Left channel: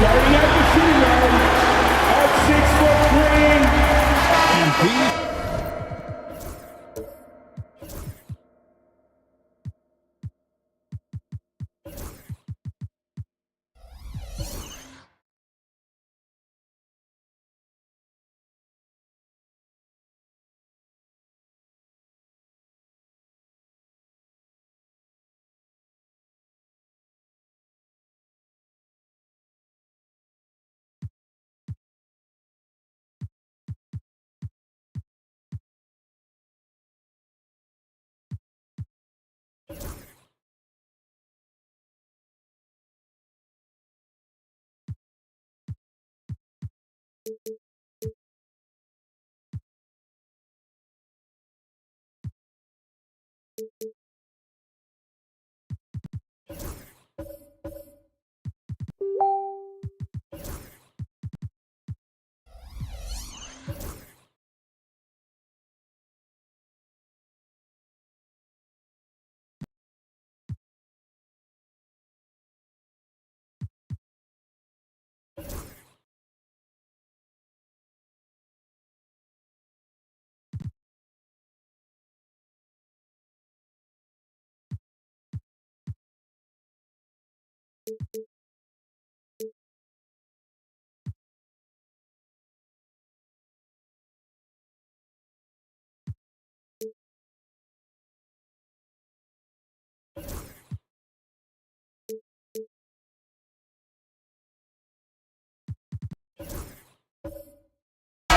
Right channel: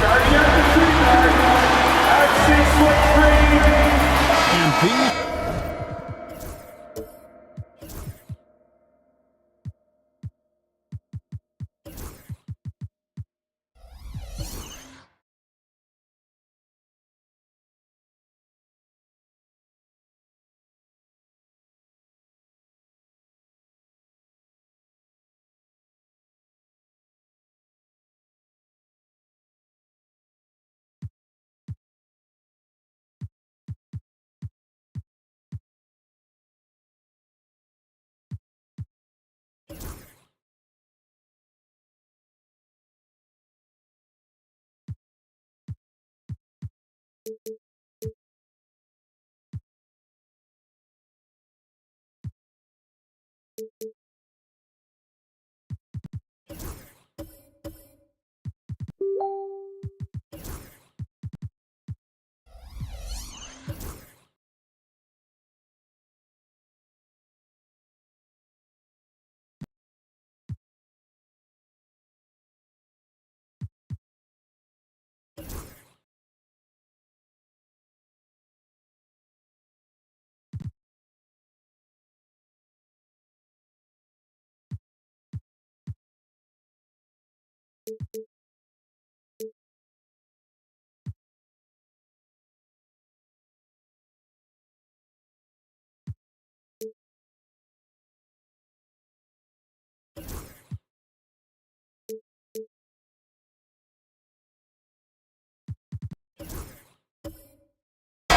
Starting at the shooting guard at 6'3", and these.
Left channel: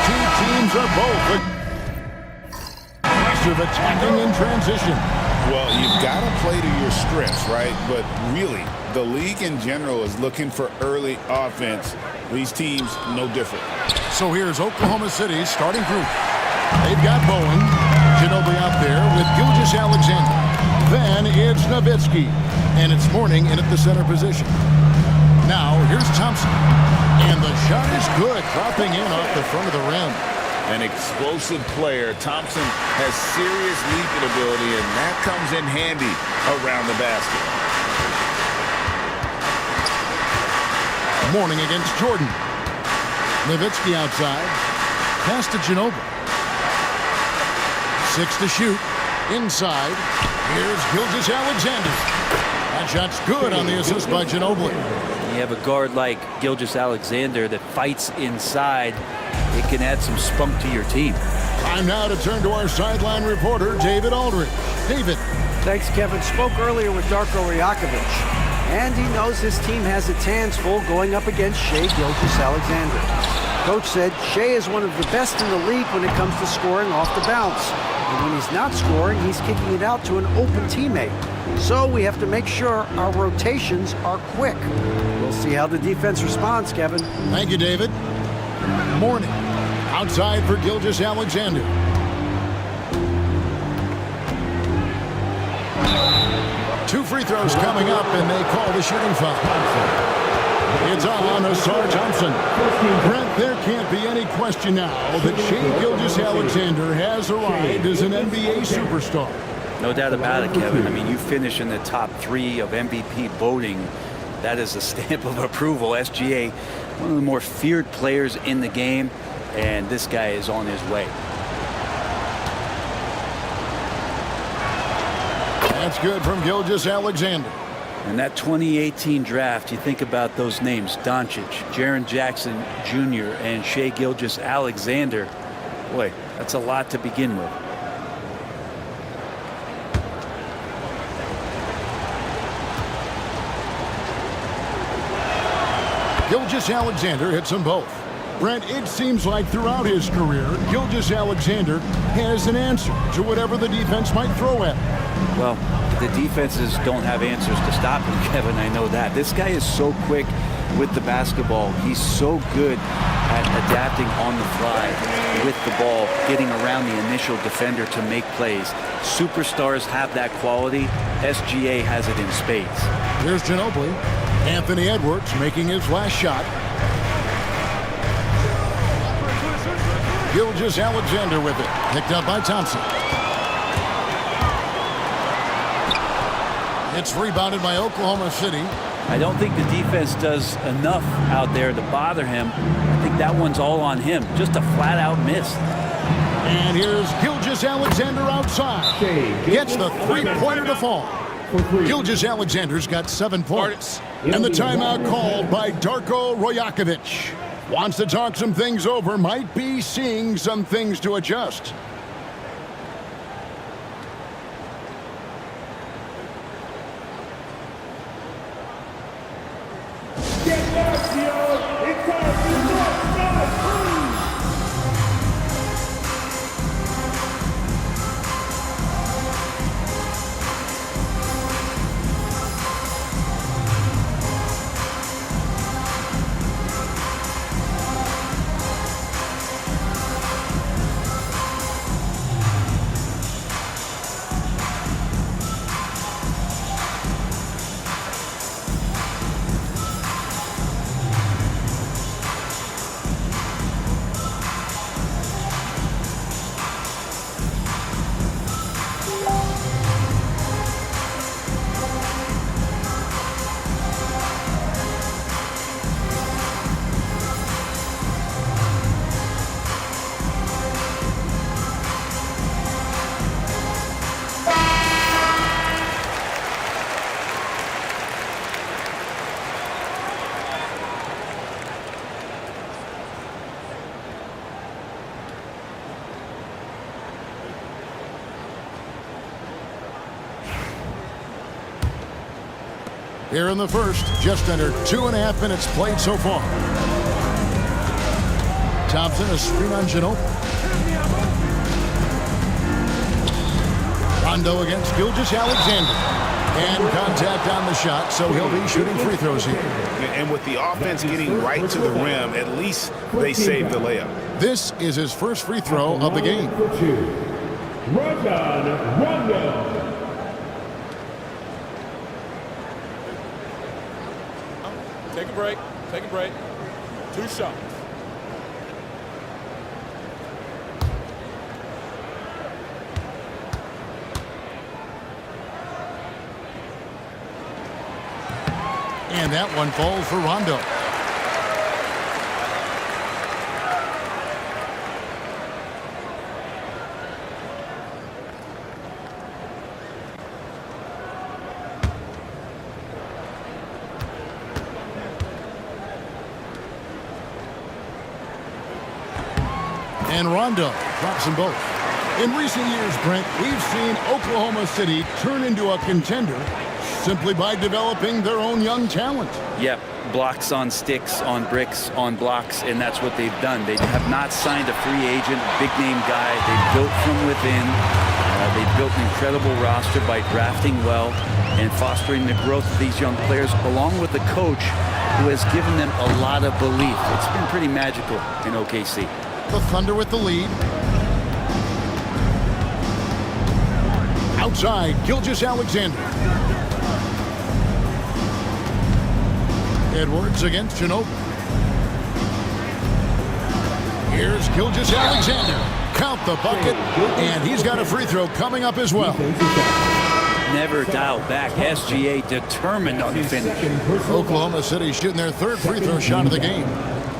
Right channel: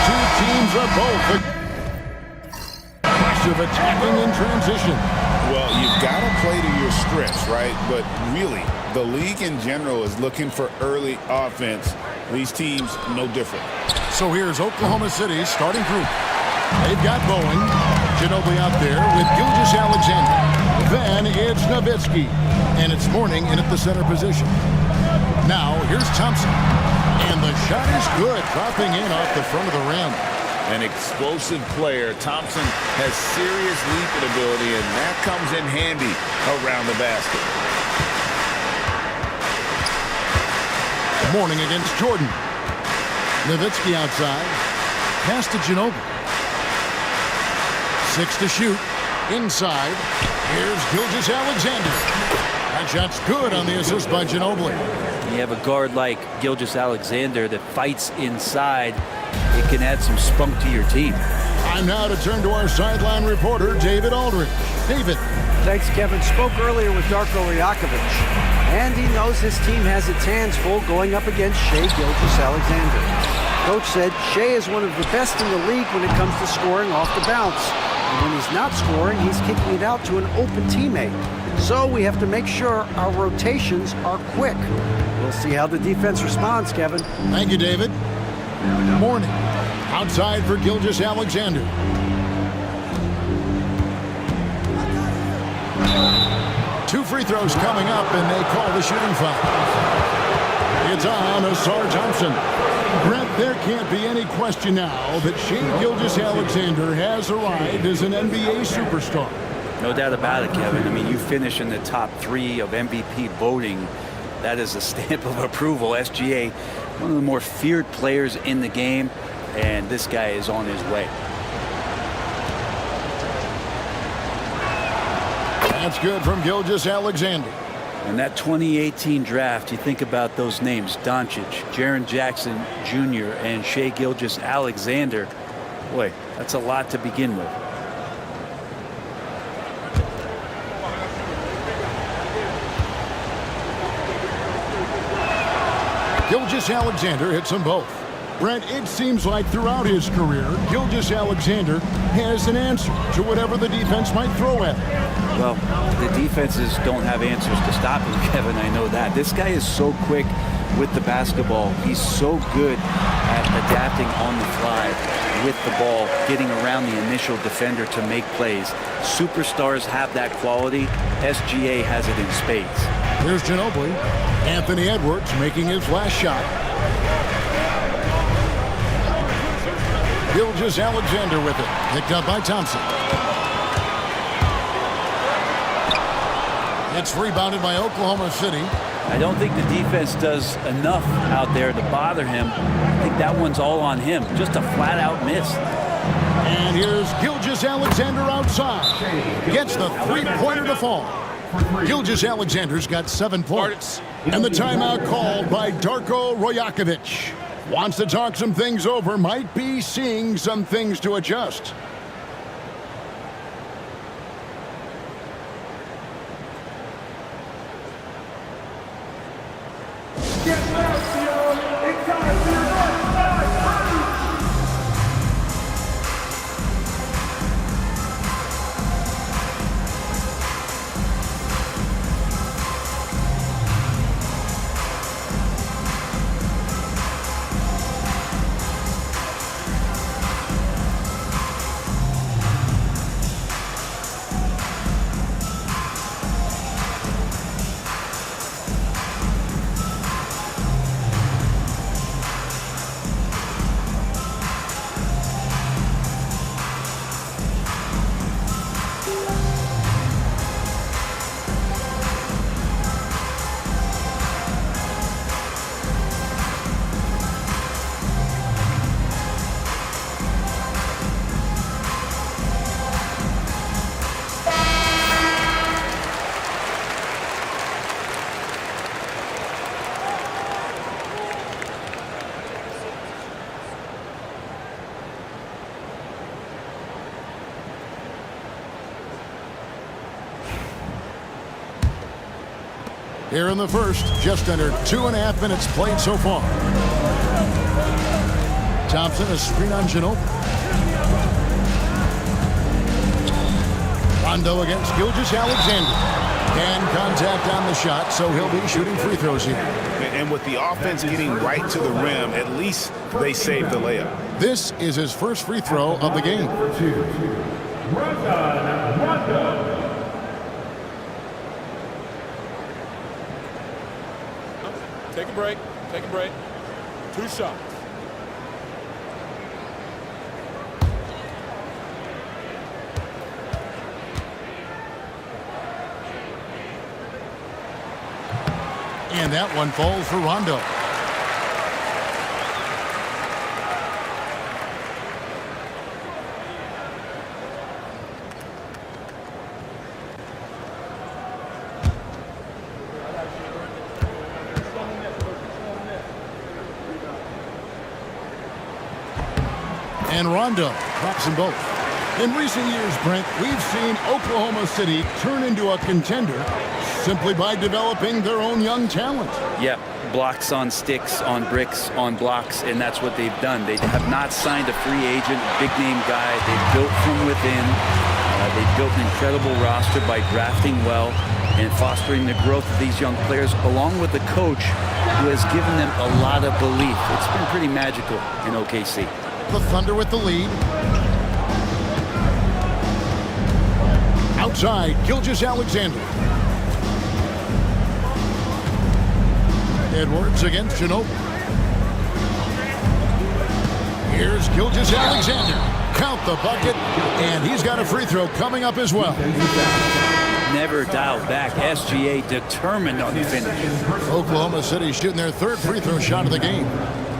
Two teams are both aggressive attacking in transition. Well, you've got to play to your strengths, right? But really, the league in general is looking for early offense. These teams, no different. So here's Oklahoma City's starting group. They've got Bowen, Ginobili out there with Gilgeous-Alexander. Then it's Nowitzki. And it's Mourning in at the center position. Now here's Thompson. And the shot is good, dropping in off the front of the rim. An explosive player. Thompson has serious leaping ability, and that comes in handy around the basket. Mourning against Jordan. Nowitzki outside. Pass to Ginobili. 6 to shoot. Inside. Here's Gilgeous-Alexander. That shot's good on the assist by Ginobili. You have a guard like Gilgeous-Alexander that fights inside. It can add some spunk to your team. Time now to turn to our sideline reporter, David Aldridge. David. Thanks, Kevin. Spoke earlier with Darko Rajakovic, and he knows his team has its hands full going up against Shai Gilgeous-Alexander. Coach said Shai is one of the best in the league when it comes to scoring off the bounce. And when he's not scoring, he's kicking it out to an open teammate. So we have to make sure our rotations are quick. We'll see how the defense responds, Kevin. Thank you, David. Mourning. Outside for Gilgeous-Alexander. Two free throws coming up, and they call the shooting foul. It's on Asar Thompson. Brent, there can't be any question now that Shai Gilgeous-Alexander has arrived as an NBA superstar. No doubt about it, Kevin. I mean, you finish in the top 3 of MVP voting. That is a stamp of approval. SGA, one of the more feared players in the game, and this guy is on his way. That's good from Gilgeous-Alexander. And that 2018 draft, you think about those names, Doncic, Jaren Jackson Jr., and Shai Gilgeous-Alexander. Boy, that's a lot to begin with. Gilgeous-Alexander hits them both. Brent, it seems like throughout his career, Gilgeous-Alexander has an answer to whatever the defense might throw at him. Well, the defenses don't have answers to stop him, Kevin. I know that. This guy is so quick with the basketball. He's so good at adapting on the fly with the ball, getting around the initial defender to make plays. Superstars have that quality. SGA has it in spades. Here's Ginobili. Anthony Edwards making his last shot. Gilgeous-Alexander with it. Picked up by Thompson. It's rebounded by Oklahoma City. I don't think the defense does enough out there to bother him. I think that one's all on him. Just a flat-out miss. And here's Gilgeous-Alexander outside. Gets the three-pointer to fall. Gilgeous-Alexander's got 7 points. And the timeout called by Darko Rajakovic. Wants to talk some things over. Might be seeing some things to adjust. Here in the first, just under 2.5 minutes played so far. Thompson, a screen on Ginobili. Rondo against Gilgeous-Alexander. And contact on the shot, so he'll be shooting free throws here. And with the offense getting right to the rim, at least they saved the layup. This is his first free throw of the game. Take a break. Take a break. 2 shots. And that one falls for Rondo. And Rondo drops them both. In recent years, Brent, we've seen Oklahoma City turn into a contender simply by developing their own young talent. Yep, blocks on sticks, on bricks, on blocks, and that's what they've done. They have not signed a free agent, big-name guy. They've built from within. They've built an incredible roster by drafting well and fostering the growth of these young players, along with the coach who has given them a lot of belief. It's been pretty magical in OKC. The Thunder with the lead. Outside, Gilgeous-Alexander. Edwards against Ginobili. Here's Gilgeous-Alexander. Count the bucket, and he's got a free throw coming up as well. Never dialed back. SGA determined on the finish. Oklahoma City shooting their 3rd free throw shot of the game.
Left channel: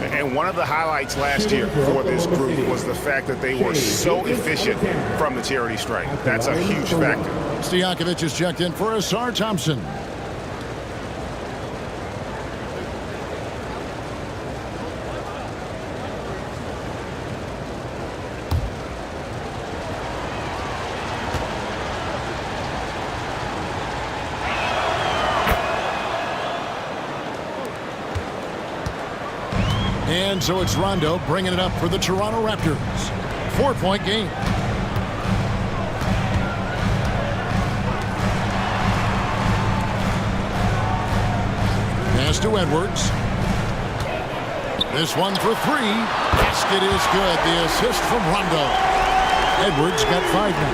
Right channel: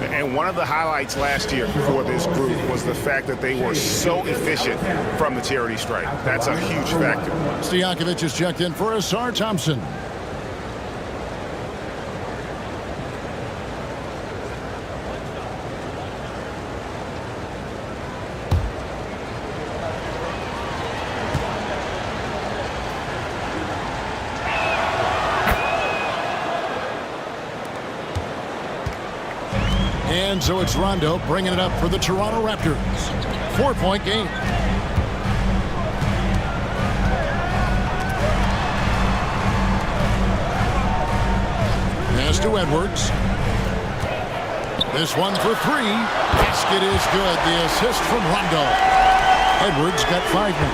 And one of the highlights last year for this group was the fact that they were so efficient from the charity stripe. That's a huge factor. Stojakovic is checked in for Asar Thompson. And so it's Rondo bringing it up for the Toronto Raptors. 4-point game. Pass to Edwards. This one for 3. Basket is good. The assist from Rondo. Edwards got 5 now.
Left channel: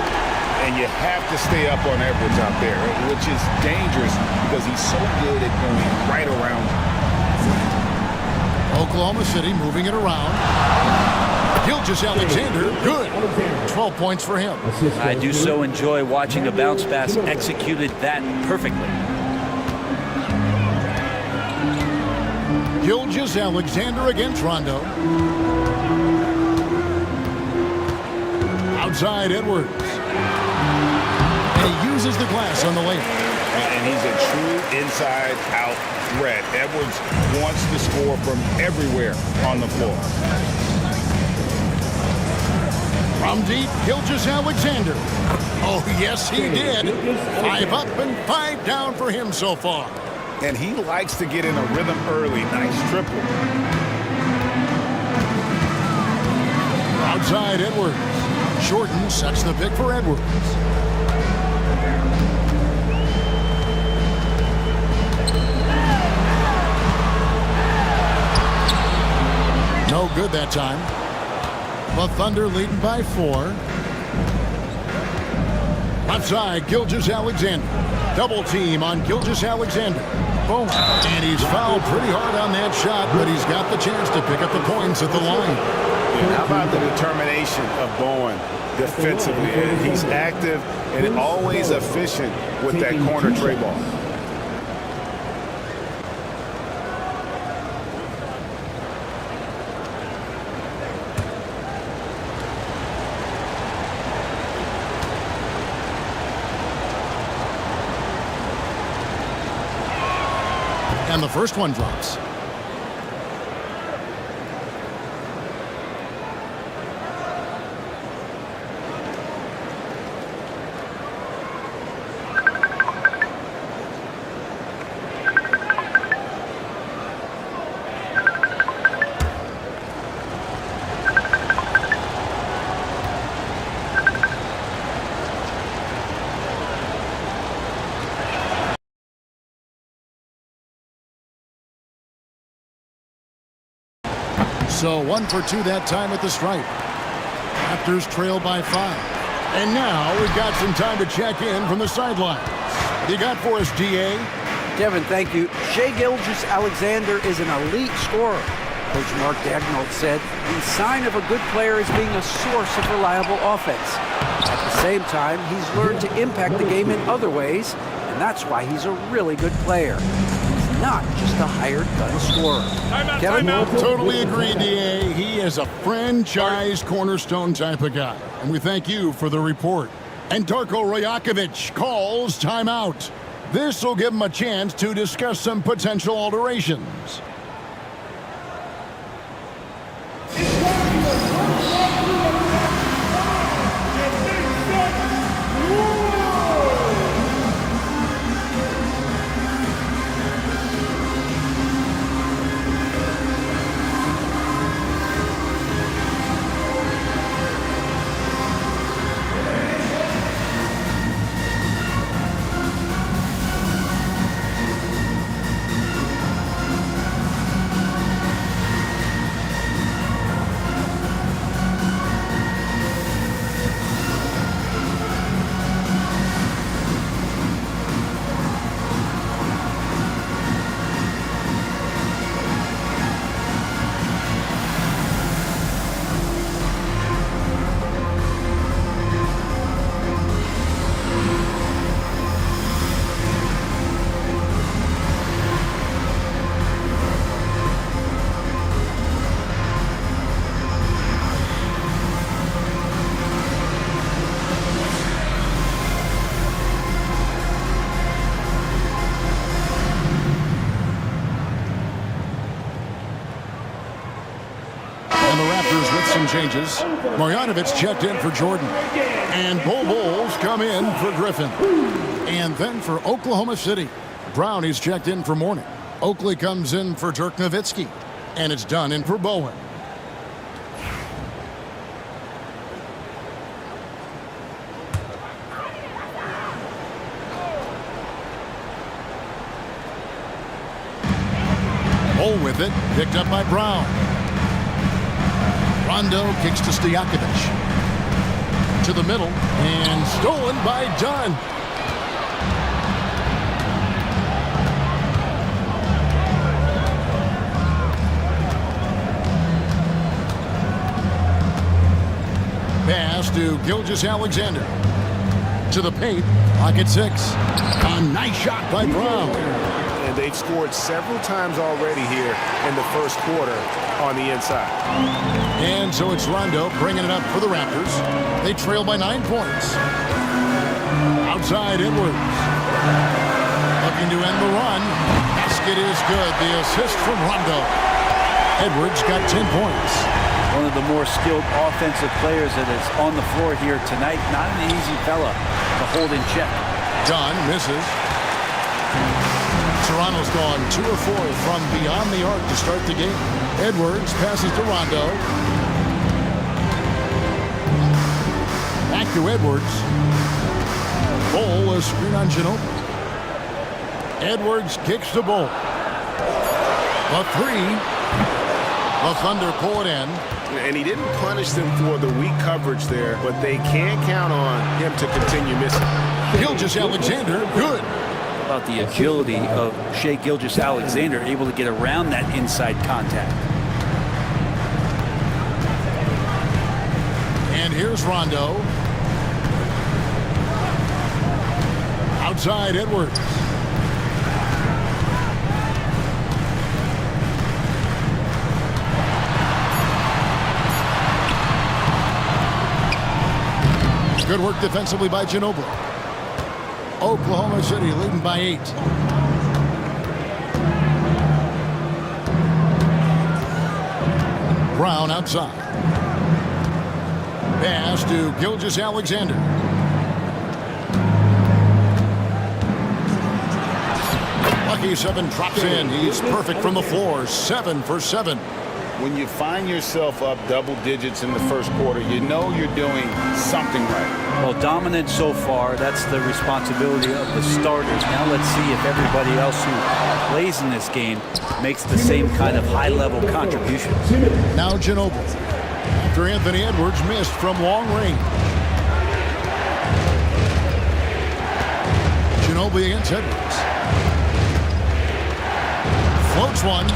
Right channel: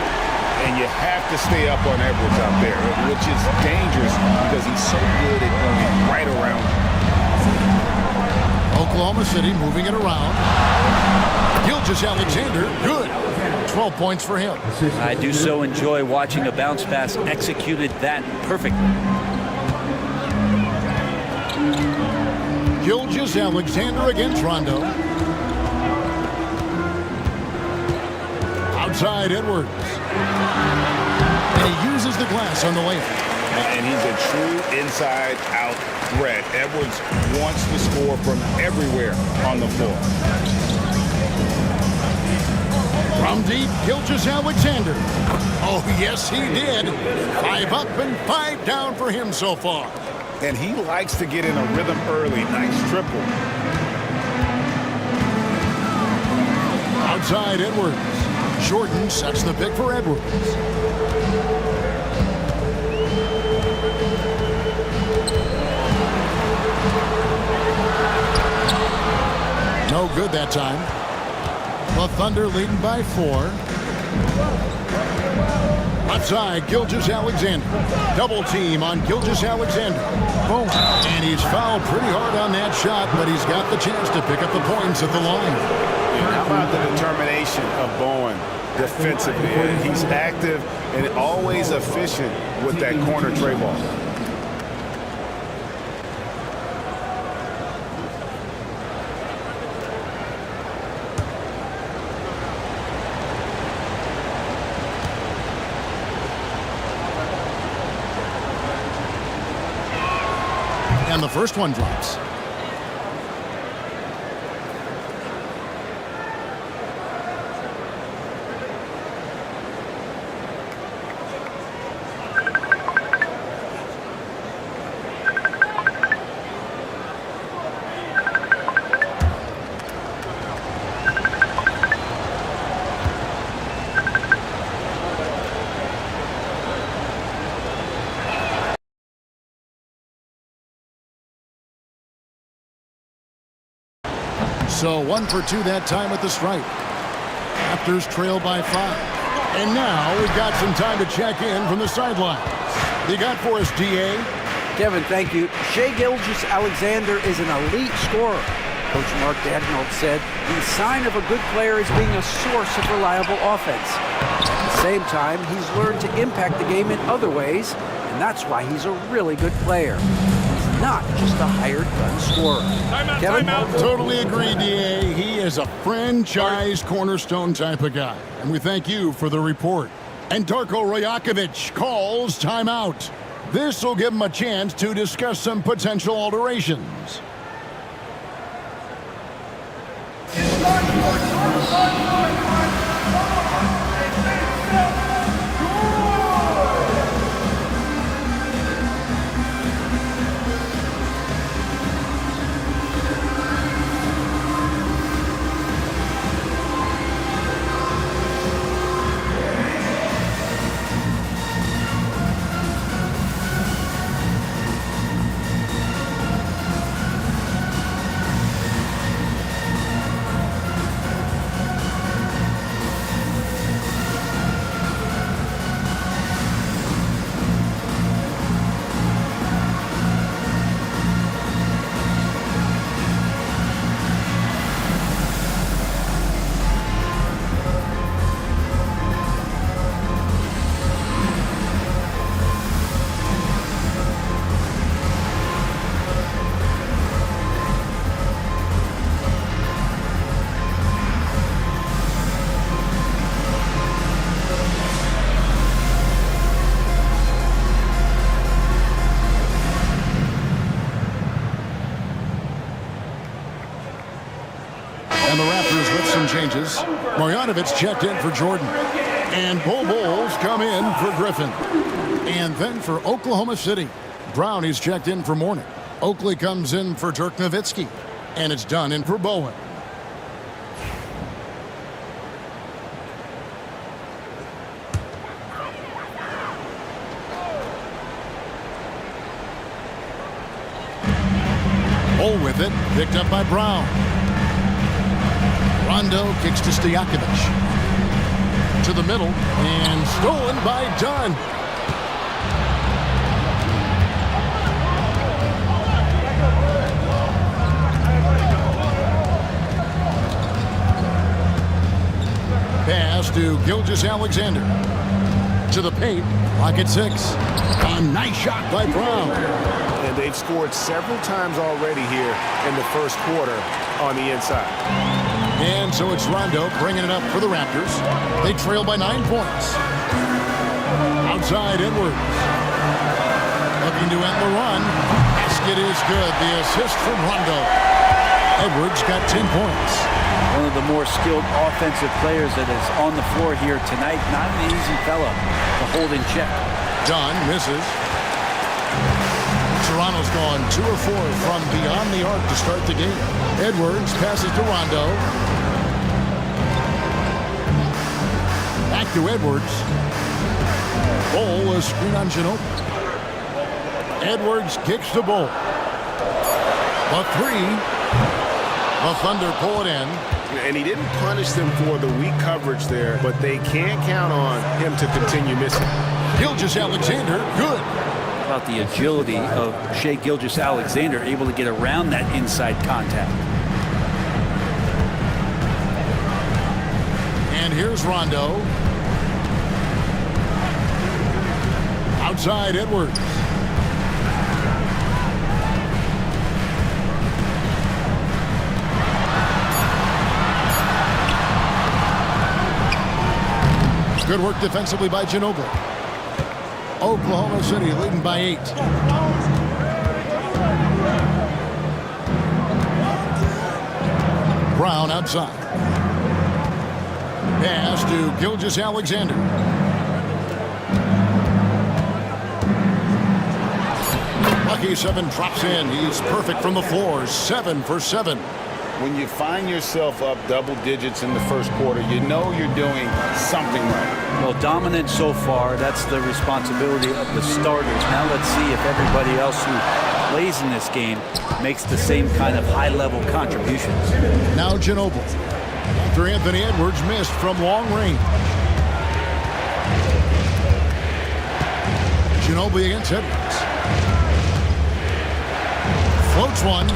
And you have to stay up on Edwards out there, which is dangerous because he's so good at going right around you. Oklahoma City moving it around. Gilgeous-Alexander, good. 12 points for him. I do so enjoy watching a bounce pass executed that perfectly. Gilgeous-Alexander against Rondo. Outside Edwards. And he uses the glass on the layup. And he's a true inside-out threat. Edwards wants to score from everywhere on the floor. From deep, Gilgeous-Alexander. Oh, yes, he did. 5 up and 5 down for him so far. And he likes to get in a rhythm early. Nice triple. Outside Edwards. Jordan sets the pick for Edwards. No good that time. The Thunder leading by 4. Left side, Gilgeous-Alexander. Double team on Gilgeous-Alexander. Boom. And he's fouled pretty hard on that shot, but he's got the chance to pick up the points at the line. And how about the determination of Bowen defensively? He's active and always efficient with that corner tray ball. And the first one drops. So 1 for 2 that time at the stripe. Raptors trail by 5. And now we've got some time to check in from the sidelines. What you got for us, DA? Kevin, thank you. Shai Gilgeous-Alexander is an elite scorer. Coach Mark Daigneault said the sign of a good player is being a source of reliable offense. At the same time, he's learned to impact the game in other ways, and that's why he's a really good player. He's not just a hired gun scorer. Kevin? Totally agree, DA. He is a franchise cornerstone type of guy. And we thank you for the report. And Darko Rajakovic calls timeout. This will give him a chance to discuss some potential alterations. And the Raptors with some changes. Marjanovic checked in for Jordan. And Bowles come in for Griffin. And then for Oklahoma City, Brownie's checked in for Mourning. Oakley comes in for Dirk Nowitzki. And it's done in for Bowen. Bull with it, picked up by Brown. Rondo kicks to Stojakovic. To the middle, and stolen by Dunn. Pass to Gilgeous-Alexander. To the paint, pocket 6. A nice shot by Brown. And they've scored several times already here in the first quarter on the inside. And so it's Rondo bringing it up for the Raptors. They trail by 9 points. Outside Edwards. Looking to end the run. Basket is good. The assist from Rondo. Edwards got 10 points. One of the more skilled offensive players that is on the floor here tonight. Not an easy fella to hold in check. Dunn misses. Toronto's gone 2 of 4 from beyond the arc to start the game. Edwards passes to Rondo. Back to Edwards. Bull, a screen on Ginobili. Edwards kicks the Bull. The 3. The Thunder pull it in. And he didn't punish them for the weak coverage there, but they can't count on him to continue missing. Gilgeous-Alexander, good. About the agility of Shai Gilgeous-Alexander, able to get around that inside contact. And here's Rondo. Outside Edwards. Good work defensively by Ginobili. Oklahoma City leading by 8. Brown outside. Pass to Gilgeous-Alexander. Lucky 7 drops in. He's perfect from the floor. 7 for 7. When you find yourself up double digits in the first quarter, you know you're doing something right. Well, dominant so far. That's the responsibility of the starters. Now let's see if everybody else who plays in this game makes the same kind of high-level contributions. Now Ginobili. After Anthony Edwards missed from long range. Ginobili against Edwards. Floats one.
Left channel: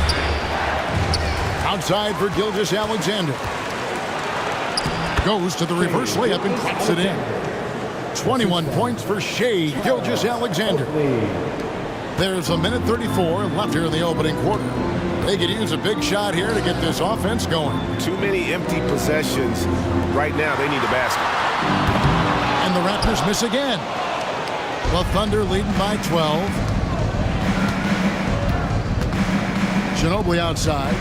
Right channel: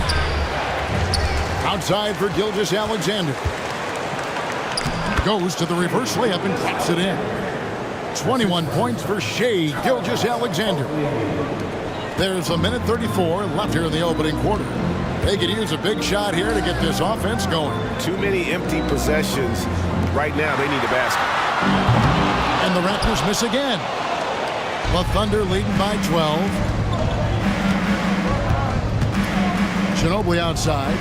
Outside for Gilgeous-Alexander. Goes to the reverse layup and drops it in. 21 points for Shai Gilgeous-Alexander. There's a minute 34 left here in the opening quarter. They could use a big shot here to get this offense going. Too many empty possessions. Right now, they need a basket. And the Raptors miss again. The Thunder leading by 12. Ginobili outside.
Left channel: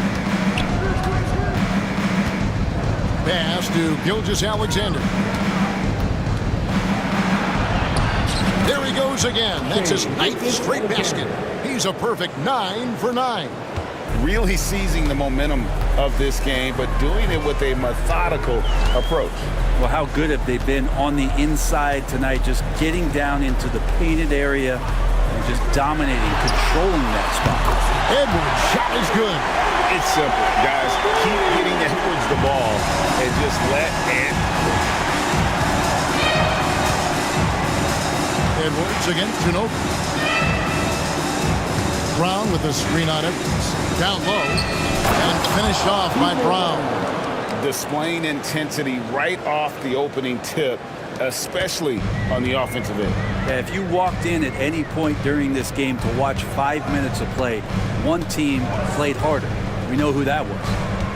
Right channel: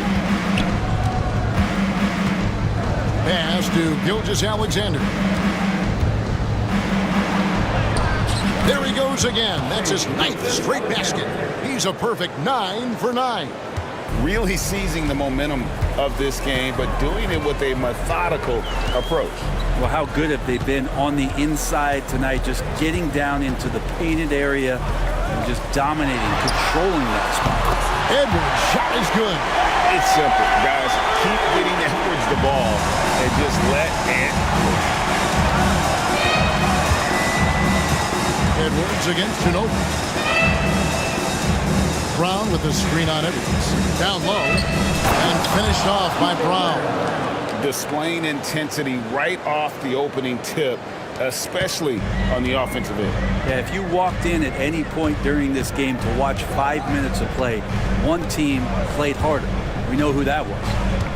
Pass to Gilgeous-Alexander. There he goes again. That's his 9th straight basket. He's a perfect 9 for 9. Really seizing the momentum of this game, but doing it with a methodical approach. Well, how good have they been on the inside tonight, just getting down into the painted area and just dominating, controlling that spot. Edwards' shot is good. It's simple, guys. Keep getting Edwards the ball and just let it cook. Edwards against Ginobili. Brown with a screen on Edwards. Down low and finished off by Brown. Displaying intensity right off the opening tip, especially on the offensive end. Yeah, if you walked in at any point during this game to watch 5 minutes of play, one team played harder. We know who that was.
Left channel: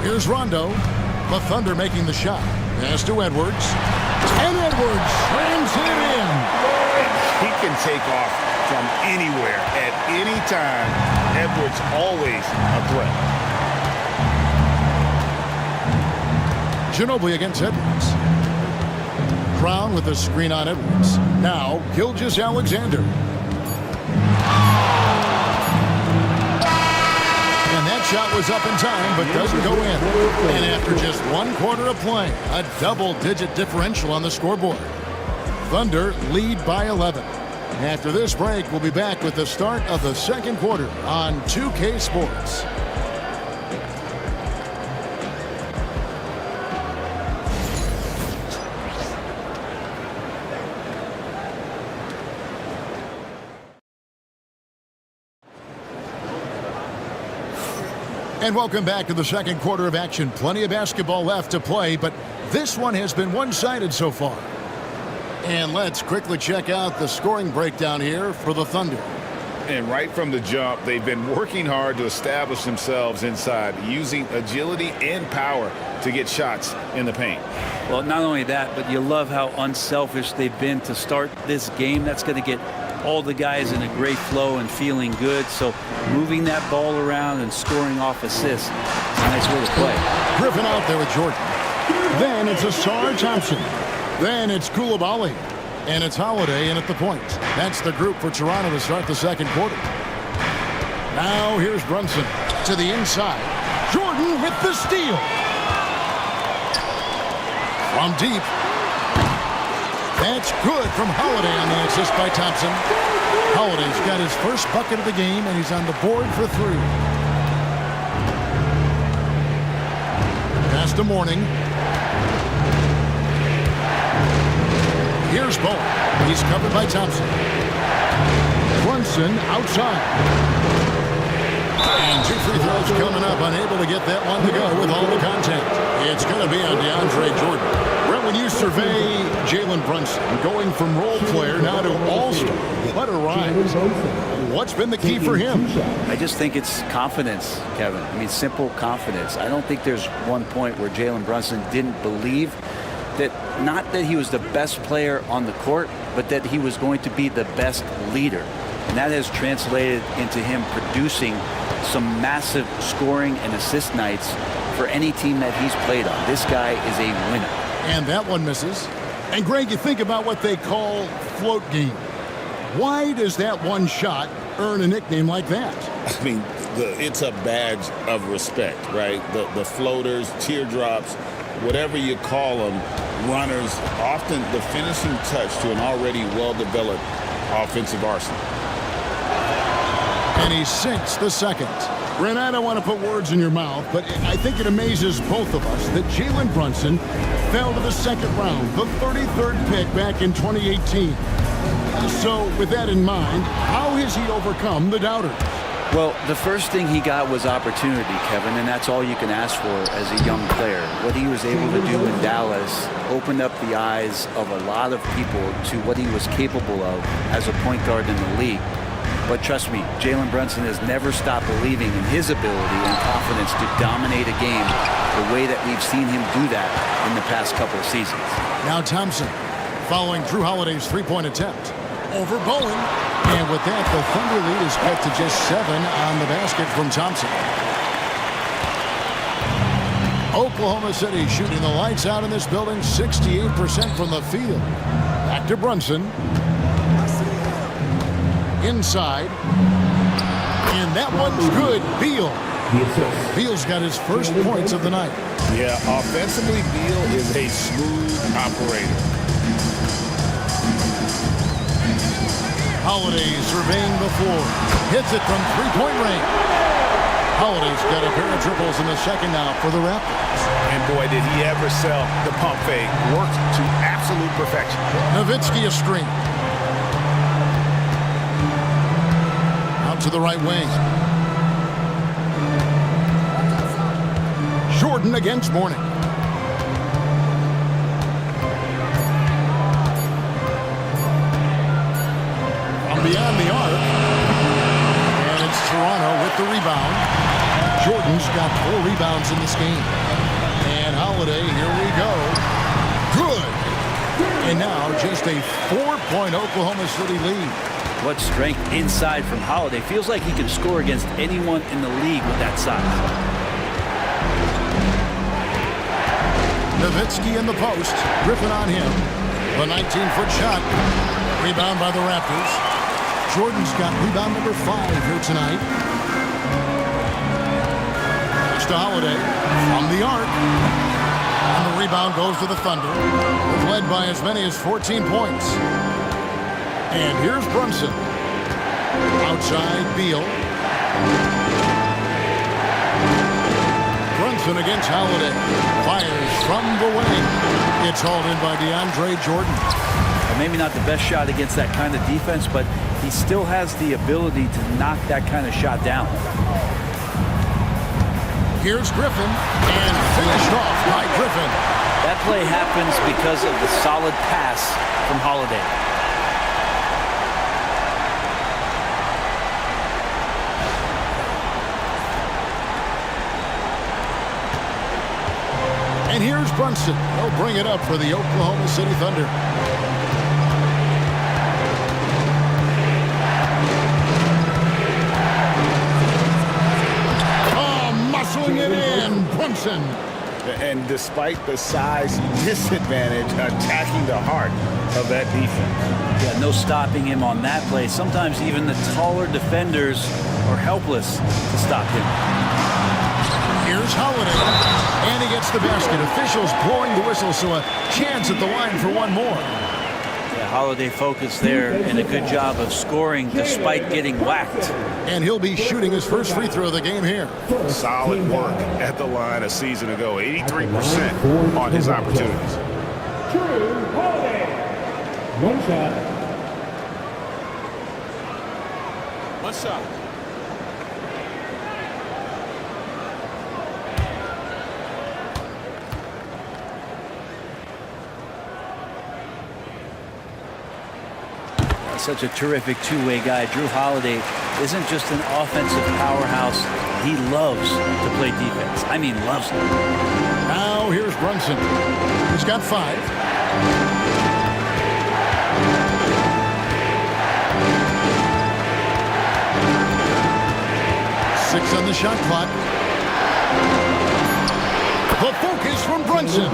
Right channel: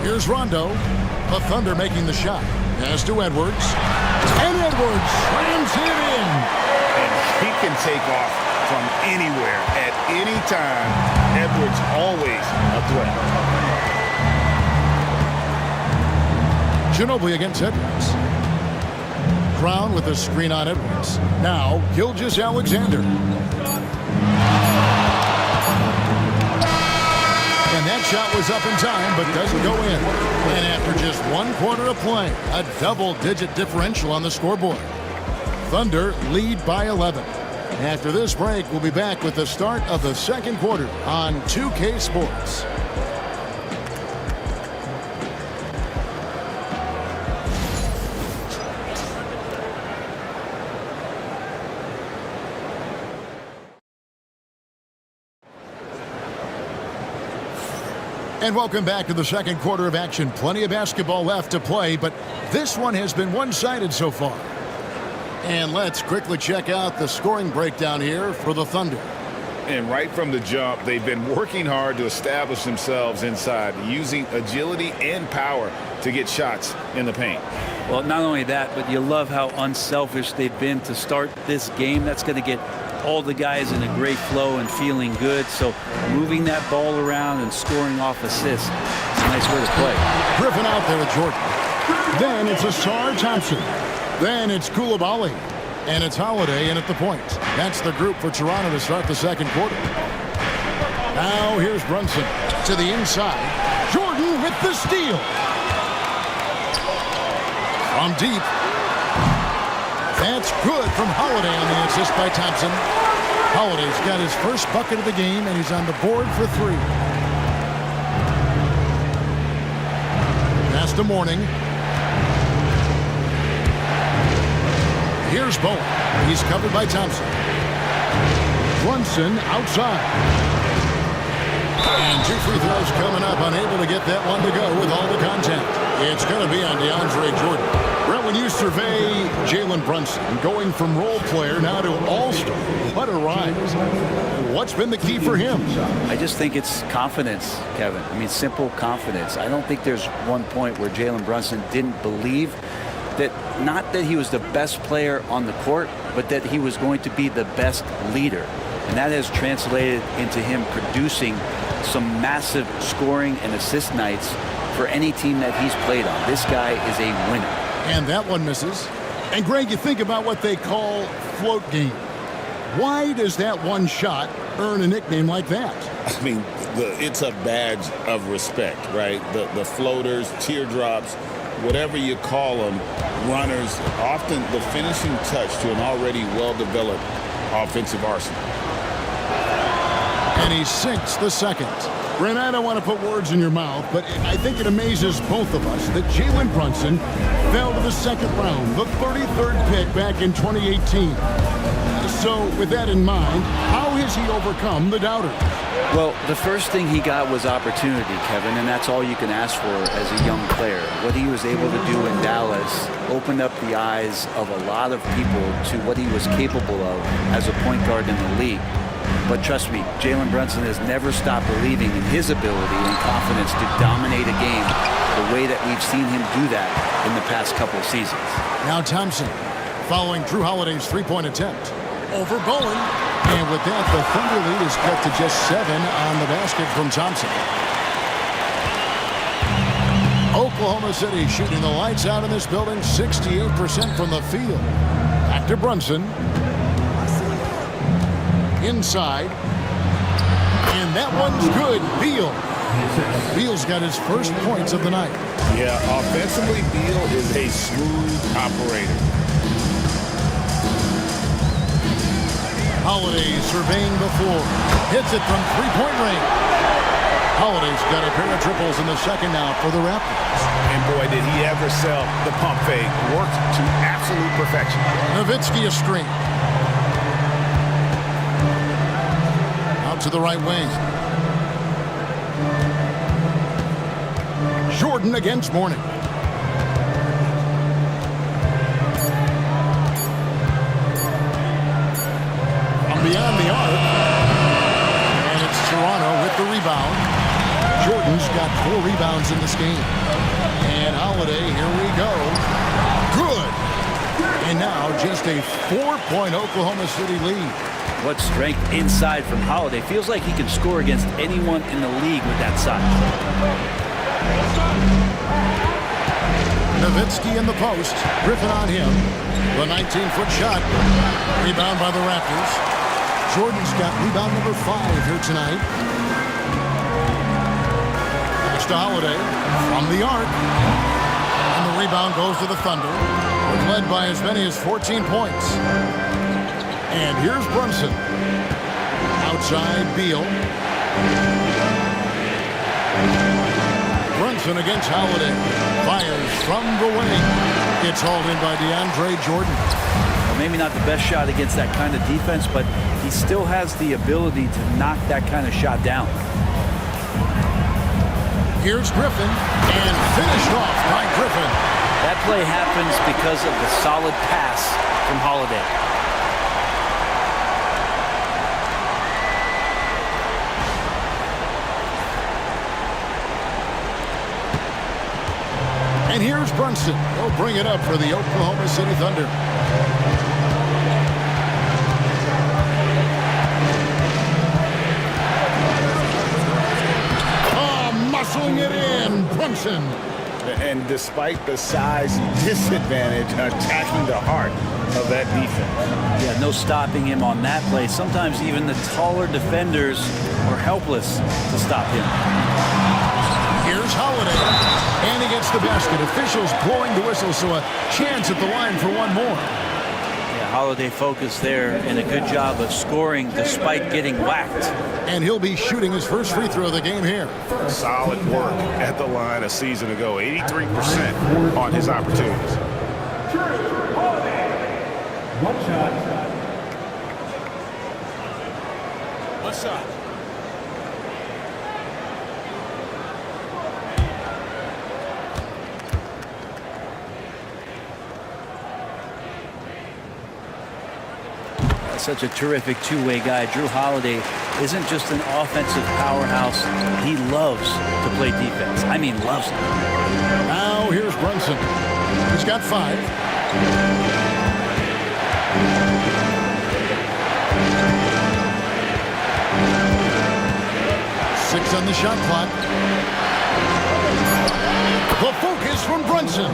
Here's Rondo. The Thunder making the shot. Pass to Edwards. And Edwards slams it in. And he can take off from anywhere at any time. Edwards always a threat. Ginobili against Edwards. Brown with a screen on Edwards. Now Gilgeous-Alexander. And that shot was up in time, but doesn't go in. And after just 1 quarter of play, a double-digit differential on the scoreboard. Thunder lead by 11. After this break, we'll be back with the start of the second quarter on 2K Sports. And welcome back to the second quarter of action. Plenty of basketball left to play, but this one has been one-sided so far. And let's quickly check out the scoring breakdown here for the Thunder. And right from the jump, they've been working hard to establish themselves inside, using agility and power to get shots in the paint. Well, not only that, but you love how unselfish they've been to start this game. That's going to get all the guys in a great flow and feeling good. So moving that ball around and scoring off assists, it's a nice way to play. Griffin out there with Jordan. Then it's Asar Thompson. Then it's Koulibaly. And it's Holiday in at the point. That's the group for Toronto to start the second quarter. Now here's Brunson to the inside. Jordan with the steal. From deep. That's good from Holiday on the assist by Thompson. Holiday's got his first bucket of the game, and he's on the board for 3. Pass to Mourning. Here's Bowen. He's covered by Thompson. Brunson outside. And 2 free throws coming up. Unable to get that one to go with all the contact. It's going to be on DeAndre Jordan. Brett, when you survey Jalen Brunson, going from role player now to all-star, what a rise. What's been the key for him? I just think it's confidence, Kevin. I mean, simple confidence. I don't think there's one point where Jalen Brunson didn't believe that, not that he was the best player on the court, but that he was going to be the best leader. And that has translated into him producing some massive scoring and assist nights for any team that he's played on. This guy is a winner. And that one misses. And Greg, you think about what they call float game. Why does that one shot earn a nickname like that? I mean, it's a badge of respect, right? The floaters, teardrops, whatever you call them, runners, often the finishing touch to an already well-developed offensive arsenal. And he sinks the second. Brent, I don't want to put words in your mouth, but I think it amazes both of us that Jalen Brunson fell to the second round, the 33rd pick back in 2018. So with that in mind, how has he overcome the doubters? Well, the first thing he got was opportunity, Kevin, and that's all you can ask for as a young player. What he was able to do in Dallas opened up the eyes of a lot of people to what he was capable of as a point guard in the league. But trust me, Jalen Brunson has never stopped believing in his ability and confidence to dominate a game the way that we've seen him do that in the past couple of seasons. Now Thompson, following Drew Holiday's three-point attempt. Over Bowen. And with that, the Thunder lead is cut to just 7 on the basket from Thompson. Oklahoma City shooting the lights out in this building, 68% from the field. Back to Brunson. Inside. And that one's good. Beal. Beal's got his first points of the night. Yeah, offensively, Beal is a smooth operator. Holiday surveying the floor. Hits it from three-point range. Holiday's got a pair of triples in the second now for the Raptors. And boy, did he ever sell the pump fake. Worked to absolute perfection. Nowitzki a screen. Out to the right wing. Jordan against Mourning. Beyond the arc, and it's Toronto with the rebound. Jordan's got 4 rebounds in this game, and Holiday, here we go, good. And now just a 4-point Oklahoma City lead. What strength inside from Holiday. Feels like he can score against anyone in the league with that size. Nowitzki in the post, Griffin on him. The 19-foot shot, rebound by the Raptors. Jordan's got rebound number 5 here tonight. Pass to Holiday from the arc. And the rebound goes to the Thunder. They've led by as many as 14 points. And here's Brunson. Outside Beal. Brunson against Holiday. Fires from the wing. It's hauled in by DeAndre Jordan. Well, maybe not the best shot against that kind of defense, but he still has the ability to knock that kind of shot down. Here's Griffin, and finished off by Griffin. That play happens because of the solid pass from Holiday. And here's Brunson. He'll bring it up for the Oklahoma City Thunder. Muscling it in, Brunson. And despite the size disadvantage, attacking the heart of that defense. Yeah, no stopping him on that play. Sometimes even the taller defenders are helpless to stop him. Here's Holiday, and he gets the basket. Officials blowing the whistle, so a chance at the line for one more. Yeah, Holiday focused there, and a good job of scoring despite getting whacked. And he'll be shooting his first free throw of the game here. Solid work at the line a season ago. 83% on his opportunities. Holiday. One shot. One shot. Such a terrific two-way guy. Drew Holiday isn't just an offensive powerhouse. He loves to play defense. I mean, loves it. Now here's Brunson. He's got 5. Six on the shot clock. The focus from Brunson.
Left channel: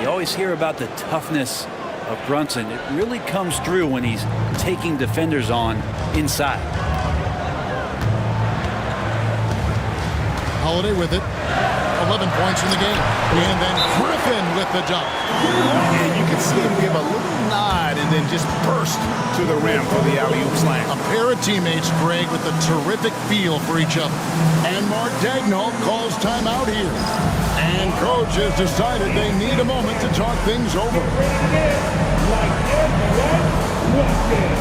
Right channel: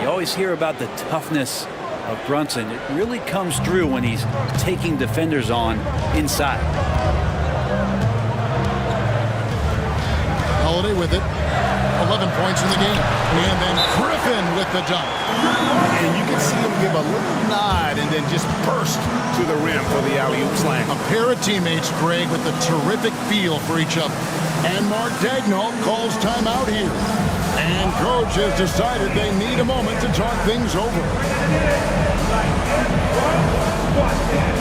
You always hear about the toughness of Brunson. It really comes through when he's taking defenders on inside. Holiday with it. 11 points in the game. And then Griffin with the dunk. And you can see him give a little nod and then just burst to the rim for the alley-oop slam. A pair of teammates, Greg, with a terrific feel for each other. And Mark Daigneault calls timeout here. And coach has decided they need a moment to talk things over. Like everyone watching.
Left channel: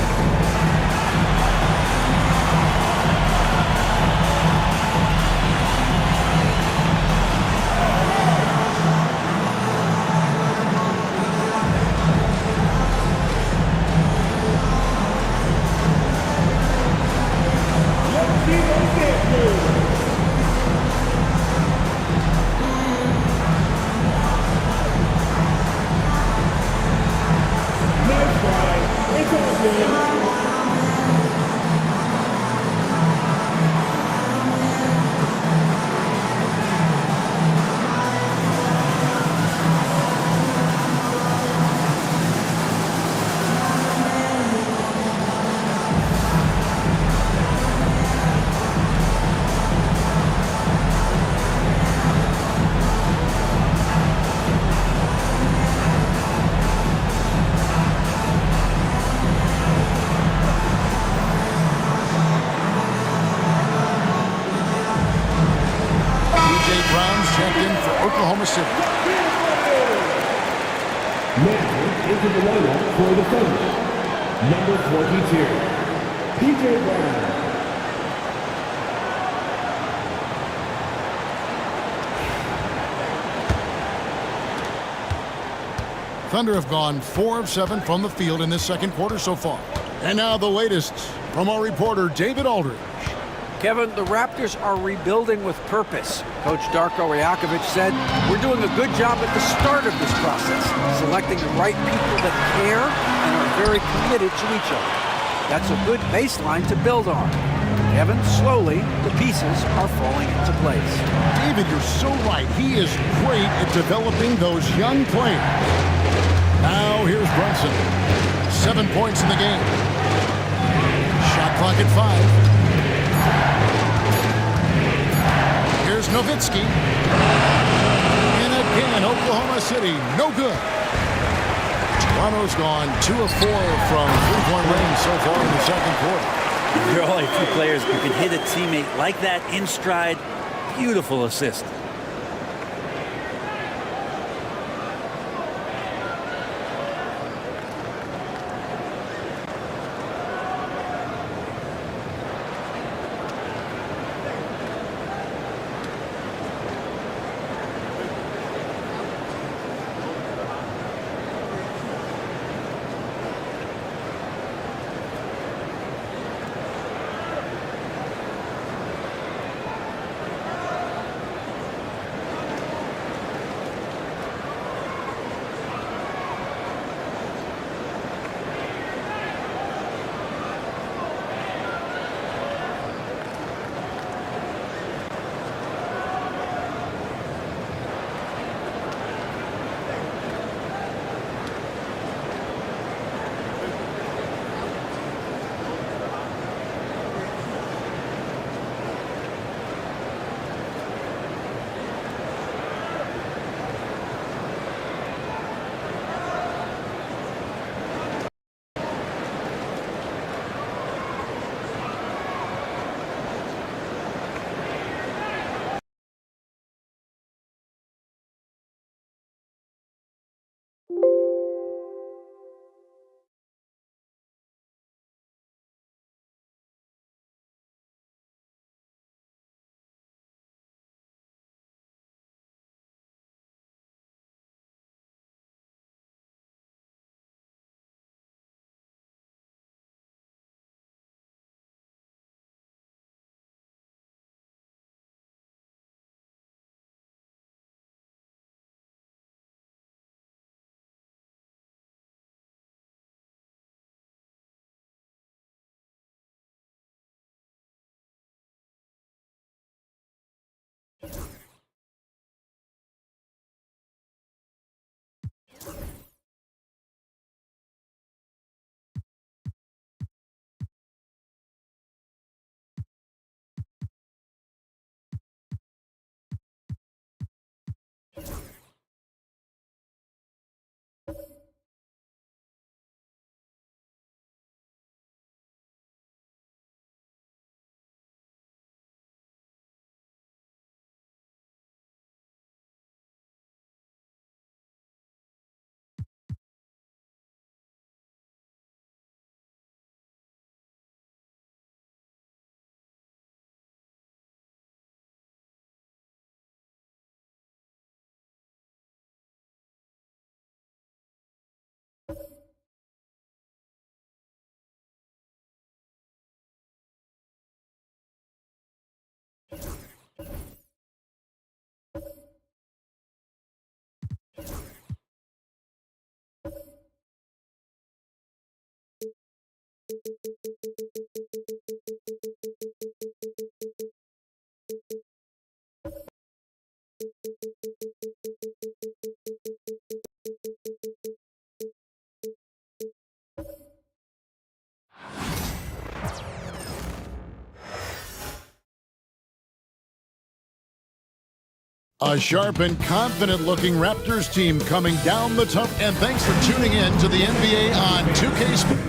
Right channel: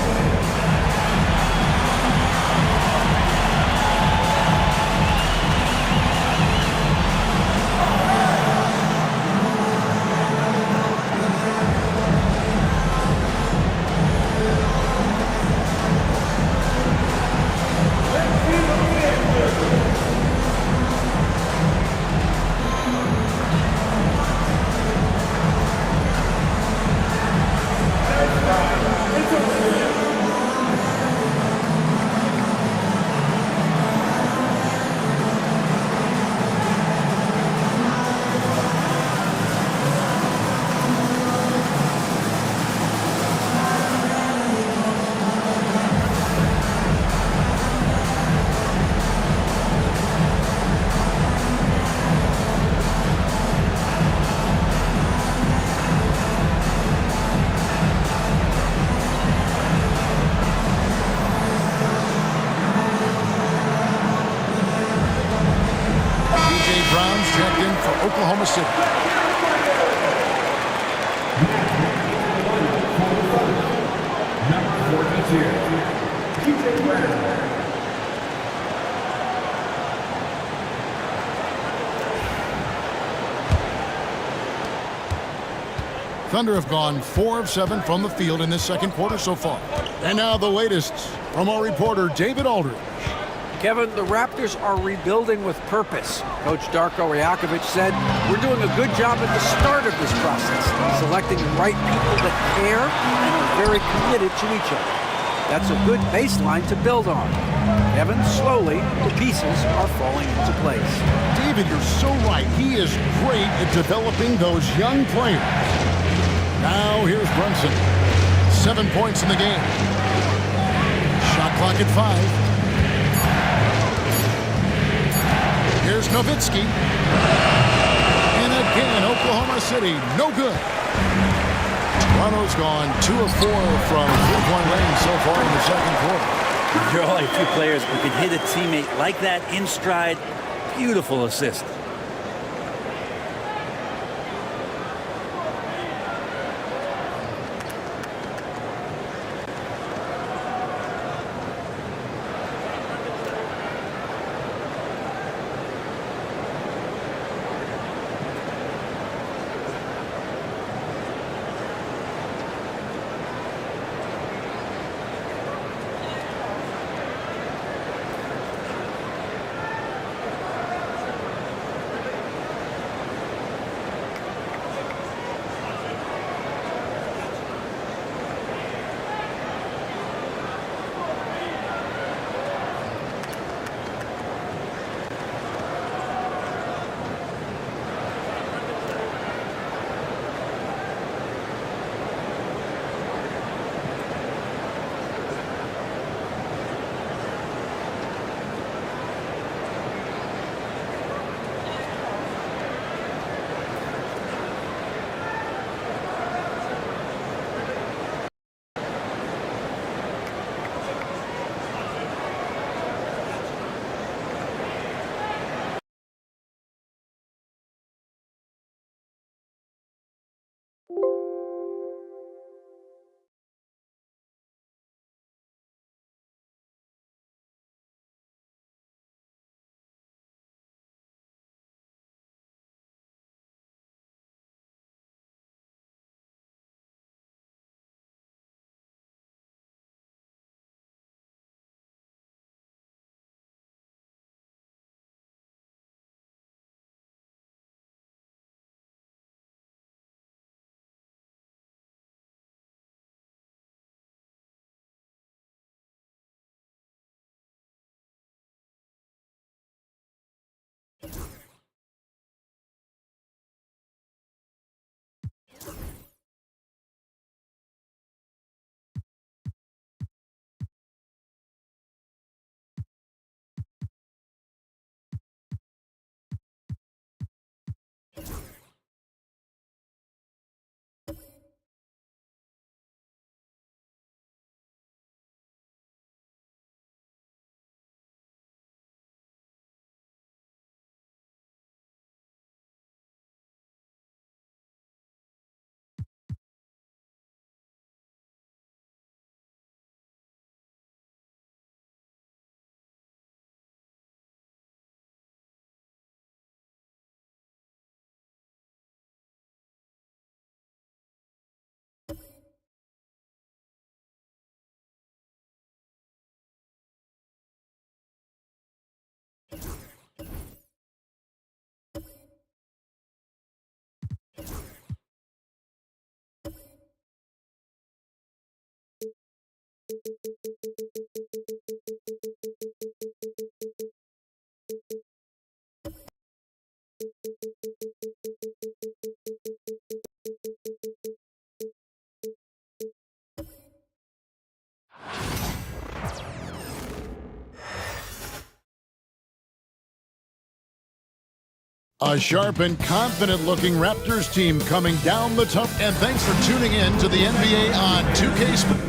Browns checked in for Oklahoma City. Now into the lineup for the Thunder. Number 42, P.J. Brown. Thunder have gone 4 of 7 from the field in this second quarter so far. And now the latest from our reporter, David Aldridge. Kevin, the Raptors are rebuilding with purpose. Coach Darko Rajakovic said, "We're doing a good job at the start of this process, selecting the right people that care and are very committed to each other. That's a good baseline to build on." Kevin, slowly, the pieces are falling into place. David, you're so right. He is great at developing those young players. Now here's Brunson. 7 points in the game. Shot clock at 5. Here's Nowitzki. And again, Oklahoma City, no good. Toronto's gone 2 of 4 from three-point range so far in the second quarter. There are only a few players who can hit a teammate like that in stride. Beautiful assist. A sharp and confident-looking Raptors team coming down the top. And thanks for tuning in to the NBA on 2K Sports.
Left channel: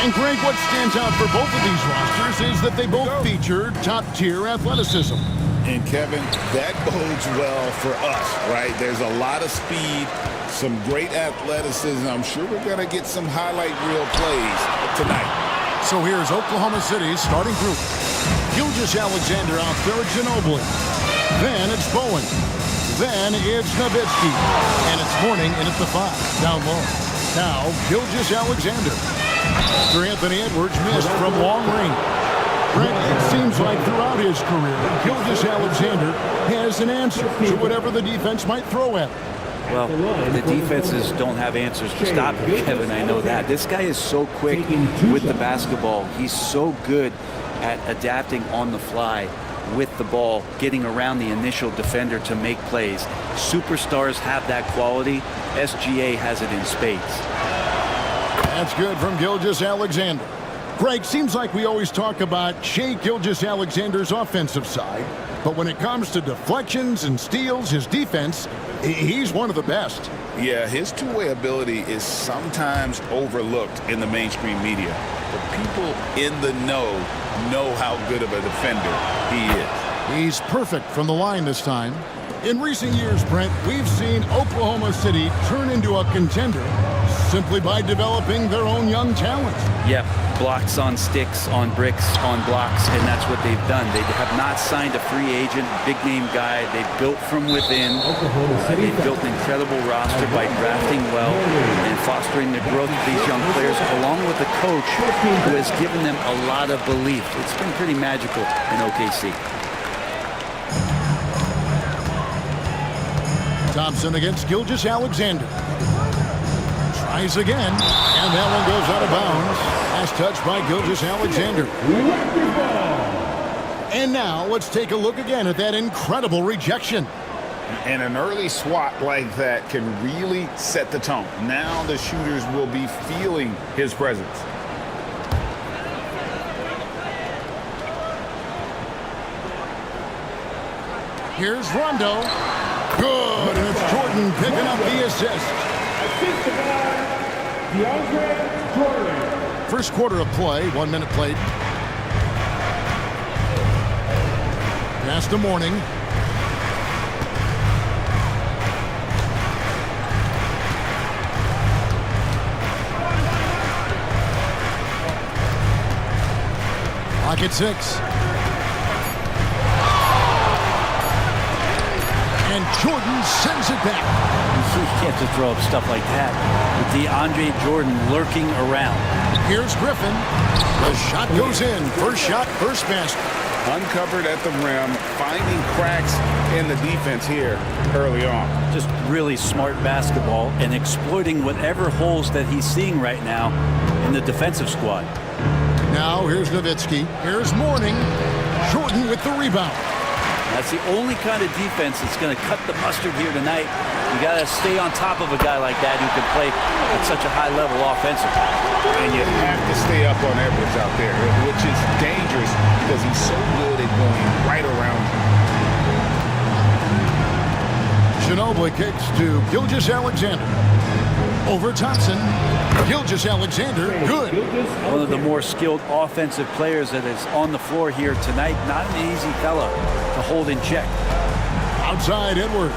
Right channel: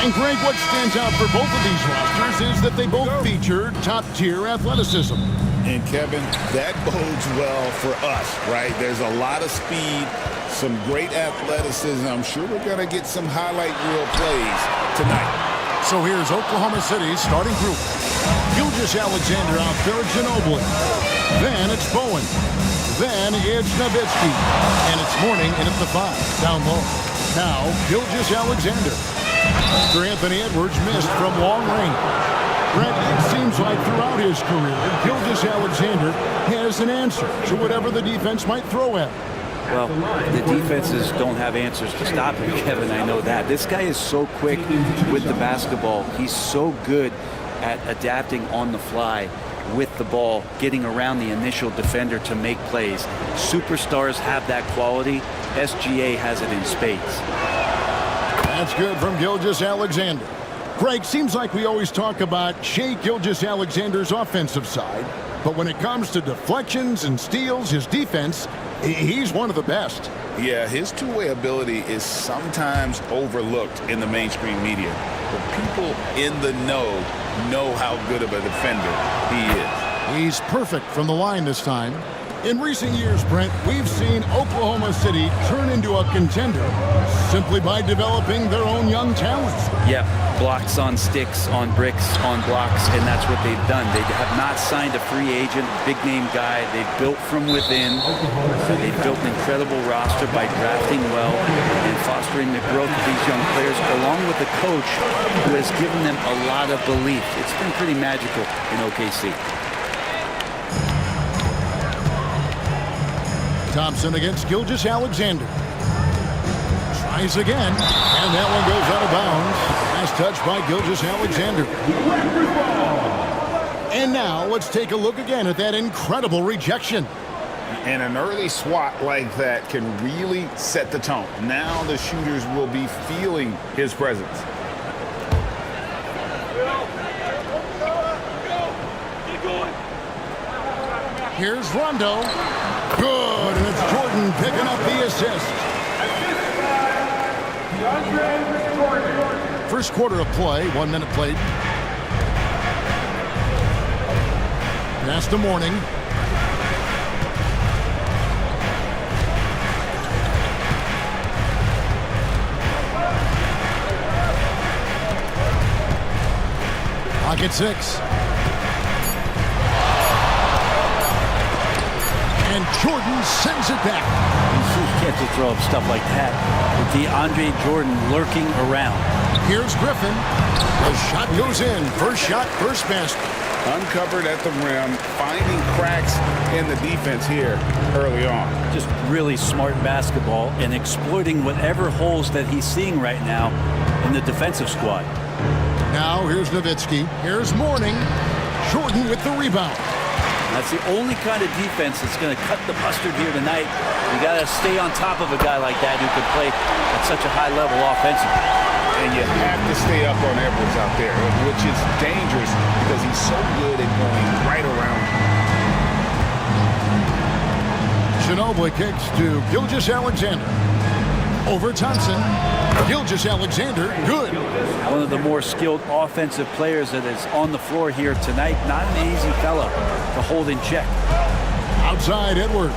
And Greg, what stands out for both of these rosters is that they both feature top-tier athleticism. And Kevin, that bodes well for us, right? There's a lot of speed, some great athleticism. I'm sure we're going to get some highlight reel plays tonight. So here's Oklahoma City's starting group. Gilgeous-Alexander out there at Ginobili. Then it's Bowen. Then it's Nowitzki. And it's Mourning in at the 5, down low. Now, Gilgeous-Alexander. After Anthony Edwards missed from long range. Brent, it seems like throughout his career, Gilgeous-Alexander has an answer to whatever the defense might throw at him. Well, the defenses don't have answers to stop him, Kevin. I know that. This guy is so quick with the basketball. He's so good at adapting on the fly with the ball, getting around the initial defender to make plays. Superstars have that quality. SGA has it in spades. That's good from Gilgeous-Alexander. Greg, seems like we always talk about Shai Gilgeous-Alexander's offensive side, but when it comes to deflections and steals, his defense, he's one of the best. Yeah, his two-way ability is sometimes overlooked in the mainstream media, but people in the know how good of a defender he is. He's perfect from the line this time. In recent years, Brent, we've seen Oklahoma City turn into a contender simply by developing their own young talents. Yeah, blocks on sticks, on bricks, on blocks, and that's what they've done. They have not signed a free agent, big-name guy. They've built from within. They've built an incredible roster by drafting well and fostering the growth of these young players, along with a coach who has given them a lot of belief. It's been pretty magical in OKC. Thompson against Gilgeous-Alexander. Tries again, and that one goes out of bounds. Last touch by Gilgeous-Alexander. And now let's take a look again at that incredible rejection. And an early swat like that can really set the tone. Now the shooters will be feeling his presence. Here's Rondo. Good, and it's Jordan picking up the assist. Assisted by DeAndre Jordan. First quarter of play, 1 minute played. Pass to Mourning. Pocket 6. And Jordan sends it back. You can't just throw up stuff like that with DeAndre Jordan lurking around. Here's Griffin. The shot goes in. First shot, first basket. Uncovered at the rim, finding cracks in the defense here early on. Just really smart basketball and exploiting whatever holes that he's seeing right now in the defensive squad. Now here's Nowitzki. Here's Mourning. Jordan with the rebound. That's the only kind of defense that's going to cut the mustard here tonight. You got to stay on top of a guy like that who can play at such a high level offensively. And you have to stay up on Edwards out there, which is dangerous because he's so good at going right around you. Ginobili kicks to Gilgeous-Alexander. Over Thompson. Gilgeous-Alexander, good. One of the more skilled offensive players that is on the floor here tonight. Not an easy fella to hold in check. Outside Edwards.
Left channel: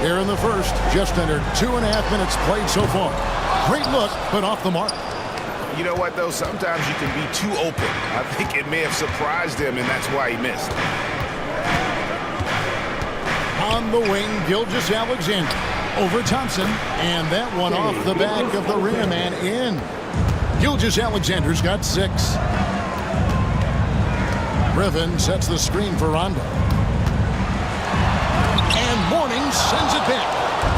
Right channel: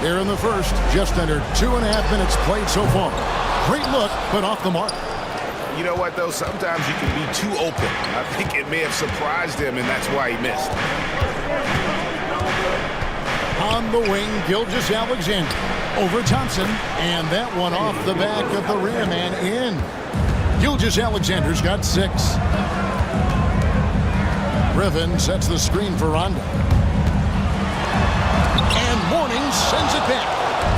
Here in the first, just under 2.5 minutes played so far. Great look, but off the mark. You know what, though? Sometimes you can be too open. I think it may have surprised him, and that's why he missed. On the wing, Gilgeous-Alexander. Over Thompson, and that one off the back of the rim and in. Gilgeous-Alexander's got 6. Griffin sets the screen for Rondo. And Mourning sends it back.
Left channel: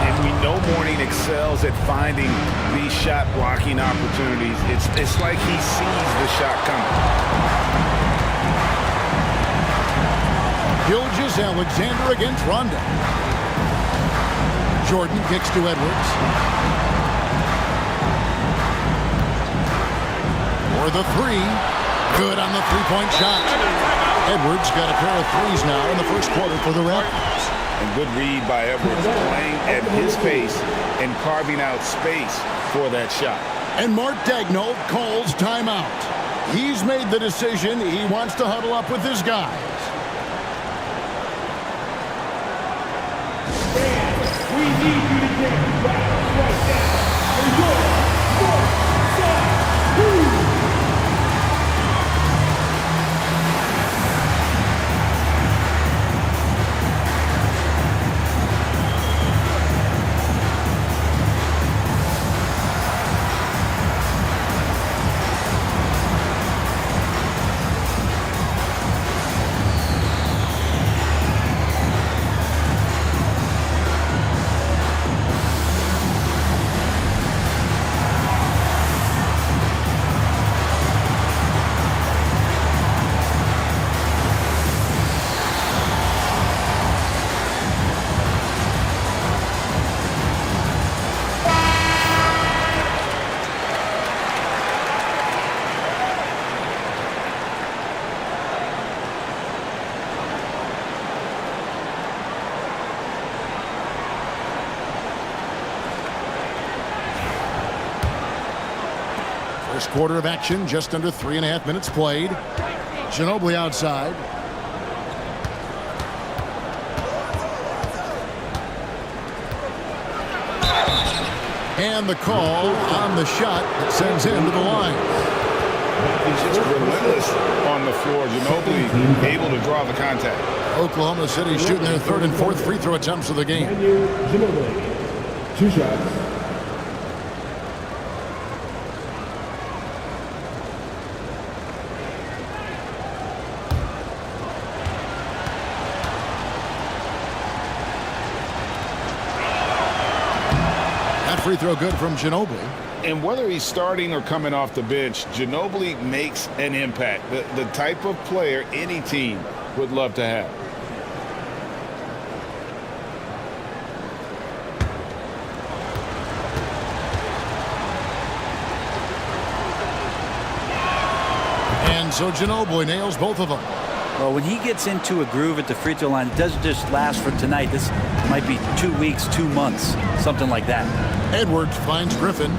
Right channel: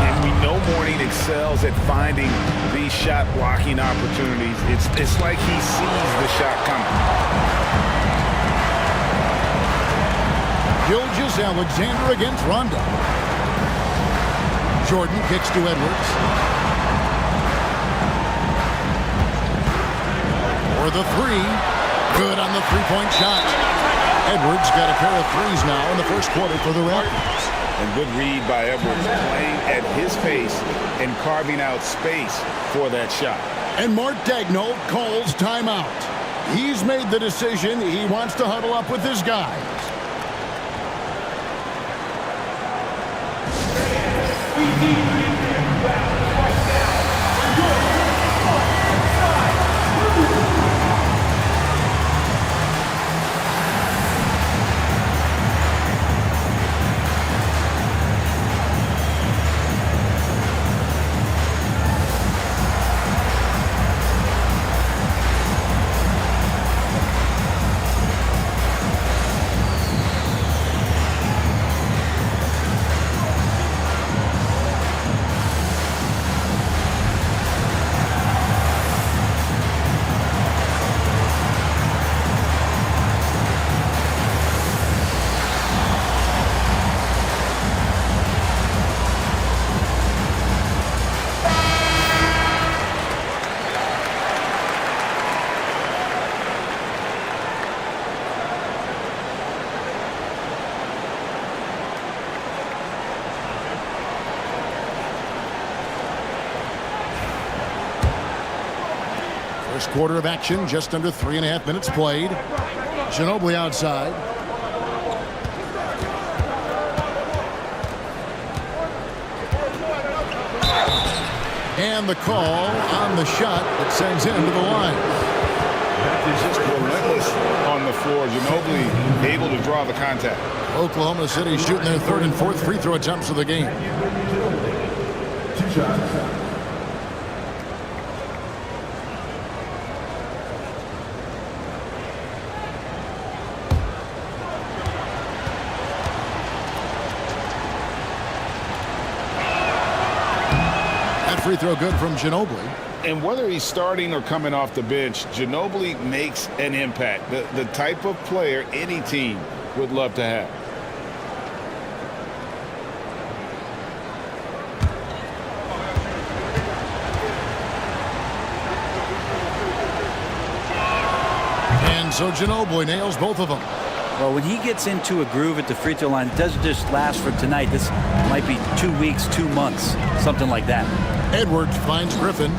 And we know Mourning excels at finding these shot blocking opportunities. It's like he sees the shot coming. Gilgeous-Alexander against Rondo. Jordan kicks to Edwards. For the 3. Good on the three-point shot. Edwards got a pair of threes now in the first quarter for the Raptors. And good read by Edwards, playing at his pace and carving out space for that shot. And Mark Daigneault calls timeout. He's made the decision. He wants to huddle up with his guys. We need you in there right now. For your side. Woo! First quarter of action, just under 3.5 minutes played. Ginobili outside. And the call on the shot that sends him to the line. Just relentless on the floor. Ginobili able to draw the contact. Oklahoma City shooting their third and fourth free throw attempts of the game. Ginobili, 2 shots. That free throw good from Ginobili. And whether he's starting or coming off the bench, Ginobili makes an impact. The type of player any team would love to have. And so Ginobili nails both of them. Well, when he gets into a groove at the free throw line, it doesn't just last for tonight. This might be 2 weeks, 2 months, something like that. Edwards finds Griffin.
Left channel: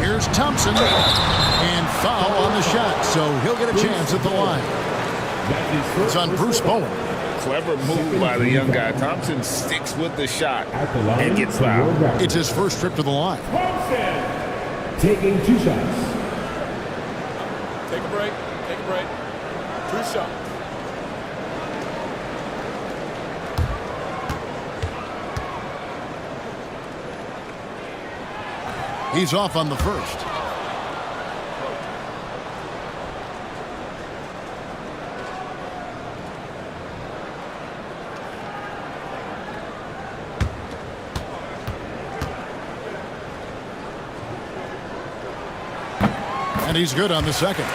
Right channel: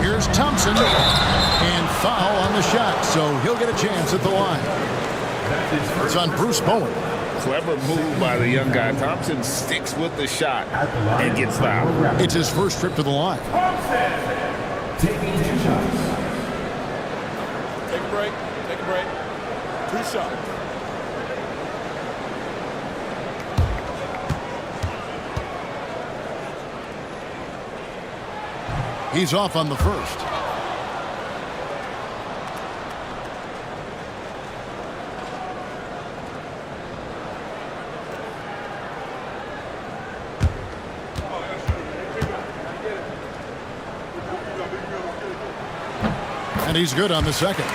Here's Thompson. And foul on the shot, so he'll get a chance at the line. It's on Bruce Bowen. Clever move by the young guy. Thompson sticks with the shot and gets fouled. It's his first trip to the line. Thompson taking 2 shots. Take a break. Take a break. 2 shots. He's off on the first. And he's good on the second.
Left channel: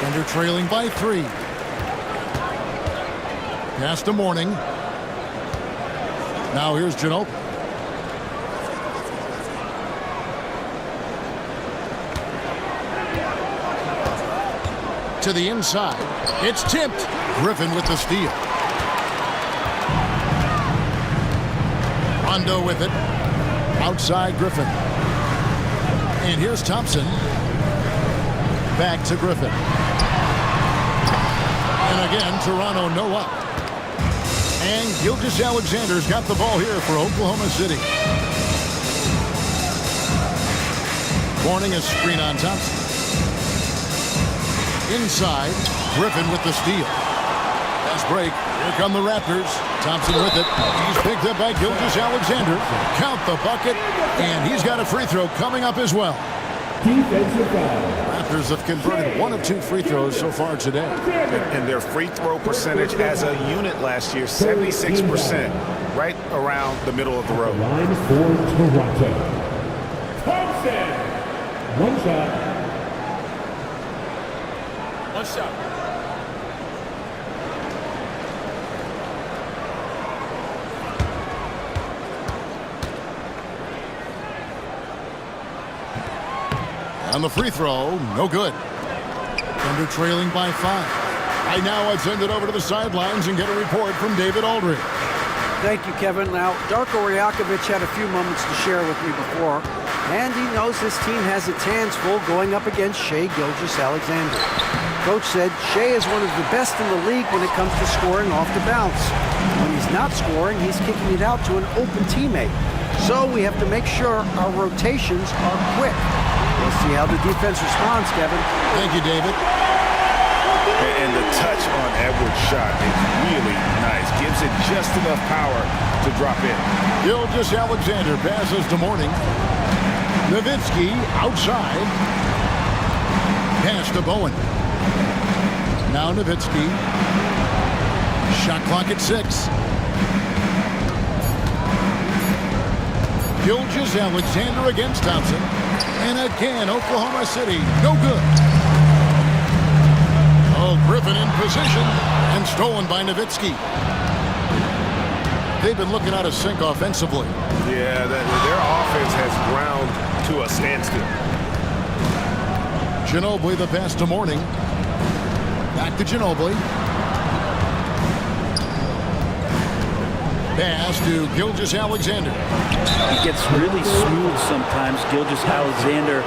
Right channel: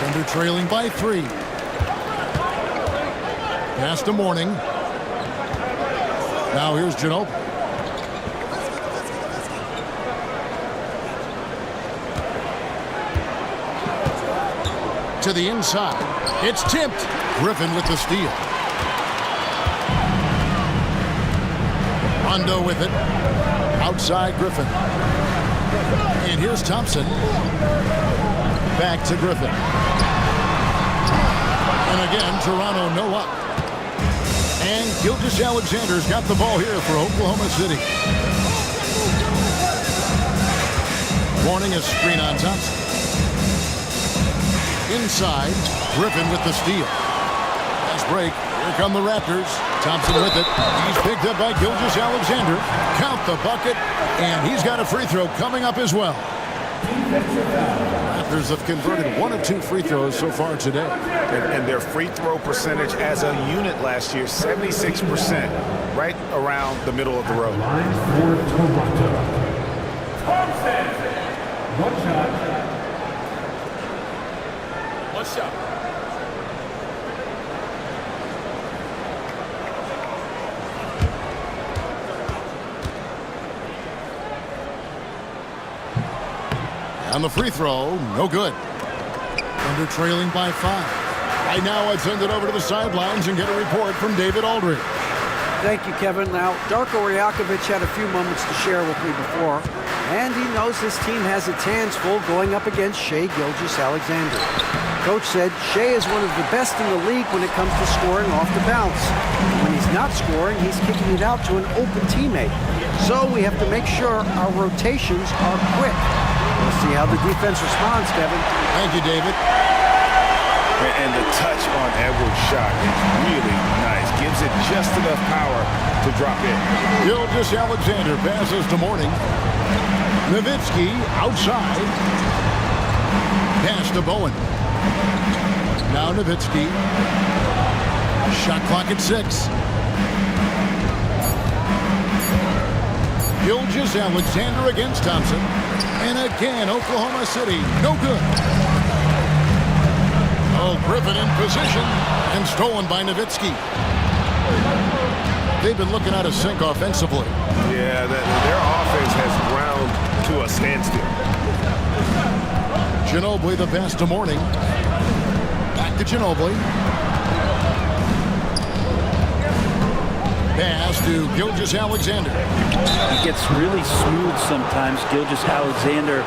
Thunder trailing by 3. Pass to Mourning. Now here's Ginobili. To the inside. It's tipped. Griffin with the steal. Rondo with it. Outside Griffin. And here's Thompson. Back to Griffin. And again, Toronto no up. And Gilgeous-Alexander's got the ball here for Oklahoma City. Mourning a screen on Thompson. Inside, Griffin with the steal. Fast break. Here come the Raptors. Thompson with it. He's picked up by Gilgeous-Alexander. Count the bucket. And he's got a free throw coming up as well. Defensive foul. Raptors have converted 1 of 2 free throws so far today. And their free throw percentage as a unit last year, 76%, right around the middle of the road. Line for Toronto. Thompson. 1 shot. 1 shot. And the free throw, no good. Thunder trailing by 5. Right now, I'd send it over to the sidelines and get a report from David Aldridge. Thank you, Kevin. Now, Darko Rajakovic had a few moments to share with me before, and he knows his team has its hands full going up against Shai Gilgeous-Alexander. Coach said Shai is one of the best in the league when it comes to scoring off the bounce. And when he's not scoring, he's kicking it out to an open teammate. So we have to make sure our rotations are quick. We'll see how the defense responds, Kevin. Thank you, David. And the touch on Edwards' shot is really nice. Gives it just enough power to drop in. Gilgeous-Alexander passes to Mourning. Nowitzki outside. Pass to Bowen. Now Nowitzki. Shot clock at 6. Gilgeous-Alexander against Thompson. And again, Oklahoma City, no good. Oh, Griffin in position and stolen by Nowitzki. They've been looking out of sync offensively. Yeah, their offense has ground to a standstill. Ginobili the pass to Mourning. Back to Ginobili. Pass to Gilgeous-Alexander. He gets really smooth sometimes. Gilgeous-Alexander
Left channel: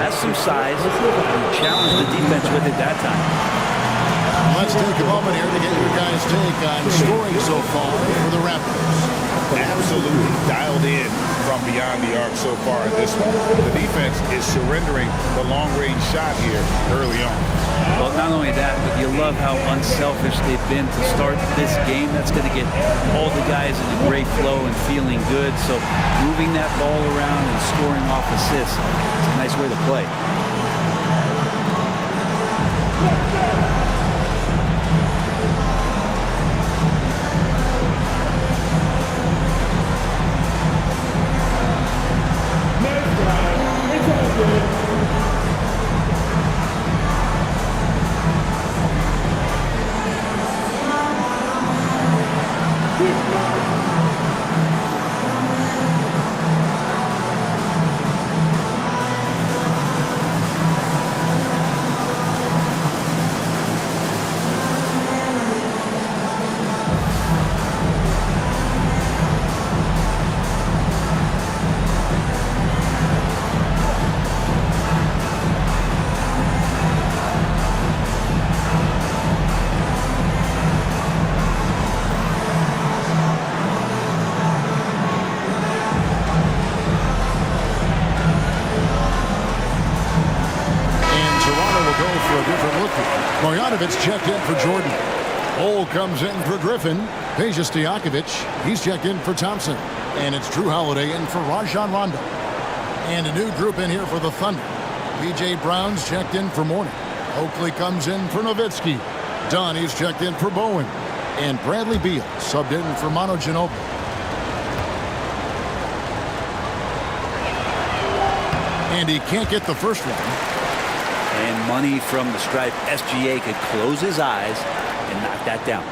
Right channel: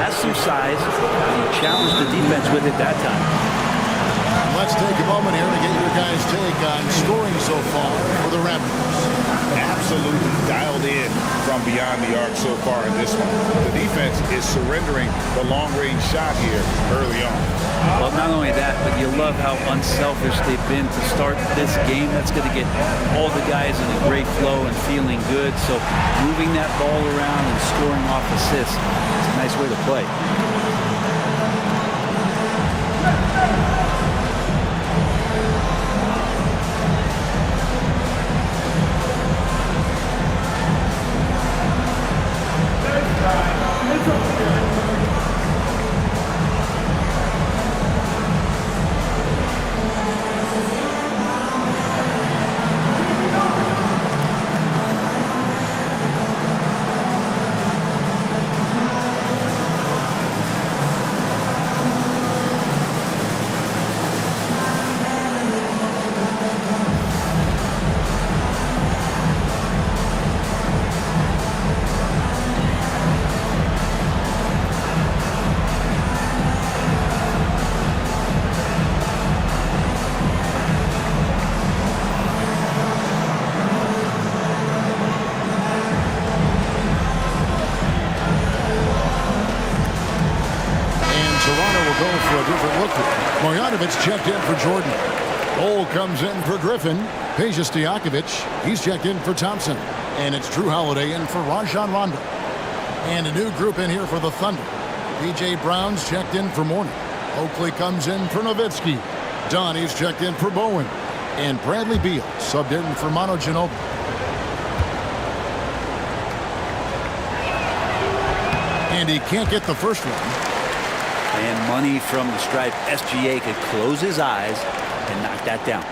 has some size, and he challenged the defense with it that time. Let's take a moment here to get your guys' take on scoring so far for the Raptors. Absolutely dialed in from beyond the arc so far in this one. The defense is surrendering the long-range shot here early on. Well, not only that, but you love how unselfish they've been to start this game. That's going to get all the guys in a great flow and feeling good. So moving that ball around and scoring off assists, it's a nice way to play. Toronto will go for a different look here. Marjanovic checked in for Jordan. Bol comes in for Griffin. Peja Stojakovic, he's checked in for Thompson. And it's Drew Holiday in for Rajon Rondo. And a new group in here for the Thunder. P.J. Brown's checked in for Mourning. Oakley comes in for Nowitzki. Donnie's checked in for Bowen. And Bradley Beal subbed in for Manu Ginobili. And he can't get the first one. And money from the stripe. SGA could close his eyes and knock that down.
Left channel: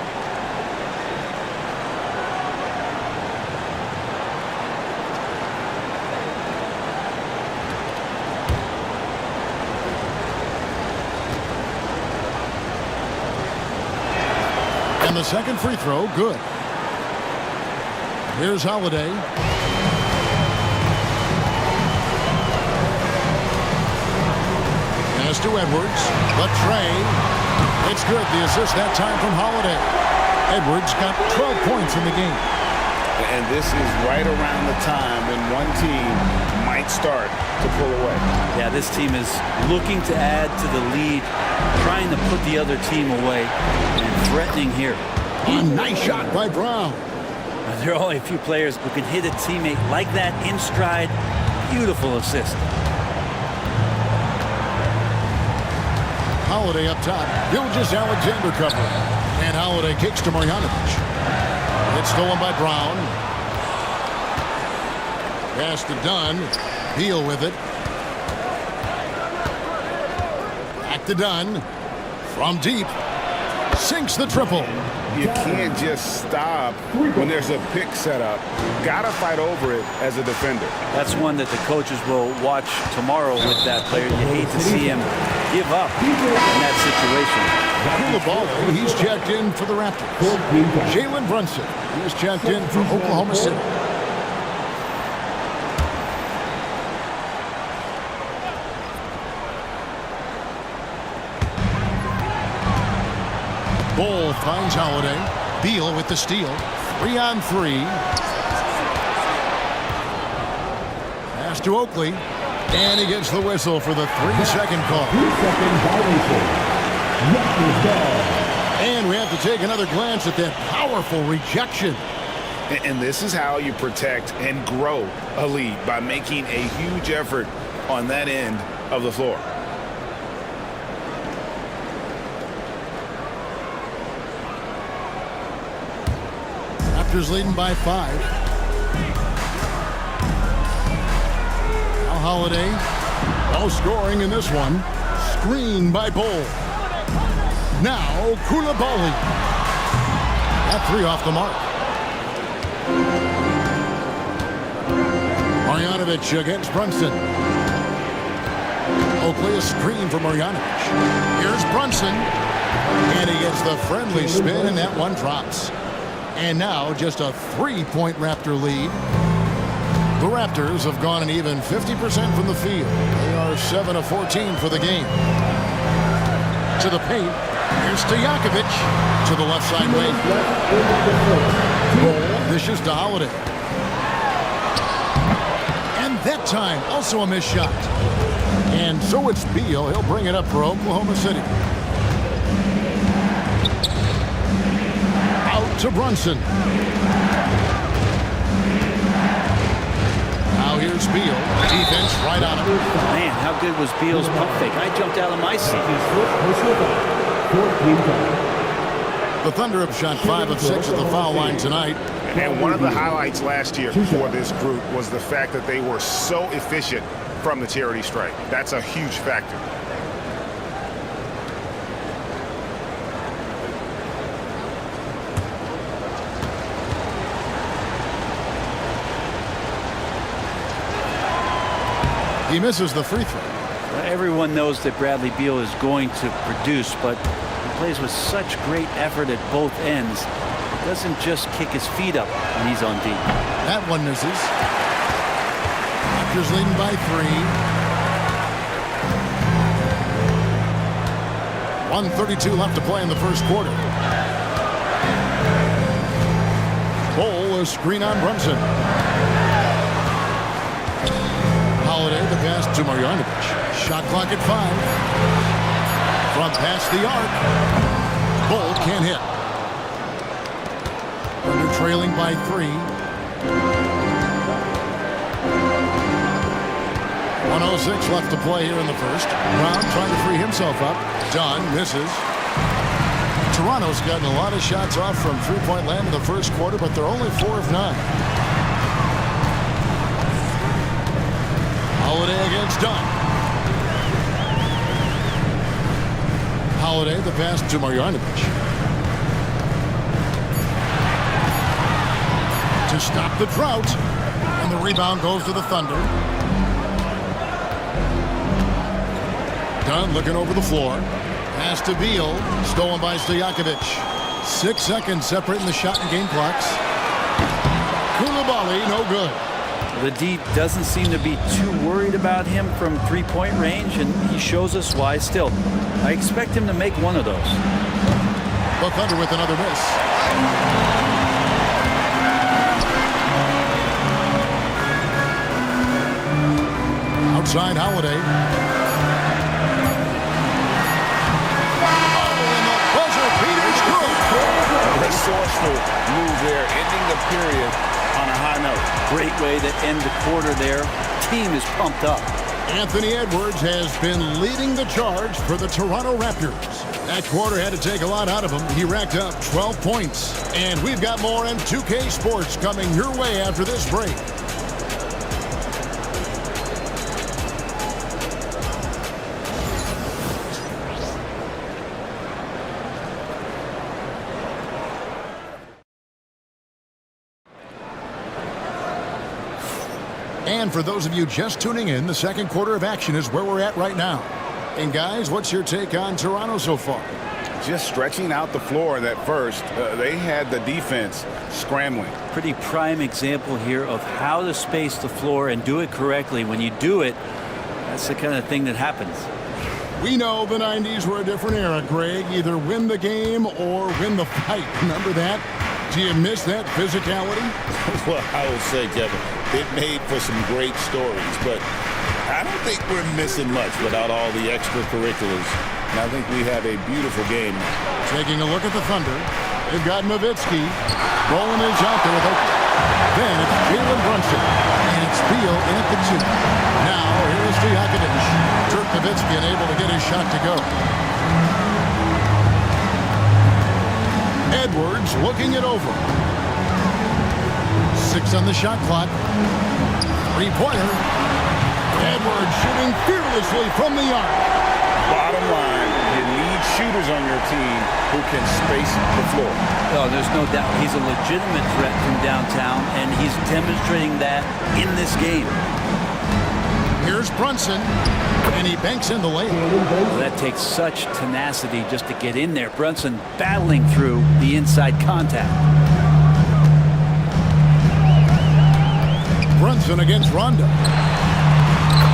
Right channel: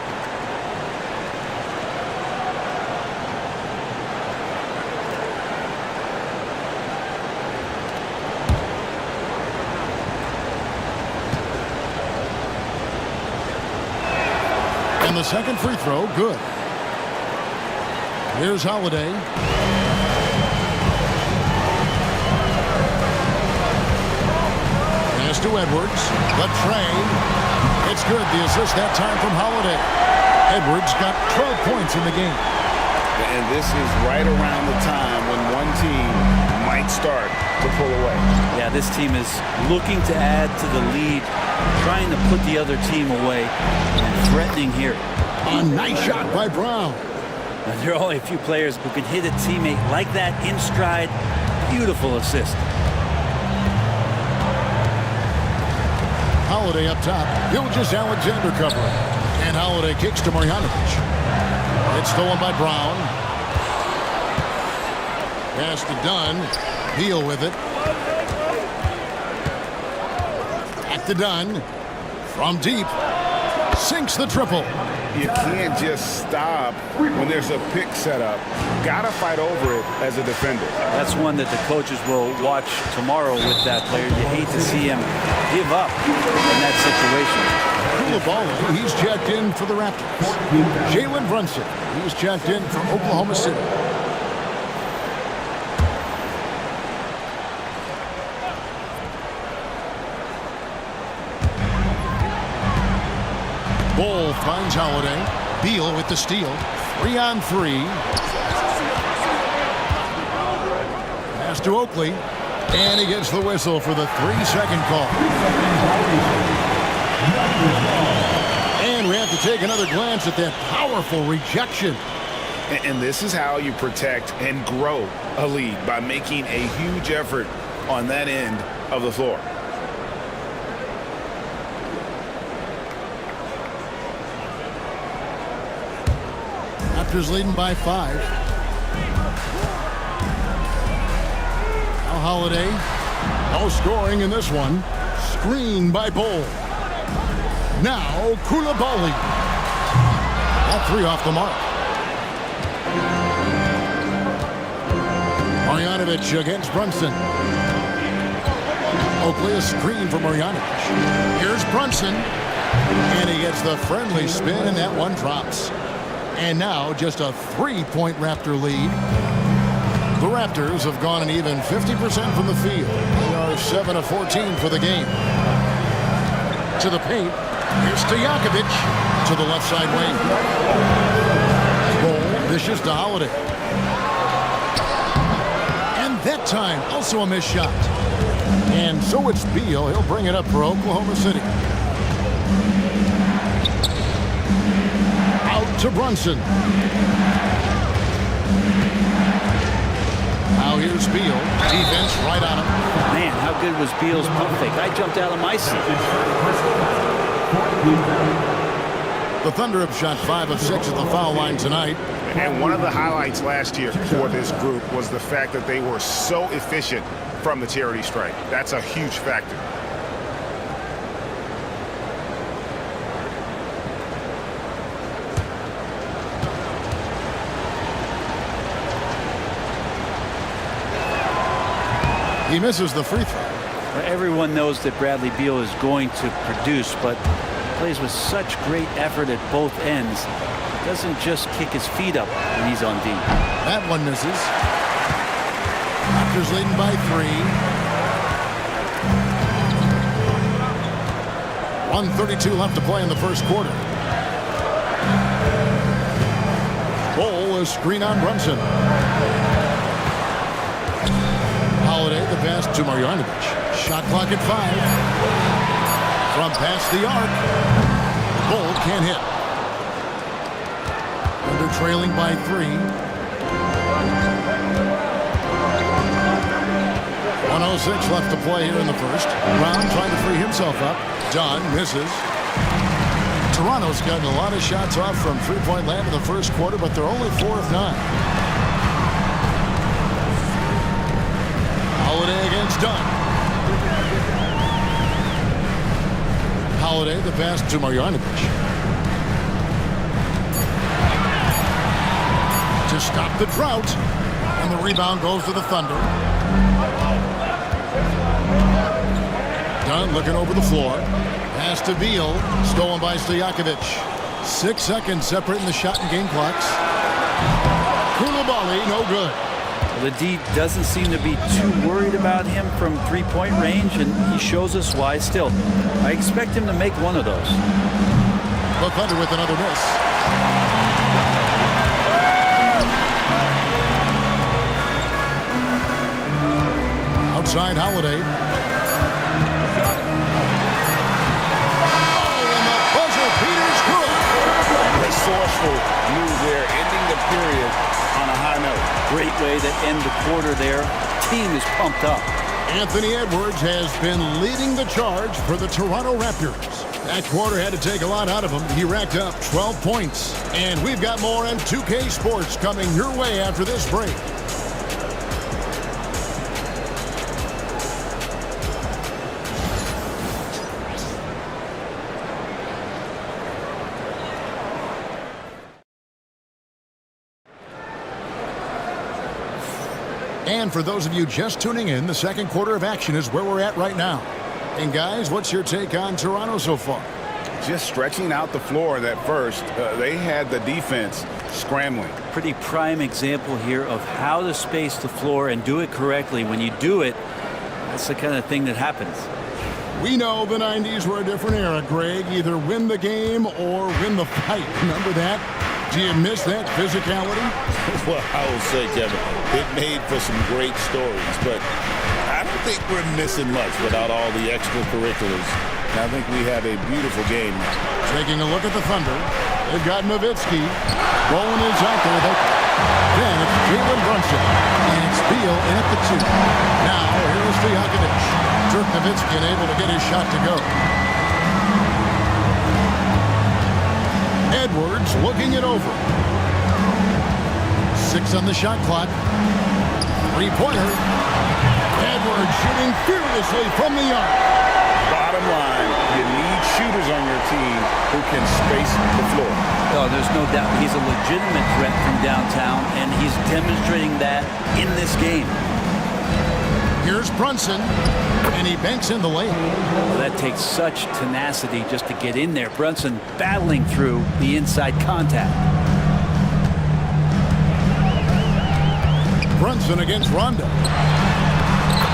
And the second free throw, good. Here's Holiday. Pass to Edwards. The train. It's good. The assist that time from Holiday. Edwards got 12 points in the game. And this is right around the time when one team might start to pull away. Yeah, this team is looking to add to the lead, trying to put the other team away, and threatening here. A nice shot by Brown. There are only a few players who can hit a teammate like that in stride. Beautiful assist. Holiday up top. Gilgeous-Alexander covering. And Holiday kicks to Marjanovic. It's stolen by Brown. Pass to Dunn. Beal with it. Back to Dunn. From deep. Sinks the triple. You can't just stop when there's a pick set up. Gotta fight over it as a defender. That's one that the coaches will watch tomorrow with that player. You hate to see him give up in that situation. Koulibaly, he's checked in for the Raptors. Jalen Brunson, he's checked in for Oklahoma City. Bull finds Holiday. Beal with the steal. 3-on-3. Pass to Oakley. And he gets the whistle for the 3-second call. 3-second violation. And we have to take another glance at that powerful rejection. And this is how you protect and grow a lead, by making a huge effort on that end of the floor. Raptors leading by 5. Now Holiday. No scoring in this one. Screen by Bull. Now Koulibaly. That 3 off the mark. Marjanovic against Brunson. Oakley, a screen for Marjanovic. Here's Brunson. And he gets the friendly spin, and that one drops. And now just a 3-point Raptor lead. The Raptors have gone an even 50% from the field. They are 7 of 14 for the game. To the paint. Here's Stojakovic to the left side wing. Bull dishes to Holiday. And that time, also a missed shot. And so it's Beal. He'll bring it up for Oklahoma City. Out to Brunson. Now here's Beal. Defense right on him. Man, how good was Beal's pump fake? I jumped out of my seat. The Thunder have shot 5 of 6 at the foul line tonight. And one of the highlights last year for this group was the fact that they were so efficient from the charity stripe. That's a huge factor. He misses the free throw. Well, everyone knows that Bradley Beal is going to produce, but he plays with such great effort at both ends. He doesn't just kick his feet up when he's on D. That one misses. Raptors leading by 3. 1:32 left to play in the first quarter. Bull, a screen on Brunson. Holiday, the pass to Marjanovic. Shot clock at 5. From past the arc. Bull can't hit. Thunder trailing by 3. 1:06 left to play here in the first. Brown trying to free himself up. Dunn misses. Toronto's gotten a lot of shots off from three-point land in the first quarter, but they're only 4 of 9. Holiday against Dunn. Holiday, the pass to Marjanovic. To stop the drought. And the rebound goes to the Thunder. Dunn looking over the floor. Pass to Beal. Stolen by Stojakovic. 6 seconds separating the shot and game clocks. Koulibaly, no good. The D doesn't seem to be too worried about him from three-point range, and he shows us why still. I expect him to make one of those. The Thunder with another miss. Outside Holiday. Oh, and the buzzer beater's good. Resourceful move there, ending the period on a high note. Great way to end the quarter there. Team is pumped up. Anthony Edwards has been leading the charge for the Toronto Raptors. That quarter had to take a lot out of him. He racked up 12 points. And we've got more on 2K Sports coming your way after this break. And for those of you just tuning in, the second quarter of action is where we're at right now. And guys, what's your take on Toronto so far? just stretching out the floor in that first. They had the defense scrambling. Pretty prime example here of how to space the floor and do it correctly. When you do it, that's the kind of thing that happens. We know the 90s were a different era, Greg. Either win the game or win the fight. Remember that? Do you miss that physicality? Well, I will say, Kevin, it made for some great stories, but I don't think we're missing much without all the extracurriculars. And I think we have a beautiful game now. Taking a look at the Thunder, they've got Nowitzki. Rolling is out there with Oakley. Then it's Jalen Brunson, and it's Beal in at the 2. Now, here is Stojakovic. Dirk Nowitzki unable to get his shot to go. Edwards looking it over. 6 on the shot clock. 3-pointer. Edwards shooting fearlessly from the arc. Bottom line, you need shooters on your team who can space the floor. Oh, there's no doubt he's a legitimate threat from downtown, and he's demonstrating that in this game. Here's Brunson, and he banks in the layup. Well, that takes such tenacity just to get in there. Brunson battling through the inside contact. Brunson against Rondo.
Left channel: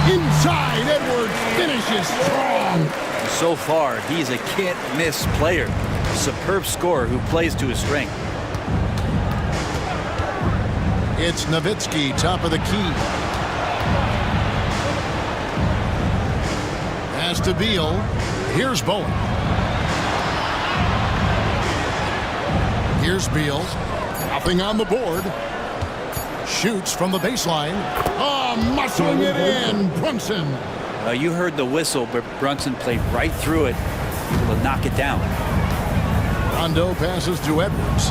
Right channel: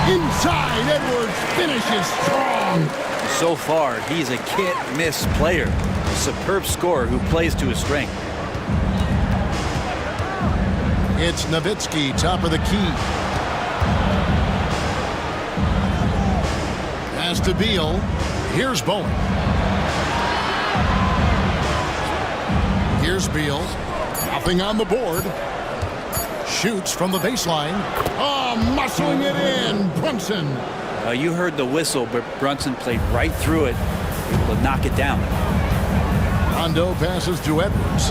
Inside, Edwards finishes strong. So far, he's a can't-miss player. A superb scorer who plays to his strength. It's Nowitzki, top of the key. Pass to Beal. Here's Bowen. Here's Beal. Nothing on the board. Shoots from the baseline. Oh, muscling it in. Brunson. You heard the whistle, but Brunson played right through it, able to knock it down. Rondo passes to Edwards.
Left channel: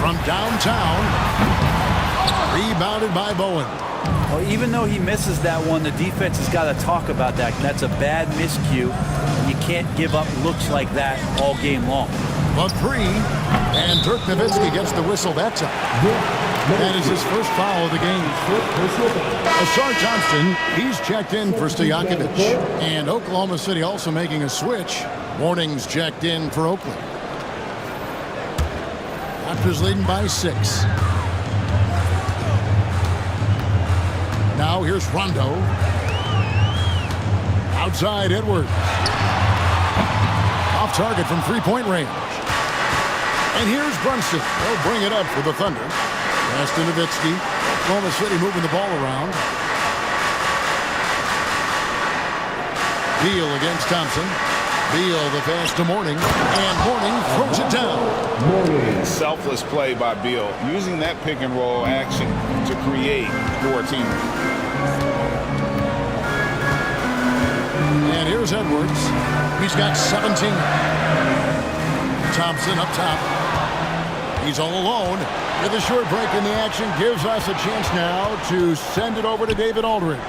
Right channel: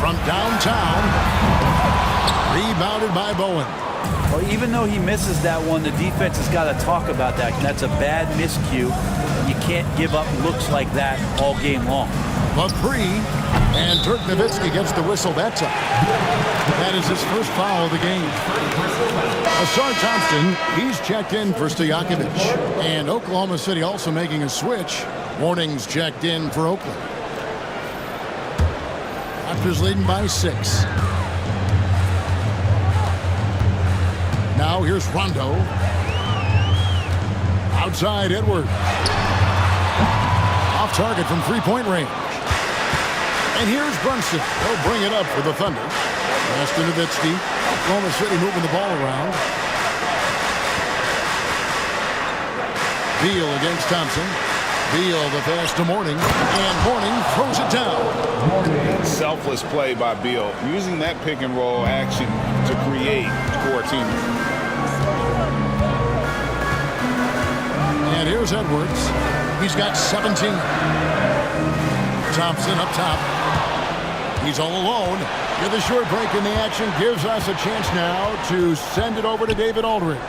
From downtown. Rebounded by Bowen. Well, even though he misses that one, the defense has got to talk about that. And that's a bad miscue, and you can't give up looks like that all game long. The 3, and Dirk Nowitzki gets the whistle that time. That is his first foul of the game. Asar Thompson, he's checked in for Stojakovic. And Oklahoma City also making a switch. Warnings checked in for Oakland. Raptors leading by 6. Now here's Rondo. Outside Edwards. Off target from 3-point range. And here's Brunson. They'll bring it up for the Thunder. Pass to Nowitzki. Oklahoma City moving the ball around. Beal against Thompson. Beal the pass to Mourning. And Mourning throws it down. Selfless play by Beal, using that pick and roll action to create for a teammate. And here's Edwards. He's got 17. Thompson up top. He's all alone. With a short break in the action, gives us a chance now to send it over to David Aldridge.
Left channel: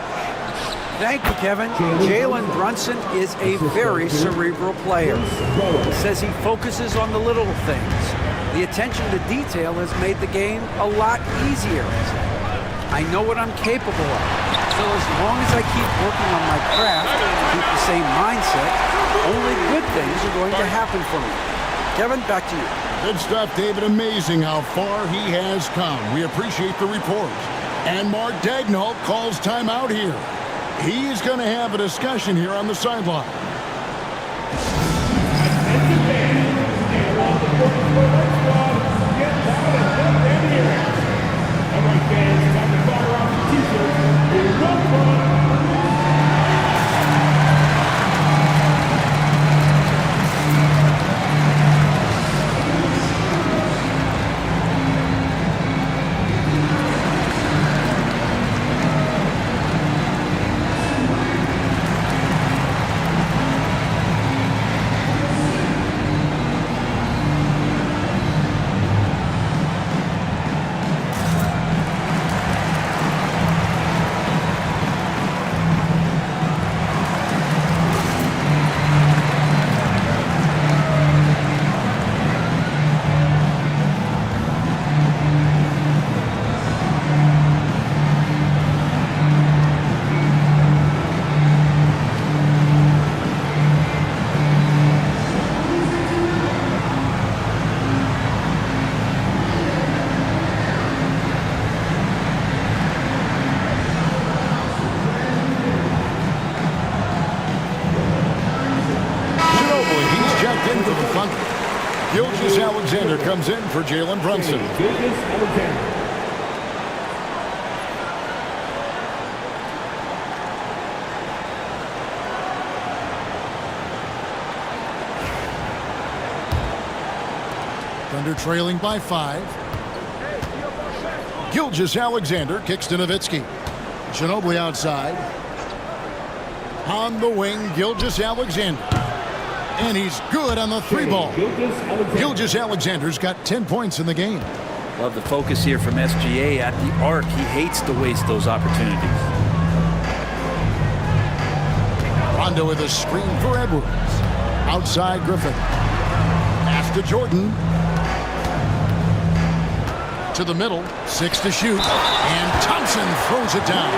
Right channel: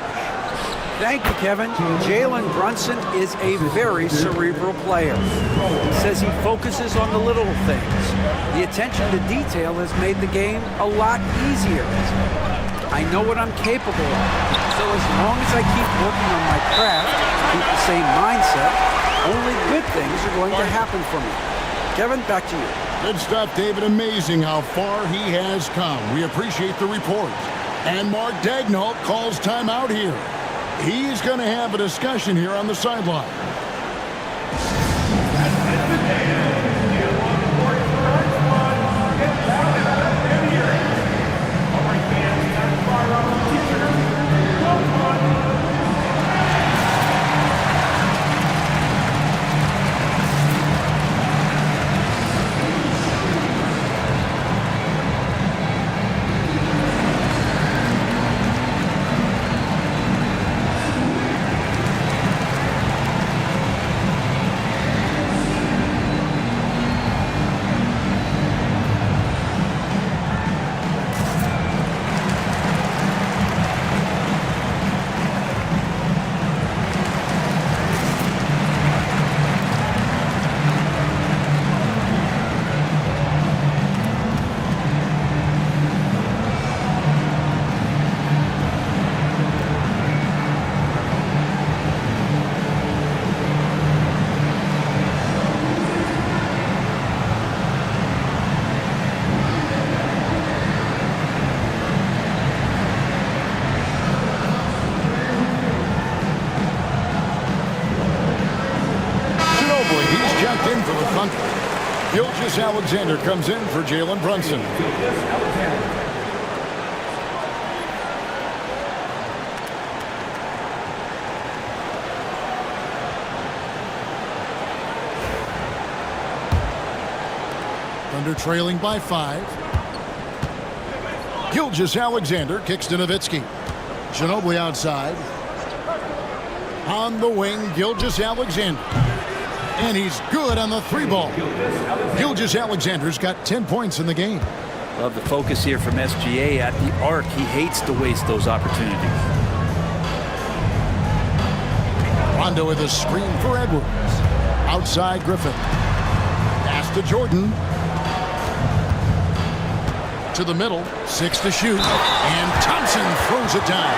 Thank you, Kevin. Jalen Brunson is a very cerebral player. He says he focuses on the little things. The attention to detail has made the game a lot easier. I know what I'm capable of. So as long as I keep working on my craft, keep the same mindset, only good things are going to happen for me. Kevin, back to you. Good stuff, David. Amazing how far he has come. We appreciate the report. And Mark Daigneault calls timeout here. He is going to have a discussion here on the sideline. Ginobili, he's checked in for the Thunder. Gilgeous-Alexander comes in for Jalen Brunson. Gilgeous-Alexander. Thunder trailing by 5. Gilgeous-Alexander kicks to Nowitzki. Ginobili outside. On the wing, Gilgeous-Alexander. And he's good on the 3-ball. Gilgeous-Alexander's got 10 points in the game. Love the focus here from SGA at the arc. He hates to waste those opportunities. Rondo with a screen for Edwards. Outside Griffin. Pass to Jordan. To the middle, 6 to shoot, and Thompson throws it down.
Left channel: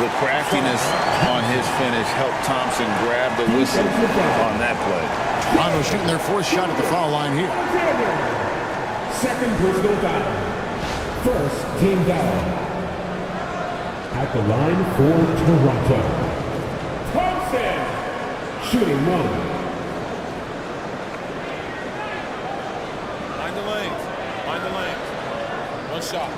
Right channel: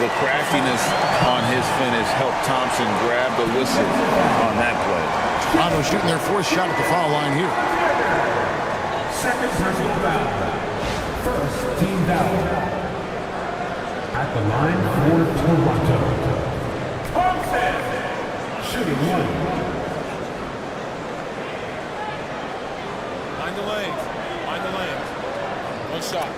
The craftiness on his finish helped Thompson grab the whistle on that play. Toronto shooting their 4th shot at the foul line here. Second personal foul. First team foul. At the line for Toronto. Thompson. Shooting 1. Mind the lanes. Mind the lanes. 1 shot.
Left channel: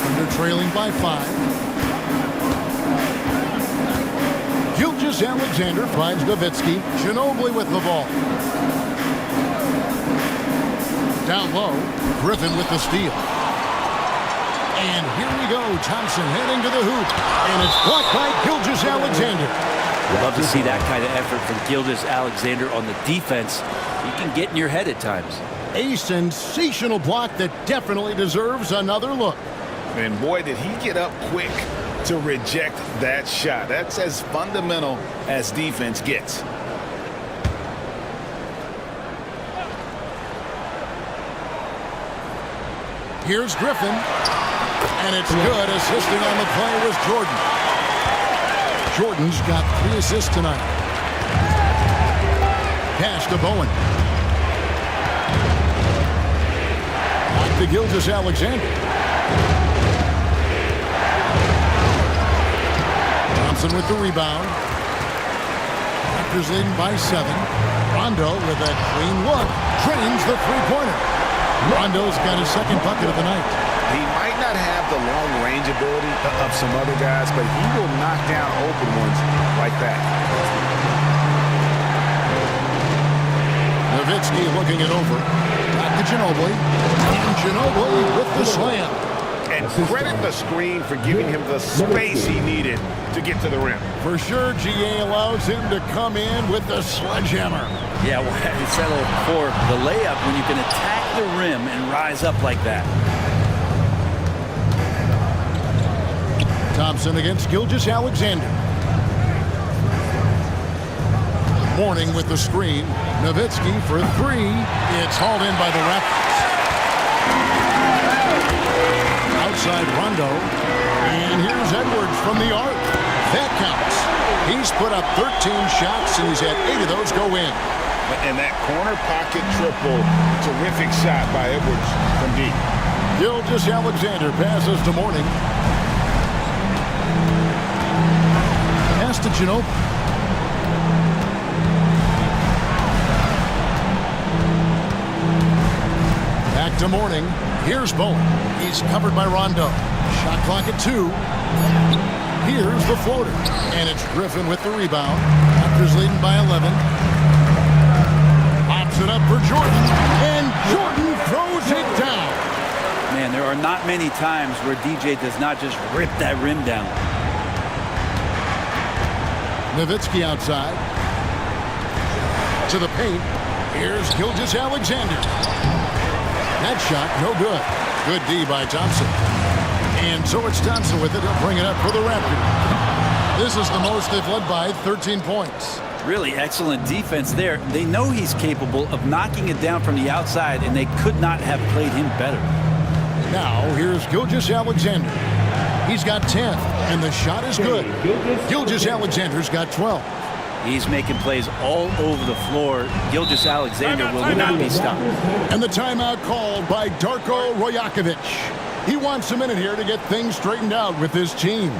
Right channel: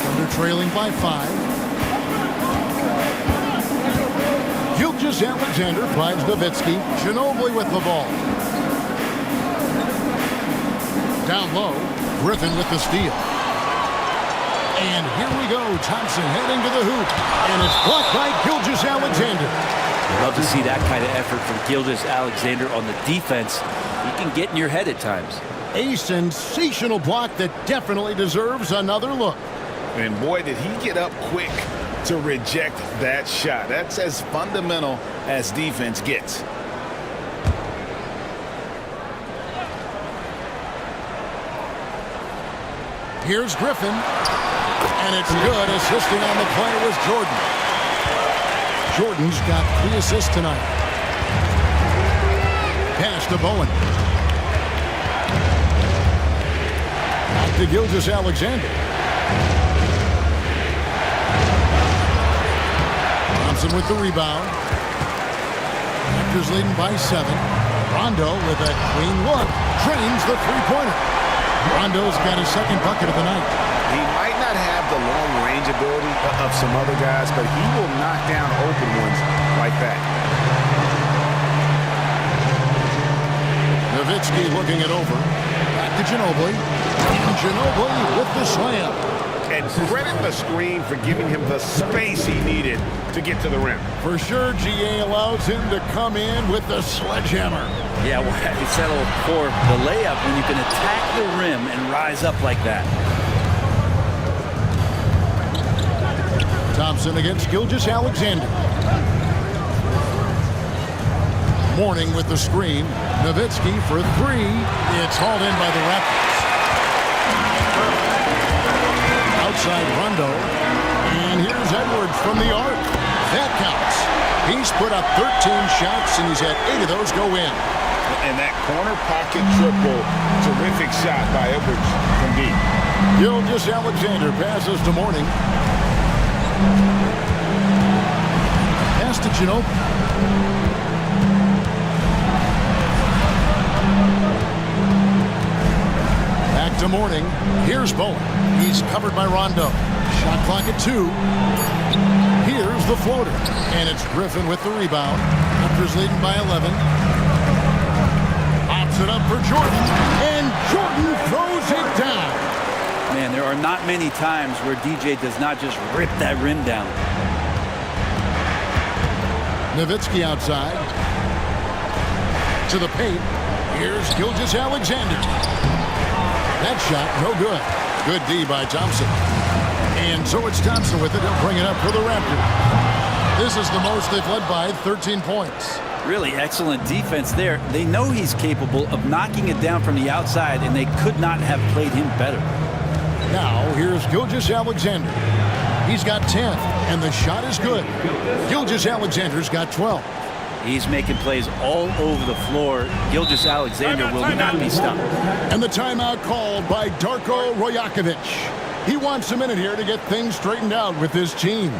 Thunder trailing by 5. Gilgeous-Alexander finds Nowitzki. Ginobili with the ball. Down low, Griffin with the steal. And here we go. Thompson heading to the hoop. And it's blocked by Gilgeous-Alexander. We'd love to see that kind of effort from Gilgeous-Alexander on the defense. He can get in your head at times. A sensational block that definitely deserves another look. And boy, did he get up quick to reject that shot. That's as fundamental as defense gets. Here's Griffin. And it's good. Assisting on the play was Jordan. Jordan's got 3 assists tonight. Pass to Bowen. Back to Gilgeous-Alexander. Thompson with the rebound. Raptors leading by 7. Rondo with a clean look. Drains the 3-pointer. Rondo's got his 2nd bucket of the night. He might not have the long-range ability of some other guys, but he will knock down open ones like that. Nowitzki looking it over. Back to Ginobili. And Ginobili with the slam. And credit the screen for giving him the space he needed to get to the rim. For sure, GA allows him to come in with the sledgehammer. Yeah, why he settled for the layup when you can attack the rim and rise up like that. Thompson against Gilgeous-Alexander. Mourning with the screen. Nowitzki for 3. It's hauled in by the Raptors. Outside Rondo. And here's Edwards from the arc. That counts. He's put up 13 shots, and he's had 8 of those go in. And that corner pocket triple, terrific shot by Edwards from deep. Gilgeous-Alexander passes to Mourning. Pass to Ginobili. Back to Mourning. Here's Bowen. He's covered by Rondo. Shot clock at 2. Here's the floater. And it's Griffin with the rebound. Raptors leading by 11. Pops it up for Jordan. And Jordan throws it down. Man, there are not many times where DJ does not just rip that rim down. Nowitzki outside. To the paint. Here's Gilgeous-Alexander. That shot, no good. Good D by Thompson. And so it's Thompson with it. He'll bring it up for the Raptors. This is the most they've led by, 13 points. Really excellent defense there. They know he's capable of knocking it down from the outside, and they could not have played him better. Now, here's Gilgeous-Alexander. He's got 10, and the shot is good. Gilgeous-Alexander's got 12. He's making plays all over the floor. Gilgeous-Alexander will not be stopped. And the timeout called by Darko Rojakovic. He wants a minute here to get things straightened out with his team.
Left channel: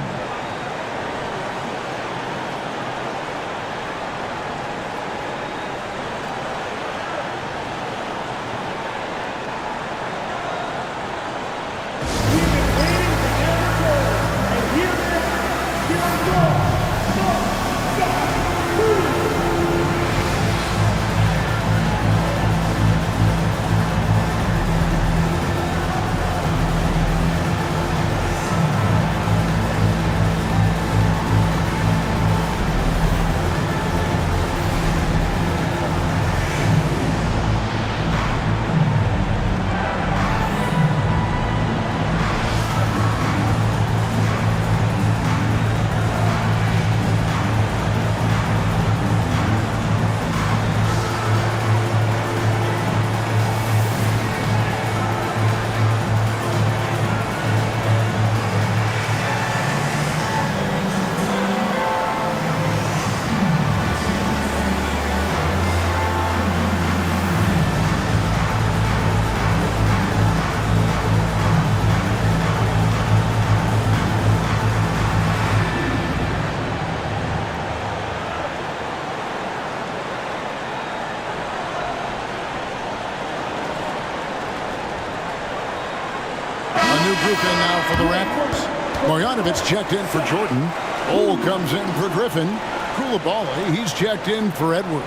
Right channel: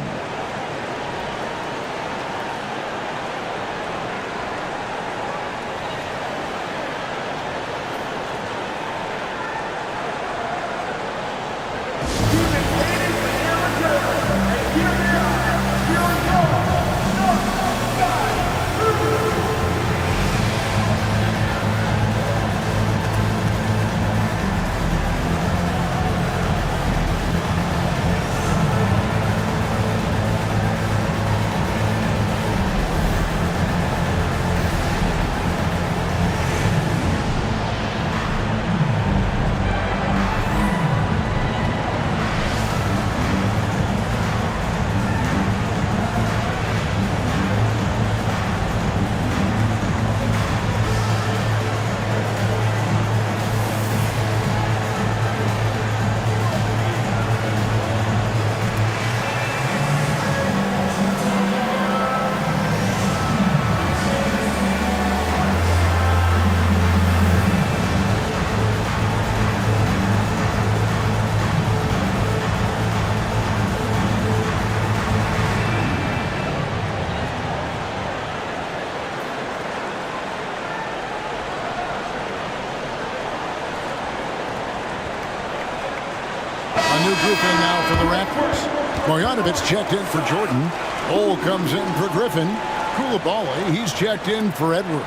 A new group in now for the Raptors. Marjanovic checked in for Jordan. Ole comes in for Griffin. Koulibaly, he's checked in for Edwards.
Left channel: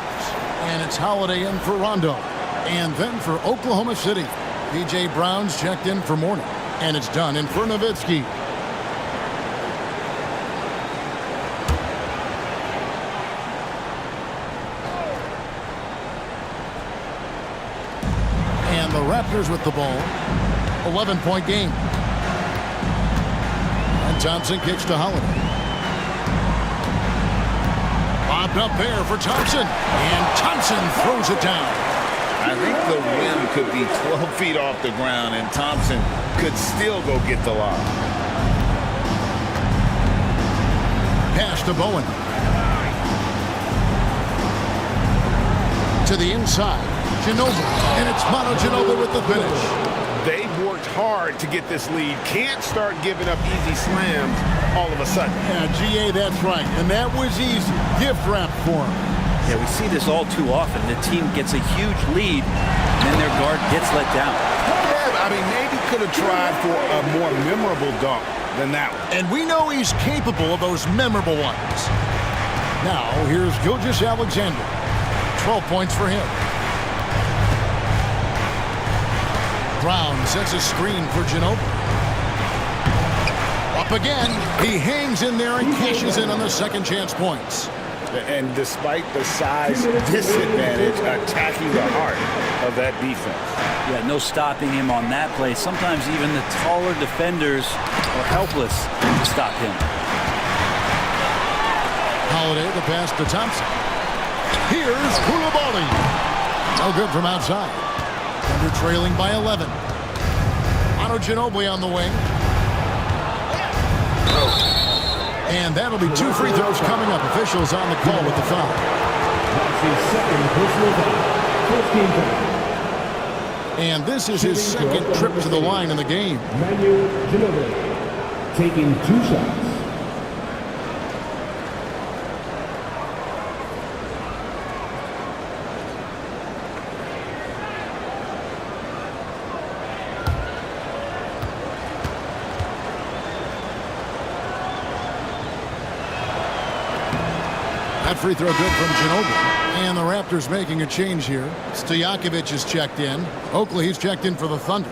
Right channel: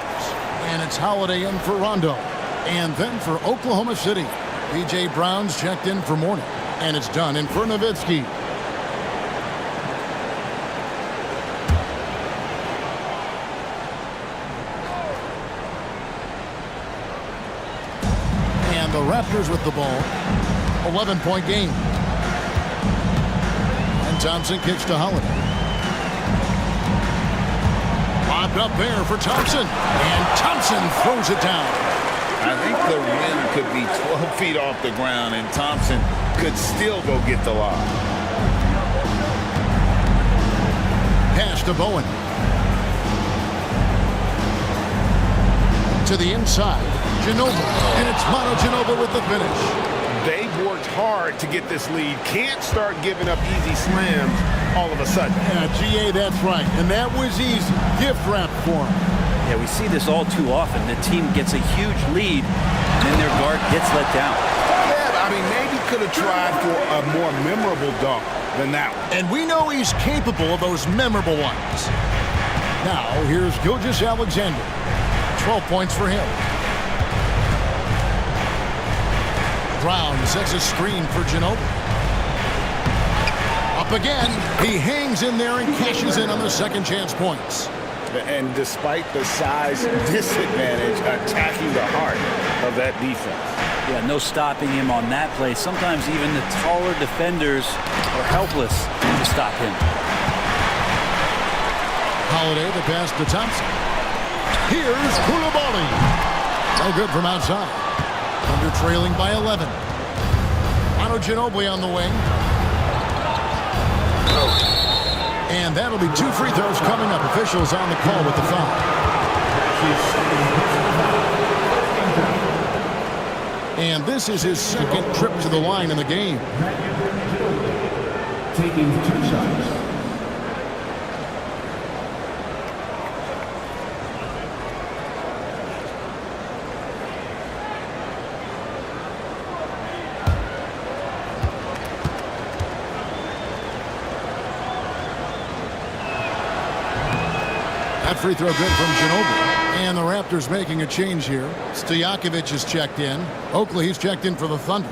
And it's Holiday in for Rondo. And then for Oklahoma City, P.J. Brown's checked in for Mourning. And it's done in for Nowitzki. And the Raptors with the ball. 11-point game. And Thompson kicks to Holiday. Lobbed up there for Thompson. And Thompson throws it down. I think the rim could be 12 feet off the ground, and Thompson could still go get the lob. Pass to Bowen. To the inside. Ginobili. And it's Manu Ginobili with the finish. They've worked hard to get this lead. Can't start giving up easy slams all of a sudden. Yeah, GA, that's right. And that was easy. Gift wrap for him. Yeah, we see this all too often. The team gets a huge lead, and then their guard gets let down. Yeah, I mean, maybe could have tried for a more memorable dunk than that one. And we know he's capable of those memorable ones. Now, here's Gilgeous-Alexander. 12 points for him. Brown sets a screen for Ginobili. Up again. He hangs in there and cashes in on the second chance points. And despite the size disadvantage, attacking the heart of that defense. Yeah, no stopping him on that play. Sometimes even the taller defenders are helpless to stop him. Holiday, the pass to Thompson. Here's Koulibaly. No good from outside. Thunder trailing by 11. Manu Ginobili on the wing. And that'll be 2 free throws coming up. Officials on the call with the foul. That's his second personal foul. First game foul. And this is his second trip to the line in the game. Manu Ginobili taking 2 shots. That free throw good from Ginobili. And the Raptors making a change here. Stojakovic is checked in. Oakley, he's checked in for the Thunder.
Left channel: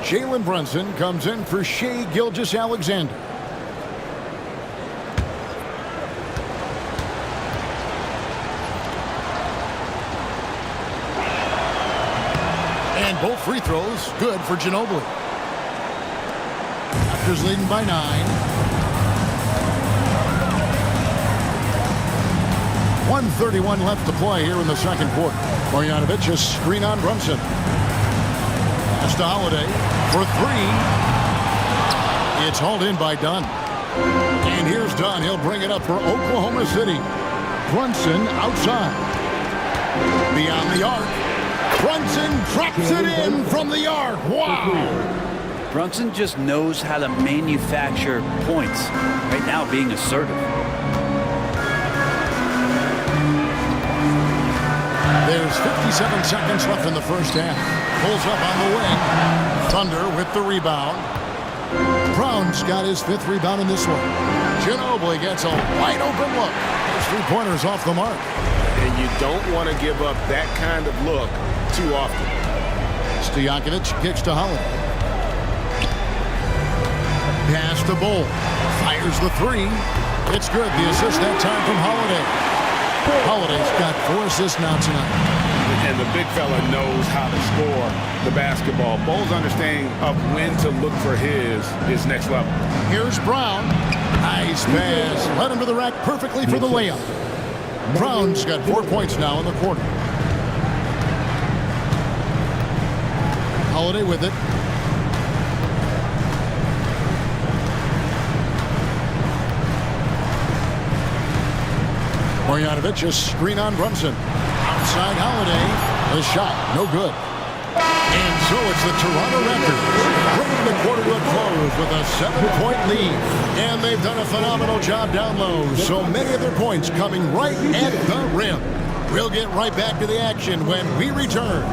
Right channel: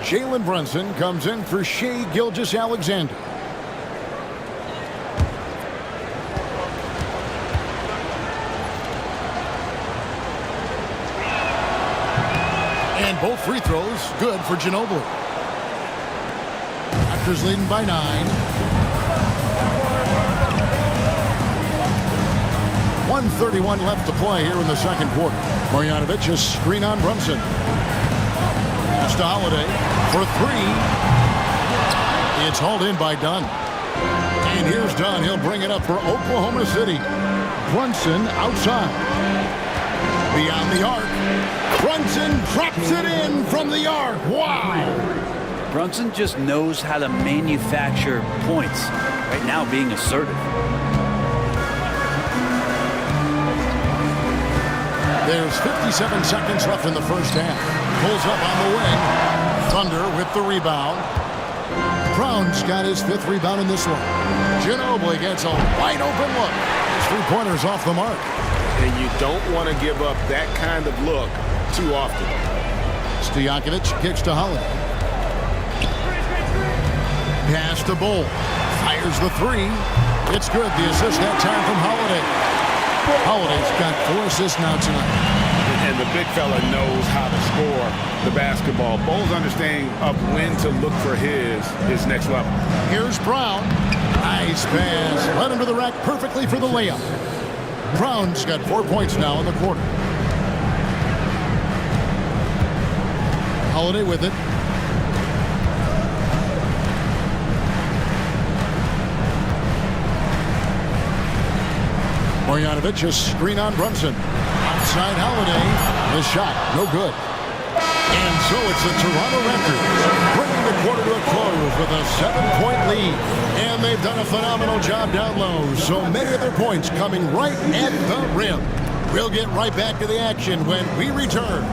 Jalen Brunson comes in for Shai Gilgeous-Alexander. And both free throws good for Ginobili. Raptors leading by 9. 1:31 left to play here in the second quarter. Marjanovic, a screen on Brunson. Pass to Holiday for 3. It's hauled in by Dunn. And here's Dunn. He'll bring it up for Oklahoma City. Brunson outside. Beyond the arc. Brunson drops it in from the arc. Wow! Brunson just knows how to manufacture points. Right now, being assertive. There's 57 seconds left in the first half. Pulls up on the wing. Thunder with the rebound. Brown's got his 5th rebound in this one. Ginobili gets a wide open look. His 3-pointer's off the mark. And you don't want to give up that kind of look too often. Stojakovic kicks to Holiday. Pass to Bull. Fires the 3. It's good. The assist that time from Holiday. Holiday's got 4 assists now tonight. And the big fella knows how to score the basketball. Bull's understanding of when to look for his next level. Here's Brown. Nice pass. Led him to the rack perfectly for the layup. Brown's got 4 points now in the quarter. Holiday with it. Marjanovic, a screen on Brunson. Outside Holiday. The shot, no good. And so it's the Toronto Raptors bringing the quarter to a close with a 7-point lead. And they've done a phenomenal job down low. So many of their points coming right at the rim. We'll get right back to the action when we return.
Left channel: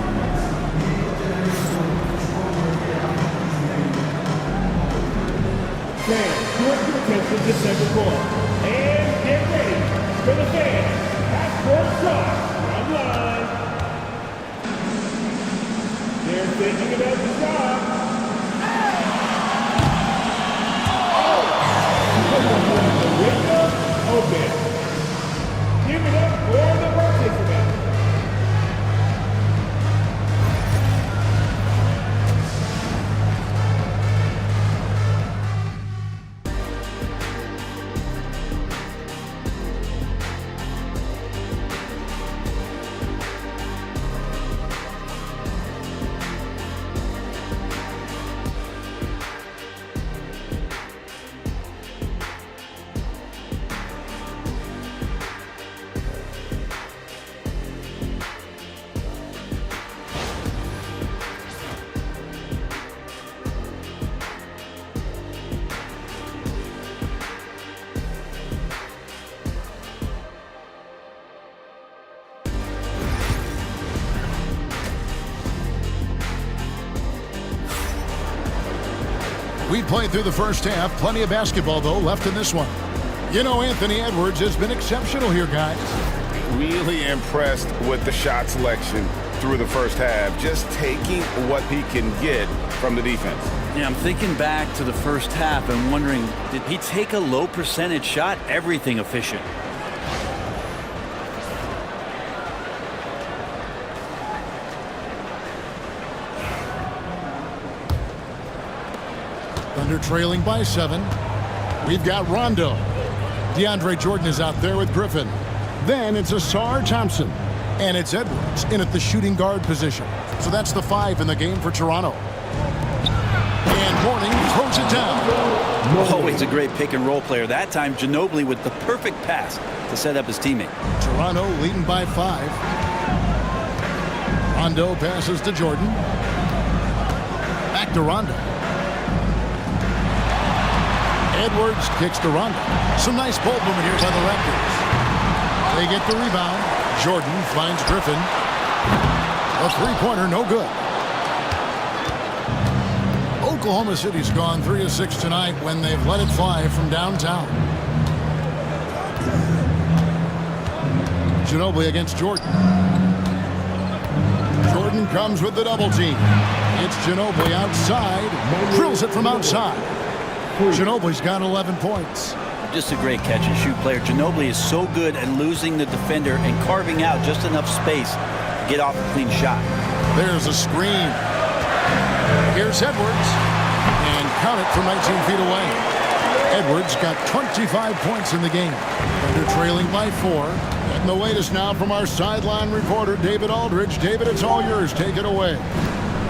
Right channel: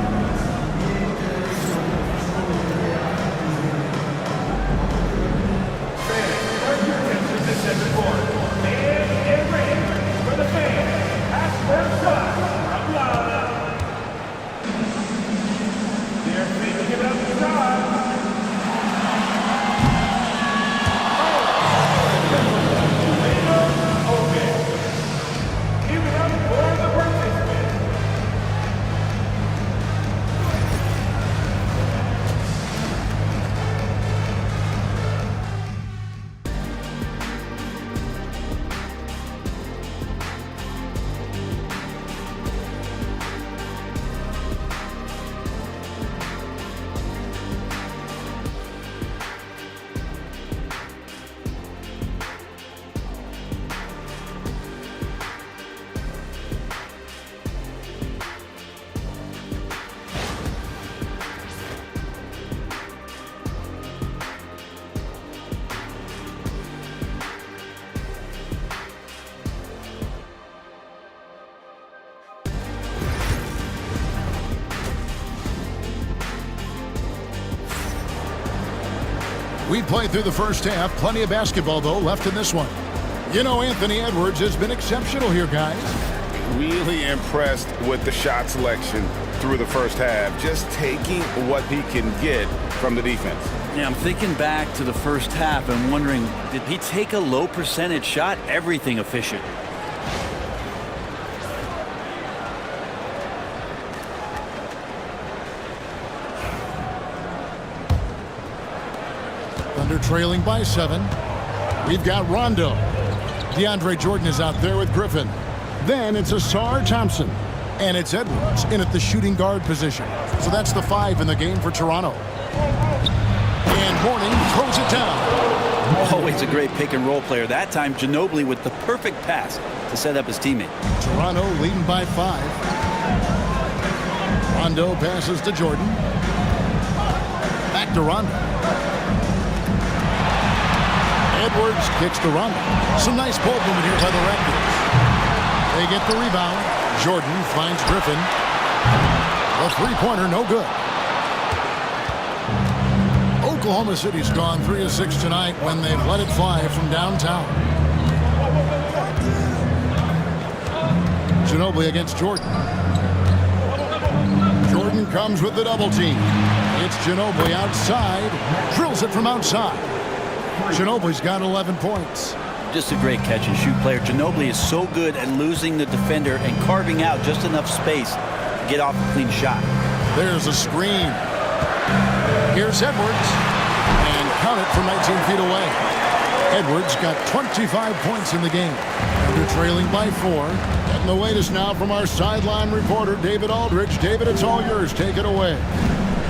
Fans, direct your attention to center court. And get ready for the fans. Password time from line. They're thinking about the shot. Open. Give it up for the participants. We played through the first half. Plenty of basketball, though, left in this one. You know, Anthony Edwards has been exceptional here, guys. Really impressed with the shot selection through the first half. Just taking what he can get from the defense. Yeah, I'm thinking back to the first half and wondering, did he take a low percentage shot? Everything efficient. Thunder trailing by 7. We've got Rondo. DeAndre Jordan is out there with Griffin. Then it's Asar Thompson. And it's Edwards in at the shooting guard position. So that's the 5 in the game for Toronto. And Mourning throws it down. Always a great pick and roll player. That time, Ginobili with the perfect pass to set up his teammate. Toronto leading by 5. Rondo passes to Jordan. Back to Rondo. Edwards kicks to Rondo. Some nice ball movement here by the Raptors. They get the rebound. Jordan finds Griffin. A 3-pointer, no good. Oklahoma City's gone 3 of 6 tonight when they've let it fly from downtown. Ginobili against Jordan. Jordan comes with the double team. It's Ginobili outside. Drills it from outside. Ginobili's got 11 points. Just a great catch and shoot player. Ginobili is so good at losing the defender and carving out just enough space to get off a clean shot. There's a screen. Here's Edwards. And count it from 19 feet away. Edwards got 25 points in the game. Thunder trailing by 4. Getting the latest now from our sideline reporter, David Aldridge. David, it's all yours. Take it away.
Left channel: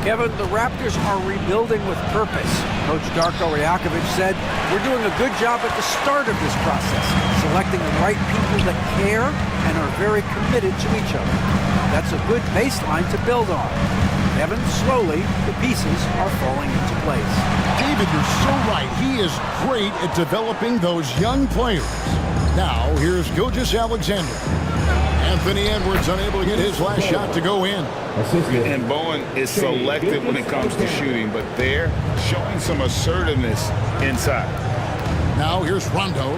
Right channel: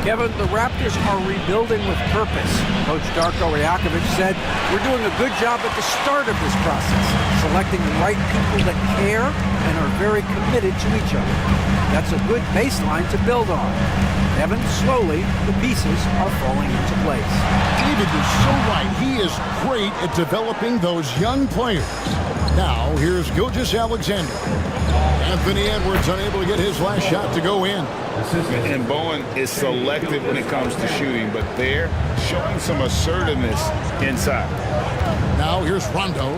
Kevin, the Raptors are rebuilding with purpose. Coach Darko Rajakovic said, "We're doing a good job at the start of this process, selecting the right people that care and are very committed to each other. That's a good baseline to build on." Kevin, slowly, the pieces are falling into place. David, you're so right. He is great at developing those young players. Now, here's Gilgeous-Alexander. Anthony Edwards unable to get his last shot to go in. And Bowen is selective when it comes to shooting, but they're showing some assertiveness inside. Now here's Rondo.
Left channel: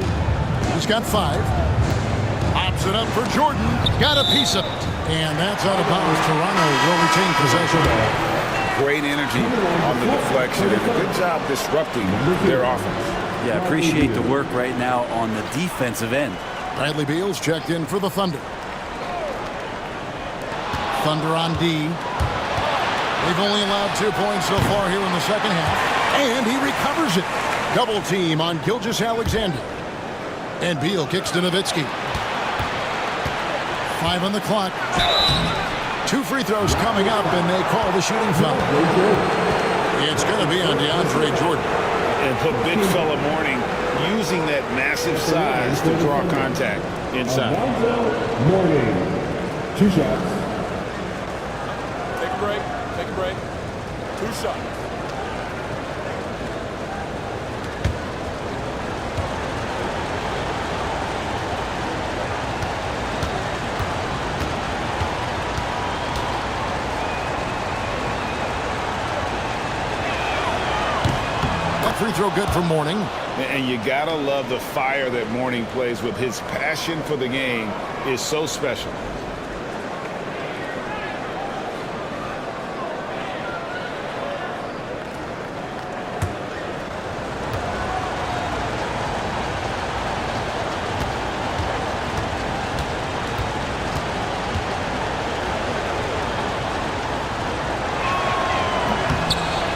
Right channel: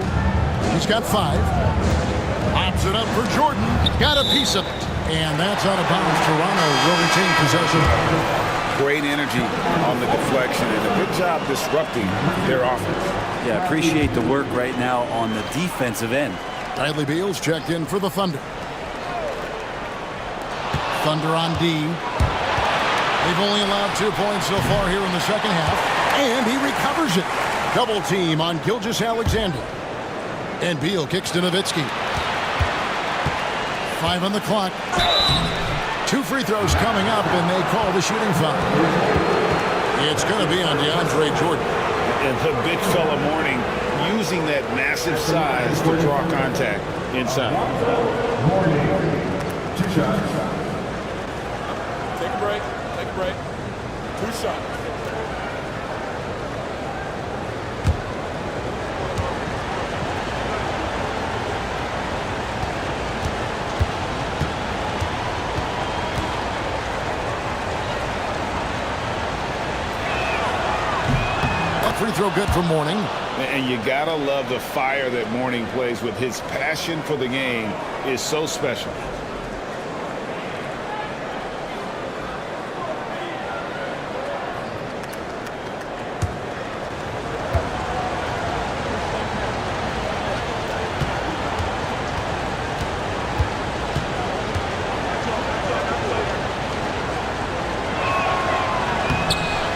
He's got 5. Pops it up for Jordan. Got a piece of it. And that's out of bounds. Toronto will retain possession. Great energy on the deflection and a good job disrupting their offense. Yeah, appreciate the work right now on the defensive end. Bradley Beal's checked in for the Thunder. Thunder on D. They've only allowed 2 points so far here in the second half. And he recovers it. Double team on Gilgeous-Alexander. And Beal kicks to Nowitzki. 5 on the clock. 2 free throws coming up, and they call the shooting foul. It's going to be on DeAndre Jordan. And the big fella Mourning using that massive size to draw contact inside. Mourning. 2 shots. Take a break. Take a break. 2 shots. That free throw good for Mourning. And you gotta love the fire that Mourning plays with. His passion for the game is so special.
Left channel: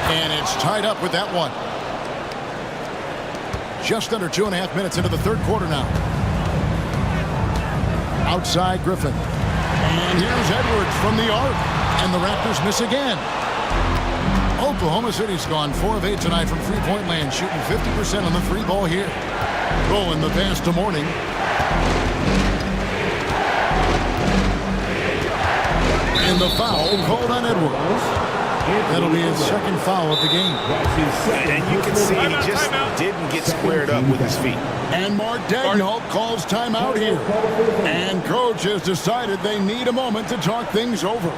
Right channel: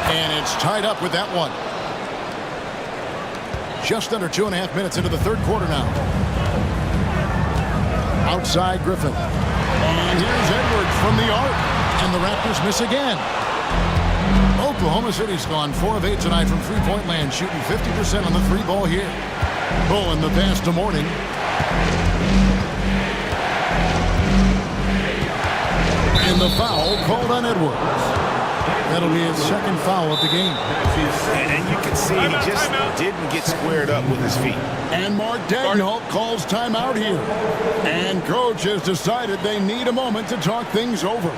And it's tied up with that one. Just under 2.5 minutes into the third quarter now. Outside Griffin. And here's Edwards from the arc. And the Raptors miss again. Oklahoma City's gone 4 of 8 tonight from three-point land, shooting 50% on the 3 ball here. Bowen the pass to Mourning. And the foul called on Edwards. That'll be his second foul of the game. And you can see he just didn't get squared up with his feet. And Mark Daigneault calls timeout here. And coach has decided they need a moment to talk things over.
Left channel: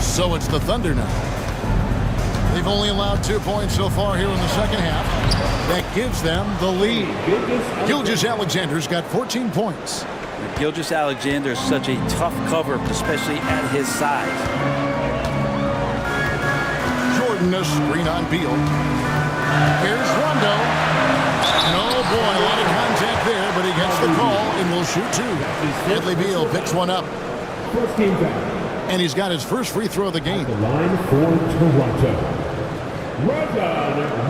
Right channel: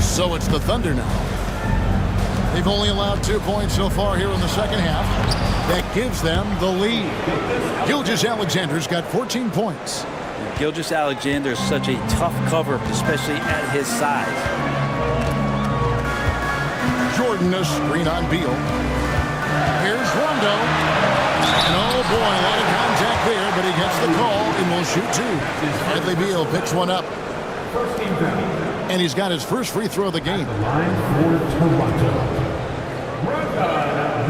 So it's the Thunder now. They've only allowed 2 points so far here in the second half. That gives them the lead. Gilgeous-Alexander's got 14 points. Gilgeous-Alexander is such a tough cover, especially at his size. Jordan, a screen on Beal. Here's Rondo. And oh boy, a lot of contact there, but he gets the call and will shoot two. Bradley Beal picks one up. First team foul. And he's got his first free throw of the game. The line for Toronto.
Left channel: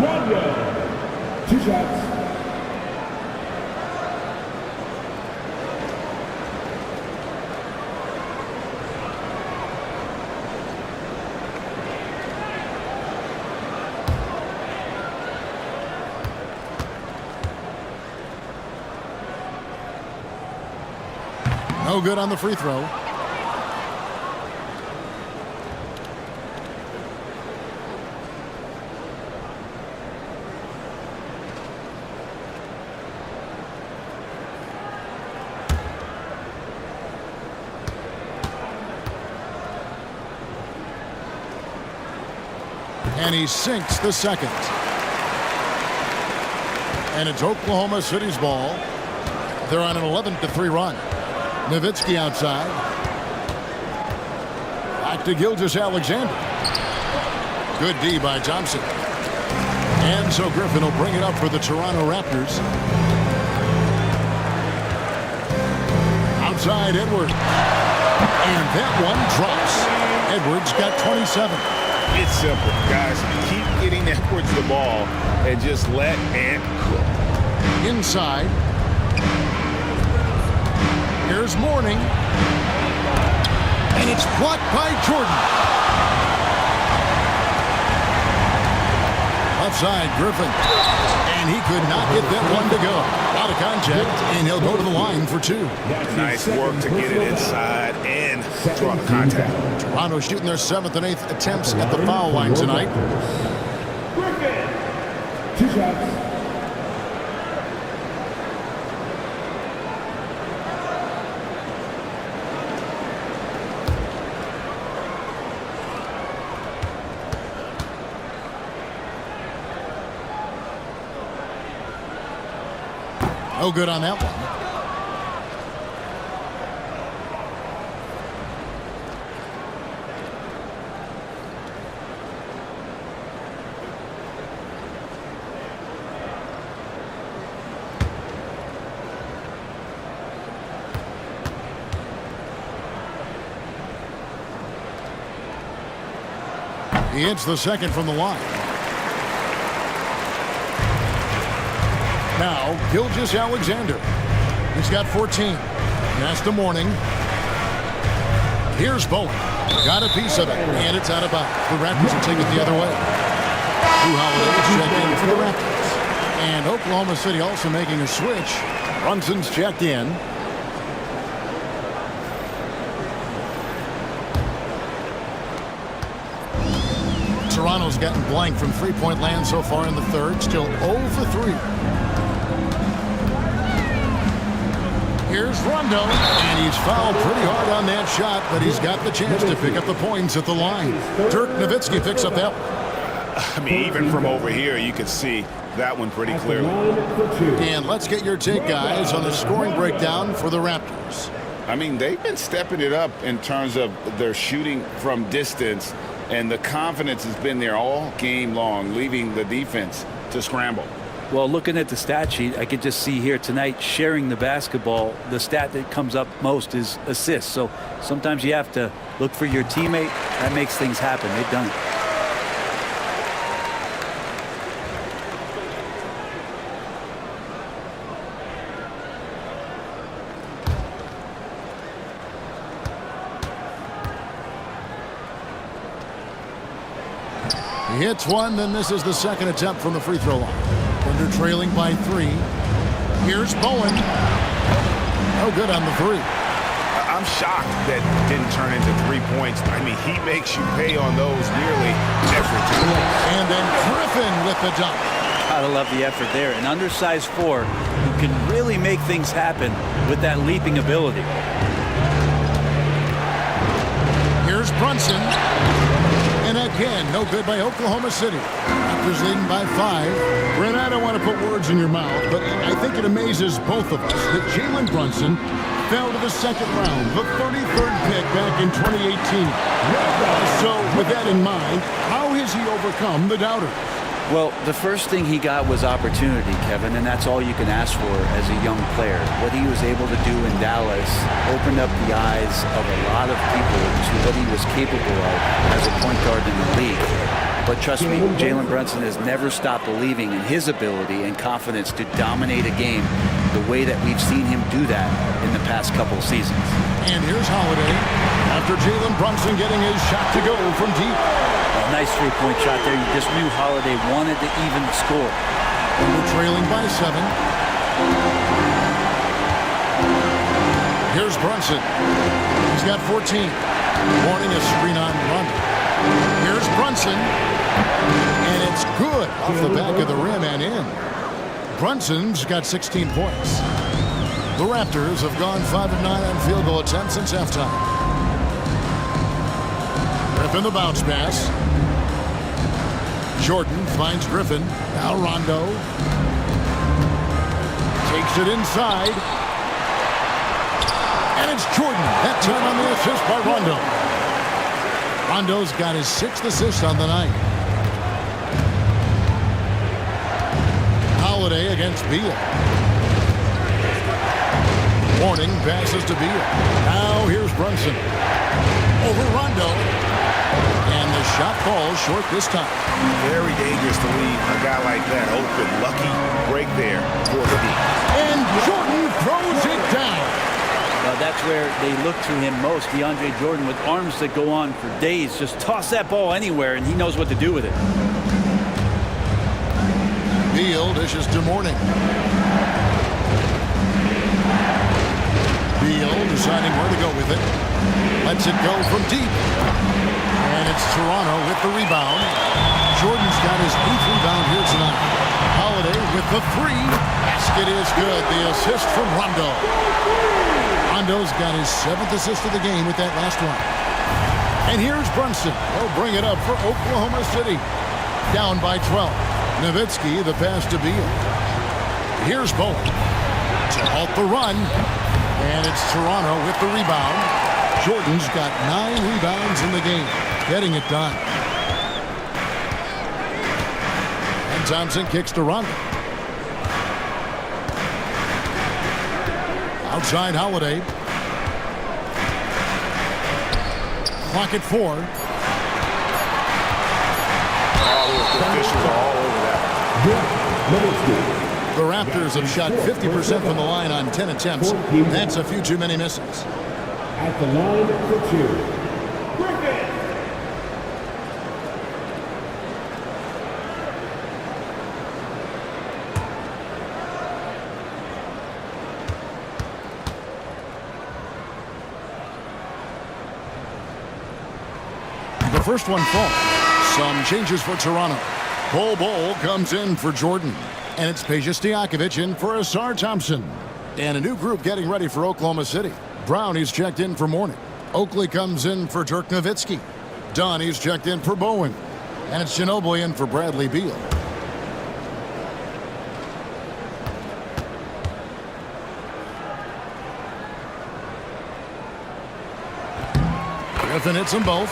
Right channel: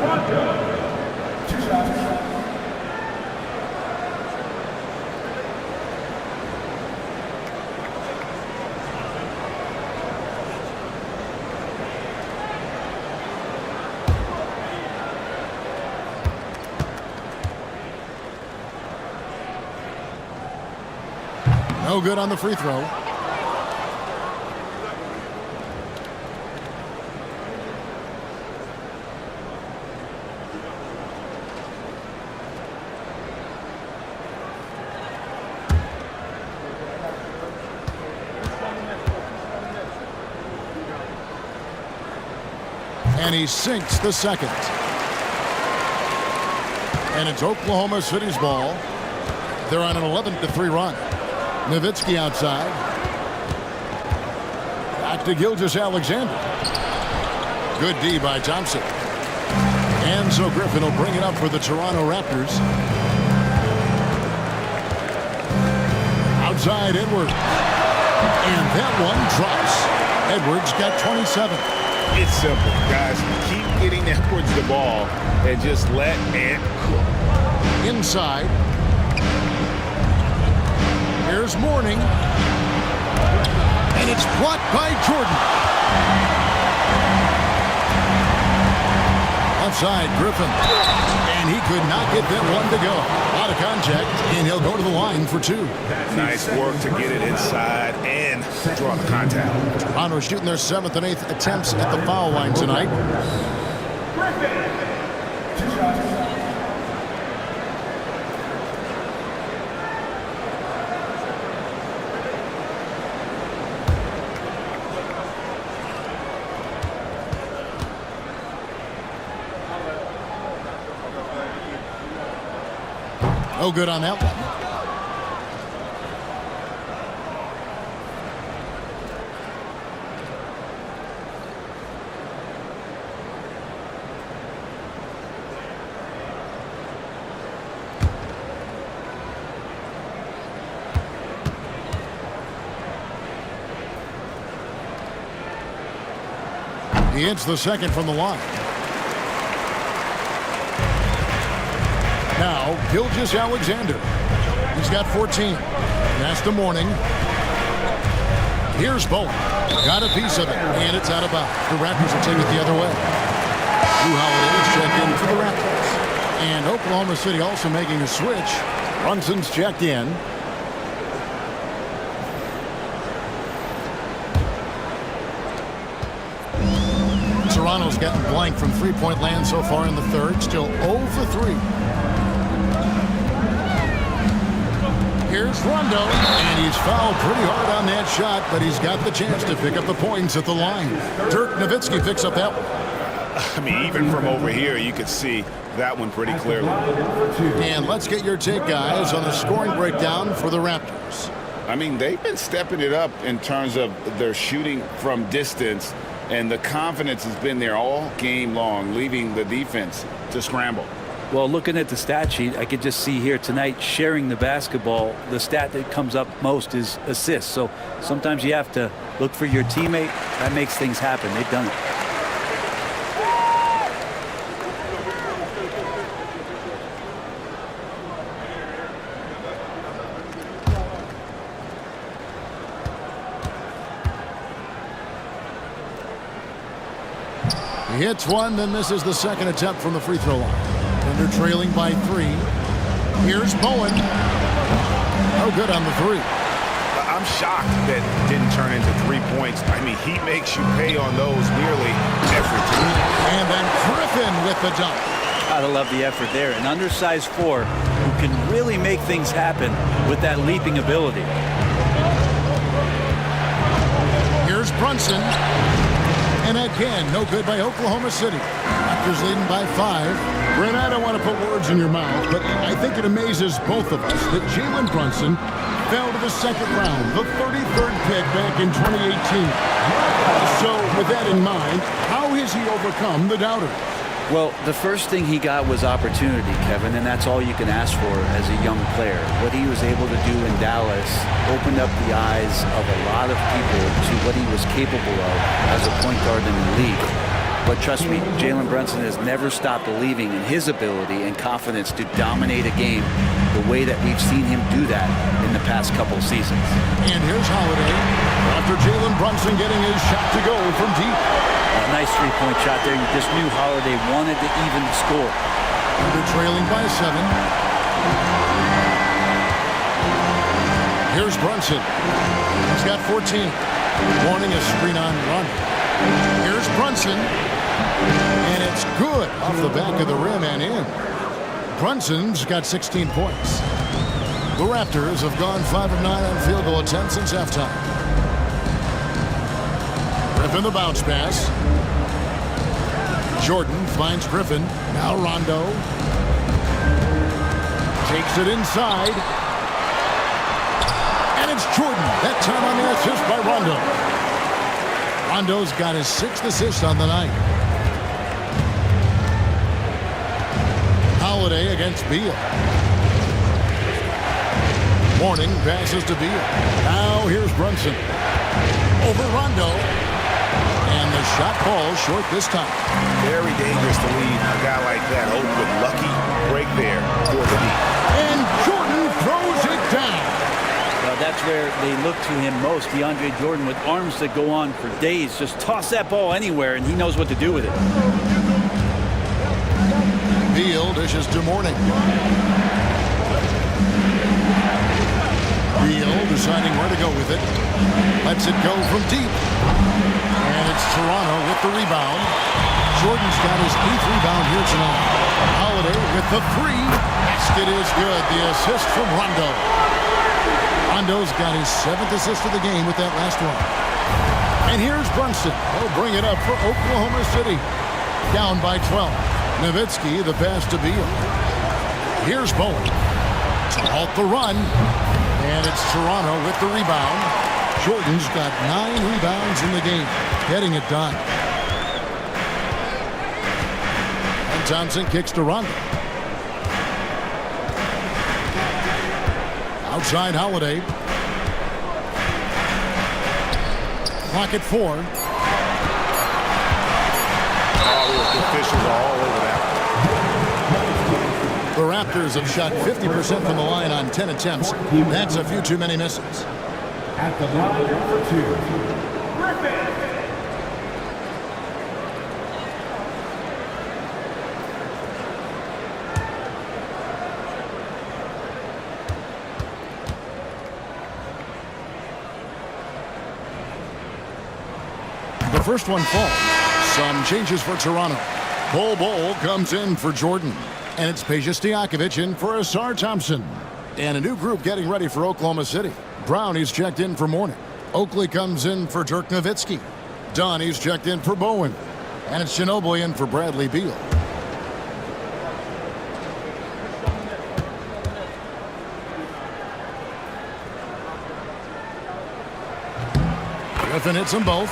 Rondo. 2 shots. No good on the free throw. And he sinks the second. And it's Oklahoma City's ball. They're on an 11-3 run. Nowitzki outside. Back to Gilgeous-Alexander. Good D by Thompson. And so Griffin will bring it up for the Toronto Raptors. Outside Edwards. And that one drops. Edwards got 27. It's simple, guys. Keep getting Edwards the ball and just let Ant cook. Inside. Here's Mourning. And it's blocked by Jordan. Left side, Griffin. And he could not get that one to go. A lot of contact, and he'll go to the line for two. Nice work to get it inside and draw the contact. Toronto shooting their 7th and 8th attempts at the foul line tonight. Griffin. 2 shots. No good on that one. He hits the second from the line. Now, Gilgeous-Alexander. He's got 14. That's the Mourning. Here's Bowen. Got a piece of it, and it's out of bounds. The Raptors will take it the other way. Drew Holiday's checked in for the Raptors. And Oklahoma City also making a switch. Brunson's checked in. Toronto's gotten blank from three-point land so far in the third. Still 0 for 3. Here's Rondo, and he's fouled pretty hard on that shot, but he's got the chance to pick up the points at the line. Dirk Nowitzki picks up that one. I mean, even from over here, you could see that one pretty clearly. And let's get your take, guys, on the scoring breakdown for the Raptors. I mean, they've been stepping it up in terms of their shooting from distance, and the confidence has been there all game long, leaving the defense to scramble. Well, looking at the stat sheet, I could just see here tonight sharing the basketball. The stat that comes up most is assists. So sometimes you have to look for your teammate. That makes things happen. They've done it. He hits one, then misses the second attempt from the free throw line. Thunder trailing by 3. Here's Bowen. No good on the 3. I'm shocked that didn't turn into 3 points. I mean, he makes you pay on those nearly every time. And then Griffin with the dunk. Gotta love the effort there. An undersized 4 who can really make things happen with that leaping ability. Here's Brunson. And again, no good by Oklahoma City. Raptors leading by 5. Brent, I don't want to put words in your mouth, but I think it amazes both of us that Jalen Brunson fell to the second round, the 33rd pick back in 2018. So with that in mind, how has he overcome the doubters? Well, the first thing he got was opportunity, Kevin, and that's all you can ask for as a young player. What he was able to do in Dallas opened up the eyes of a lot of people to what he was capable of as a point guard in the league. But trust me, Jalen Brunson has never stopped believing in his ability and confidence to dominate a game the way that we've seen him do that in the past couple seasons. And here's Holiday after Jalen Brunson getting his shot to go from deep. A nice three-point shot there. You just knew Holiday wanted to even the score. Under trailing by 7. Here's Brunson. He's got 14. Warning a screen on Rondo. Here's Brunson. And it's good off the back of the rim and in. Brunson's got 16 points. The Raptors have gone 5 of 9 on field goal attempts since halftime. Griffin the bounce pass. Jordan finds Griffin. Now Rondo. Takes it inside. And it's Jordan. That time on the assist by Rondo. Rondo's got his 6th assist on the night. Holiday against Beal. Warning passes to Beal. Now here's Brunson. Over Rondo. And the shot falls short this time. Very dangerous to leave a guy like that open. Lucky break there for the D. And Jordan throws it down. Well, that's where they look to him most. DeAndre Jordan with arms that go on for days. Just toss that ball anywhere, and he knows what to do with it. Beal dishes to Mourning. Beal deciding where to go with it. Lets it go from deep. And it's Toronto with the rebound. Jordan's got his 8th rebound here tonight. Holiday with the 3. Basket is good. The assist from Rondo. Rondo's got his 7th assist of the game with that last one. And here's Brunson. He'll bring it up for Oklahoma City. Down by 12. Nowitzki, the pass to Beal. Here's Bowen to halt the run. And it's Toronto with the rebound. Jordan's got 9 rebounds in the game. Getting it done. And Thompson kicks to Rondo. Outside Holiday. Clock at 4. The officials are all over that one. The Raptors have shot 50% from the line on 10 attempts. That's a few too many misses. At the line for 2, Griffin. The first one falls. Some changes for Toronto. Bol comes in for Jordan. And it's Peja Stojakovic in for Asar Thompson. And a new group getting ready for Oklahoma City. Brownie's checked in for Mourning. Oakley comes in for Dirk Nowitzki. Donnie's checked in for Bowen. And it's Ginobili in for Bradley Beal. Griffin hits them both.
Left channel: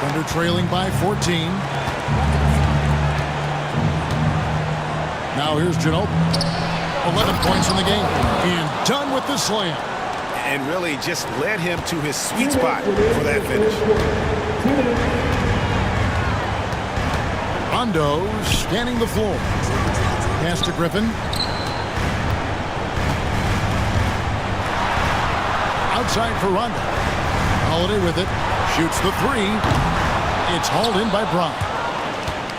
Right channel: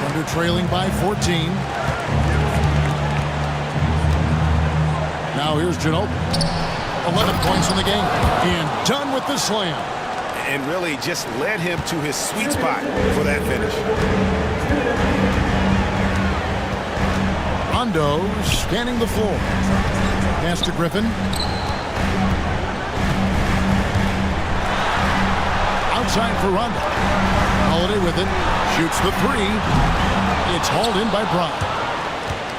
Thunder trailing by 14. Now here's Ginobili. 11 points in the game. And done with the slam. And really just led him to his sweet spot for that finish. Rondo scanning the floor. Pass to Griffin. Outside for Rondo. Holiday with it. Shoots the 3. It's hauled in by Brown.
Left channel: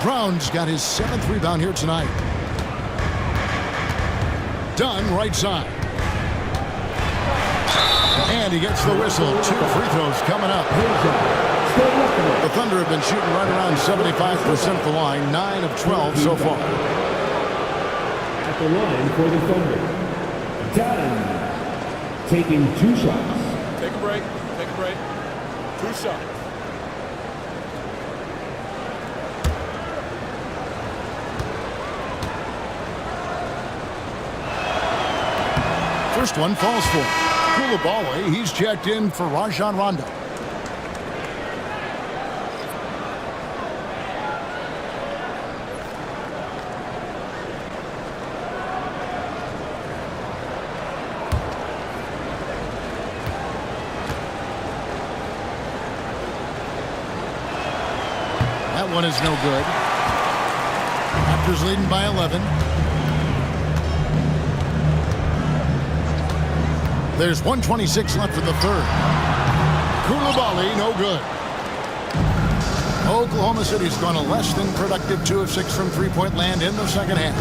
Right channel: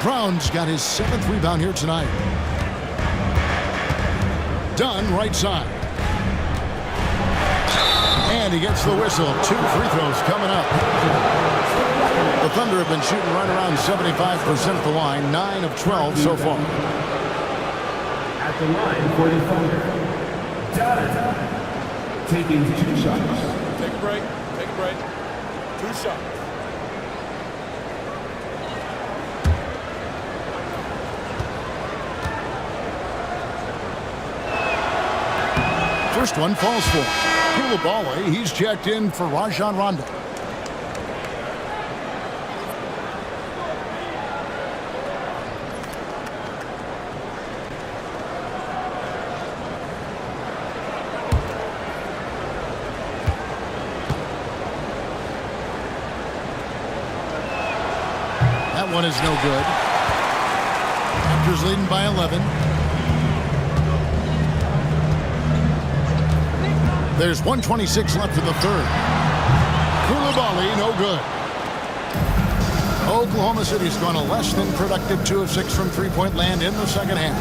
Brown's got his 7th rebound here tonight. Dunn right side. And he gets the whistle. 2 free throws coming up. The Thunder have been shooting right around 75% at the line. 9 of 12 so far. At the line for the Thunder, Dunn. Taking 2 shots. Take a break. Take a break. 2 shots. first one falls for him. Koulibaly, he's checked in for Rajon Rondo. That one is no good. Raptors leading by 11. There's 1:26 left in the third. Koulibaly, no good. Oklahoma City's gone a less than productive 2 of 6 from three-point land in the second half.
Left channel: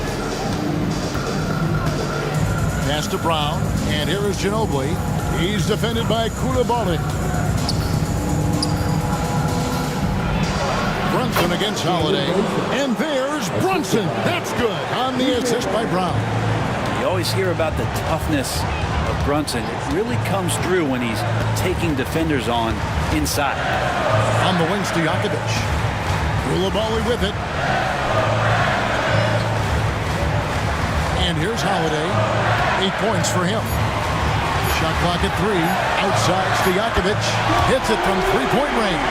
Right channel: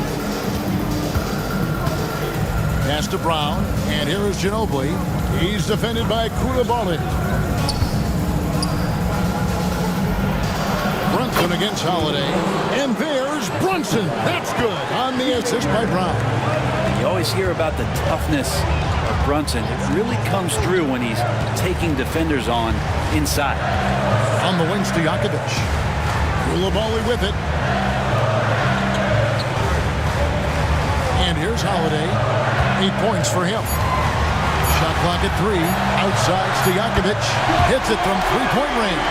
Pass to Brown, and here is Ginobili. He's defended by Koulibaly. Brunson against Holiday, and there's Brunson. That's good on the assist by Brown. You always hear about the toughness of Brunson. It really comes through when he's taking defenders on inside. On the wings to Stojakovic. Koulibaly with it. And here's Holiday. 8 points for him. Shot clock at 3. Outside, Stojakovic hits it from three-point range.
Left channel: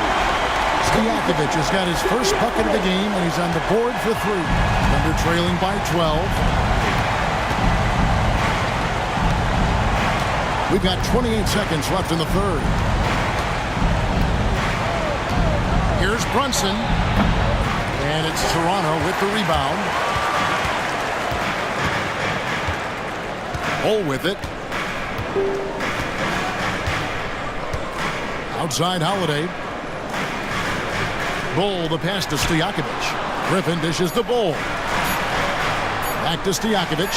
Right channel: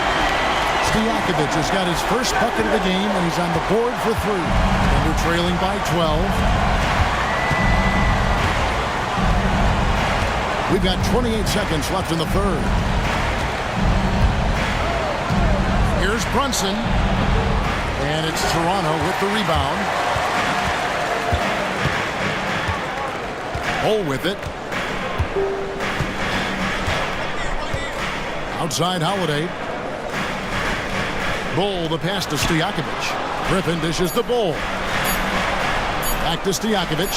Stojakovic has got his first bucket of the game, and he's on the board for 3. Thunder trailing by 12. We've got 28 seconds left in the third. Here's Brunson. And it's Toronto with the rebound. Hole with it. Outside Holiday. Bull, the pass to Stojakovic. Griffin dishes to Bull. Back to Stojakovic.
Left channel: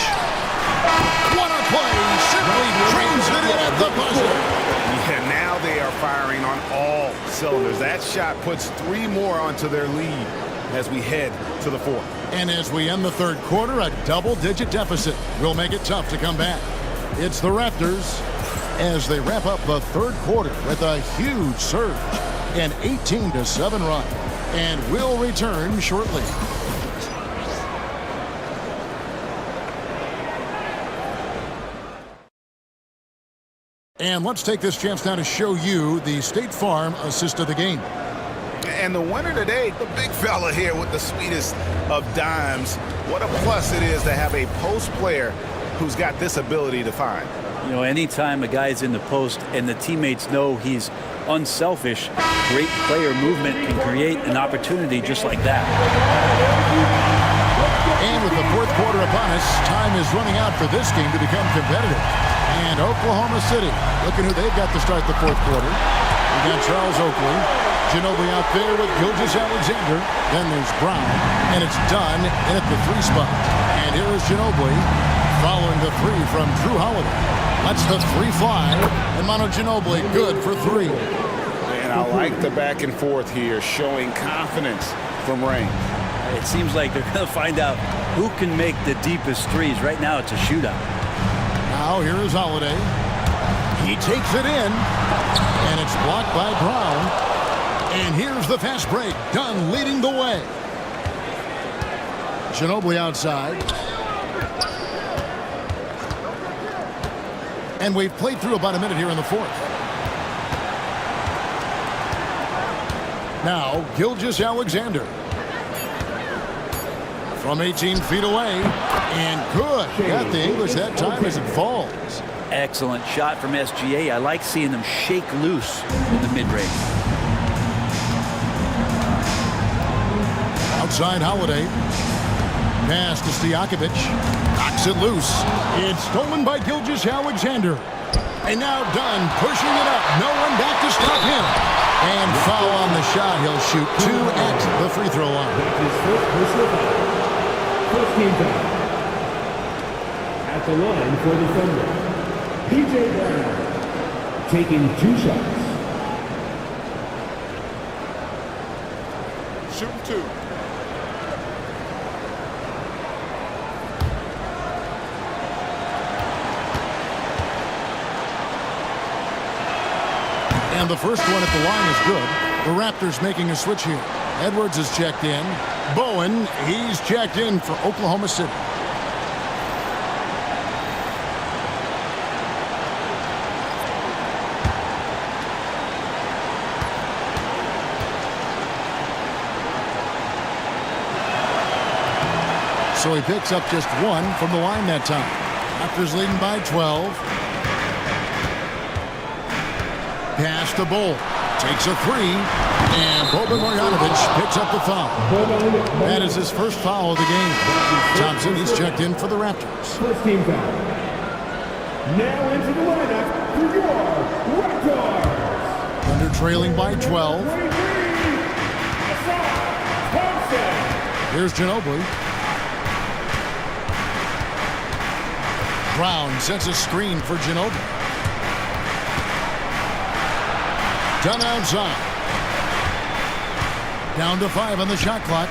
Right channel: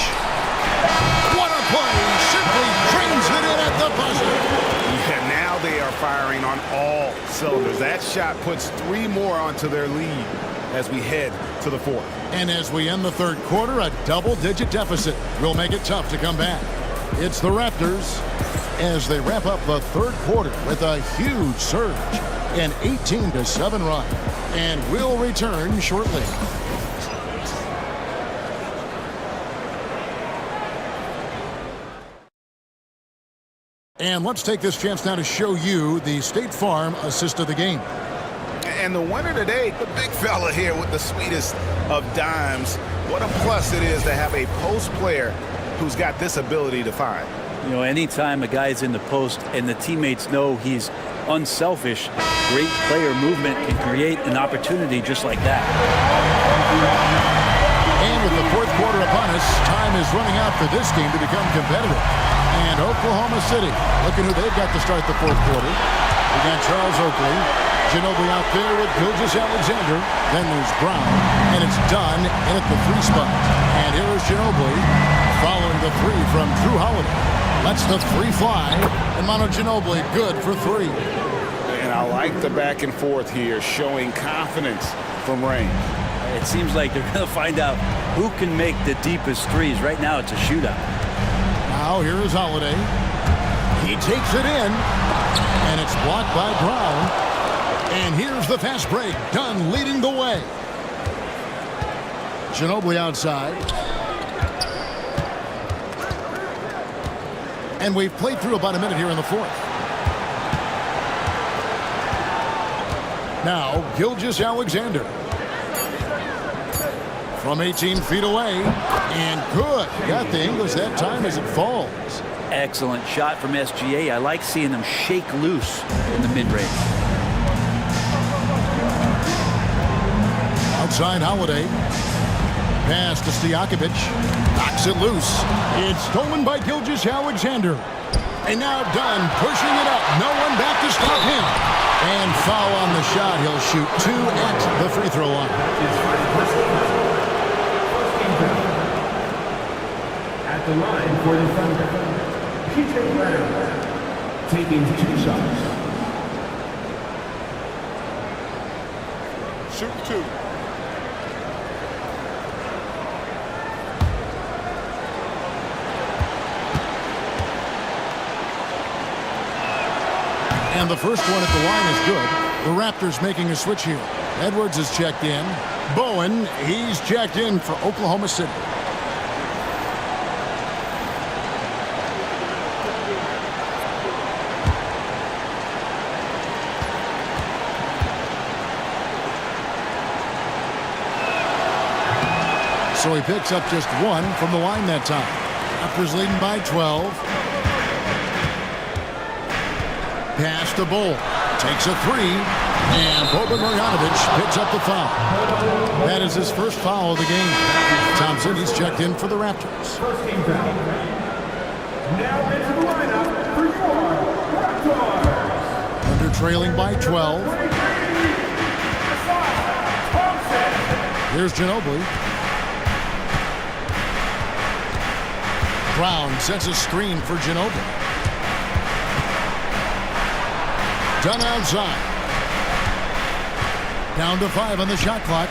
What a play! Simply trains it in at the buzzer. Yeah, now they are firing on all cylinders. That shot puts 3 more onto their lead as we head to the fourth. And as we end the third quarter, a double-digit deficit will make it tough to come back. It's the Raptors as they wrap up the third quarter with a huge surge. An 18-7 run. And we'll return shortly. And let's take this chance now to show you the State Farm assist of the game. And the winner today, the big fella here with the sweetest of dimes. What a plus it is to have a post player who's got this ability to find. You know, anytime a guy's in the post and the teammates know he's unselfish, great player movement can create an opportunity just like that. And with the fourth quarter upon us, time is running out for this game to become competitive. And Oklahoma City, looking who they've got to start the fourth quarter. We got Charles Oakley, Ginobili out there with Gilgeous-Alexander. Then there's Brown, and it's done in at the 3 spot. And here is Ginobili following the 3 from Drew Holiday. Lets the 3 fly, and Manu Ginobili good for 3. And I like the back and forth here, showing confidence from range. It seems like they're going to find out who can make the deepest threes. Right now, it's a shootout. Now here is Holiday. He takes it in, and it's blocked by Brown. And here's the fast break. Dunn leading the way. Ginobili outside. And we've played through about a minute here in the fourth. Now, Gilgeous-Alexander. From 18 feet away. And good. Got the English that time as it falls. Excellent shot from SGA. I like seeing them shake loose in the mid-range. Outside Holiday. Pass to Stojakovic. Knocks it loose. It's stolen by Gilgeous-Alexander. And now Dunn pushing it up. No one back to stop him. And foul on the shot. He'll shoot 2 at the free throw line. First game foul. At the line for the Thunder, PJ Brown taking 2 shots. Shooting 2. And the first one at the line is good. The Raptors making a switch here. Edwards is checked in. Bowen, he's checked in for Oklahoma City. So he picks up just 1 from the line that time. Raptors leading by 12. Pass to Bull. Takes a 3. And Boban Marjanovic picks up the foul. That is his first foul of the game. Thompson, he's checked in for the Raptors. First team foul. Now into the lineup for your Raptors. Thunder trailing by 12. 23, Thompson. Here's Ginobili. Brown sets a screen for Ginobili. Done outside. Down to 5 on the shot clock.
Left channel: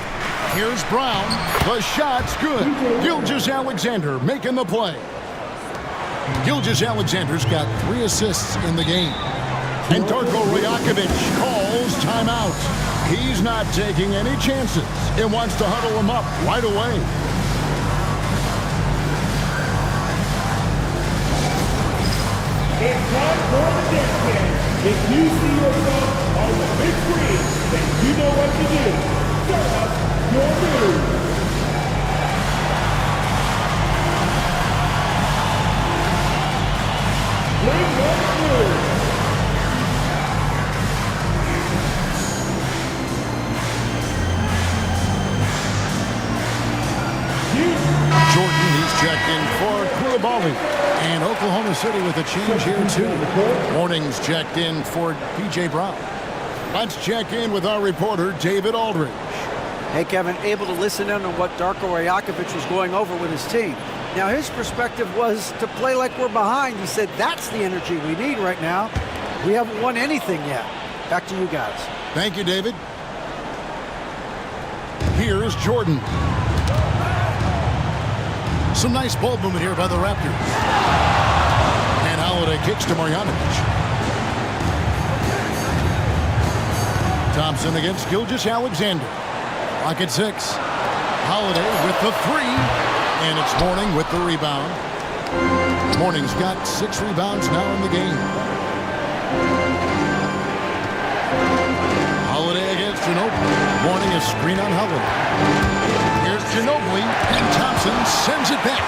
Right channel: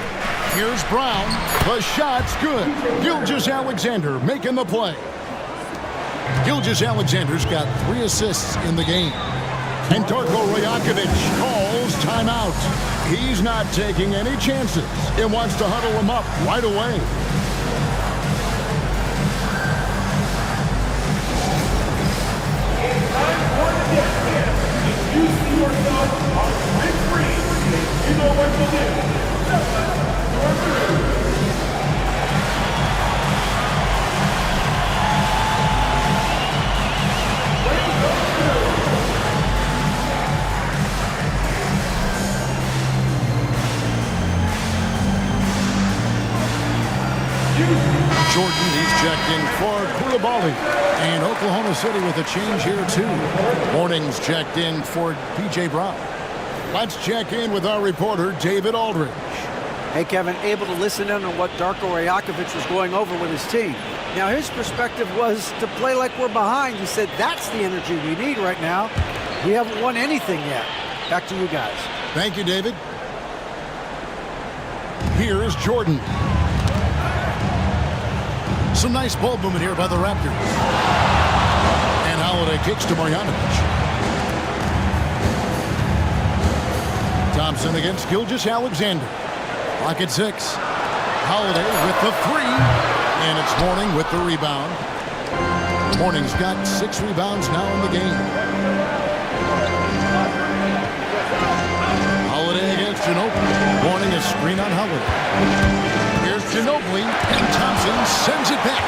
Here's Brown. The shot's good. Gilgeous-Alexander making the play. Gilgeous-Alexander's got 3 assists in the game. And Darko Rajakovic calls timeout. He's not taking any chances and wants to huddle him up right away. It's time for the dance dance. If you see yourself on the big screen, then you know what to do. Show us your move. Bring those moves. Jordan, he's checked in for Koulibaly. And Oklahoma City with a change here, too. Morning's checked in for P.J. Brown. Let's check in with our reporter, David Aldridge. Hey, Kevin, able to listen in on what Darko Rajakovic was going over with his team. Now, his perspective was to play like we're behind. He said that's the energy we need right now. We haven't won anything yet. Back to you guys. Thank you, David. Here's Jordan. Some nice ball movement here by the Raptors. And Holiday kicks to Marjanovic. Thompson against Gilgeous-Alexander. Clock at 6. Holiday with the 3. And it's Mourning with the rebound. Mourning's got 6 rebounds now in the game. Holiday against Ginobili. Mourning a screen on Holiday. Here's Ginobili, and Thompson sends it back.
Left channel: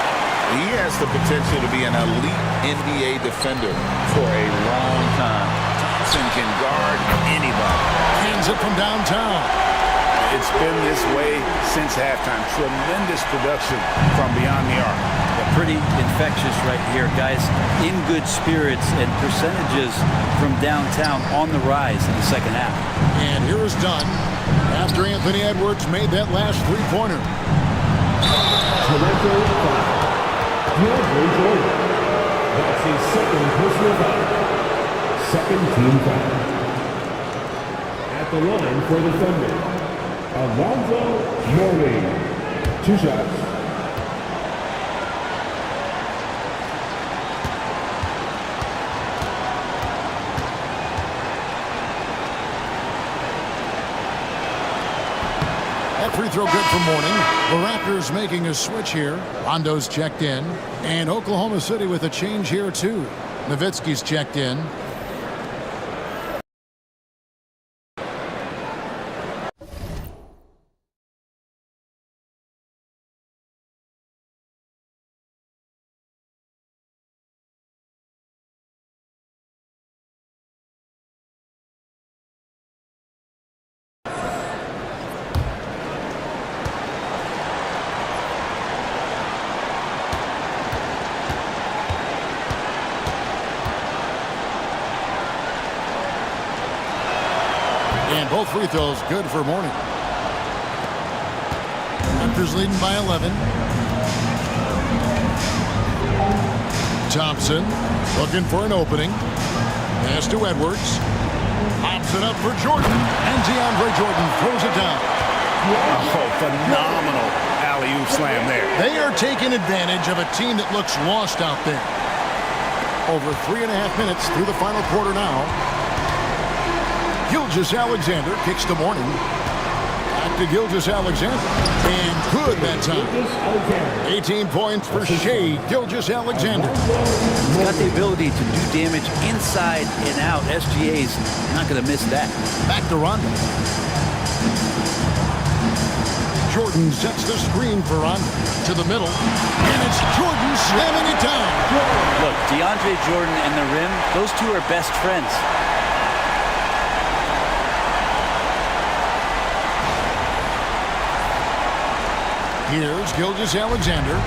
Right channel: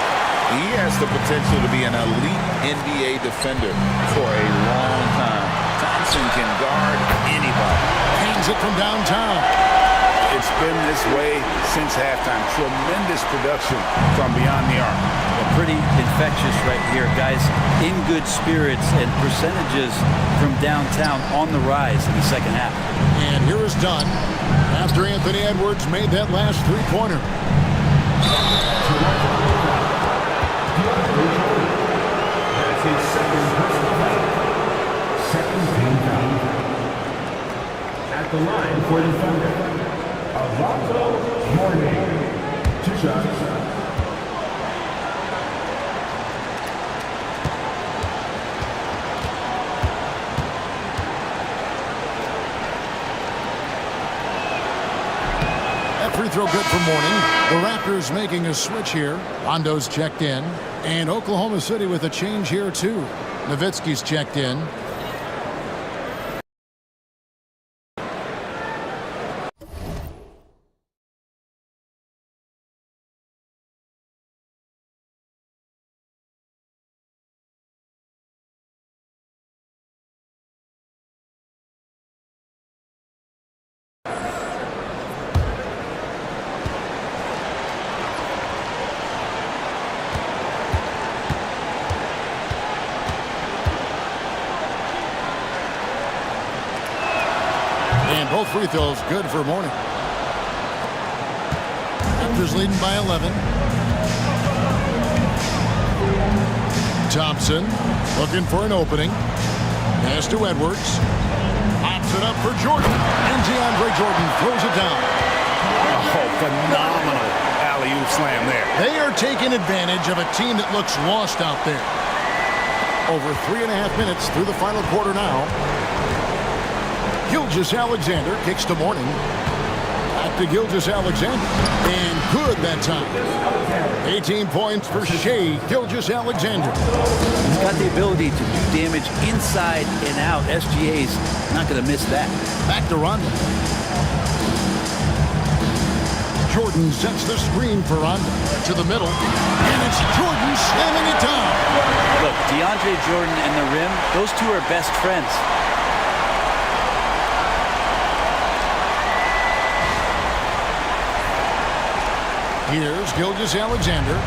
He has the potential to be an elite NBA defender for a long time. Thompson can guard anybody. Hands it from downtown. It's been this way since halftime. Tremendous production from beyond the arc. Yeah, pretty infectious right here, guys. In good spirits and percentages from downtown on the rise in the second half. And here is Dunn after Anthony Edwards made that last three-pointer. That's his second personal foul. Second team foul. At the line for the Thunder, Alonzo Mourning. 2 shots. That free throw good for Mourning. The Raptors making a switch here. Rondo's checked in. And Oklahoma City with a change here, too. Nowitzki's checked in. And both free throws good for Mourning. Raptors leading by 11. Thompson looking for an opening. Pass to Edwards. Pops it up for Jordan. And DeAndre Jordan throws it down. Oh, phenomenal alley-oop slam there. They are taking advantage of a team that looks lost out there. Over 3.5 minutes through the final quarter now. Gilgeous-Alexander kicks to Mourning. Back to Gilgeous-Alexander. And good that time. 18 points for Shai Gilgeous-Alexander. He's got the ability to do damage inside and out. SGA's not going to miss that. Back to Rondo. Jordan sets the screen for Rondo. To the middle. And it's Jordan slamming it down. Look, DeAndre Jordan and the rim, those two are best friends. Here's Gilgeous-Alexander.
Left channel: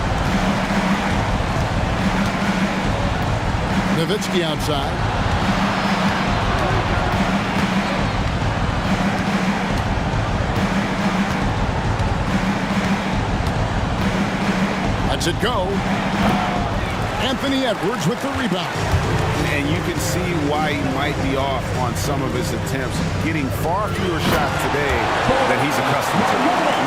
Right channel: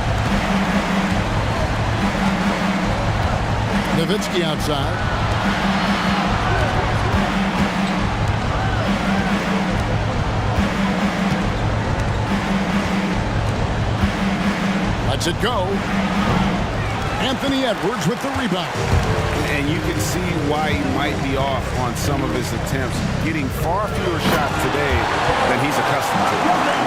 Nowitzki outside. Lets it go. Anthony Edwards with the rebound. And you can see why he might be off on some of his attempts, getting far fewer shots today than he's accustomed to.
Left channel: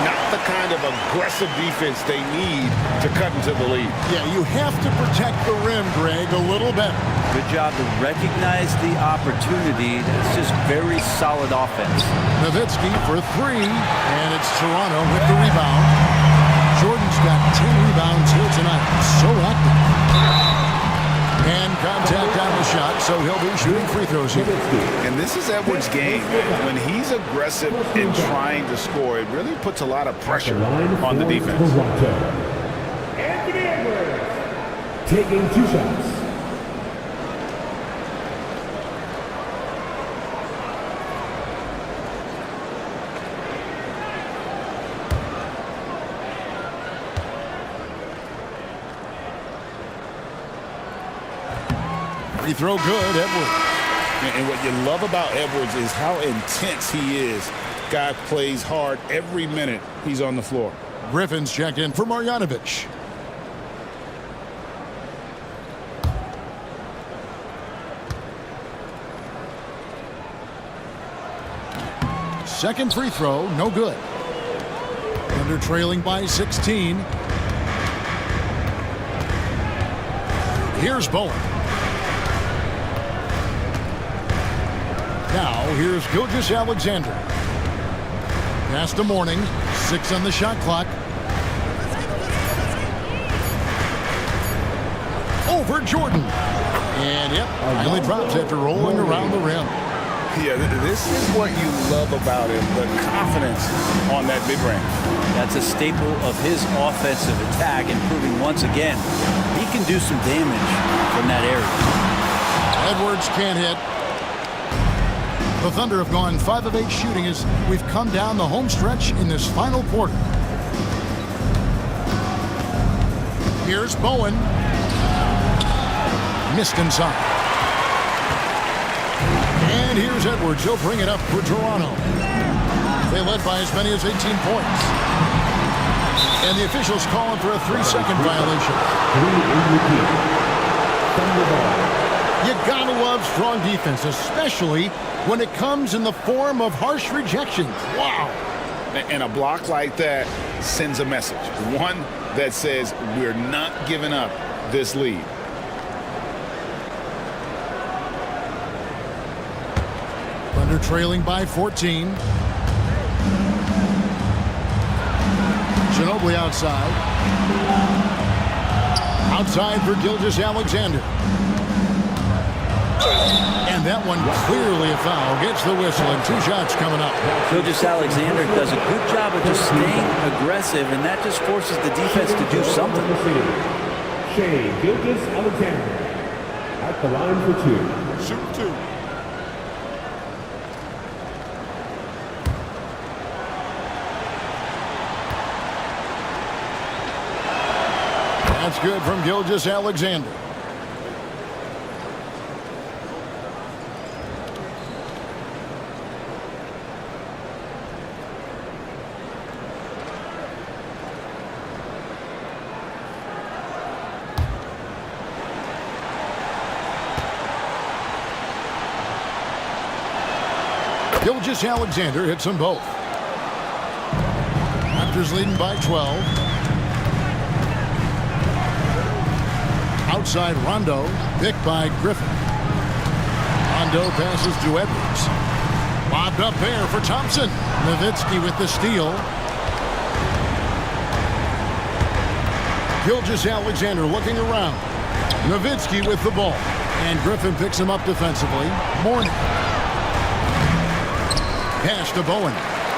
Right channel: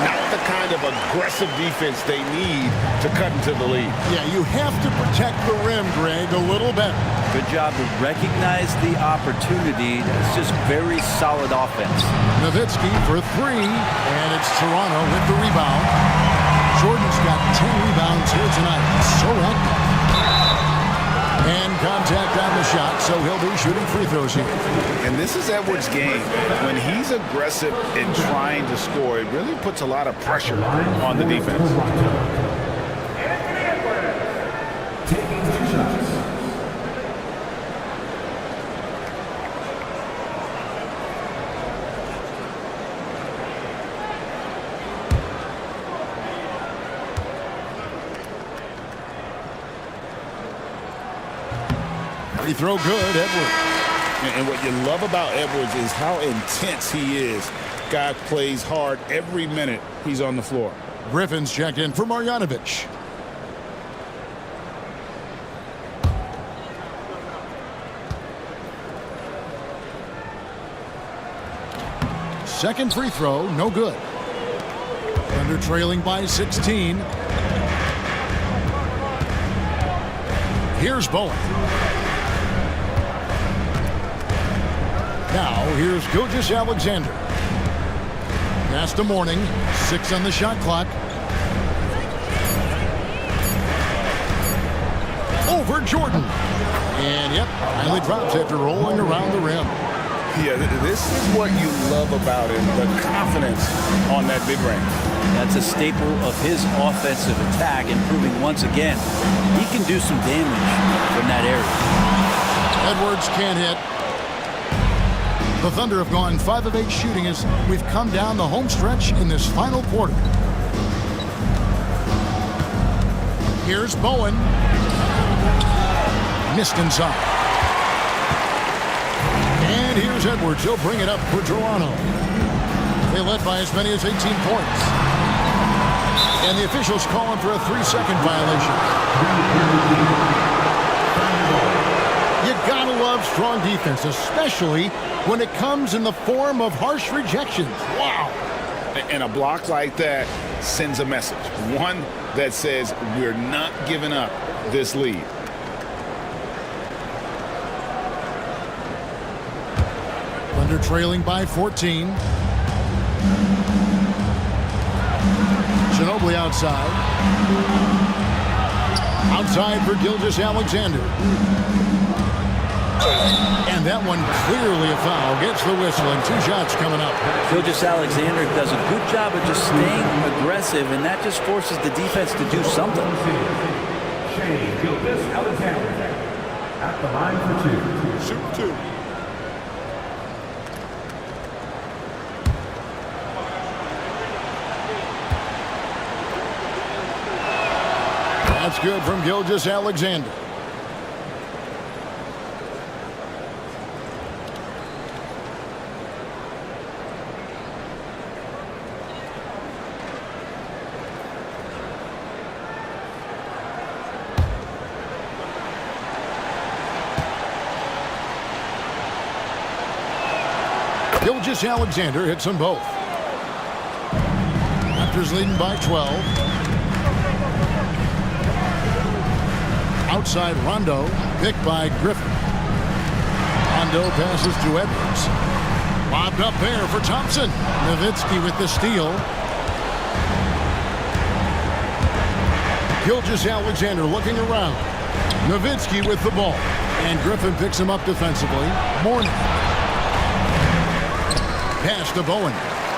Not the kind of aggressive defense they need to cut into the lead. Yeah, you have to protect the rim, Greg, a little better. Good job to recognize the opportunity. That's just very solid offense. Nowitzki for three, and it's Toronto with the rebound. Jordan's got 10 rebounds here tonight. So active. And contact on the shot, so he'll be shooting free throws here. And this is Edwards' game. When he's aggressive in trying to score, it really puts a lot of pressure on the defense. Anthony Edwards taking 2 shots. Free throw good, Edwards. And what you love about Edwards is how intense he is. Guy plays hard every minute he's on the floor. Griffin's checked in for Marjanovic. Second free throw, no good. Thunder trailing by 16. Here's Bowen. Now, here's Gilgeous-Alexander. Pass to Mourning. 6 on the shot clock. Over Jordan. And, yep, finally drops after rolling around the rim. Yeah, this is what you love about him, the confidence on that mid-range. That's a staple of his offensive attack, and proving once again he can do some damage from that area. Edwards can't hit. The Thunder have gone 5 of 8 shooting as we've come down the home stretch in this final quarter. Here's Bowen. Missed inside. And here's Edwards. He'll bring it up for Toronto. They led by as many as 18 points. And the officials calling for a 3-second violation. 3 in the key. Thunder ball. You gotta love strong defense, especially when it comes in the form of harsh rejections. Wow. And a block like that sends a message. One that says we're not giving up this lead. Thunder trailing by 14. Ginobili outside. Outside for Gilgeous-Alexander. And that one clearly a foul. Gets the whistle, and 2 shots coming up. Gilgeous-Alexander does a good job of just staying aggressive, and that just forces the defense to do something. Shea Gilgeous-Alexander at the line for 2. Shoot 2. That's good from Gilgeous-Alexander. Gilgeous-Alexander hits them both. Raptors leading by 12. Outside Rondo, picked by Griffin. Rondo passes to Edwards. Lobbed up there for Thompson. Nowitzki with the steal. Gilgeous-Alexander looking around. Nowitzki with the ball. And Griffin picks him up defensively. Mourning. Pass to Bowen.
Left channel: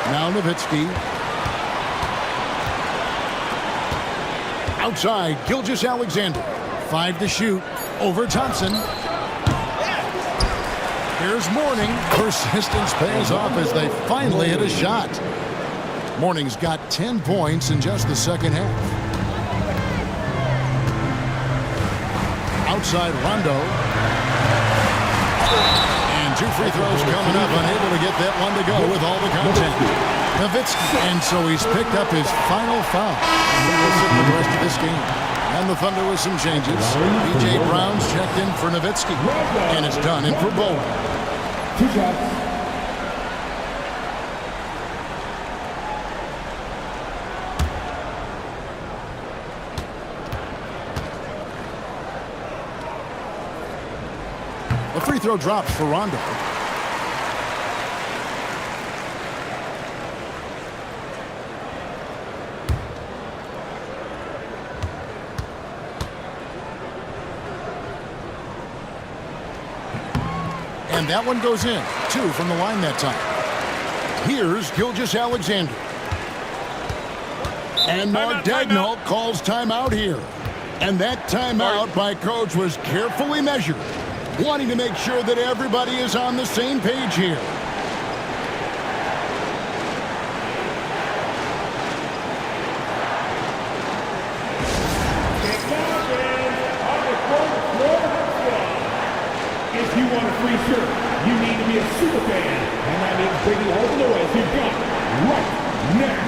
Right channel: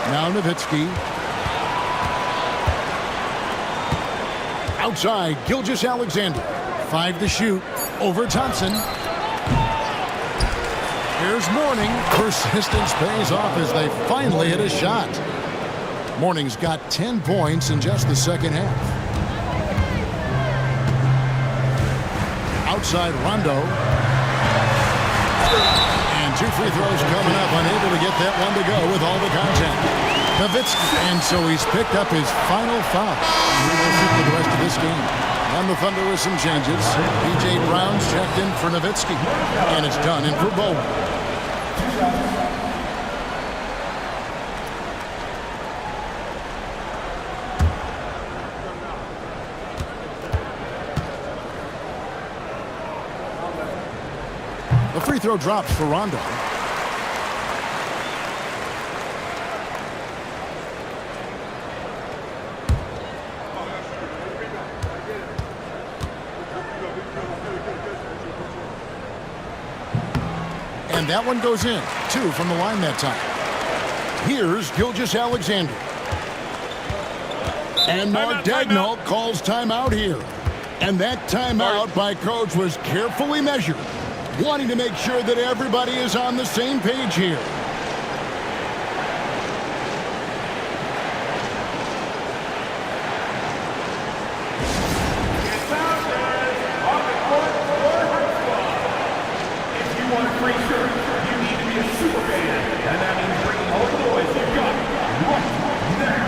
Now Nowitzki. Outside, Gilgeous-Alexander. 5 to shoot. Over Thompson. Here's Mourning. Persistence pays off as they finally hit a shot. Mourning's got 10 points in just the second half. Outside, Rondo. And 2 free throws coming up. Unable to get that one to go with all the contact. Nowitzki. And so he's picked up his final foul. He will sit for the rest of this game. And the Thunder with some changes. P.J. Brown's checked in for Nowitzki. And it's done in for Bowen. 2 shots. The free throw drops for Rondo. And that one goes in. 2 from the line that time. Here's Gilgeous-Alexander. And Mark Daigneault calls timeout here. And that timeout by coach was carefully measured, wanting to make sure that everybody is on the same page here. On the court, your house club. If you want a free shirt, you need to be a super fan, and that means bringing home the boys you've got right now.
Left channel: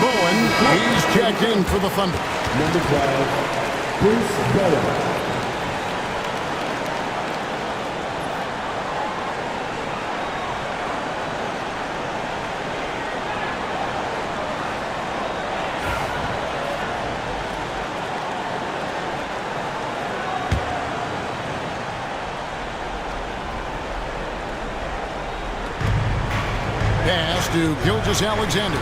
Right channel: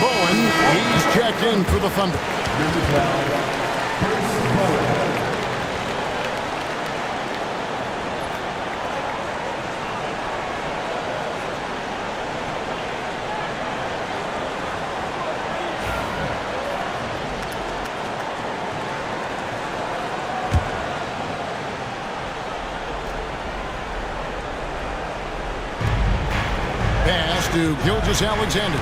Bowen, he's checked in for the Thunder. Number 12, Prince Bowen. Pass to Gilgeous-Alexander.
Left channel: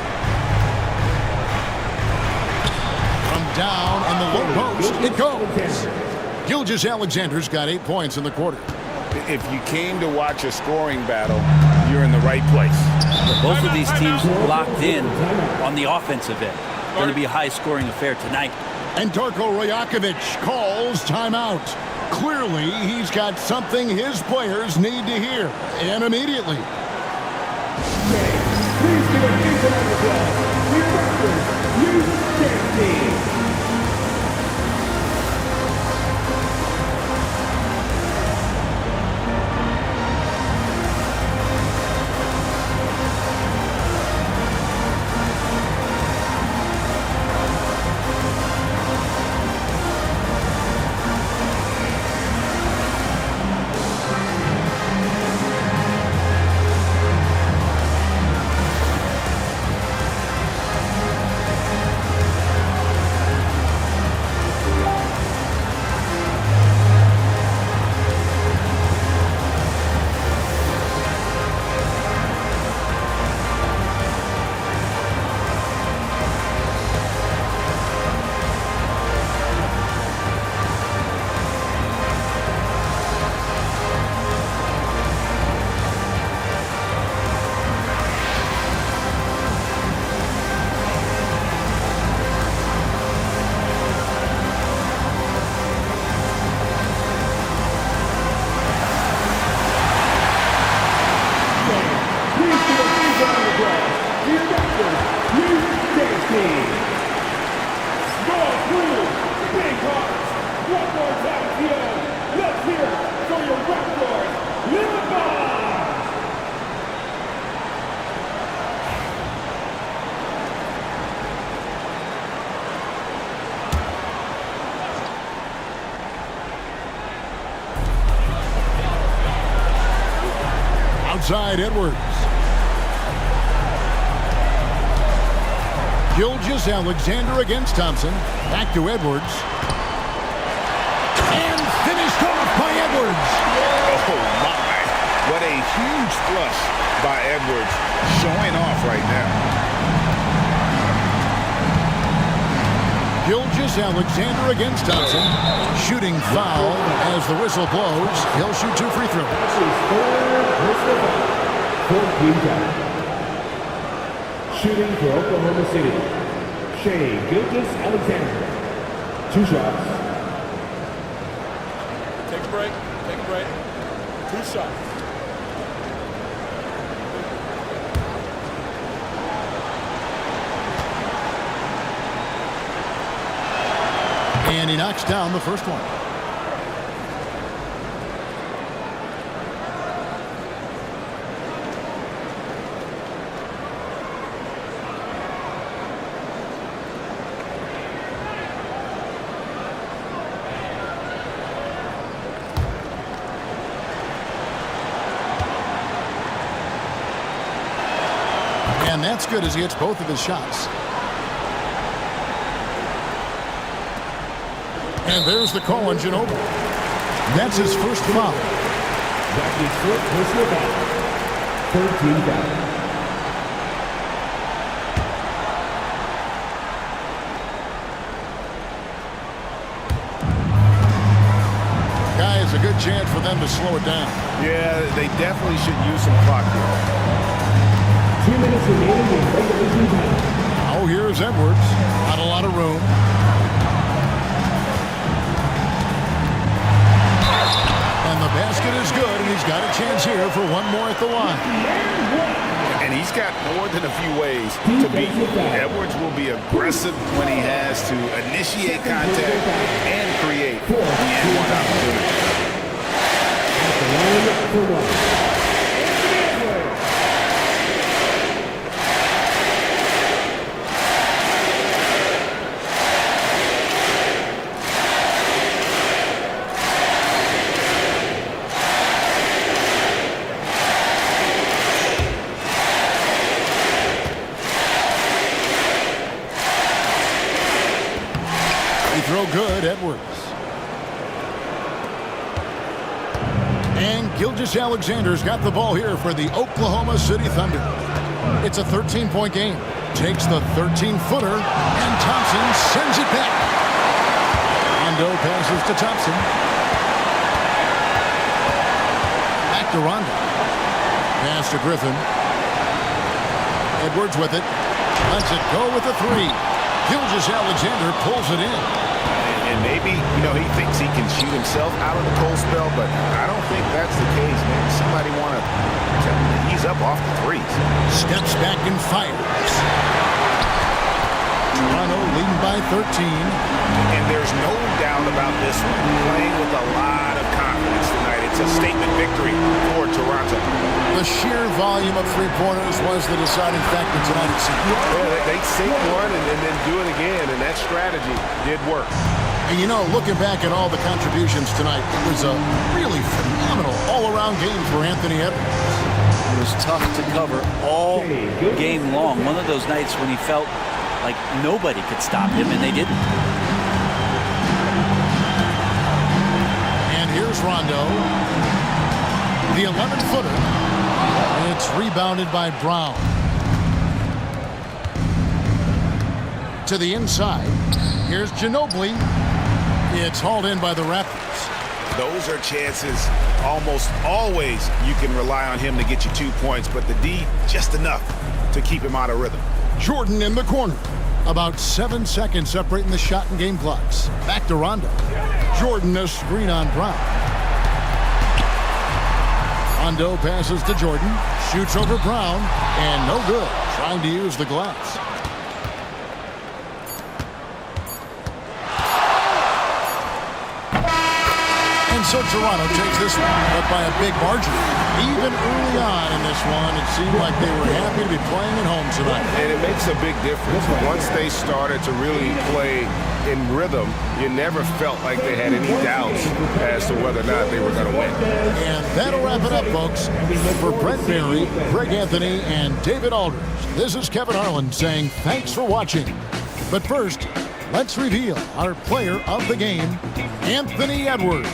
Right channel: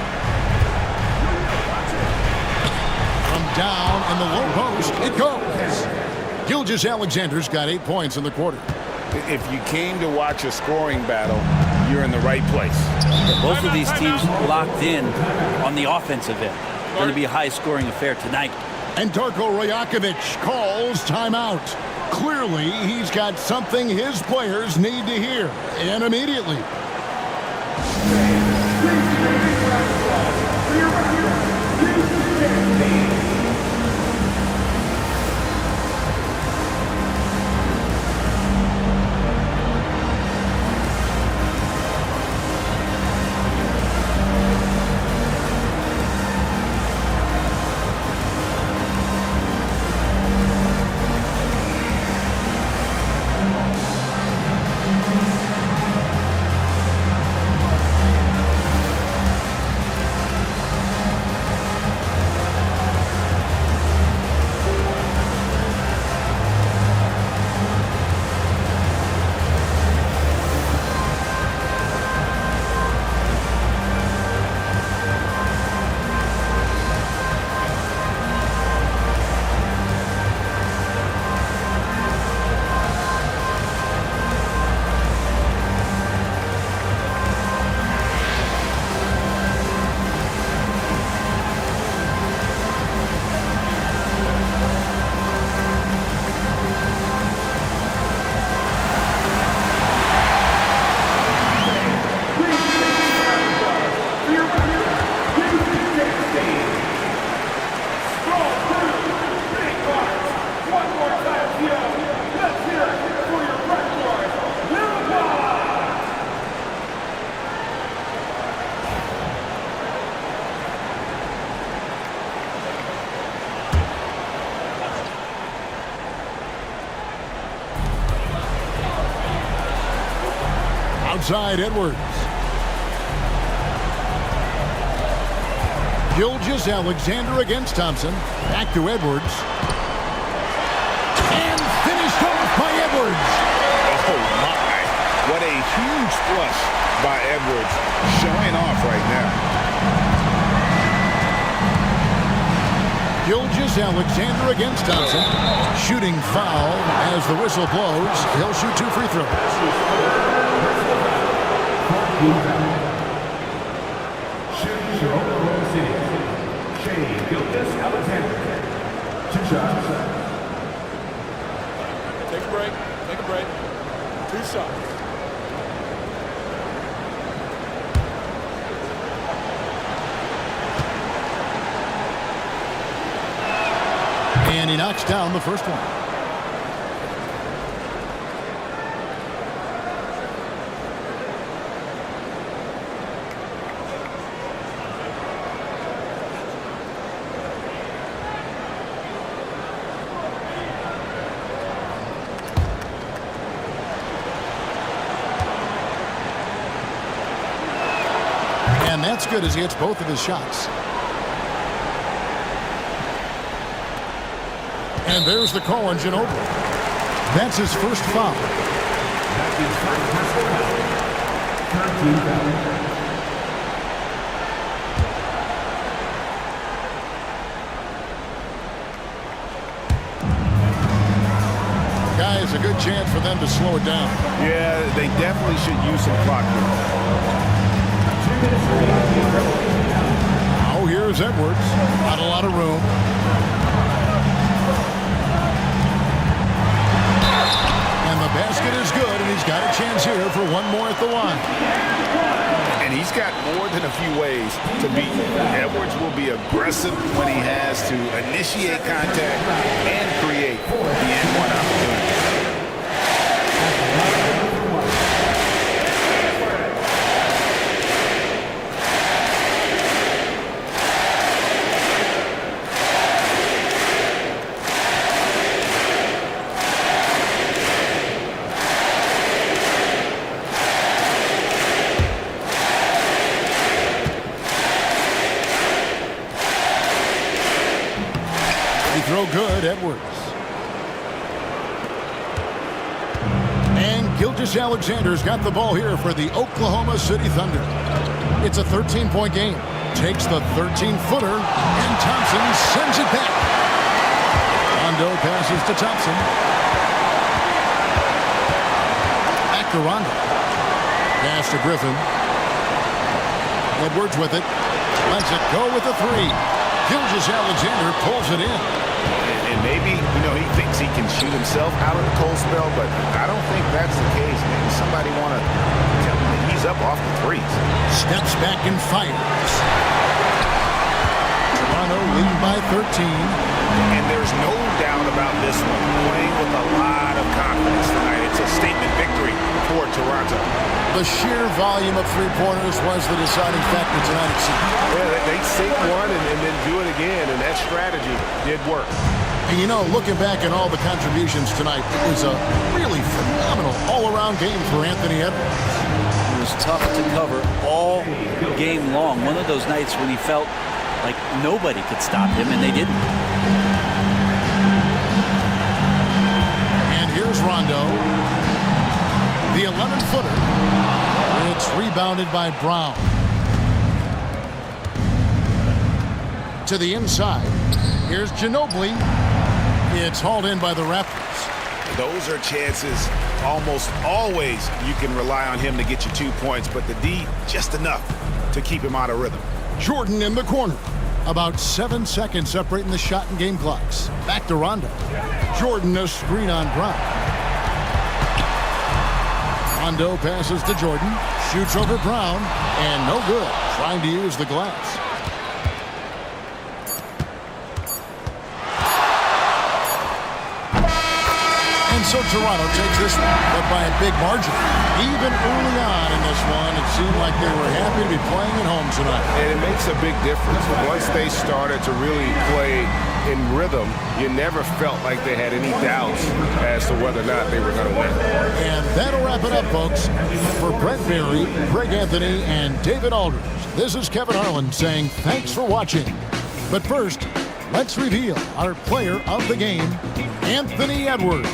From down in the low post, it goes. Gilgeous-Alexander's got 8 points in the quarter. If you came to watch a scoring battle, you're in the right place. Both of these teams locked in on the offensive end. Going to be a high-scoring affair tonight. And Darko Rajakovic calls timeout. Clearly, he's got something his players need to hear, and immediately. Please give a big round of applause for your referee, you champion. Outside Edwards. Gilgeous-Alexander against Thompson. Back to Edwards. And finished off by Edwards. Oh, my. What a huge flush by Edwards. Showing off right now. Gilgeous-Alexander against Thompson. Shooting foul as the whistle blows. He'll shoot 2 free throws. Shooting for Oklahoma City, Shea Gilgeous-Alexander. 2 shots. Take a break. Take a break. 2 shots. And he knocks down the first one. And that's good as he hits both of his shots. And there's the call on Ginobili. That's his first foul. That's his first personal foul. 13 foul. Guys, a good chance for them to slow it down. Yeah, they definitely should use some clock here. 2 minutes remaining in regulation time. Now here's Edwards. Not a lot of room. And the basket is good, and he's got a chance here for one more at the line. And he's got more than a few ways to beat you. Edwards will be aggressive when he has to initiate contact and create the N1 opportunity. Throw good, Edwards. And Gilgeous-Alexander's got the ball here for the Oklahoma City Thunder. It's a 13-point game. Takes the 13-footer, and Thompson sends it back. Rondo passes to Thompson. Back to Rondo. Pass to Griffin. Edwards with it. Lets it go with a 3. Gilgeous-Alexander pulls it in. And maybe, he thinks he can shoot himself out of the cold spell, but I don't think that's the case. Maybe somebody want to tell him to ease up off the threes. Steps back and fires. Toronto leading by 13. And there's no doubt about this one. Playing with a lot of confidence tonight. It's a statement victory for Toronto. The sheer volume of three-pointers was the deciding factor tonight, it seems. Yeah, they sink one and then do it again, and that strategy did work. And looking back at all the contributions tonight, it was a really phenomenal all-around game for Anthony Edwards. It was tough to cover all game long. One of those nights when he felt like nobody could stop him, and they didn't. And here's Rondo. The 11-footer. It's rebounded by Brown. To the inside. Here's Ginobili. It's hauled in by the Raptors. Those are chances almost always you can rely on him to get you 2 points, but the D, just enough to keep him out of rhythm. Jordan in the corner. About 7 seconds separating the shot and game clocks. Back to Rondo. Jordan a screen on Brown. Rondo passes to Jordan. Shoots over Brown. And no good. Trying to use the glass. And so Toronto takes this one, but by a big margin. Even early on in this one, it seemed like they were happy to be playing at home tonight. And it makes a big difference. Once they started to really play in rhythm, you never felt like they had any doubts as to whether or not they were going to win. And that'll wrap it up, folks. For Brent Barry, Greg Anthony, and David Aldridge, this is Kevin Harlan saying thanks for watching. But first, let's reveal our player of the game, Anthony Edwards.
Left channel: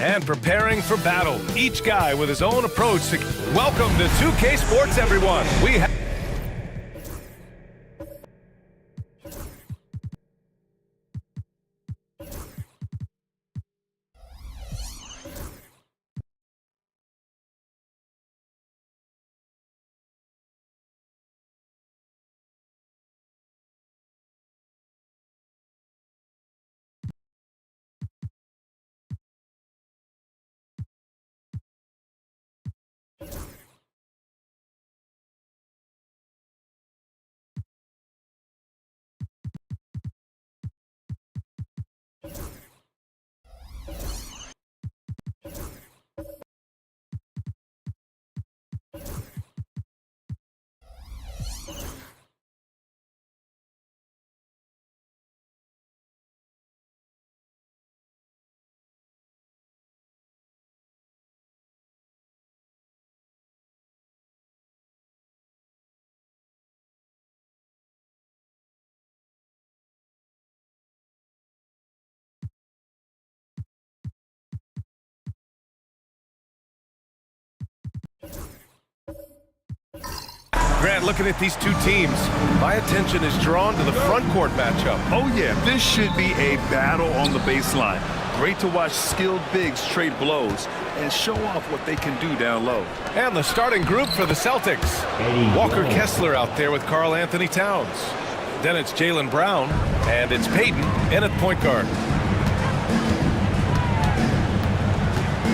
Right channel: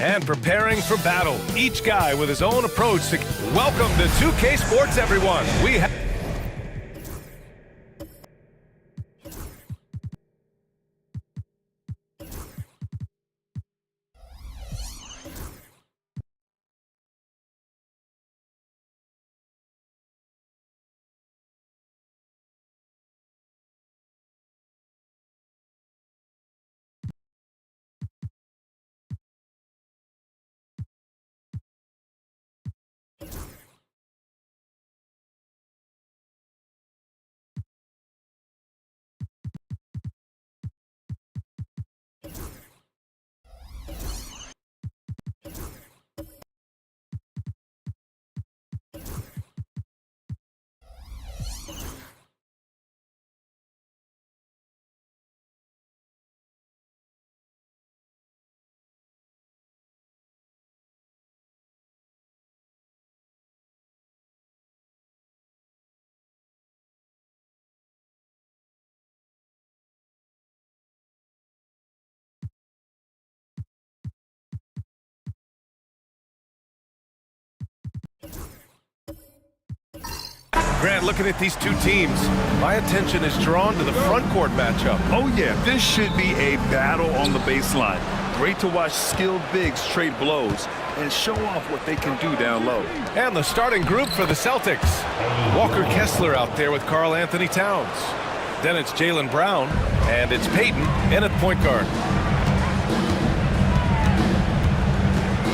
And preparing for battle, each guy with his own approach to... Welcome to 2K Sports, everyone. We have... Grant, looking at these two teams, my attention is drawn to the front court matchup. Oh yeah, this should be a battle on the baseline. Great to watch skilled bigs trade blows and show off what they can do down low. And the starting group for the Celtics. Walker Kessler out there with Karl Anthony Towns. Then it's Jaylen Brown, and it's Payton in at point guard.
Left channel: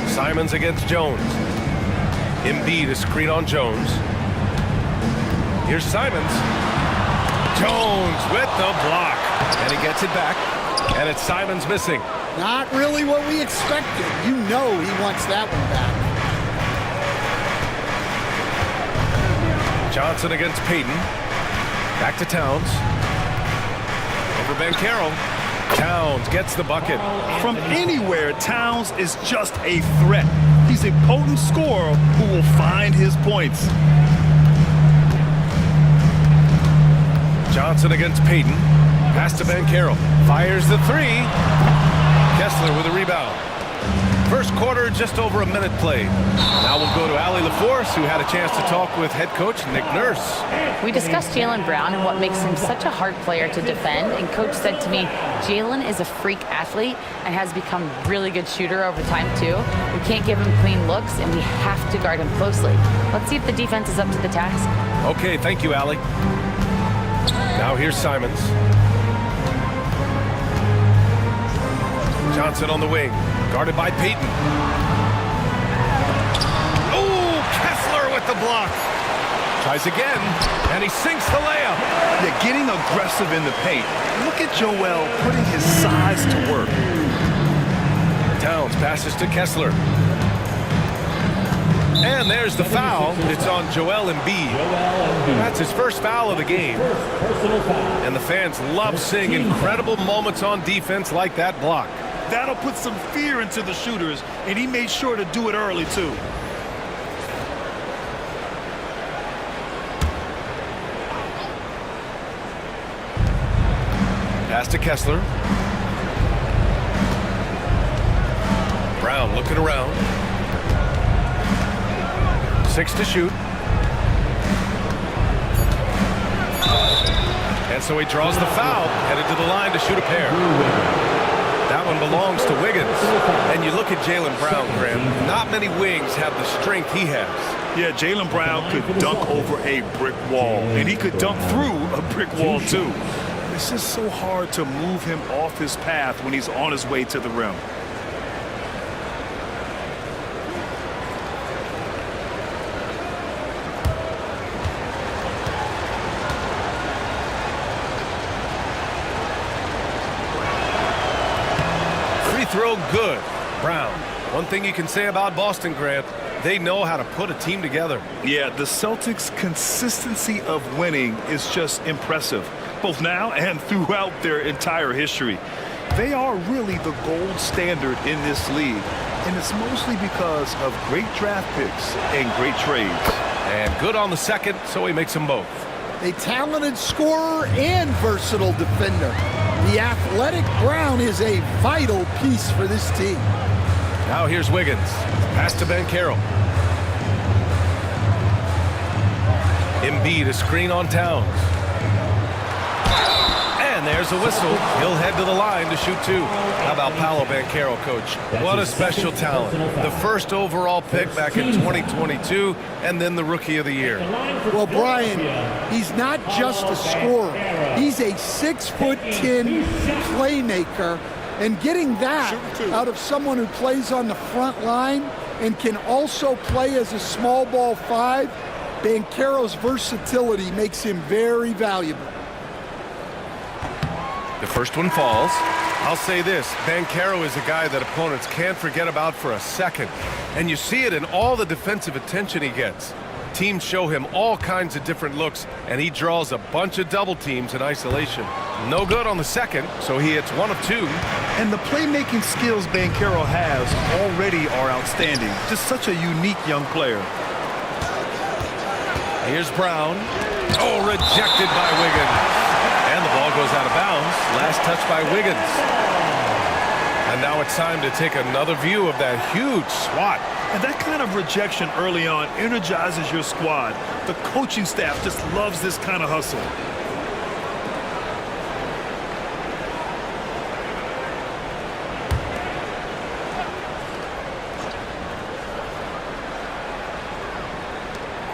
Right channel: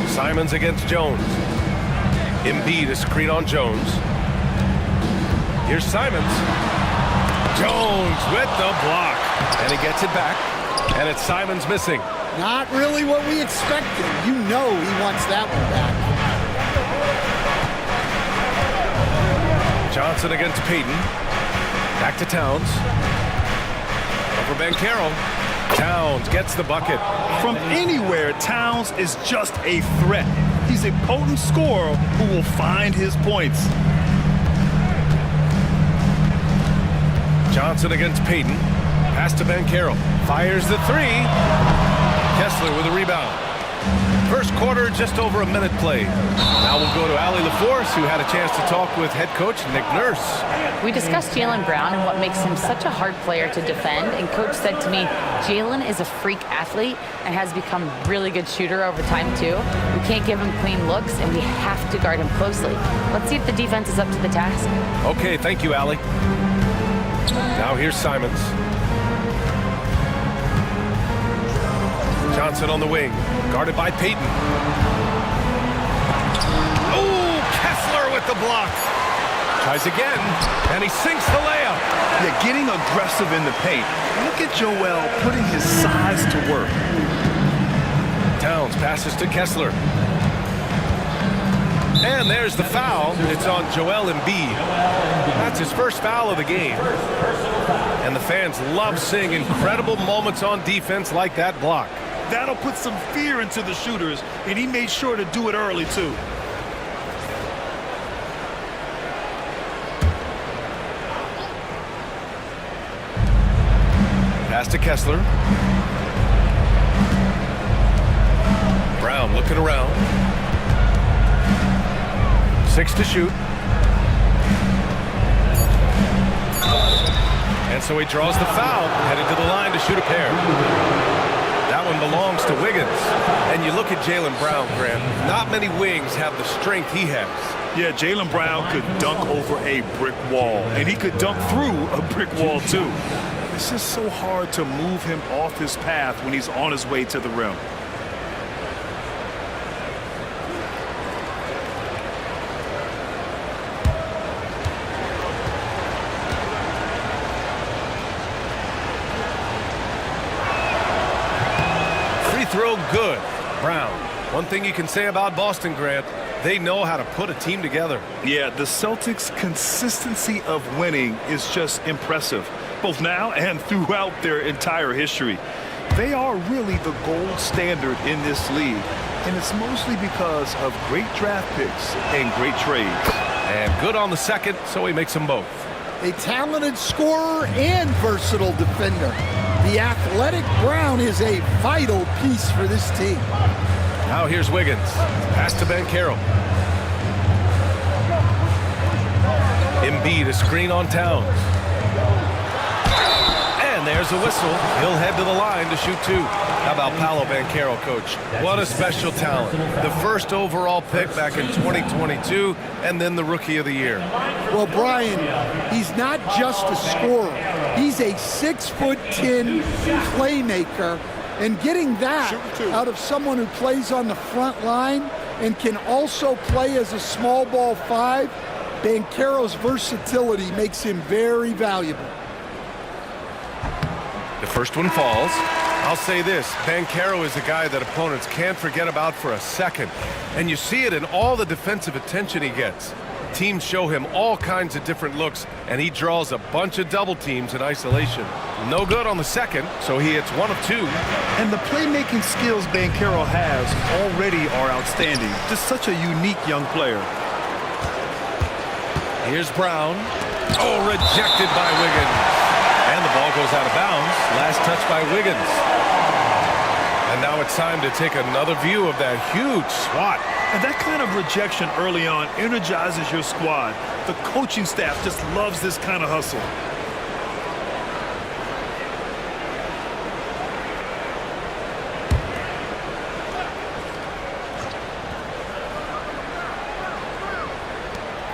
Simons against Jones. Embiid to screen on Jones. Here's Simons. Jones with the block. And he gets it back. And it's Simons missing. Not really what we expected. You know he wants that one back. Johnson against Payton. Back to Towns. Over Banchero. Towns gets the bucket. From anywhere, Towns is just a threat. He's a potent scorer who will find his points. Johnson against Payton. Pass to Banchero. Fires the three. Kessler with a rebound. First quarter, just over a minute played. Now we'll go to Allie LaForce, who had a chance to talk with head coach Nick Nurse. We discussed Jaylen Brown and what makes him such a hard player to defend. And coach said to me, Jaylen is a freak athlete and has become a really good shooter over time too. We can't give him clean looks and we have to guard him closely. Let's see if the defense is up to the task. Okay, thank you, Allie. Now here's Simons. Johnson on the wing, guarded by Payton. Oh, Kessler with the block. Tries again, and he sinks the layup. Yeah, getting aggressive in the paint. Look at Joel putting his size to work. Towns passes to Kessler. And there's the foul. It's on Joel Embiid. That's his first foul of the game. And the fans love seeing incredible moments on defense like that block. That'll put some fear into the shooters, and he made sure to do it early, too. Pass to Kessler. Brown looking around. 6 to shoot. And so he draws the foul, headed to the line to shoot a pair. That one belongs to Wiggins. And you look at Jaylen Brown, Graham, not many wings have the strength he has. Yeah, Jaylen Brown could dunk over a brick wall, and he could dunk through a brick wall, too. It's just so hard to move him off his path when he's on his way to the rim. Free throw good. Brown. One thing you can say about Boston, Grant, they know how to put a team together. Yeah, the Celtics' consistency of winning is just impressive, both now and throughout their entire history. They are really the gold standard in this league, and it's mostly because of great draft picks and great trades. And good on the second, so he makes them both. A talented scorer and versatile defender. The athletic Brown is a vital piece for this team. Now here's Wiggins. Pass to Banchero. Embiid, a screen on Towns. And there's a whistle. He'll head to the line to shoot two. How about Paolo Banchero, Coach? What a special talent. The first overall pick back in 2022, and then the Rookie of the Year. Well, Brian, he's not just a scorer. He's a 6'10" playmaker, and getting that out of someone who plays on the front line and can also play as a small ball five, Banchero's versatility makes him very valuable. The first one falls. I'll say this, Banchero is a guy that opponents can't forget about for a second. And you see it in all the defensive attention he gets. Teams show him all kinds of different looks, and he draws a bunch of double teams in isolation. No good on the second, so he hits one of two. And the playmaking skills Banchero has already are outstanding. Just such a unique young player. Here's Brown. Oh, rejected by Wiggins. And the ball goes out of bounds. Last touch by Wiggins. And now it's time to take another view of that huge swat. And that kind of rejection early on energizes your squad. The coaching staff just loves this kind of hustle.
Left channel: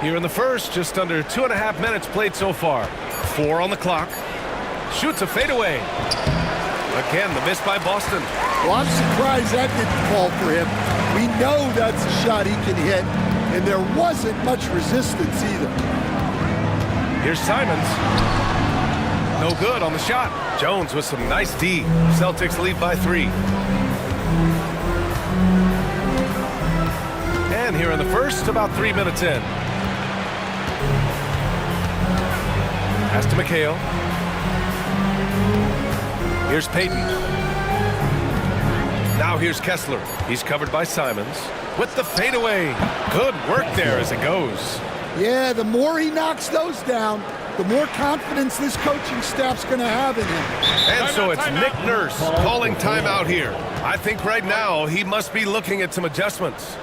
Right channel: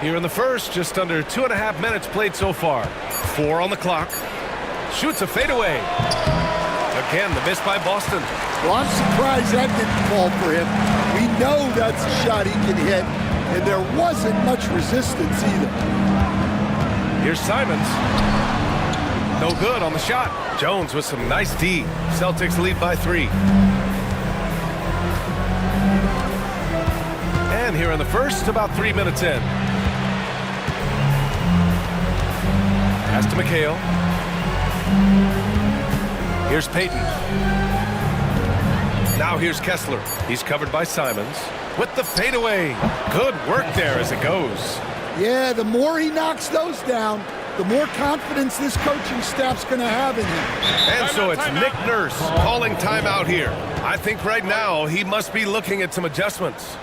Here in the first, just under 2.5 minutes played so far. 4 on the clock. Shoots a fadeaway. Again, the miss by Boston. Well, I'm surprised that didn't fall for him. We know that's a shot he can hit, and there wasn't much resistance either. Here's Simons. No good on the shot. Jones with some nice D. Celtics lead by 3. And here in the first, about 3 minutes in. Pass to McHale. Here's Payton. Now here's Kessler. He's covered by Simons. With the fadeaway. Good work there as it goes. Yeah, the more he knocks those down, the more confidence this coaching staff's going to have in him. And so it's Nick Nurse calling timeout here. I think right now he must be looking at some adjustments.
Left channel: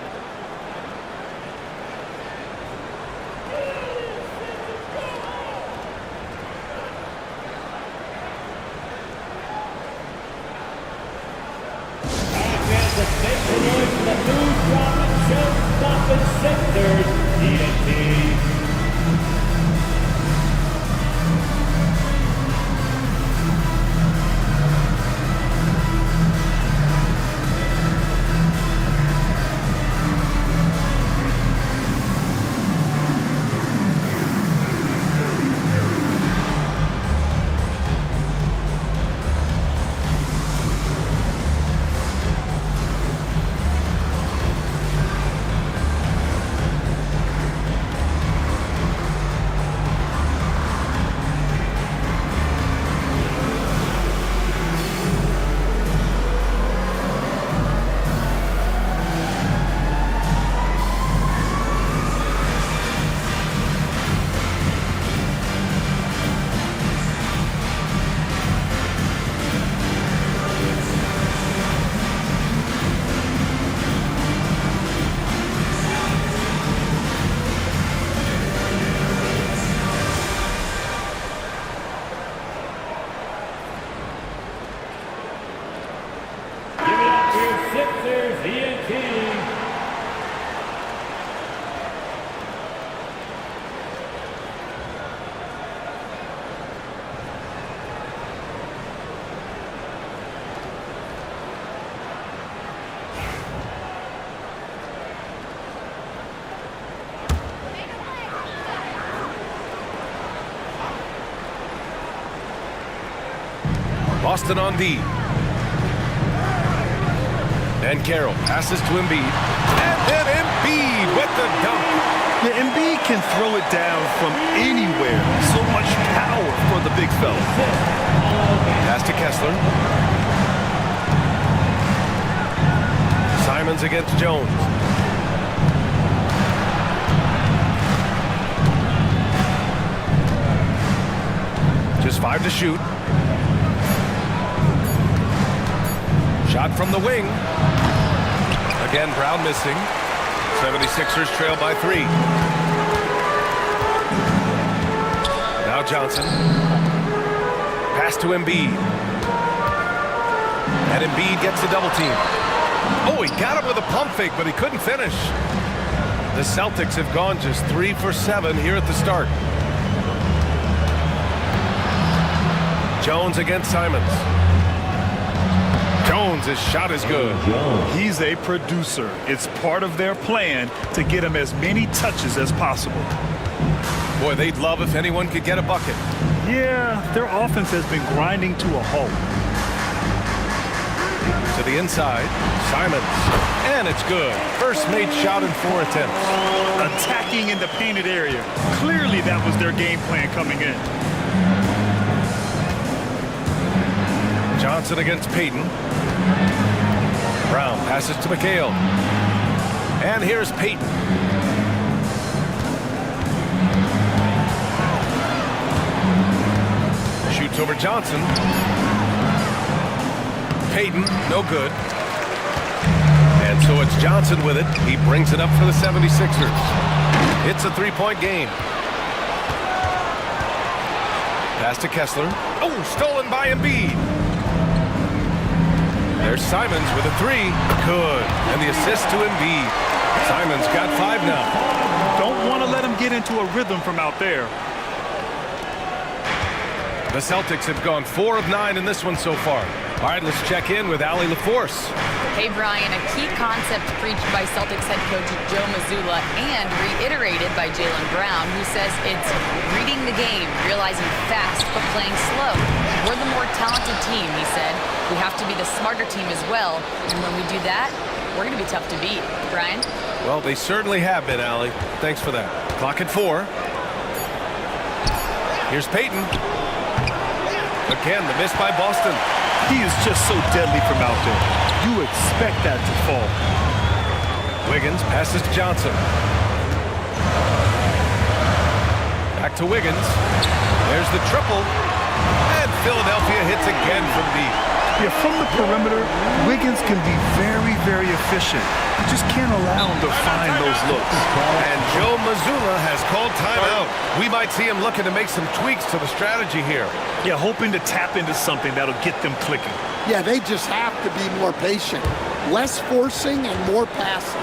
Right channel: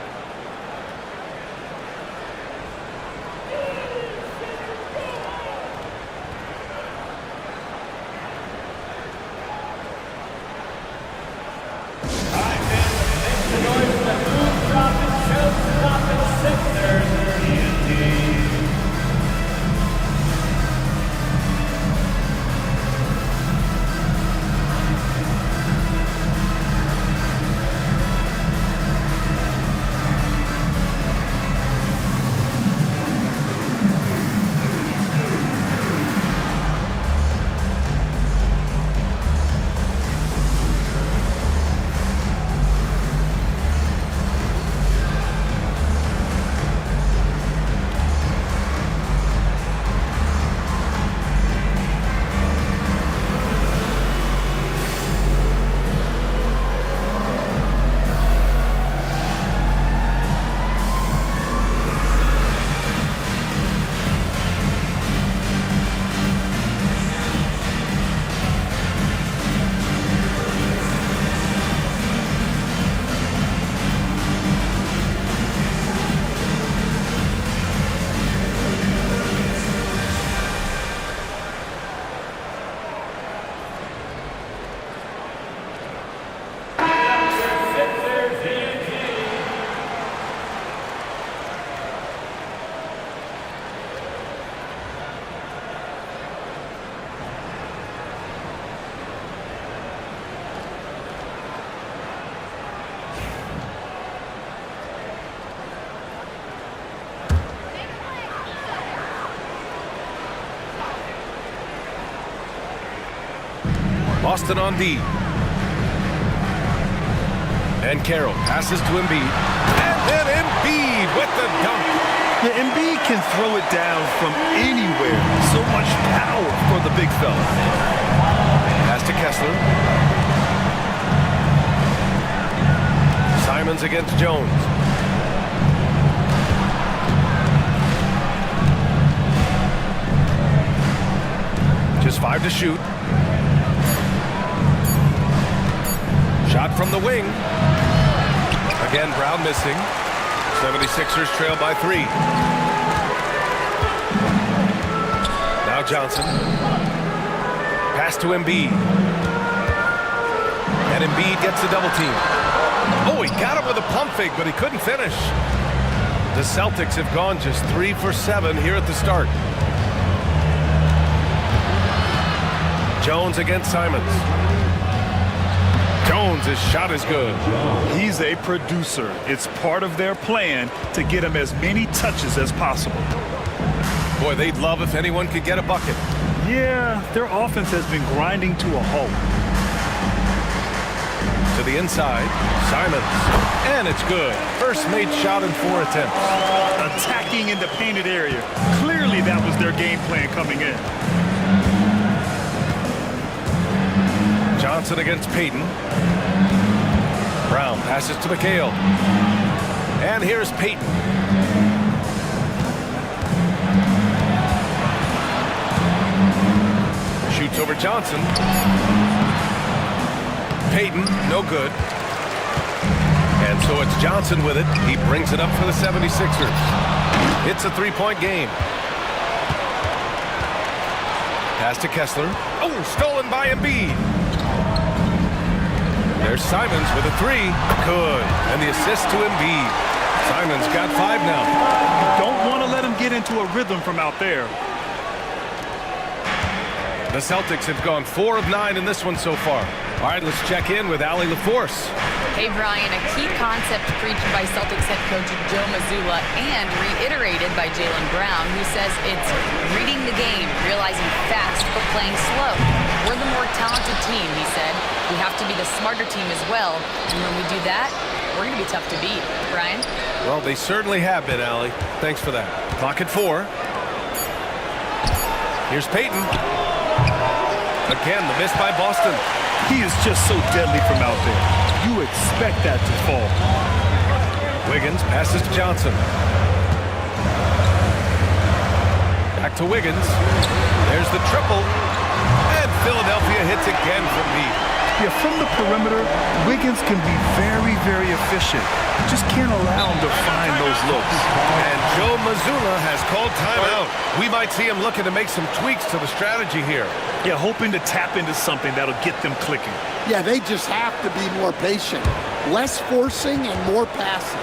Boston on D. And Carroll passes to Embiid. And then Embiid with the dunk. Yeah, Embiid can throw it down from anywhere. So much power for the big fella. Pass to Kessler. Simons against Jones. Just 5 to shoot. Shot from the wing. Again, Brown missing. 76ers trail by 3. Now Johnson. Pass to Embiid. And Embiid gets the double team. Oh, he got him with a pump fake, but he couldn't finish. The Celtics have gone just 3 for 7 here at the start. Jones against Simons. Jones' shot is good. He's a producer. It's part of their plan to get him as many touches as possible. Boy, they'd love if anyone could get a bucket. Yeah, their offense has been grinding to a halt. To the inside, Simons. And it's good. First made shot in 4 attempts. Attacking in the painted area. Clearly that was their game plan coming in. Johnson against Payton. Brown passes to McHale. And here's Payton. Shoots over Johnson. Payton, no good. And so it's Johnson with it. He brings it up for the 76ers. It's a 3-point game. Pass to Kessler. Oh, stolen by Embiid. There's Simons with a 3. Good. And the assist to Embiid. Simons got 5 now. Don't want to let him get into a rhythm from out there. The Celtics have gone 4 of 9 in this one so far. All right, let's check in with Allie LaForce. Hey, Brian, a key concept preached by Celtics head coach Joe Mazzulla and reiterated by Jaylen Brown, who says it's reading the game, realizing fast but playing slow. We're the more talented team, he said. We have to be the smarter team as well, and when we do that, we're going to be tough to beat. Brian? Well, they certainly have been, Allie. Thanks for that. Clock at 4. Here's Payton. Again, the miss by Boston. He is just so deadly from out there. You expect that to fall. Wiggins passes to Johnson. Back to Wiggins. There's the triple. And Philadelphia hits again from deep. Yeah, from the perimeter, Wiggins can be very, very efficient. You just can't allow him to find those looks. And Joe Mazzulla has called timeout. We might see him looking to make some tweaks to the strategy here. Yeah, hoping to tap into something that'll get them clicking. Yeah, they just have to be more patient. Less forcing and more passing.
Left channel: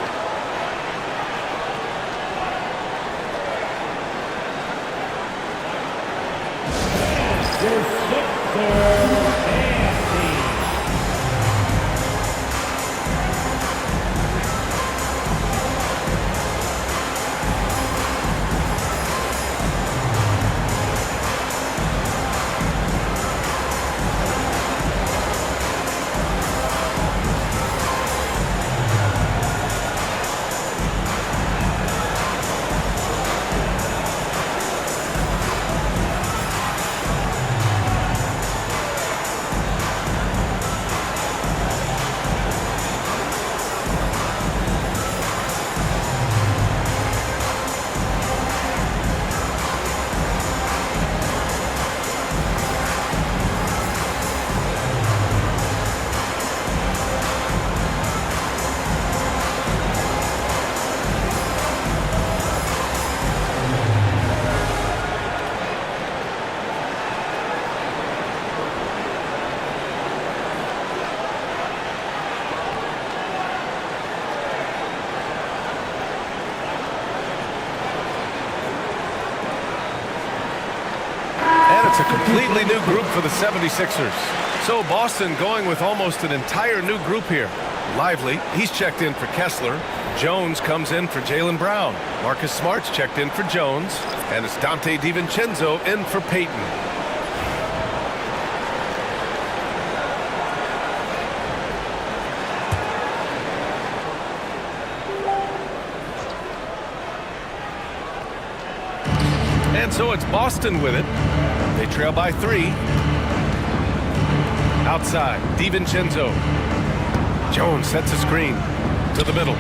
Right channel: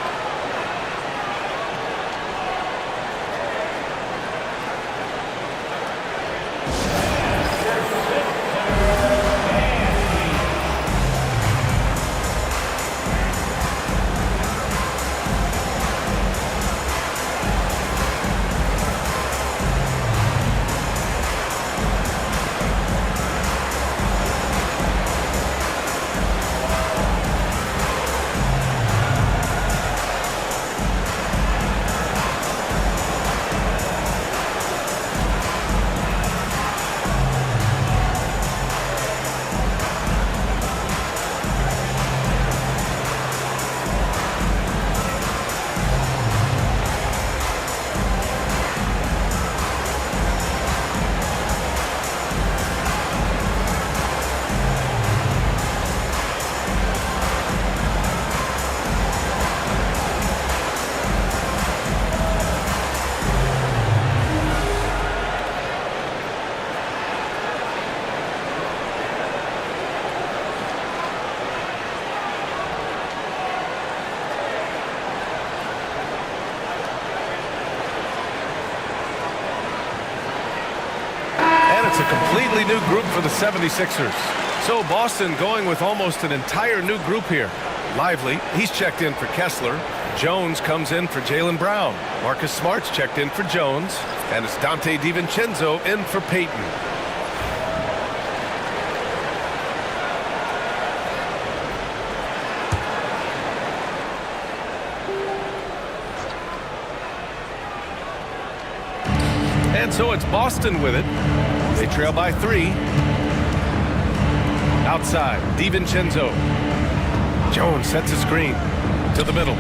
It's a completely new group for the 76ers. So Boston going with almost an entire new group here. Lively, he's checked in for Kessler. Jones comes in for Jaylen Brown. Marcus Smart's checked in for Jones. And it's Dante DiVincenzo in for Payton. And so it's Boston with it. They trail by 3. Outside, DiVincenzo. Jones sets a screen to the middle.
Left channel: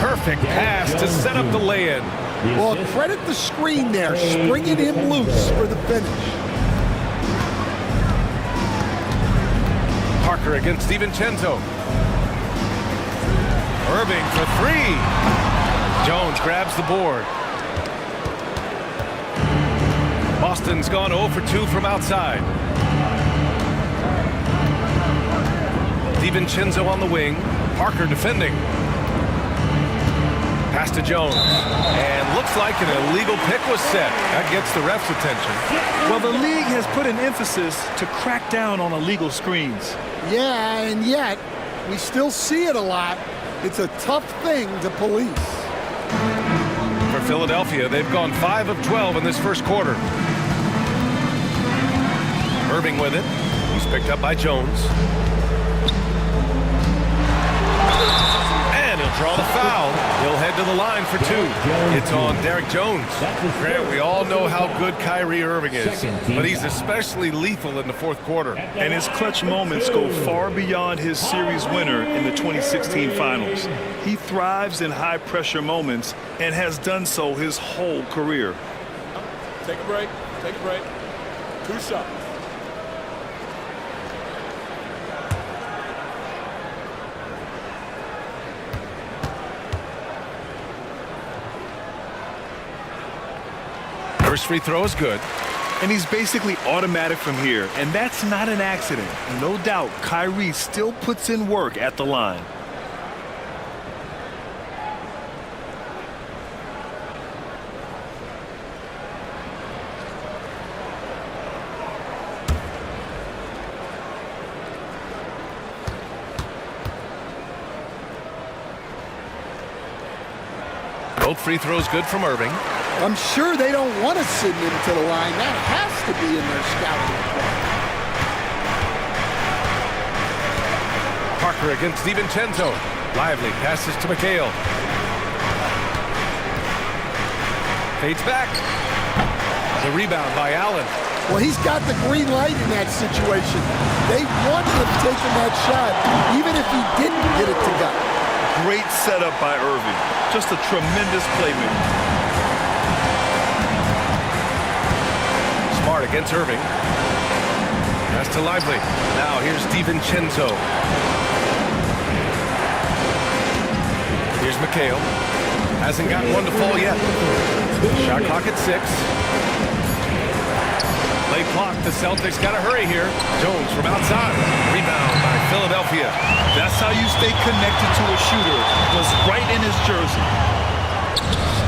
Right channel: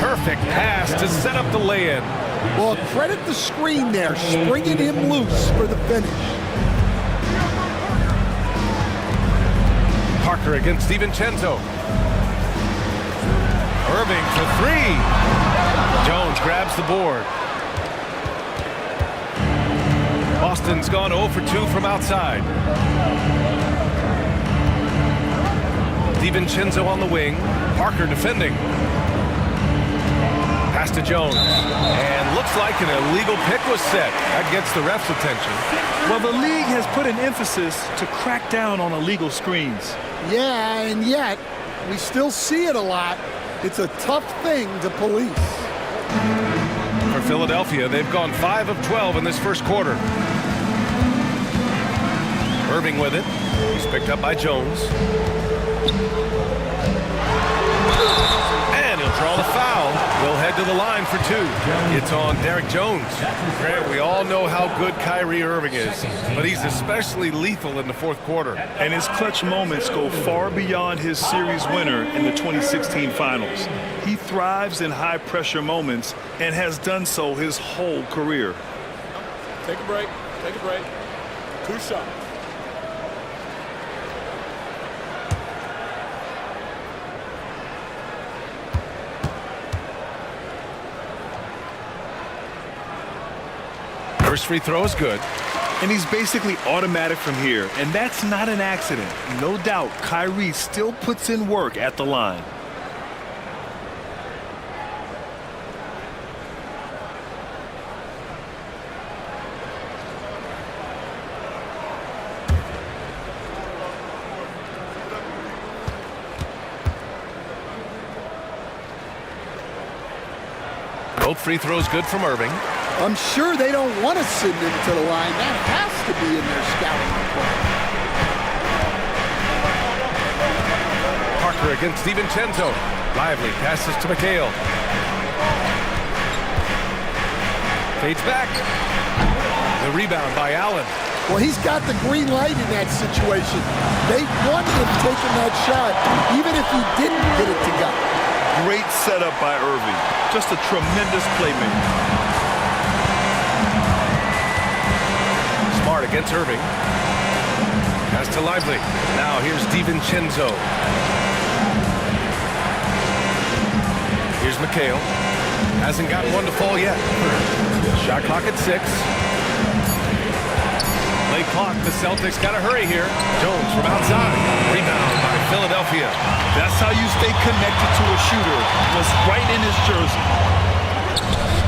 Perfect pass to set up the lay-in. Well, credit the screen there, springing him loose for the finish. Parker against DiVincenzo. Irving for three. Jones grabs the board. Boston's gone 0 for 2 from outside. DiVincenzo on the wing. Parker defending. Pass to Jones. And looks like an illegal pick was set. That gets the ref's attention. Well, the league has put an emphasis to crack down on illegal screens. Yeah, and yet we still see it a lot. It's a tough thing to police. For Philadelphia, they've gone 5 of 12 in this first quarter. Irving with it. He's picked up by Jones. And he'll draw the foul. He'll head to the line for 2. It's on Derek Jones. Grant, we all know how good Kyrie Irving is, but he's especially lethal in the fourth quarter. And his clutch moments go far beyond his series winner in the 2016 finals. He thrives in high-pressure moments and has done so his whole career. Take a break. Take a break. 2 shots. First free throw is good. And he's basically automatic from here, and that's not an accident. No doubt, Kyrie still puts in work at the line. Both free throws good from Irving. I'm sure they don't want to send him to the line. That has to be in their scouting report. Parker against DiVincenzo. Lively passes to McHale. Fades back. The rebound by Allen. Well, he's got the green light in that situation. They want him taking that shot, even if he didn't get it to go. Great setup by Irving. Just a tremendous playmaker. Smart against Irving. Pass to Lively. Now here's DiVincenzo. Here's McHale. Hasn't gotten one to fall yet. Shot clock at 6. Late clock. The Celtics got to hurry here. Jones from outside. Rebound by Philadelphia. That's how you stay connected to a shooter. Was right in his jersey.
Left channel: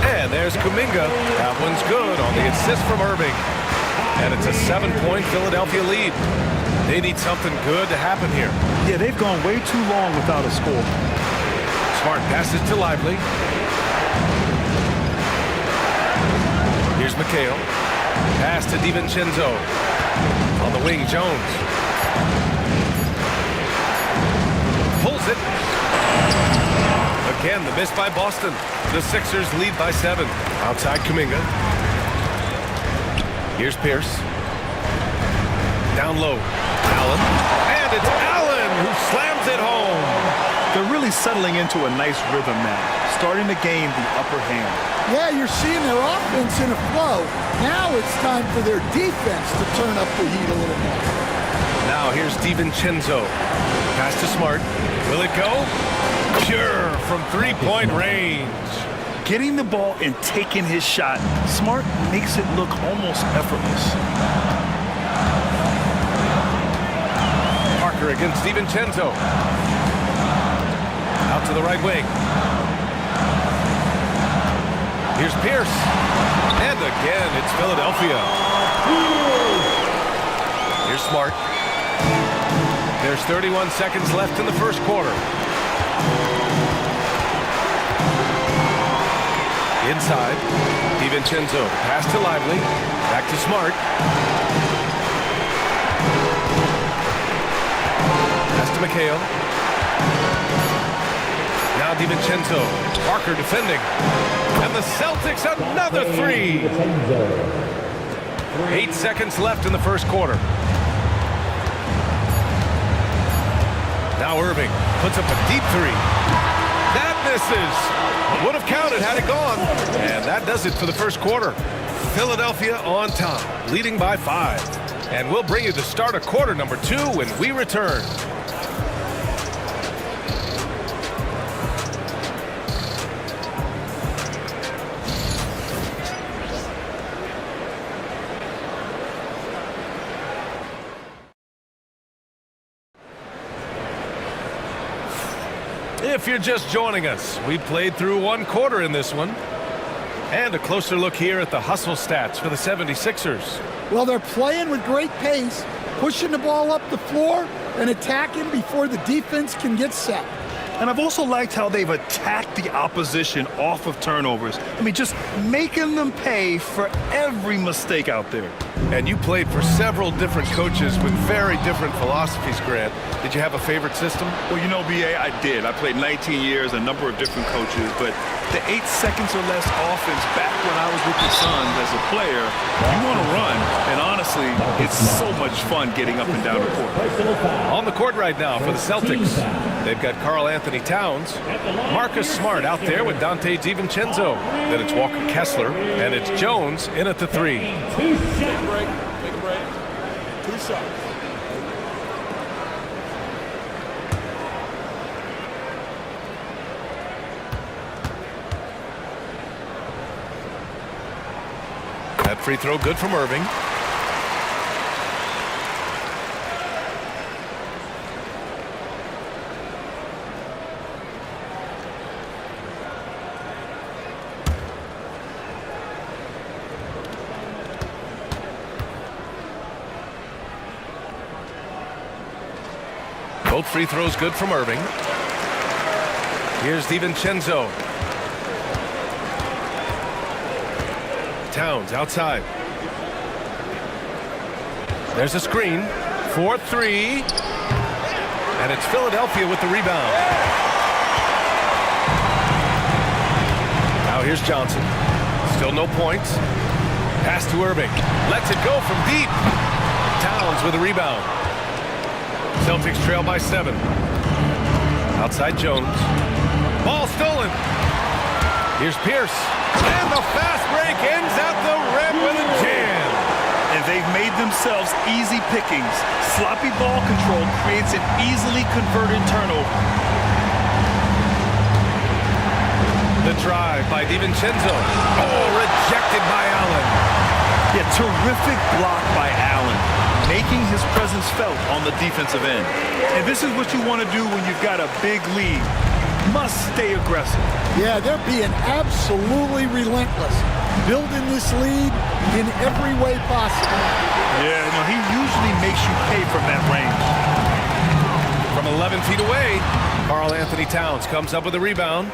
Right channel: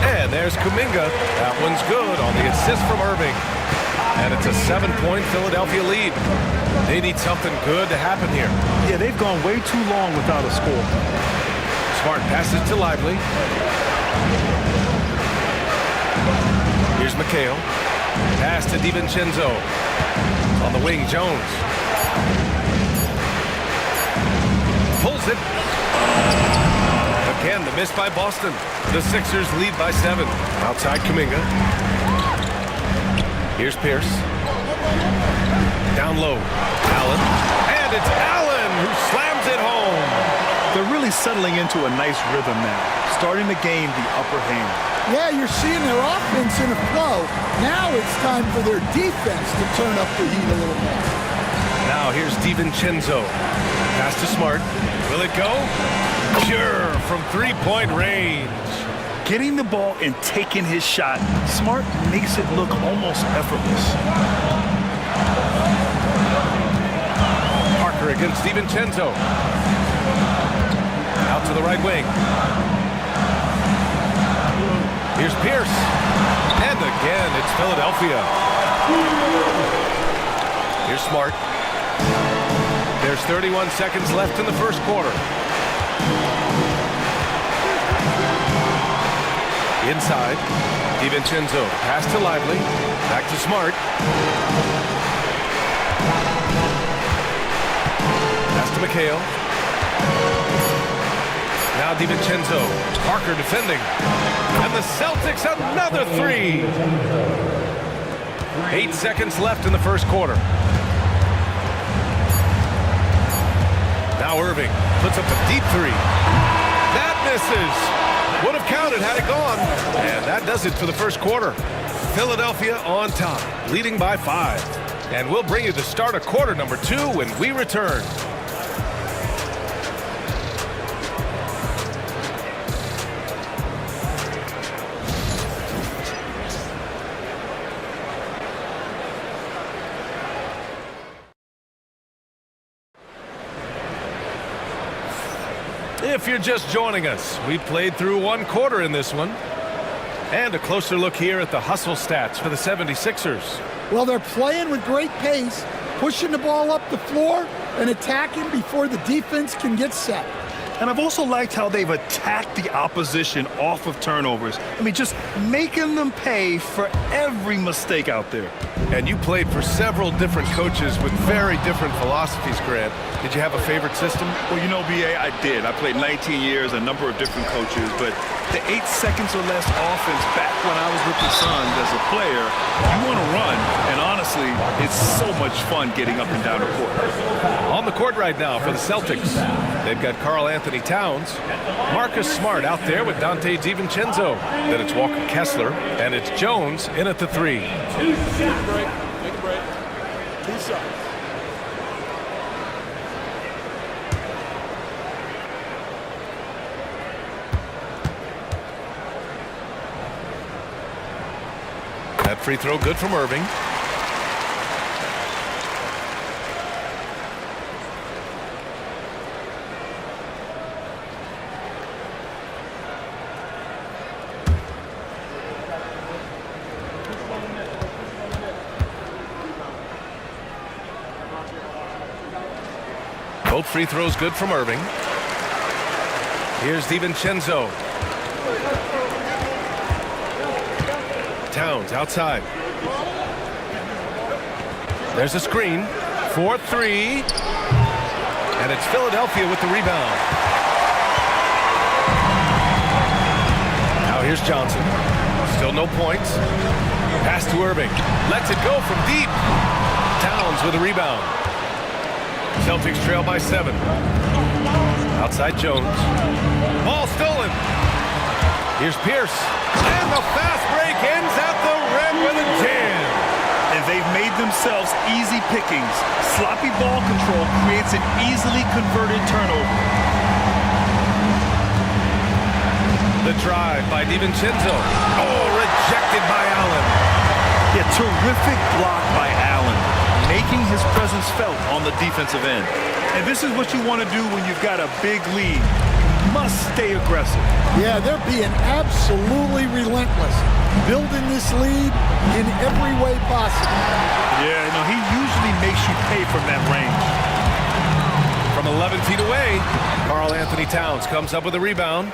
And there's Kuminga. That one's good on the assist from Irving. And it's a 7-point Philadelphia lead. They need something good to happen here. Yeah, they've gone way too long without a score. Smart passes to Lively. Here's McHale. Pass to DiVincenzo. On the wing, Jones. Pulls it. Again, the miss by Boston. The Sixers lead by 7. Outside Kuminga. Here's Pierce. Down low. Allen. And it's Allen who slams it home. They're really settling into a nice rhythm now, starting to gain the upper hand. Yeah, you're seeing their offense in a flow. Now it's time for their defense to turn up the heat a little more. Now here's DiVincenzo. Pass to Smart. Will it go? Sure, from 3-point range. Getting the ball and taking his shot, Smart makes it look almost effortless. Parker against DiVincenzo. Out to the right wing. Here's Pierce. And again, it's Philadelphia. Here's Smart. There's 31 seconds left in the first quarter. Inside, DiVincenzo. Pass to Lively. Back to Smart. Pass to McHale. Now DiVincenzo. Parker defending. And the Celtics another 3. 8 seconds left in the first quarter. Now Irving puts up a deep 3. That misses. Would have counted had it gone. And that does it for the first quarter. Philadelphia on top, leading by 5. And we'll bring you the start of quarter number 2 when we return. If you're just joining us, we played through one quarter in this one. And a closer look here at the hustle stats for the 76ers. Well, they're playing with great pace, pushing the ball up the floor and attacking before the defense can get set. And I've also liked how they've attacked the opposition off of turnovers. I mean, just making them pay for every mistake out there. And you played for several different coaches with very different philosophies, Grant. Did you have a favorite system? Well, you know, B.A., I did. I played 19 years, a number of different coaches, but the 8 seconds or less offense back when I was with the Suns as a player, you want to run, and honestly, it's so much fun getting up and down the court. On the court right now for the Celtics, they've got Karl Anthony Towns, Marcus Smart out there with Dante DiVincenzo. Then it's Walker Kessler, and it's Jones in at the 3. Take a break. Take a break. 2 shots. That free throw good from Irving. Both free throws good from Irving. Here's DiVincenzo. Towns outside. There's a screen. 4-3. And it's Philadelphia with the rebound. Now here's Johnson. Still no points. Pass to Irving. Lets it go from deep. Towns with a rebound. Celtics trail by 7. Outside Jones. Ball stolen. Here's Pierce. And the fast break ends at the rim with a jam. And they've made themselves easy pickings. Sloppy ball control creates an easily converted turnover. The drive by DiVincenzo. Oh, rejected by Allen. Yeah, terrific block by Allen, making his presence felt on the defensive end. And this is what you want to do when you've got a big lead. You must stay aggressive. Yeah, they're being absolutely relentless, building this lead in every way possible. Yeah, no, he usually makes you pay from that range. From 11 feet away, Karl Anthony Towns comes up with a rebound.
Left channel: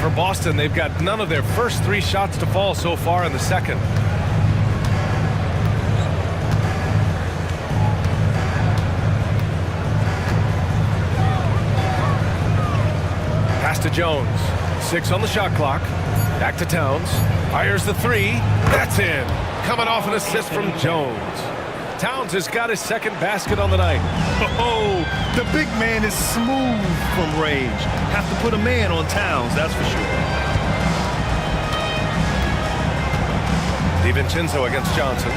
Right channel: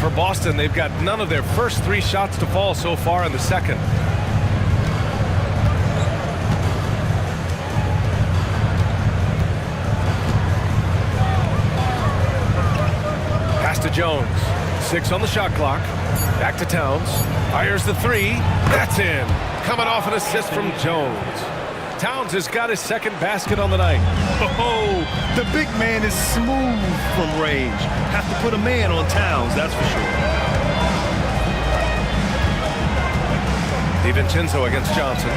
For Boston, they've got none of their first 3 shots to fall so far in the second. Pass to Jones. 6 on the shot clock. Back to Towns. Fires the 3. That's in. Coming off an assist from Jones. Towns has got his second basket on the night. Oh, the big man is smooth from range. Have to put a man on Towns, that's for sure. DiVincenzo against Johnson.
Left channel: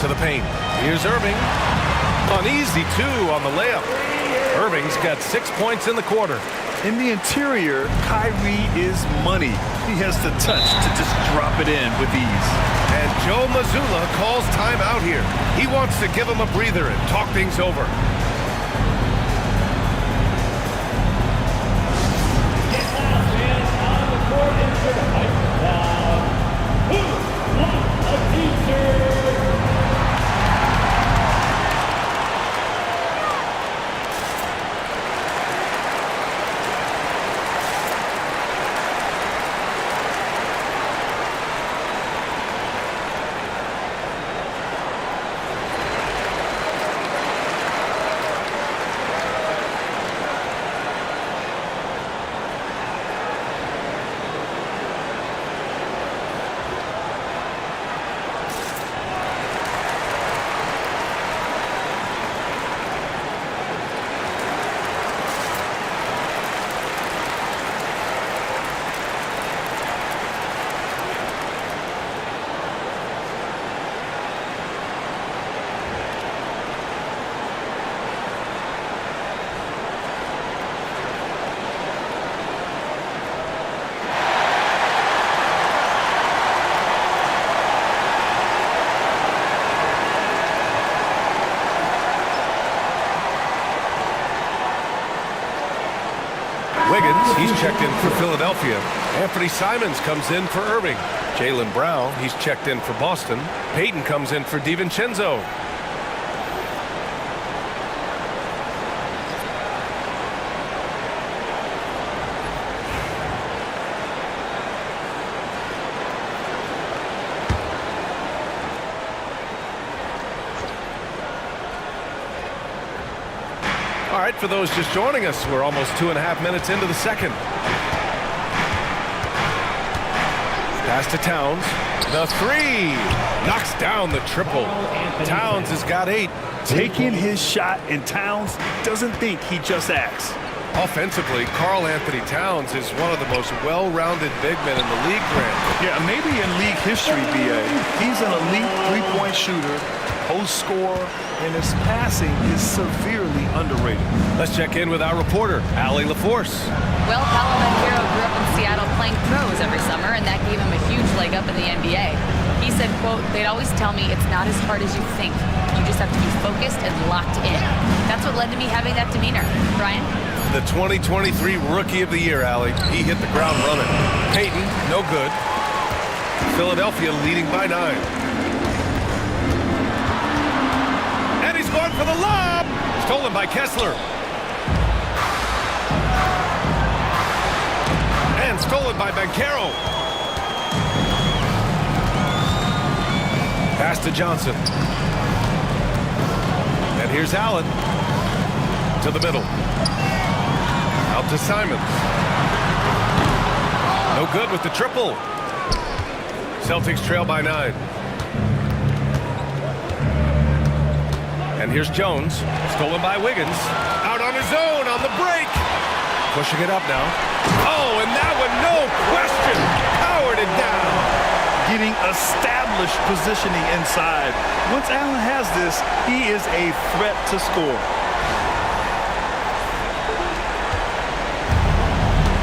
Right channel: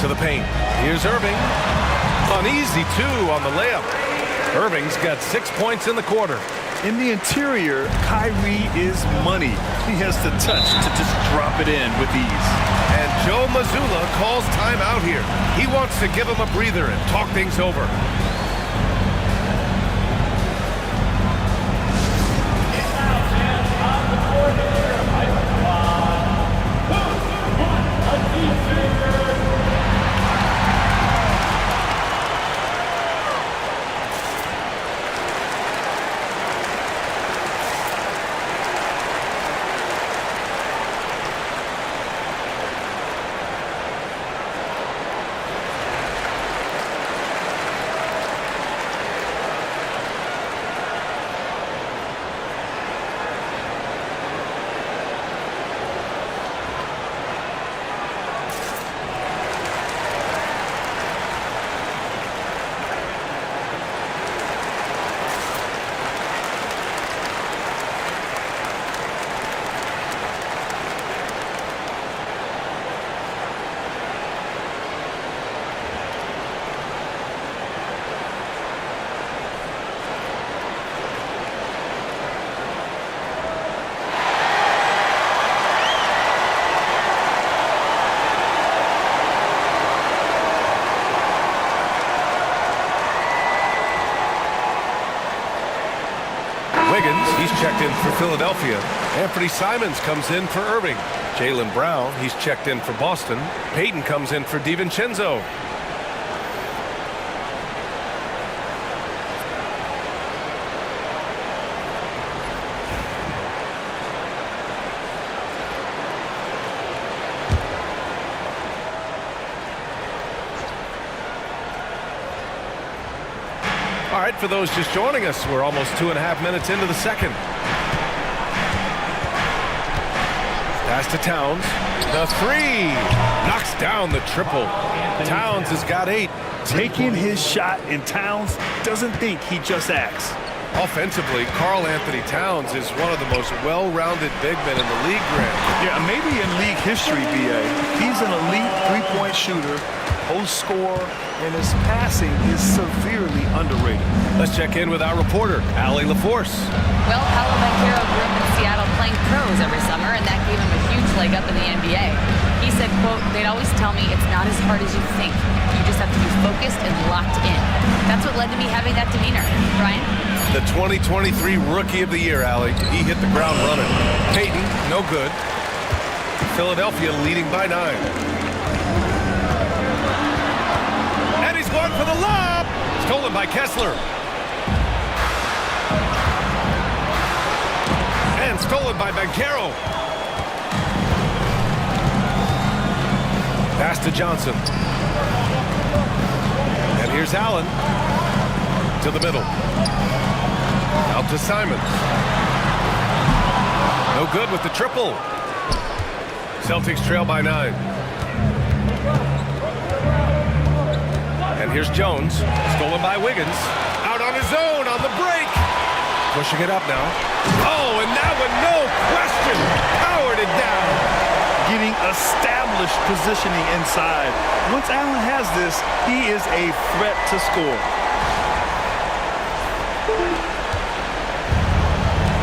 To the paint. Here's Irving. An easy 2 on the layup. Irving's got 6 points in the quarter. In the interior, Kyrie is money. He has the touch to just drop it in with ease. And Joe Mazzulla calls timeout here. He wants to give him a breather and talk things over. Wiggins, he's checked in for Philadelphia. Anthony Simons comes in for Irving. Jaylen Brown, he's checked in for Boston. Peyton comes in for DiVincenzo. All right, for those just joining us, we're almost 2.5 minutes into the second. Pass to Towns. The three. Knocks down the triple. Towns has got 8. Taking his shot, and Towns doesn't think, he just acts. Offensively, Karl Anthony Towns is one of the most well-rounded big men in the league, Grant. Yeah, maybe in league history, B.A. He's an elite three-point shooter, post scorer, and his passing is severely underrated. Let's check in with our reporter, Allie LaForce. Well, Paolo Banchero grew up in Seattle playing pros every summer, and that gave him a huge leg up in the NBA. He said, quote, "They'd always tell me it's not as hard as you think. You just have to be focused and locked in." That's what led to me having that demeanor. Brian? The 2023 Rookie of the Year, Allie. He hit the ground running. Peyton, no good. Philadelphia leading by 9. And he's going for the lob. Stolen by Kessler. And stolen by Banchero. Pass to Johnson. And here's Allen. To the middle. Out to Simons. No good with the triple. Celtics trail by 9. And here's Jones. Stolen by Wiggins. Out on his own on the break. Pushing it up now. Oh, and that one, no question, powered it down. Getting established positioning inside. Once Allen has this, he is a threat to score.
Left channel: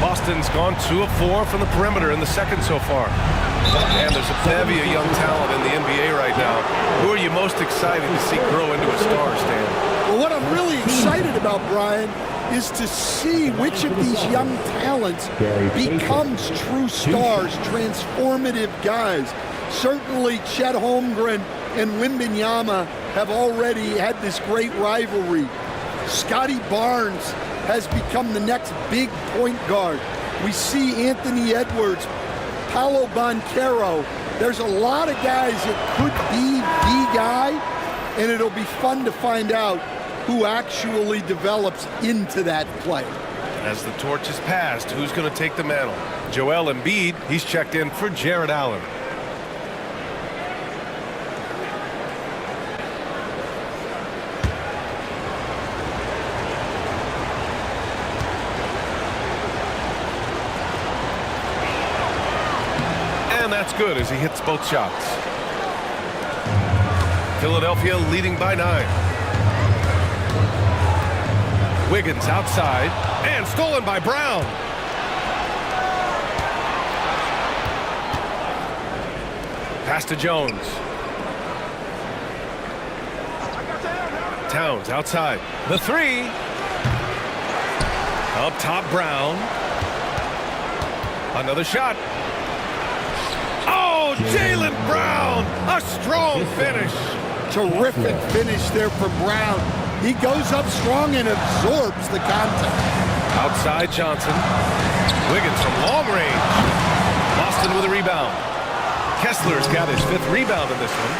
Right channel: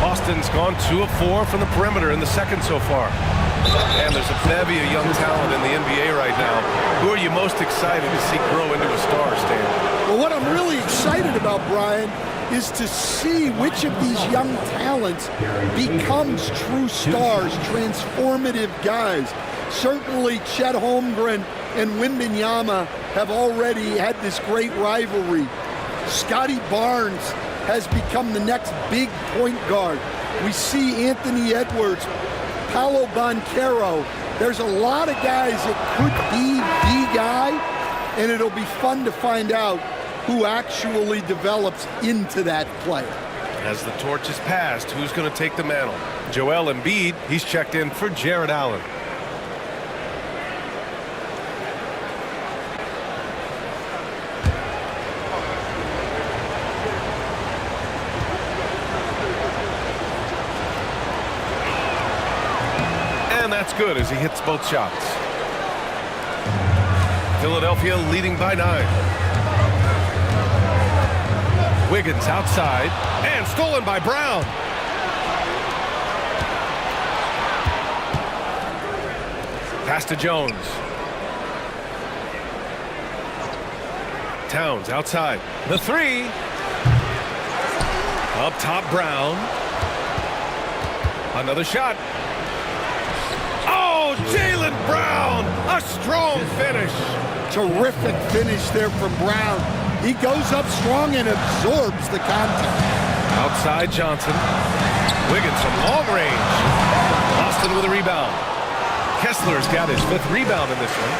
Boston's gone 2 of 4 from the perimeter in the second so far. And there's a bevy of young talent in the NBA right now. Who are you most excited to see grow into a star, Stan? Well, what I'm really excited about, Brian, is to see which of these young talents becomes true stars, transformative guys. Certainly Chet Holmgren and Wembanyama have already had this great rivalry. Scotty Barnes has become the next big point guard. We see Anthony Edwards, Paolo Banchero. There's a lot of guys that could be the guy, and it'll be fun to find out who actually develops into that player. As the torch is passed, who's going to take the mantle? Joel Embiid, he's checked in for Jared Allen. And that's good as he hits both shots. Philadelphia leading by 9. Wiggins outside and stolen by Brown. Pass to Jones. Towns outside. The three. Up top, Brown. Another shot. Oh, Jaylen Brown. A strong finish. Terrific finish there from Brown. He goes up strong and absorbs the contact. Outside Johnson. Wiggins from long range. Boston with a rebound. Kessler's got his 5th rebound in this one.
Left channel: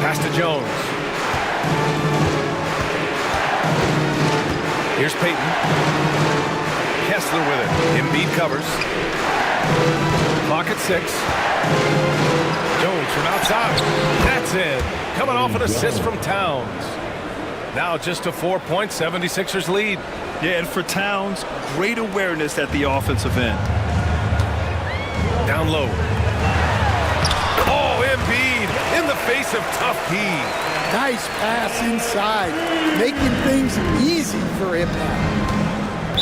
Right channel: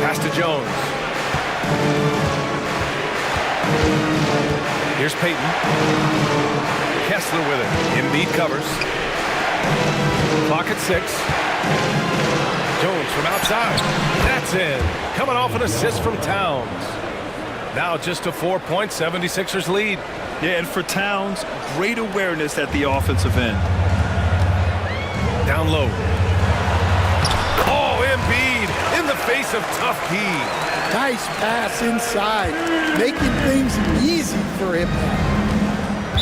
Pass to Jones. Here's Peyton. Kessler with it. Embiid covers. Clock at 6. Jones from outside. That's in. Coming off an assist from Towns. Now just a 4-point 76ers lead. Yeah, and for Towns, great awareness at the offensive end. Down low. Oh, Embiid in the face of tough D. Nice pass inside, making things easy for him now.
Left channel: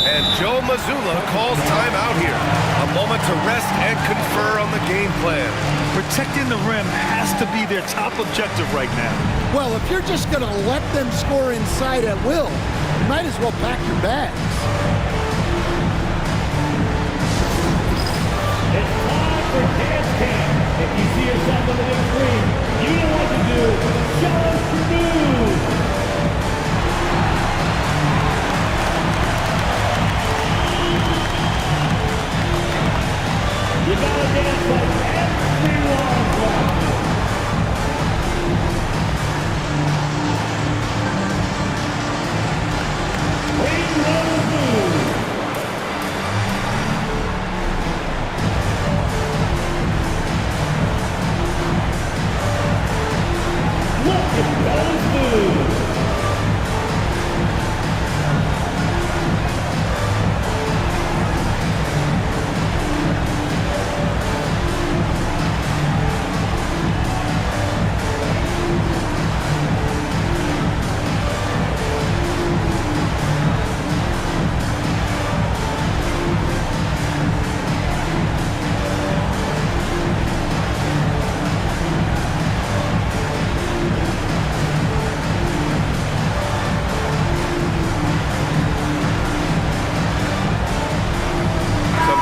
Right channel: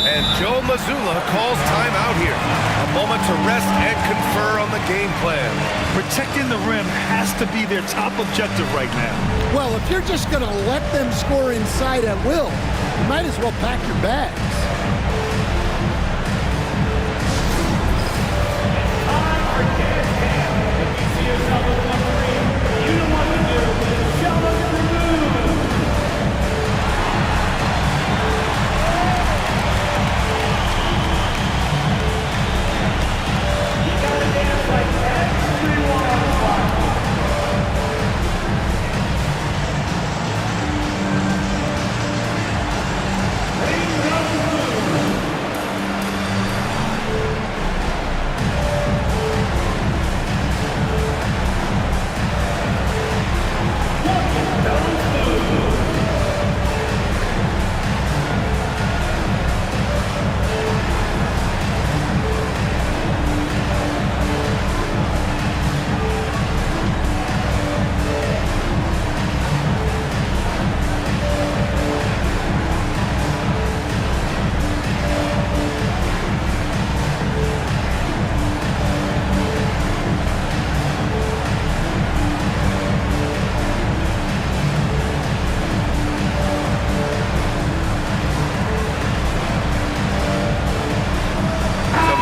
And Joe Mazzulla calls timeout here. A moment to rest and confer on the game plan. Protecting the rim has to be their top objective right now. Well, if you're just going to let them score inside at will, You might as well pack your bags. It's time for dance camp. If you see yourself on the wing three, you know what to do. John Prabhu. You gotta dance like everyone's watching. Ring run through. Look at those moves.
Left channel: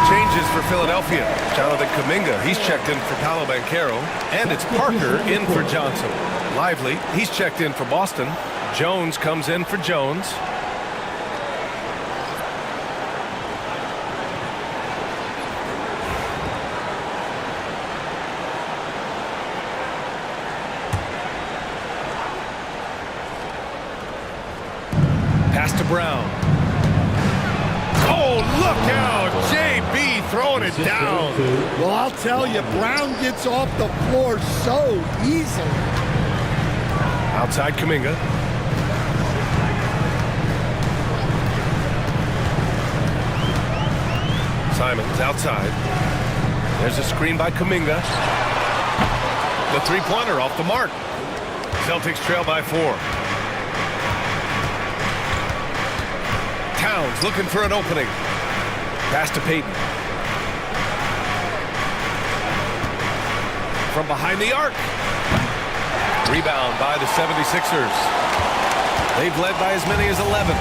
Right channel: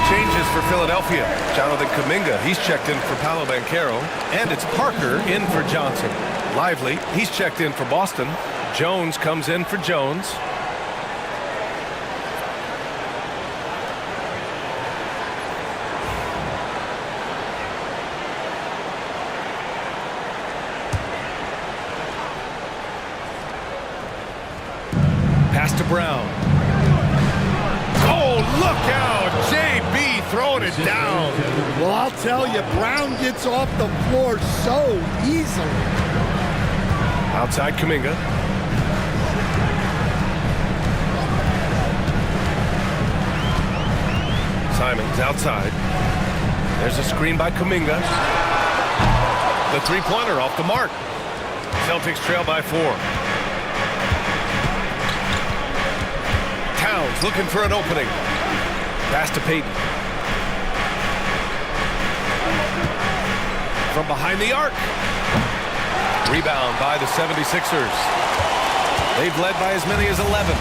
Changes for Philadelphia. Jonathan Kuminga, he's checked in for Paolo Banchero. And it's Parker in for Johnson. Lively, he's checked in for Boston. Jones comes in for Jones. Pass to Brown. Oh, look out! JB throwing it down. Well, I'll tell you, Brown gets off the floor so easily. Outside Kuminga. Simons outside. There's a screen by Kuminga. The three-pointer off the mark. Celtics trail by 4. Towns looking for an opening. Pass to Payton. From behind the arc. Rebound by the 76ers. They've led by as many as 11.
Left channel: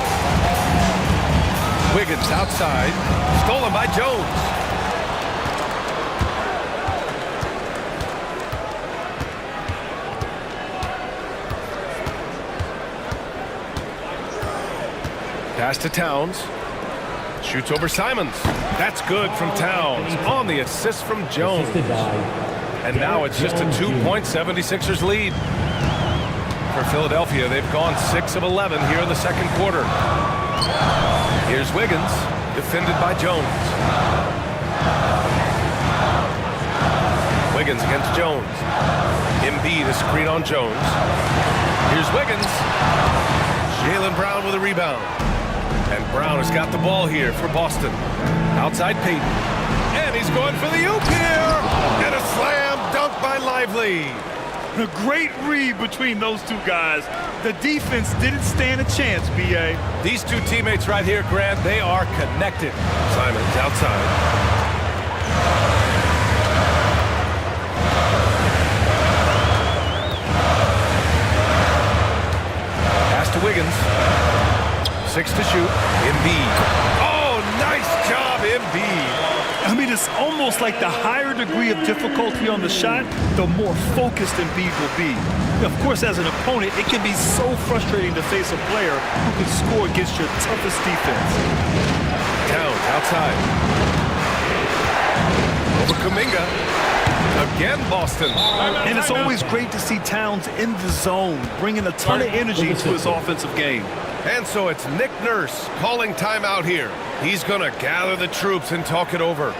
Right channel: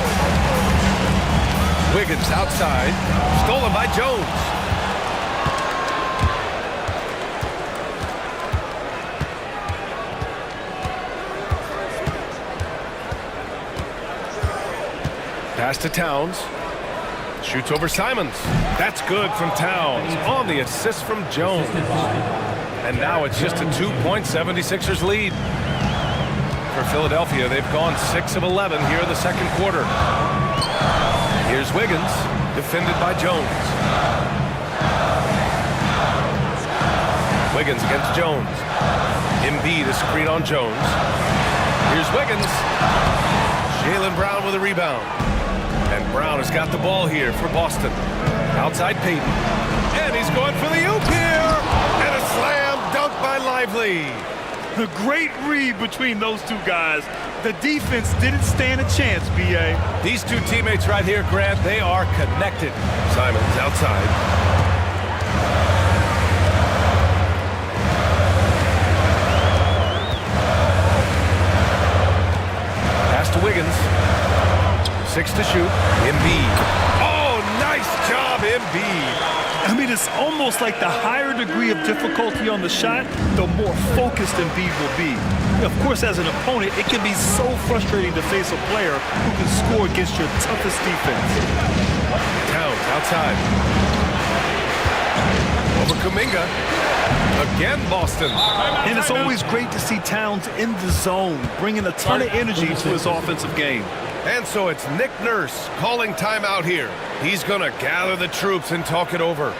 Wiggins outside. Stolen by Jones. Pass to Towns. Shoots over Simons. That's good from Towns. On the assist from Jones. And now it's just a 2-point 76ers lead. For Philadelphia, they've gone 6 of 11 here in the second quarter. Here's Wiggins, defended by Jones. Wiggins against Jones. Embiid, a screen on Jones. Here's Wiggins. Jaylen Brown with a rebound. And Brown has got the ball here for Boston. Outside Payton. And he's going for the oop here. And a slam dunk by Lively. A great read between those two guys. The defense didn't stand a chance, B.A. These two teammates right here, Grant, they are connected. Simons outside. Pass to Wiggins. 6 to shoot. Embiid. Oh, nice job, Embiid. I mean, it's almost like the higher degree of difficulty on the shot, the more focused Embiid will be. Of course, as an opponent, it can be so frustrating to face a player who can score against your toughest defense. Towns outside. Over Kuminga. Again, Boston. And it's always great to see Towns in the zone, bringing a ton of energy to his offensive game. And so it's Nick Nurse calling timeout here. He's going to gather the troops and talk it over.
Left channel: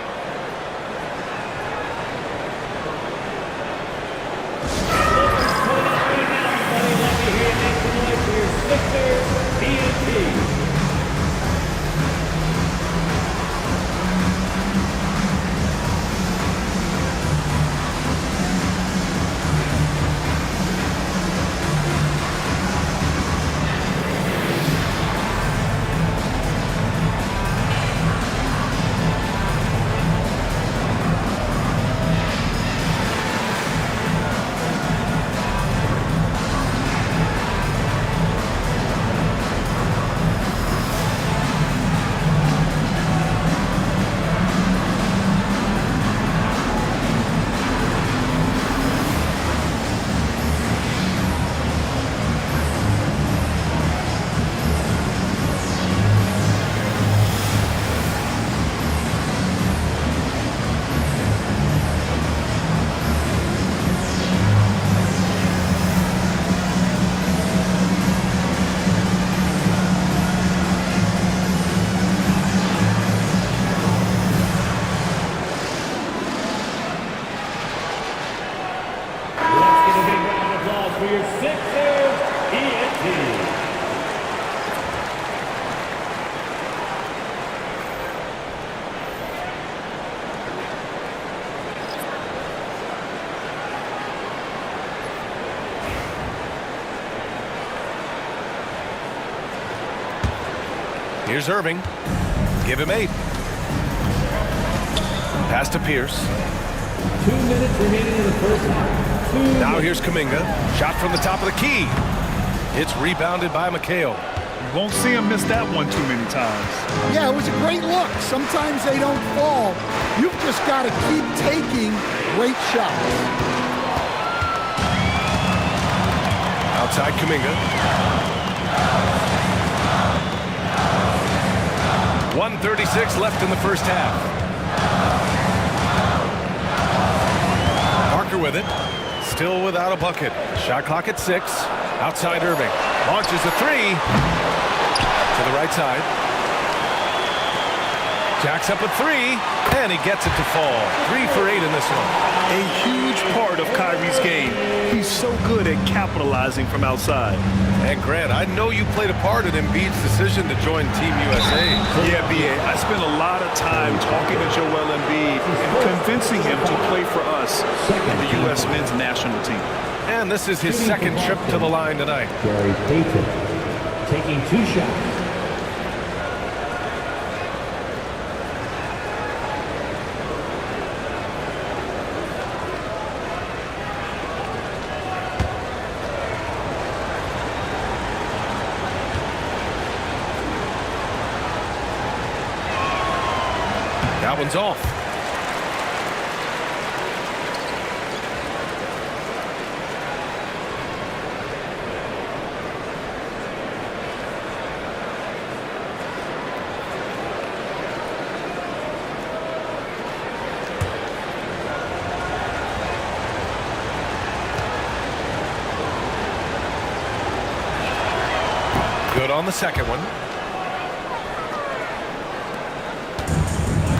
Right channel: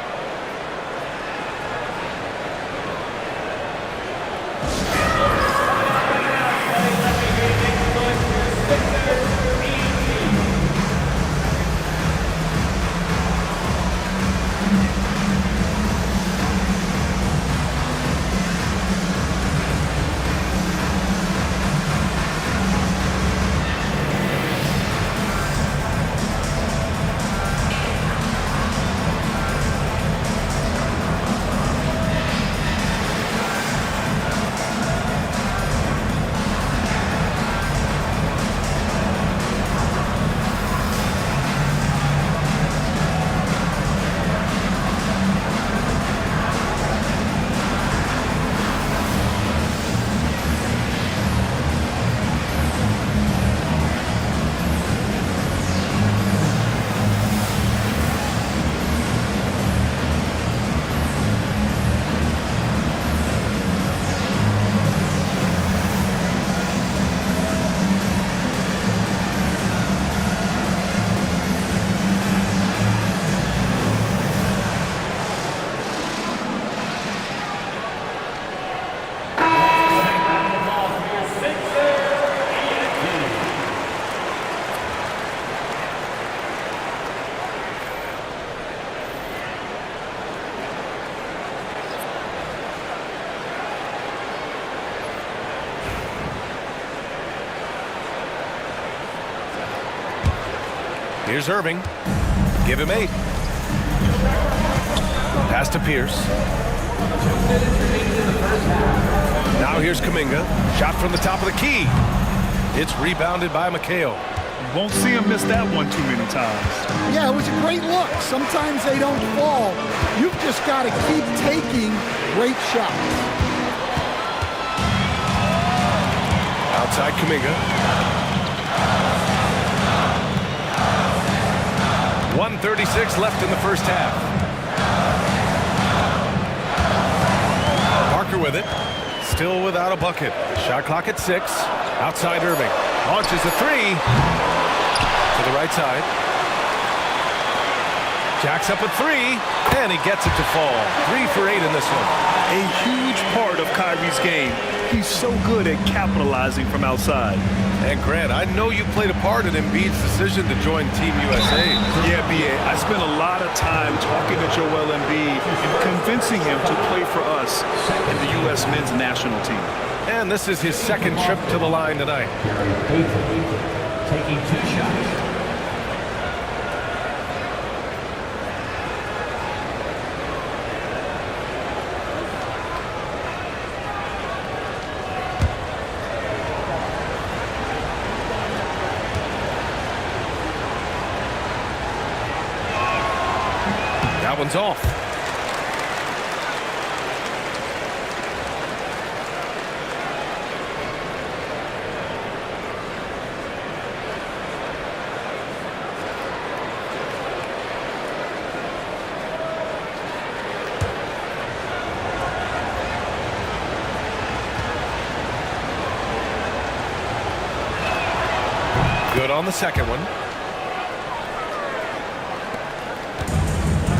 Here's Irving. Give him 8. Pass to Pierce. 2 minutes remaining in the first half. Now here's Kuminga. Shot from the top of the key. It's rebounded by McHale. You won't see him miss that one too many times. Yeah, it was a great look. Sometimes they don't fall. You've just got to keep taking great shots. Outside Kuminga. 1:36 left in the first half. Parker with it. Still without a bucket. Shot clock at 6. Outside Irving. Launches a 3. To the right side. Jacks up a 3. And he gets it to fall. 3 for 8 in this one. A huge part of Kyrie's game. He's so good at capitalizing from outside. And Grant, I know you played a part in Embiid's decision to join Team USA. Yeah, B.A. I spent a lot of time talking to Joel Embiid and convincing him to play for us in the U.S. men's national team. And this is his second trip to the line tonight. Gary Payton taking 2 shots. That one's off. Good on the second one.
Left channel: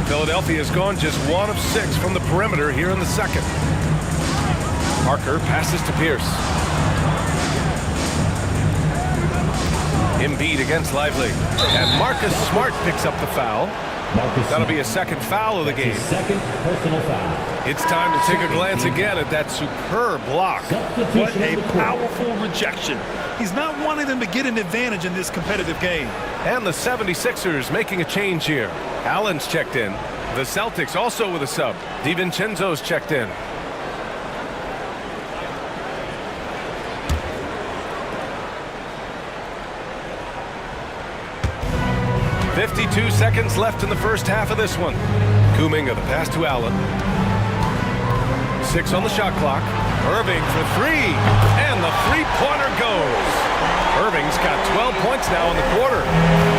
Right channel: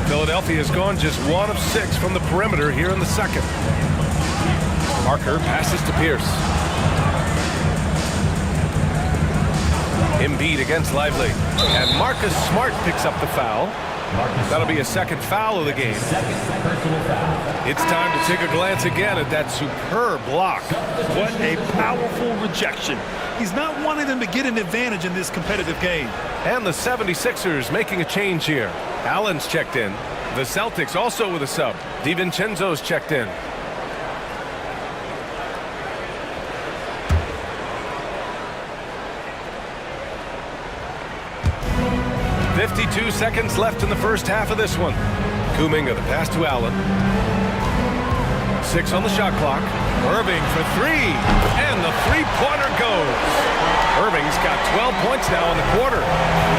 Philadelphia has gone just 1 of 6 from the perimeter here in the second. Parker passes to Pierce. Embiid against Lively. And Marcus Smart picks up the foul. That'll be a second foul of the game. Second personal foul. It's time to take a glance again at that superb block. What a powerful rejection. He's not wanting them to get an advantage in this competitive game. And the 76ers making a change here. Allen's checked in. The Celtics also with a sub. DiVincenzo's checked in. .52 seconds left in the first half of this one. Kuminga, the pass to Allen. 6 on the shot clock. Irving for 3. And the three-pointer goes. Irving's got 12 points now in the quarter.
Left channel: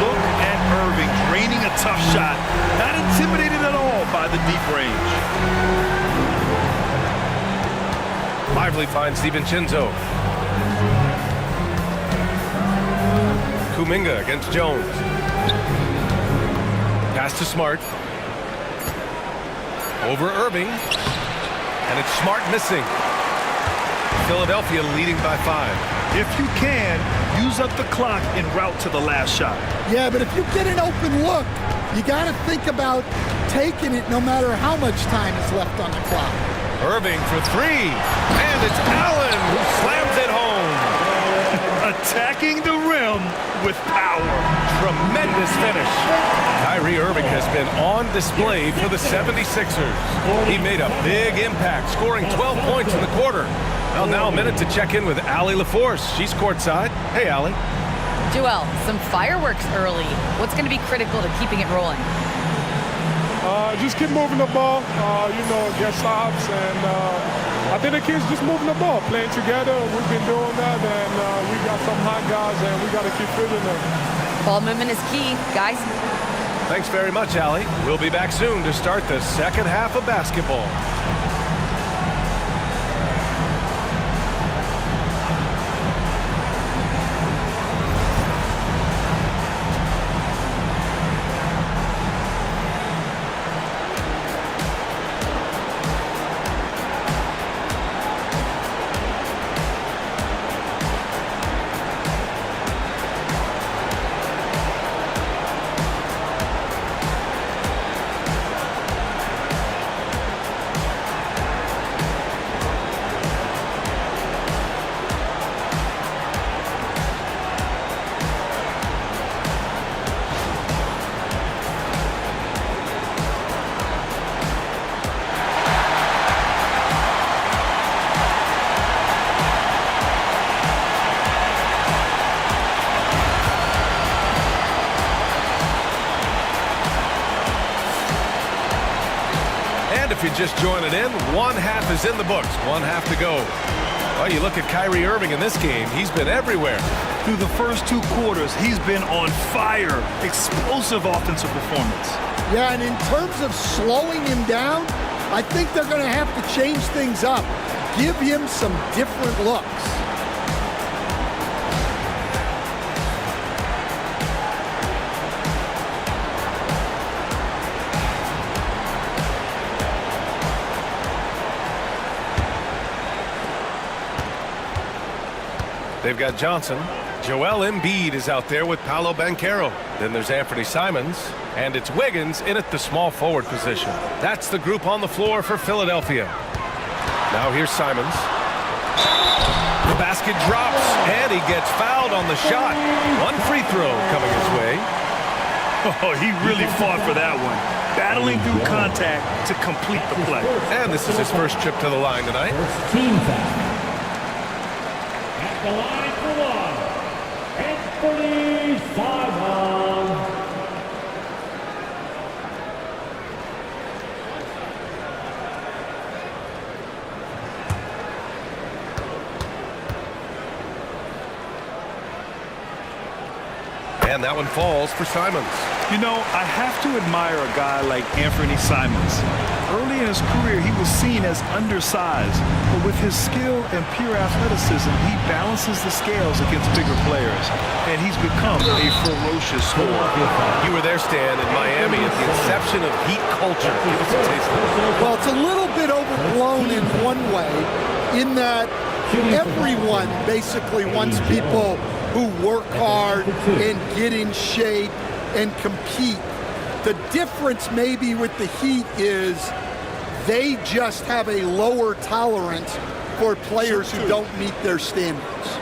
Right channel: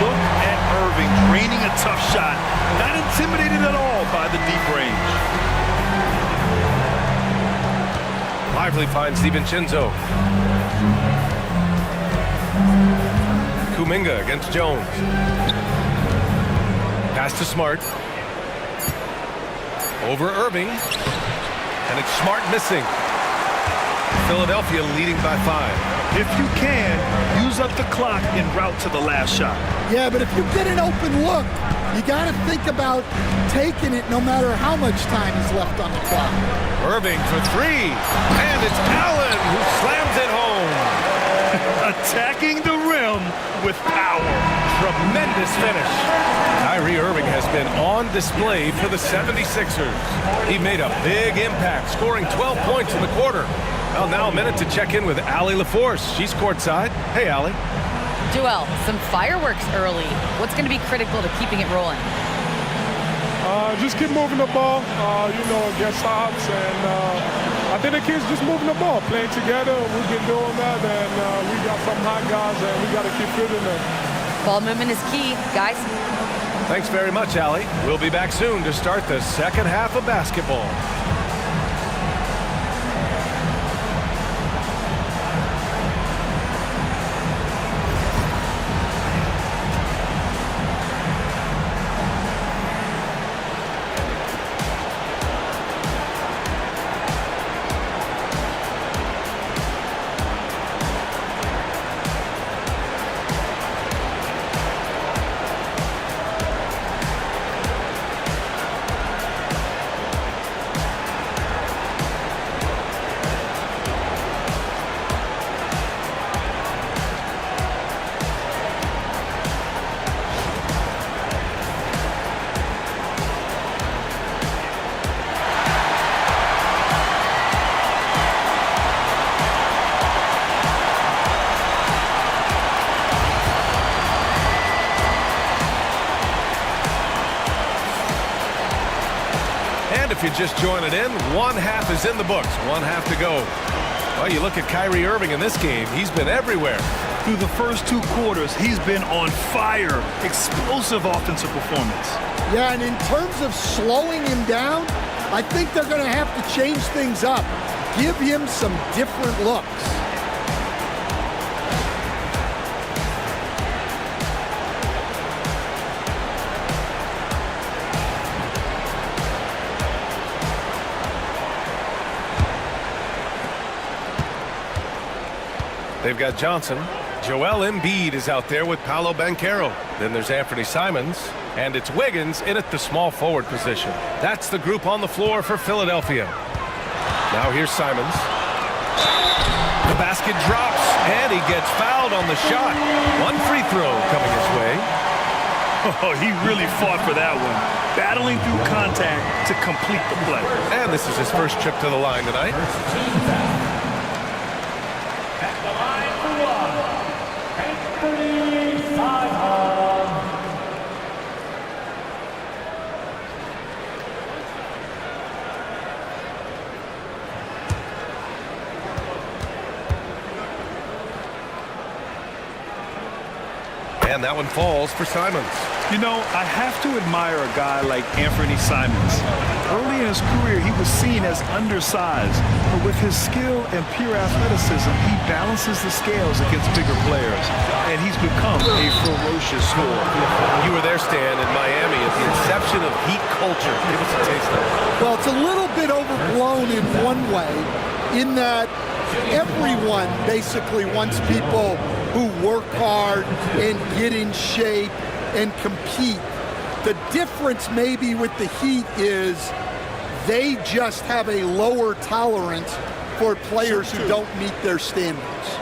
Look at Irving draining a tough shot. Not intimidated at all by the deep range. Lively finds DiVincenzo. Kuminga against Jones. Pass to Smart. Over Irving. And it's Smart missing. Philadelphia leading by 5. If you can, use up the clock en route to the last shot. Yeah, but if you get an open look, you got to think about taking it no matter how much time is left on the clock. Irving for 3. And it's Allen who slams it home. Attacking the rim with power. Tremendous finish. Kyrie Irving has been on display for the 76ers. He made a big impact, scoring 12 points in the quarter. Well, now a minute to check in with Allie LaForce. She's courtside. Hey, Allie. Joel, some fireworks early. What's going to be critical to keeping it rolling? Just keep moving the ball, get stops, and I think the kids just moving the ball, playing together. We've been doing that, and we got some hot guys, and we got to keep fielding them. Ball movement is key, guys. Thanks very much, Allie. We'll be back soon to start the second half of basketball. And if you're just joining in, one half is in the books. One half to go. Well, you look at Kyrie Irving in this game. He's been everywhere. Through the first 2 quarters, he's been on fire. Explosive offensive performance. Yeah, and in terms of slowing him down, I think they're going to have to change things up. Give him some different looks. They've got Johnson. Joel Embiid is out there with Paolo Banchero. Then there's Anthony Simons. And it's Wiggins in at the small forward position. That's the group on the floor for Philadelphia. Now here's Simons. The basket drops, and he gets fouled on the shot. 1 free throw coming his way. Oh, he really fought for that one. Battling through contact to complete the play. And this is his first trip to the line tonight. First team foul. At the line for 1, Anthony Simons. And that one falls for Simons. You know, I have to admire a guy like Anthony Simons. Early in his career, he was seen as undersized, but with his skill and pure athleticism, he balances the scales against bigger players, and he's become a ferocious scorer. You were there, Stan, in Miami at the inception of Heat culture. Give us a taste of it. Well, it's a little bit overblown in one way, in that everyone basically wants people who work hard and get in shape and compete. The difference maybe with the Heat is they just have a lower tolerance for players who don't meet their standards.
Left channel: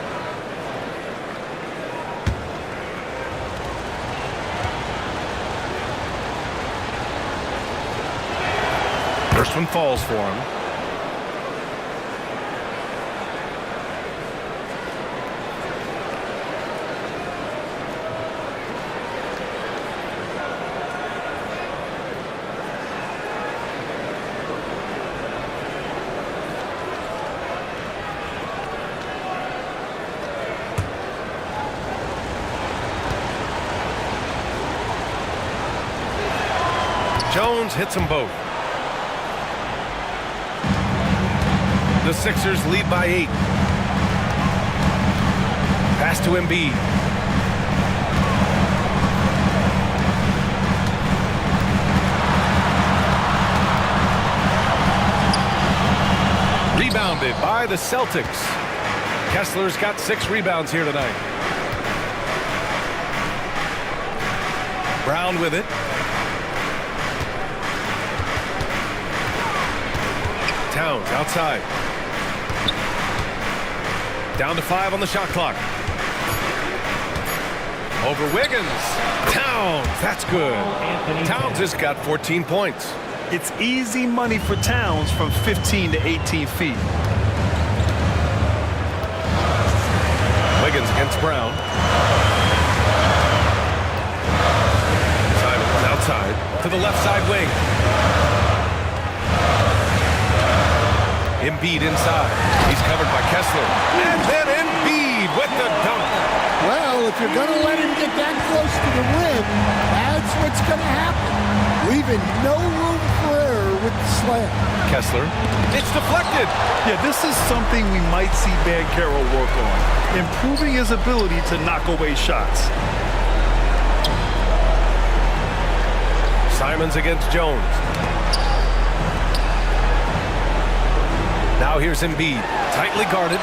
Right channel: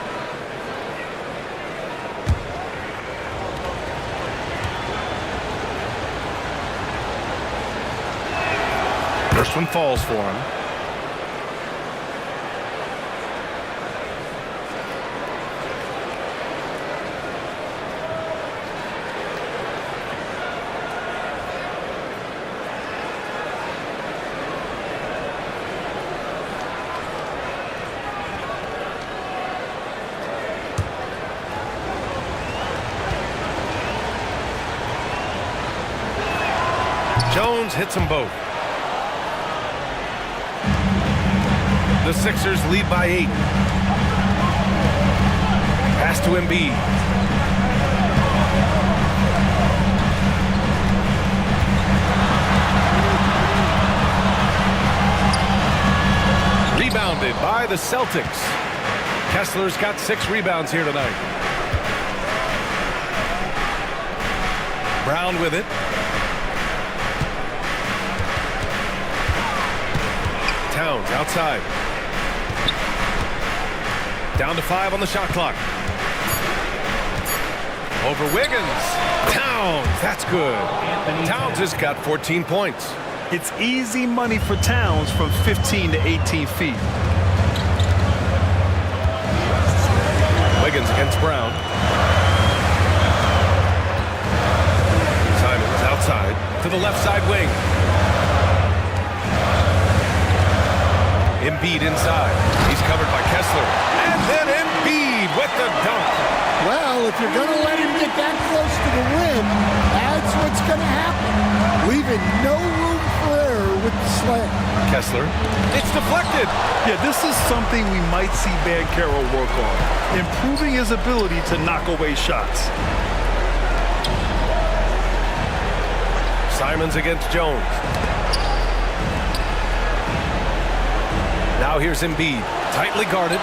First one falls for him. Jones hits them both. The Sixers lead by 8. Pass to Embiid. Rebounded by the Celtics. Kessler's got 6 rebounds here tonight. Brown with it. Towns outside. Down to 5 on the shot clock. Over Wiggins. Towns, that's good. Towns has got 14 points. It's easy money for Towns from 15 to 18 feet. Wiggins against Brown. Simons outside to the left side wing. Embiid inside. He's covered by Kessler. And then Embiid with the dunk. Well, if you're going to let him get that close to the rim, that's what's going to happen. Leaving no room for error with the slam. Kessler. It's deflected. Yeah, this is something we might see Banchero work on. Improving his ability to knock away shots. Simons against Jones. Now here's Embiid, tightly guarded.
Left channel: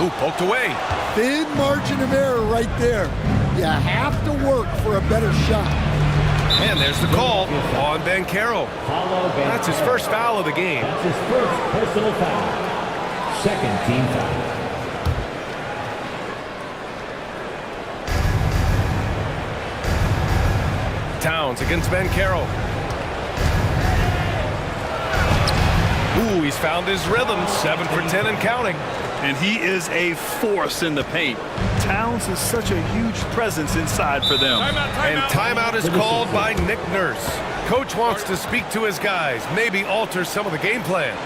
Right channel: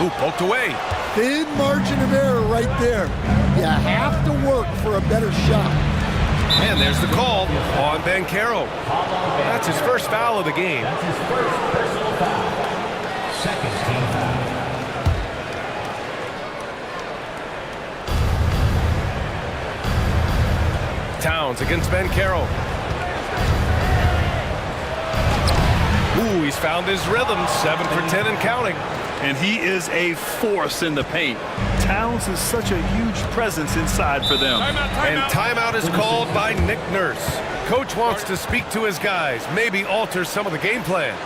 Ooh, poked away. Thin margin of error right there. You have to work for a better shot. And there's the call on Banchero. That's his first foul of the game. That's his first personal foul. Second team foul. Towns against Banchero. Ooh, he's found his rhythm. 7 for 10 and counting. And he is a force in the paint. Towns is such a huge presence inside for them. And timeout is called by Nick Nurse. Coach wants to speak to his guys, maybe alter some of the game plan.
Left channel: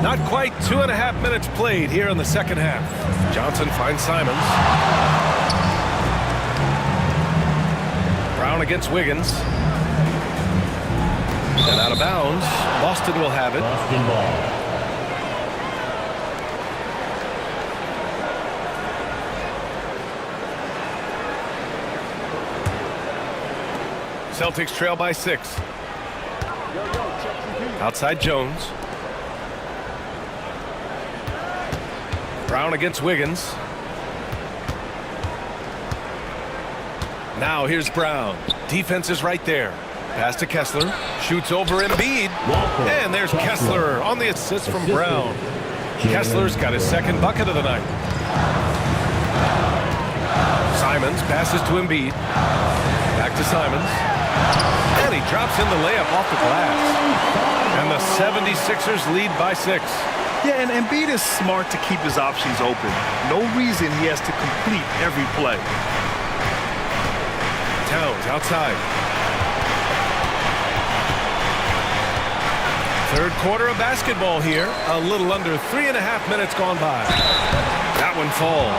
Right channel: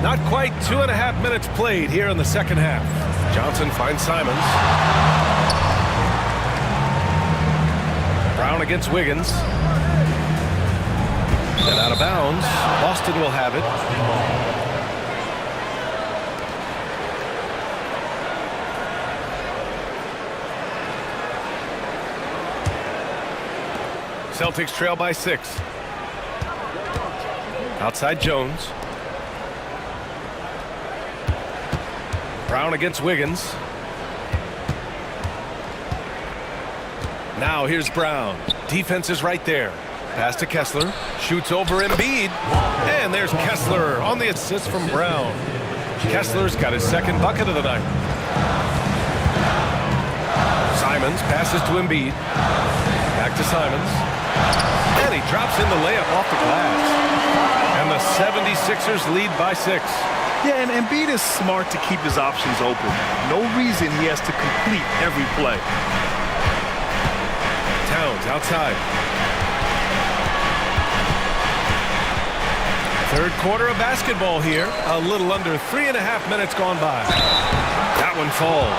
Not quite 2.5 minutes played here in the second half. Johnson finds Simons. Brown against Wiggins. And out of bounds. Boston will have it. Celtics trail by 6. Outside Jones. Brown against Wiggins. Now here's Brown. Defense is right there. Pass to Kessler. Shoots over Embiid. And there's Kessler on the assist from Brown. Kessler's got his second bucket of the night. Simons passes to Embiid. Back to Simons. And he drops in the layup off the glass. And the 76ers lead by 6. Yeah, and Embiid is smart to keep his options open. No reason he has to complete every play. Towns outside. Third quarter of basketball here. A little under 3.5 minutes gone by. That one falls.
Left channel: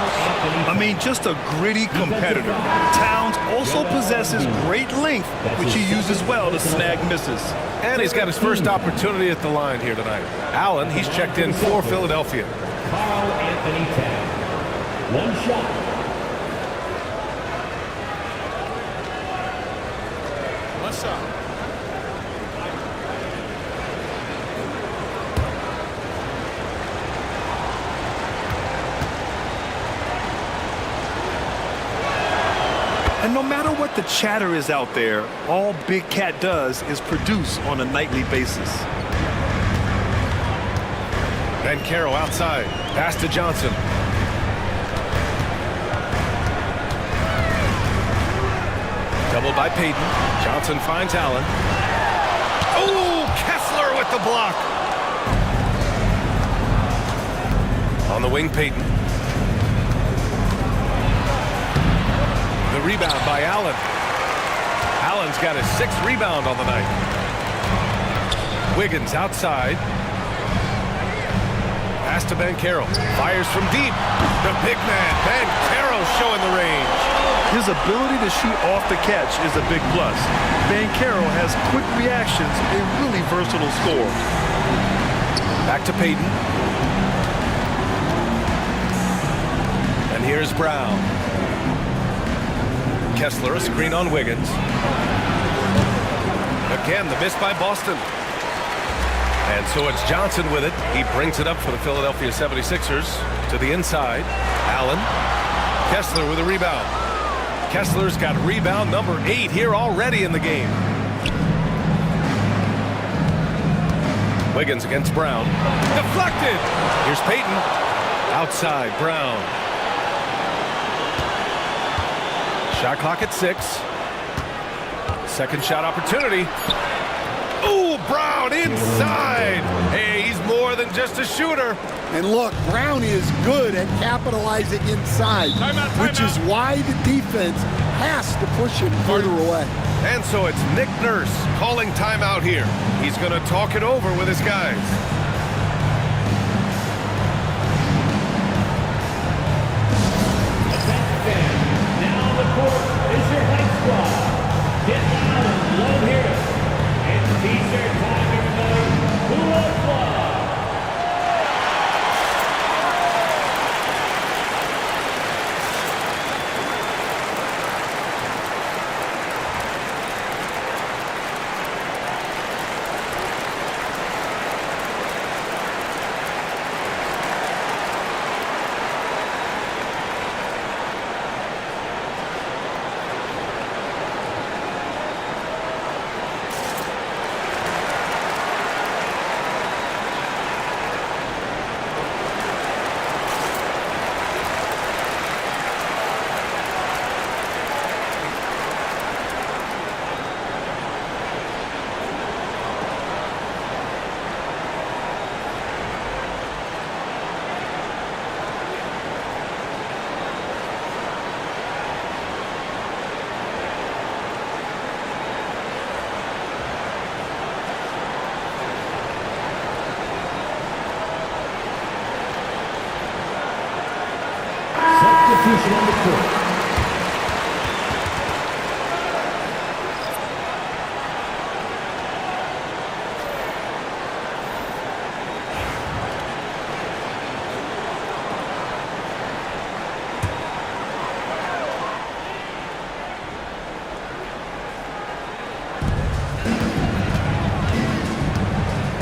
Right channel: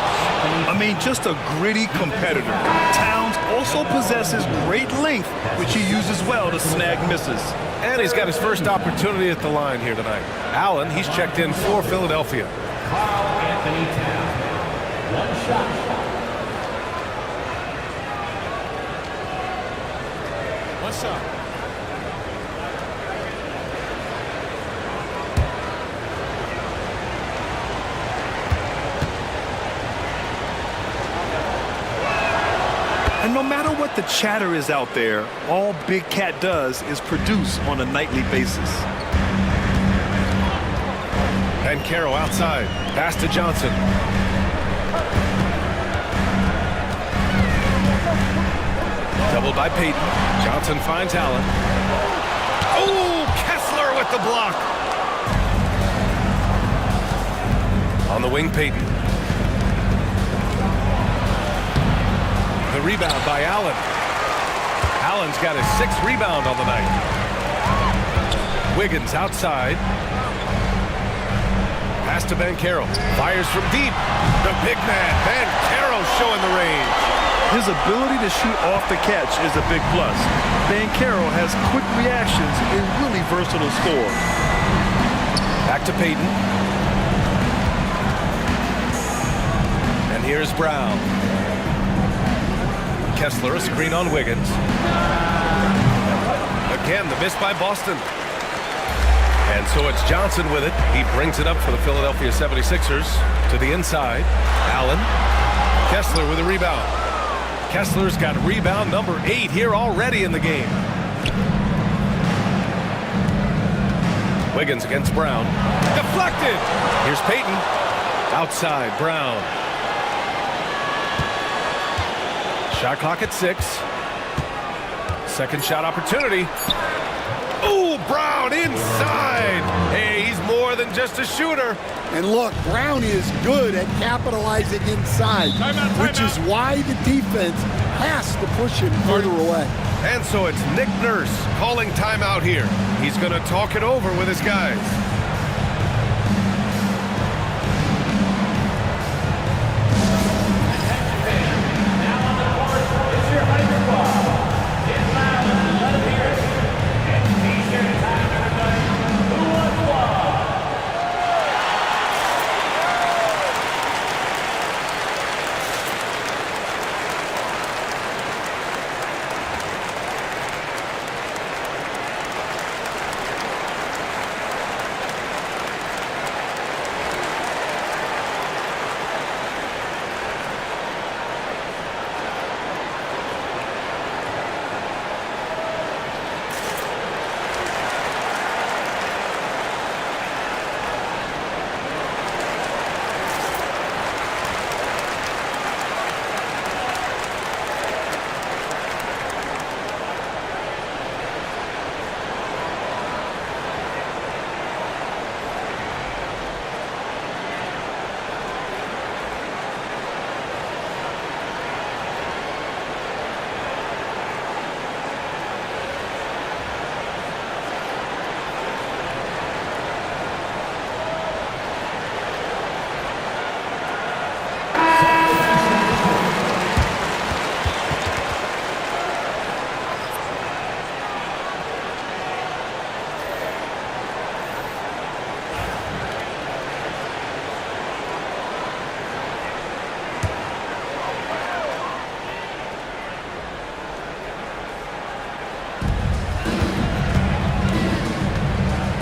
I mean, just a gritty competitor. Towns also possesses great length, which he uses well to snag misses. And he's got his first opportunity at the line here tonight. Allen, he's checked in for Philadelphia. Carl Anthony Towns. One shot. One shot. And no matter what the chatter is out there, all Big Cat does is produce on a nightly basis. Banchero outside. Pass to Johnson. Doubled by Payton. Johnson finds Allen. Oh, Kessler with the block. On the wing, Payton. The rebound by Allen. Allen's got his 6th rebound on the night. Wiggins outside. Pass to Banchero. Fires from deep. The big man, Banchero, showing the range. His ability to shoot off the catch is a big plus. Banchero has quick reactions, a really versatile scorer. Back to Payton. And here's Brown. Kessler, a screen on Wiggins. Again, the miss by Boston. And so it's Johnson with it. He brings it up for the Philadelphia 76ers to the inside. Allen. Kessler with a rebound. Kessler's got rebound number 8 here already in the game. Wiggins against Brown. Deflected. Here's Payton. Outside, Brown. Shot clock at 6. Second shot opportunity. Ooh, Brown inside. Hey, he's more than just a shooter. And look, Brown is good at capitalizing inside, which is why the defense has to push him further away. And so it's Nick Nurse calling timeout here. He's going to talk it over with his guys.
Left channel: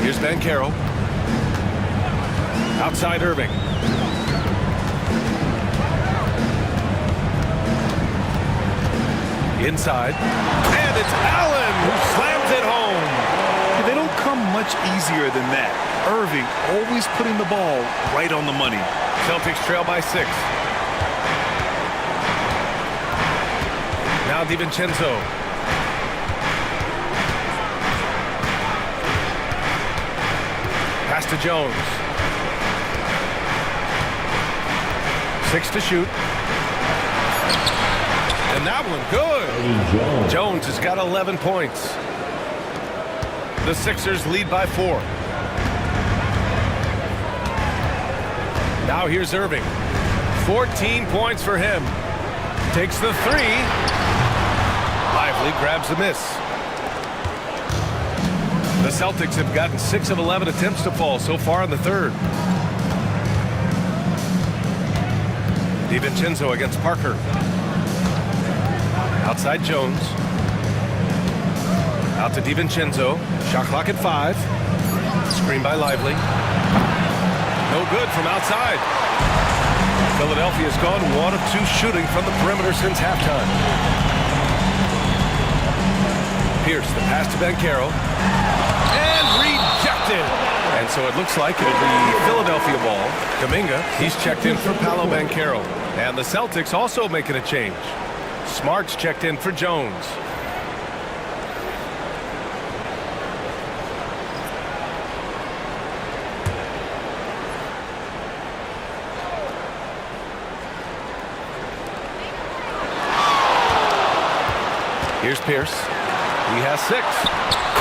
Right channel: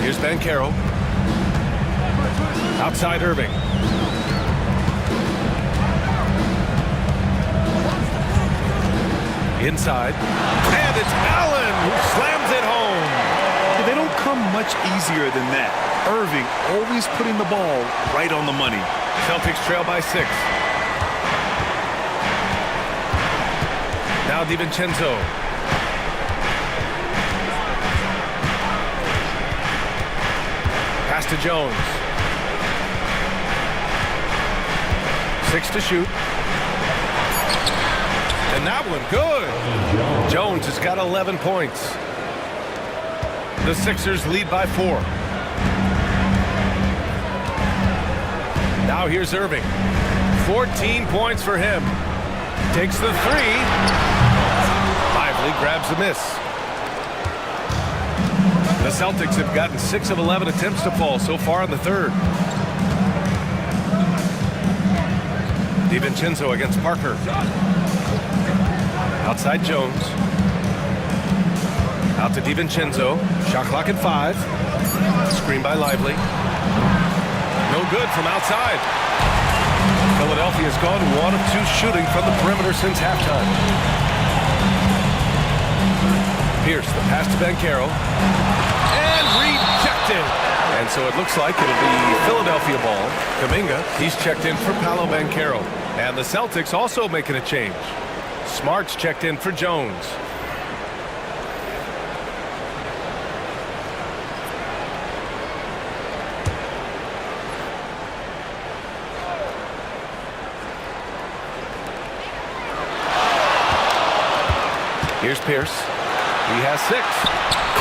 Here's Banchero. Outside Irving. Inside. And it's Allen who slams it home. Yeah, they don't come much easier than that. Irving always putting the ball right on the money. Celtics trail by 6. Now DiVincenzo. Pass to Jones. 6 to shoot. And that one good. Jones has got 11 points. The Sixers lead by 4. Now here's Irving. 14 points for him. Takes the 3. Lively grabs the miss. The Celtics have gotten 6 of 11 attempts to fall so far in the third. DiVincenzo against Parker. Outside Jones. Out to DiVincenzo. Shot clock at 5. Screen by Lively. No good from outside. Philadelphia's gone 1 of 2 shooting from the perimeter since halftime. Pierce, the pass to Banchero. And rejected. And so it looks like it'll be Philadelphia ball. Kuminga, he's checked in for Paolo Banchero. And the Celtics also making a change. Smart's checked in for Jones. Here's Pierce. He has 6.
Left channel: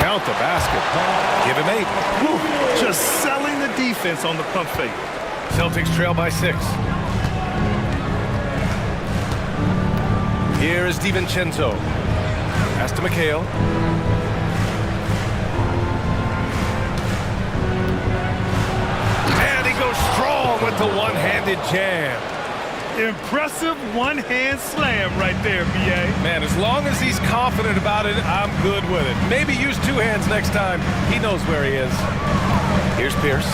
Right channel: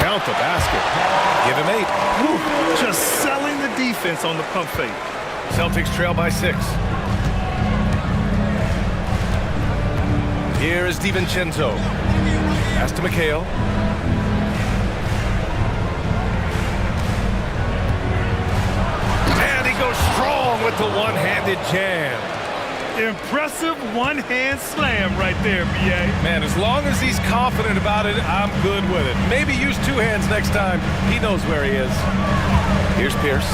Count the basket. Give him 8. Woo, just selling the defense on the pump fake. Celtics trail by 6. Here is DiVincenzo. Pass to McHale. And he goes strong with the one-handed jam. Impressive one-hand slam right there, B.A. Man, as long as he's confident about it, I'm good with it. Maybe use 2 hands next time. He knows where he is. Here's Pierce.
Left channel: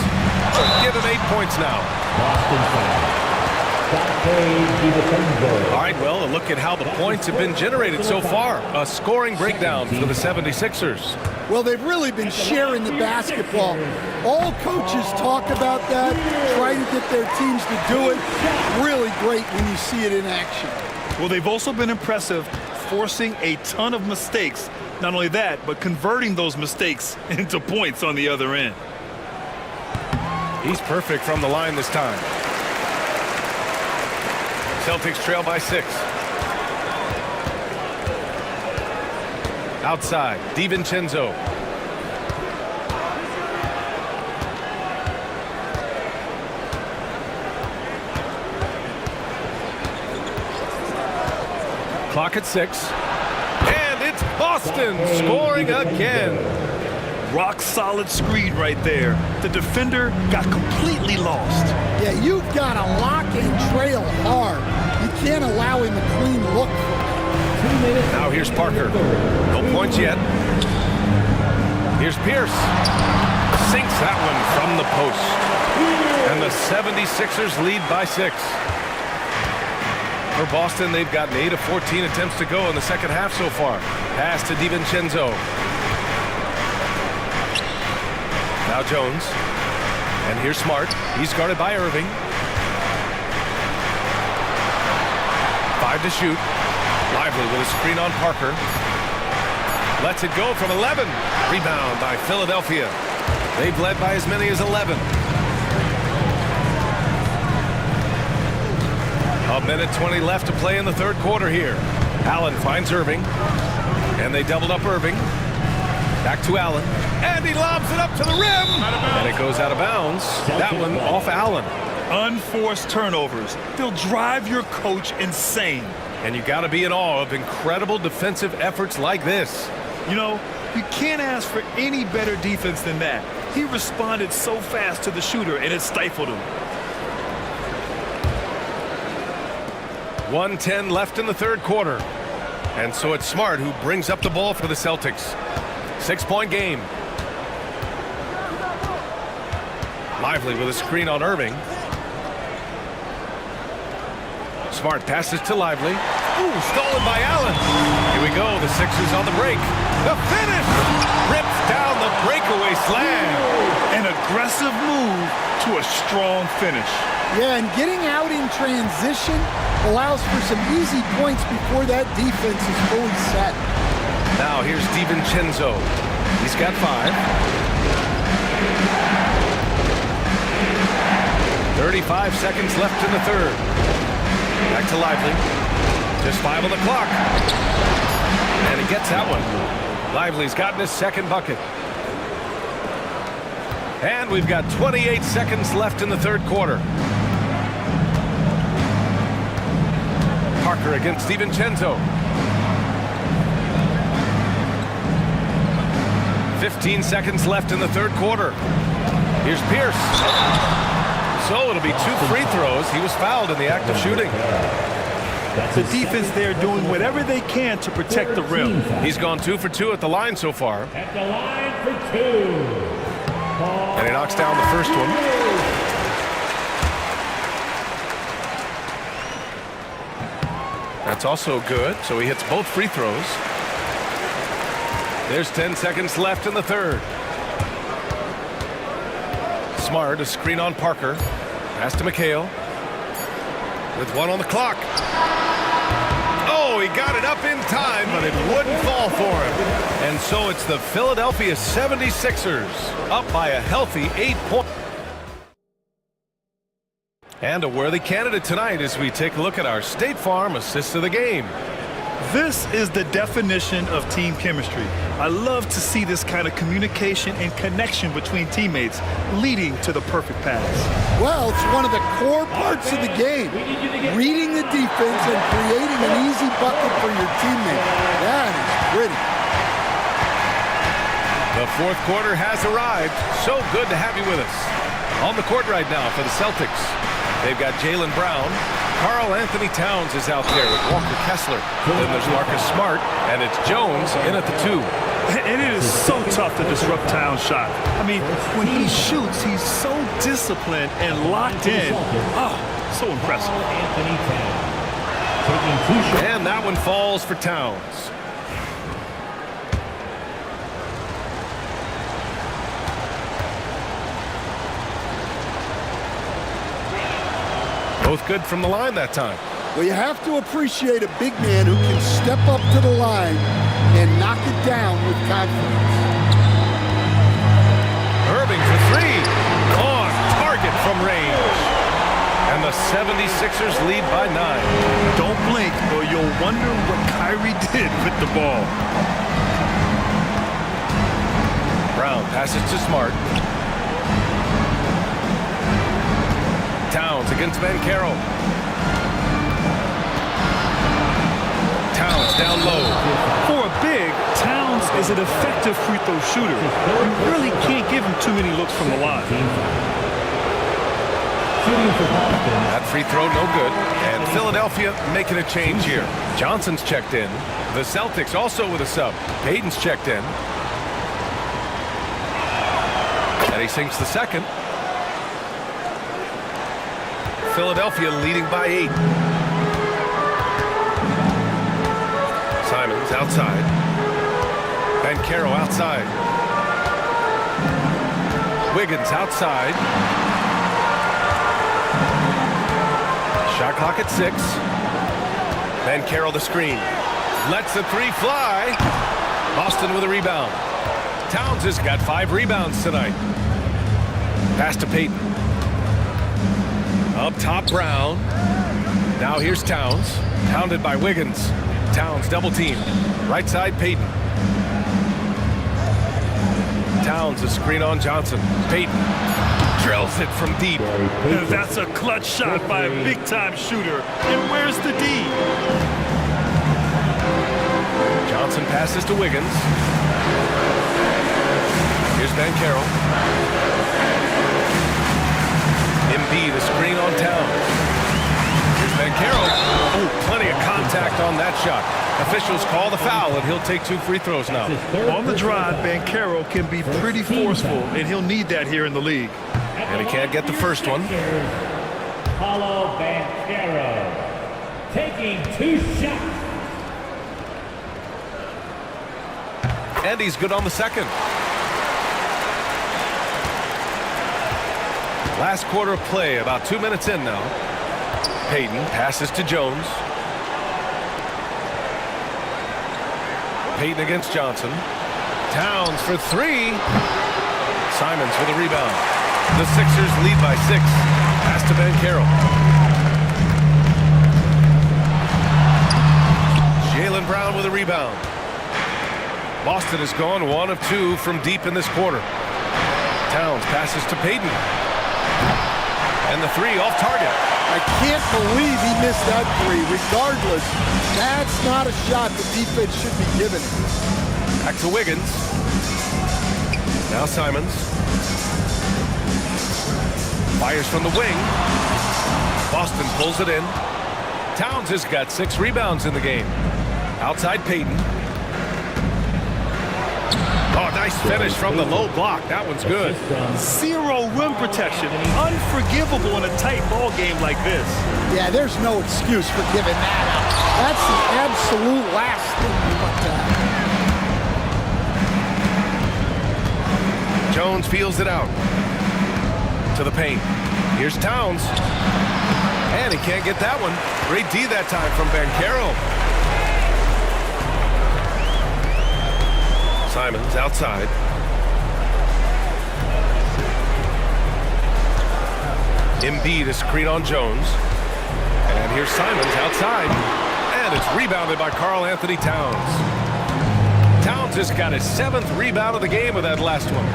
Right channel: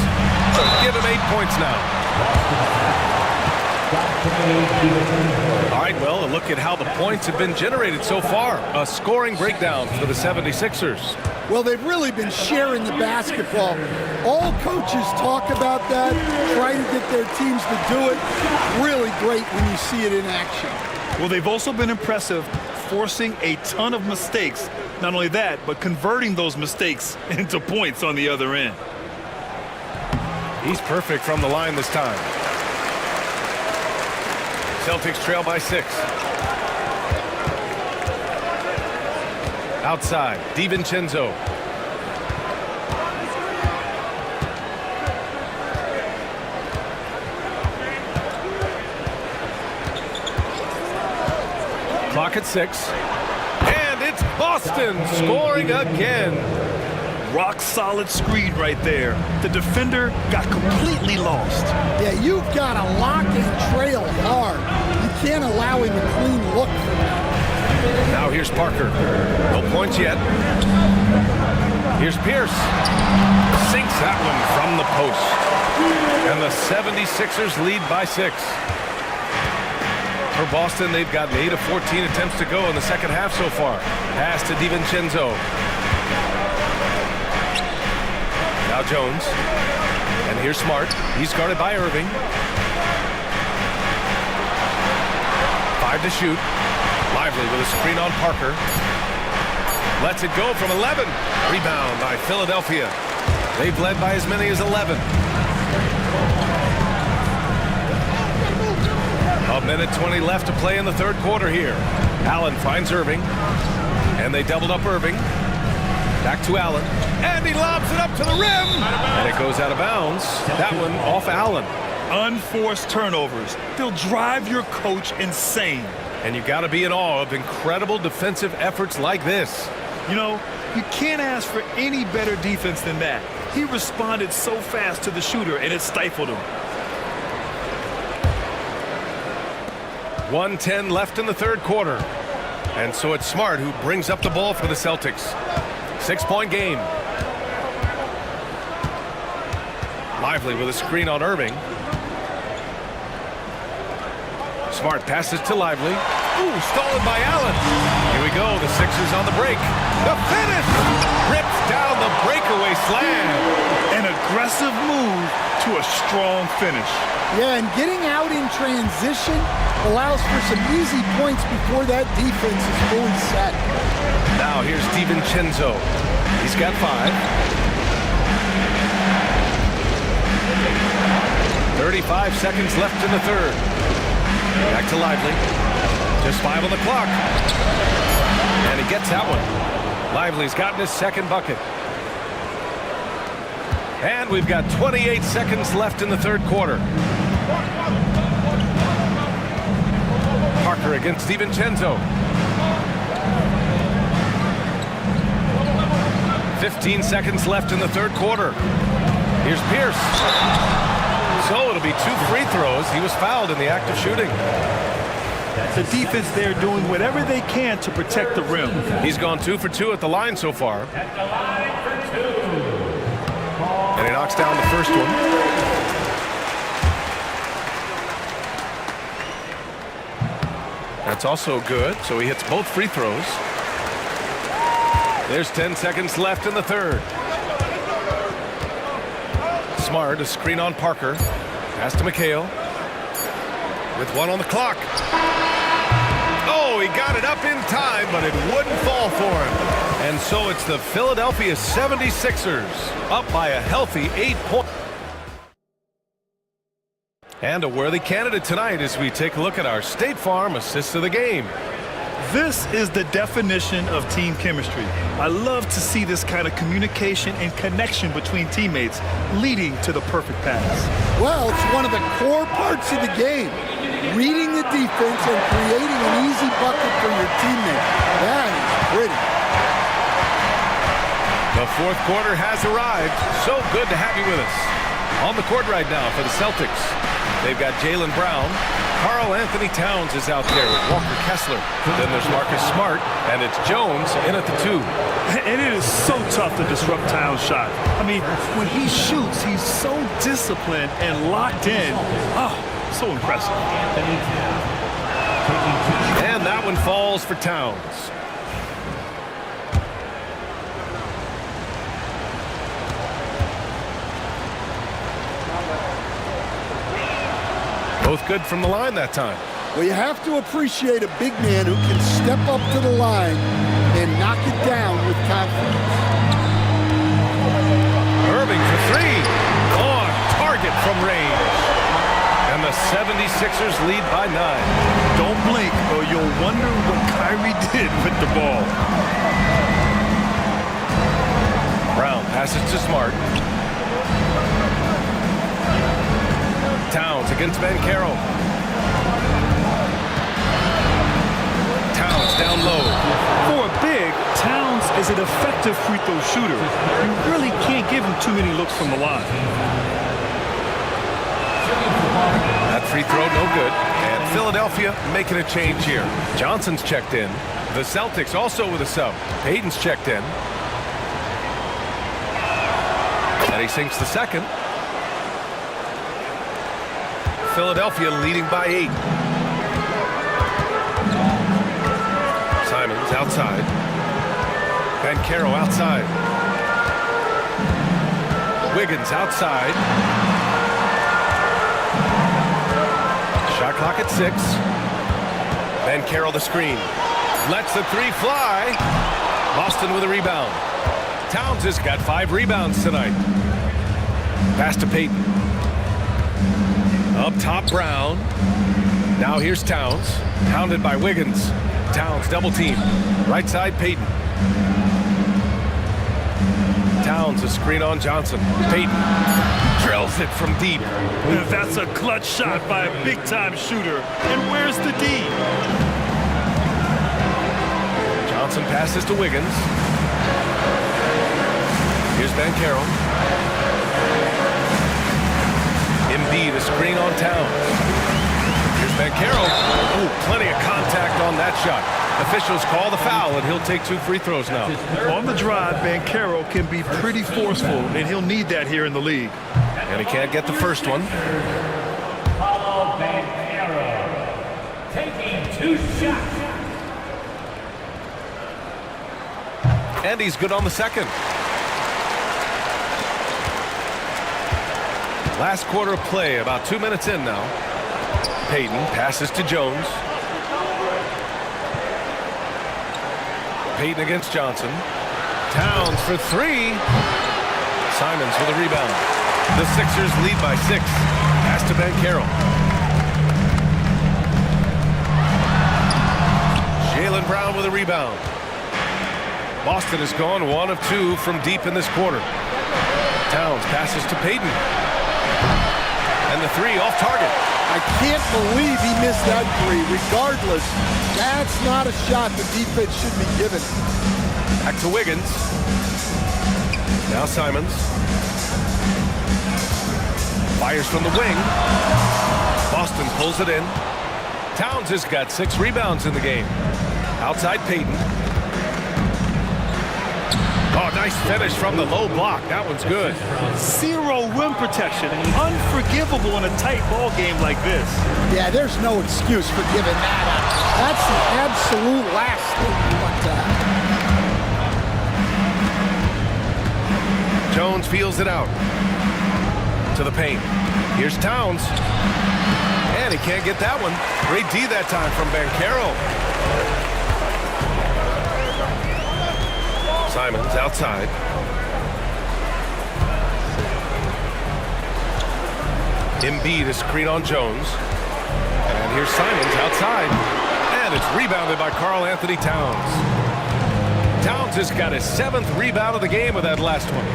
Give him 8 points now. All right, well, a look at how the points have been generated so far. A scoring breakdown for the 76ers. Well, they've really been sharing the basketball. All coaches talk about that, try to get their teams to do it. Really great when you see it in action. Well, they've also been impressive, forcing a ton of mistakes. Not only that, but converting those mistakes into points on the other end. He's perfect from the line this time. Celtics trail by 6. Outside, DiVincenzo. Clock at 6. And it's Boston scoring again. Rock solid screen right there. The defender got completely lost. Yeah, you've got to lock and trail hard. You can't allow him a clean look from that. Now here's Parker. No points yet. Here's Pierce. Sinks that one from the post. And the 76ers lead by 6. For Boston, they've gotten 8 of 14 attempts to go in the second half so far. Pass to DiVincenzo. Now Jones. And here's Smart. He's guarded by Irving. 5 to shoot. Lively with a screen on Parker. Lets it go from 11. Rebound by Philadelphia. They've led by as many as 11. A minute 20 left to play in the third quarter here. Allen finds Irving. And they doubled up Irving. Back to Allen. And he lobs it up to the rim. And it goes out of bounds. That one off Allen. Unforced turnovers. They'll drive your coach insane. And you got to be in awe of incredible defensive efforts like this. You know, you can't ask for any better defense than that. He responded so fast to the shooter, and it stifled him. 1:10 left in the third quarter. And so it's Smart who brings up the ball for the Celtics. 6-point game. Lively with a screen on Irving. Smart passes to Lively. Ooh, stolen by Allen. Here we go, the Sixers on the break. The finish! Rips down the breakaway slam. An aggressive move to a strong finish. Yeah, and getting out in transition allows for some easy points before that defense is fully set. Now here's DiVincenzo. He's got 5. 35 seconds left in the third. Back to Lively. Just 5 on the clock. And he gets that one. Lively's gotten his second bucket. And we've got 28 seconds left in the third quarter. Parker against DiVincenzo. 15 seconds left in the third quarter. Here's Pierce. So it'll be 2 free throws. He was fouled in the act of shooting. The defense there doing whatever they can to protect the rim. He's gone 2 for 2 at the line so far. At the line for 2. And he knocks down the first one. That's also good. So he hits both free throws. There's 10 seconds left in the third. Smart, a screen on Parker. Pass to McHale. With 1 on the clock. Oh, he got it up in time, but it wouldn't fall for him. And so it's the Philadelphia 76ers up by a healthy 8 points. And a worthy candidate tonight as we take a look at our State Farm assist of the game. This is the definition of team chemistry. I love to see this kind of communication and connection between teammates leading to the perfect pass. Well, it's one of the core parts of the game. Reading the defense and creating an easy bucket for your teammate. That is pretty. The fourth quarter has arrived. So good to have you with us. On the court right now for the Celtics, they've got Jaylen Brown. Karl Anthony Towns is out there with Walker Kessler. Then there's Marcus Smart, and it's Jones in at the 2. And it is so tough to disrupt Towns' shot. I mean, when he shoots, he's so disciplined and locked in. Oh, So impressive. And that one falls for Towns. Both good from the line that time. Well, you have to appreciate a big man who can step up to the line and knock it down with confidence. Irving for three. On target from range. And the 76ers lead by 9. Don't blink or you'll wonder what Kyrie did with the ball. Brown passes to Smart. Towns against Banchero. Towns down low. For a big, Towns is an effective free throw shooter. You really can't give him too many looks from the line. That free throw no good. And Philadelphia making a change here. Johnson's checked in. The Celtics also with a sub. Payton's checked in. And he sinks the second. Philadelphia leading by 8. Simons outside. Banchero outside. Wiggins outside. Shot clock at 6. Banchero the screen. Lets the three fly. Boston with a rebound. Towns has got 5 rebounds tonight. Pass to Payton. Up top, Brown. Now here's Towns. Pounded by Wiggins. Towns double team. Right side, Payton. Towns a screen on Johnson. Payton drills it from deep. That's a clutch shot by a big-time shooter. And where's the D? Johnson passes to Wiggins. Here's Banchero. Embiid a screen on Towns. Here's Banchero. Oh, plenty of contact on that shot. Officials call the foul, and he'll take 2 free throws now. On the drive, Banchero can be pretty forceful, and he'll need that here in the league. And he can't get the first one. Paulo Banchero taking 2 shots. And he's good on the second. Last quarter of play, about 2 minutes in now. Payton passes to Jones. Payton against Johnson. Towns for 3. Simons with a rebound. The Sixers lead by 6. Pass to Banchero. Jaylen Brown with a rebound. Boston has gone 1 of 2 from deep in this quarter. Towns passes to Payton. And the 3 off target. I can't believe he missed that 3. Regardless, that's not a shot the defense should be giving him. Back to Wiggins. Now Simons. Fires from the wing. Boston pulls it in. Towns has got 6 rebounds in the game. Outside Payton. Oh, nice finish from the low block. That one's good. 0 rim protection. Unforgivable in a tight ball game like this. Yeah, there's no excuse for giving that up. That's the absolute last thing you want to have. Jones feels it out. To the paint. Here's Towns. And he can't get that one. Great D that time from Banchero. Simons outside. Embiid a screen on Jones. And here's Simons outside. And it's rebounded by Karl Anthony Towns. Towns has got his 7th rebound of the game with that last one.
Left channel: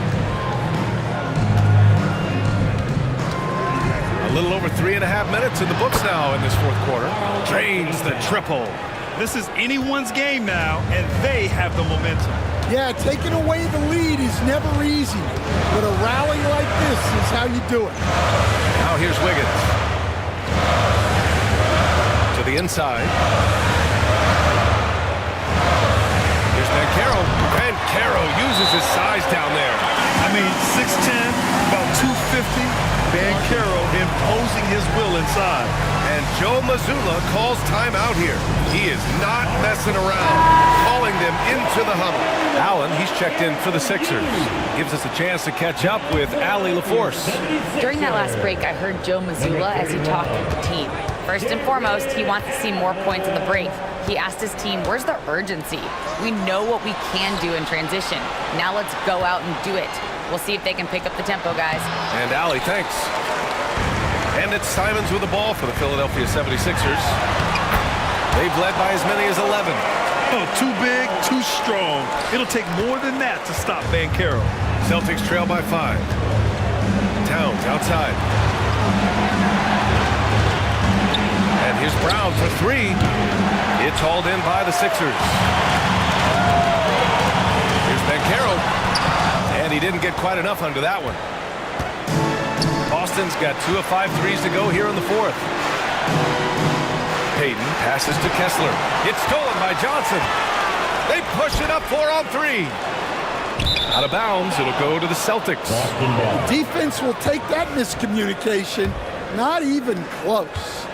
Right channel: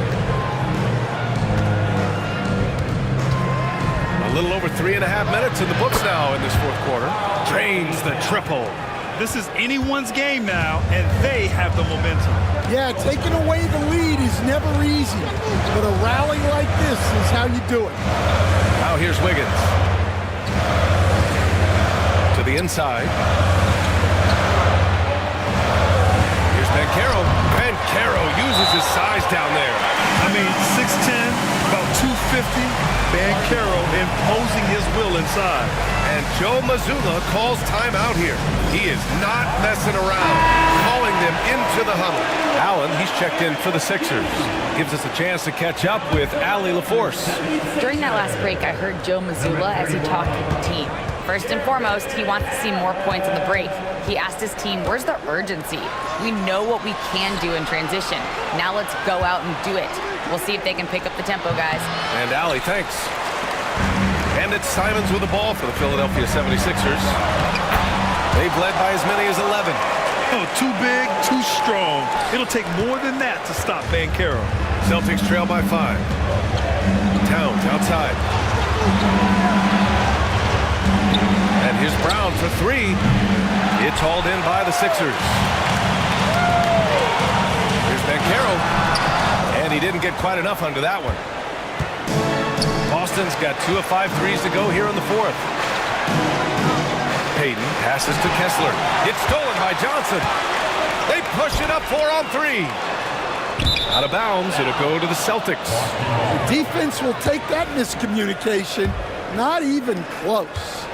A little over 3.5 minutes in the books now in this 4th quarter. Drains the triple. This is anyone's game now, and they have the momentum. Yeah, taking away the lead is never easy, but a rally like this is how you do it. Now here's Wiggins. To the inside. Here's Banchero. Banchero uses uses his size down there. I mean, 6'10", about 250. Banchero imposing his will inside. And Joe Mazzulla calls timeout here. He is not messing around, calling them into the huddle. Allen, he's checked in for the Sixers. Gives us a chance to catch up with Allie LaForce. During that last break, I heard Joe Mazzulla as he talked with the team. First and foremost, he wants to see more points on the break. He asked his team, where's the urgency? We know what we can do in transition. Now let's go out and do it. We'll see if they can pick up the tempo, guys. And Allie, thanks. And it's Simons with the ball for the Philadelphia 76ers. They've led by as many as 11. Oh, too big, too strong. It'll take more than that to stop Banchero. Celtics trail by 5. Towns outside. And here's Brown for 3. It's hauled in by the Sixers. Here's Banchero. And he didn't get quite enough under that one. Boston's got 2 of 5 threes to go here in the 4th. Payton passes to Kessler. It's stolen by Johnson. They push it up 4 on 3. Out of bounds, it'll go to the Celtics. The defense will take that miscommunication. Not even close.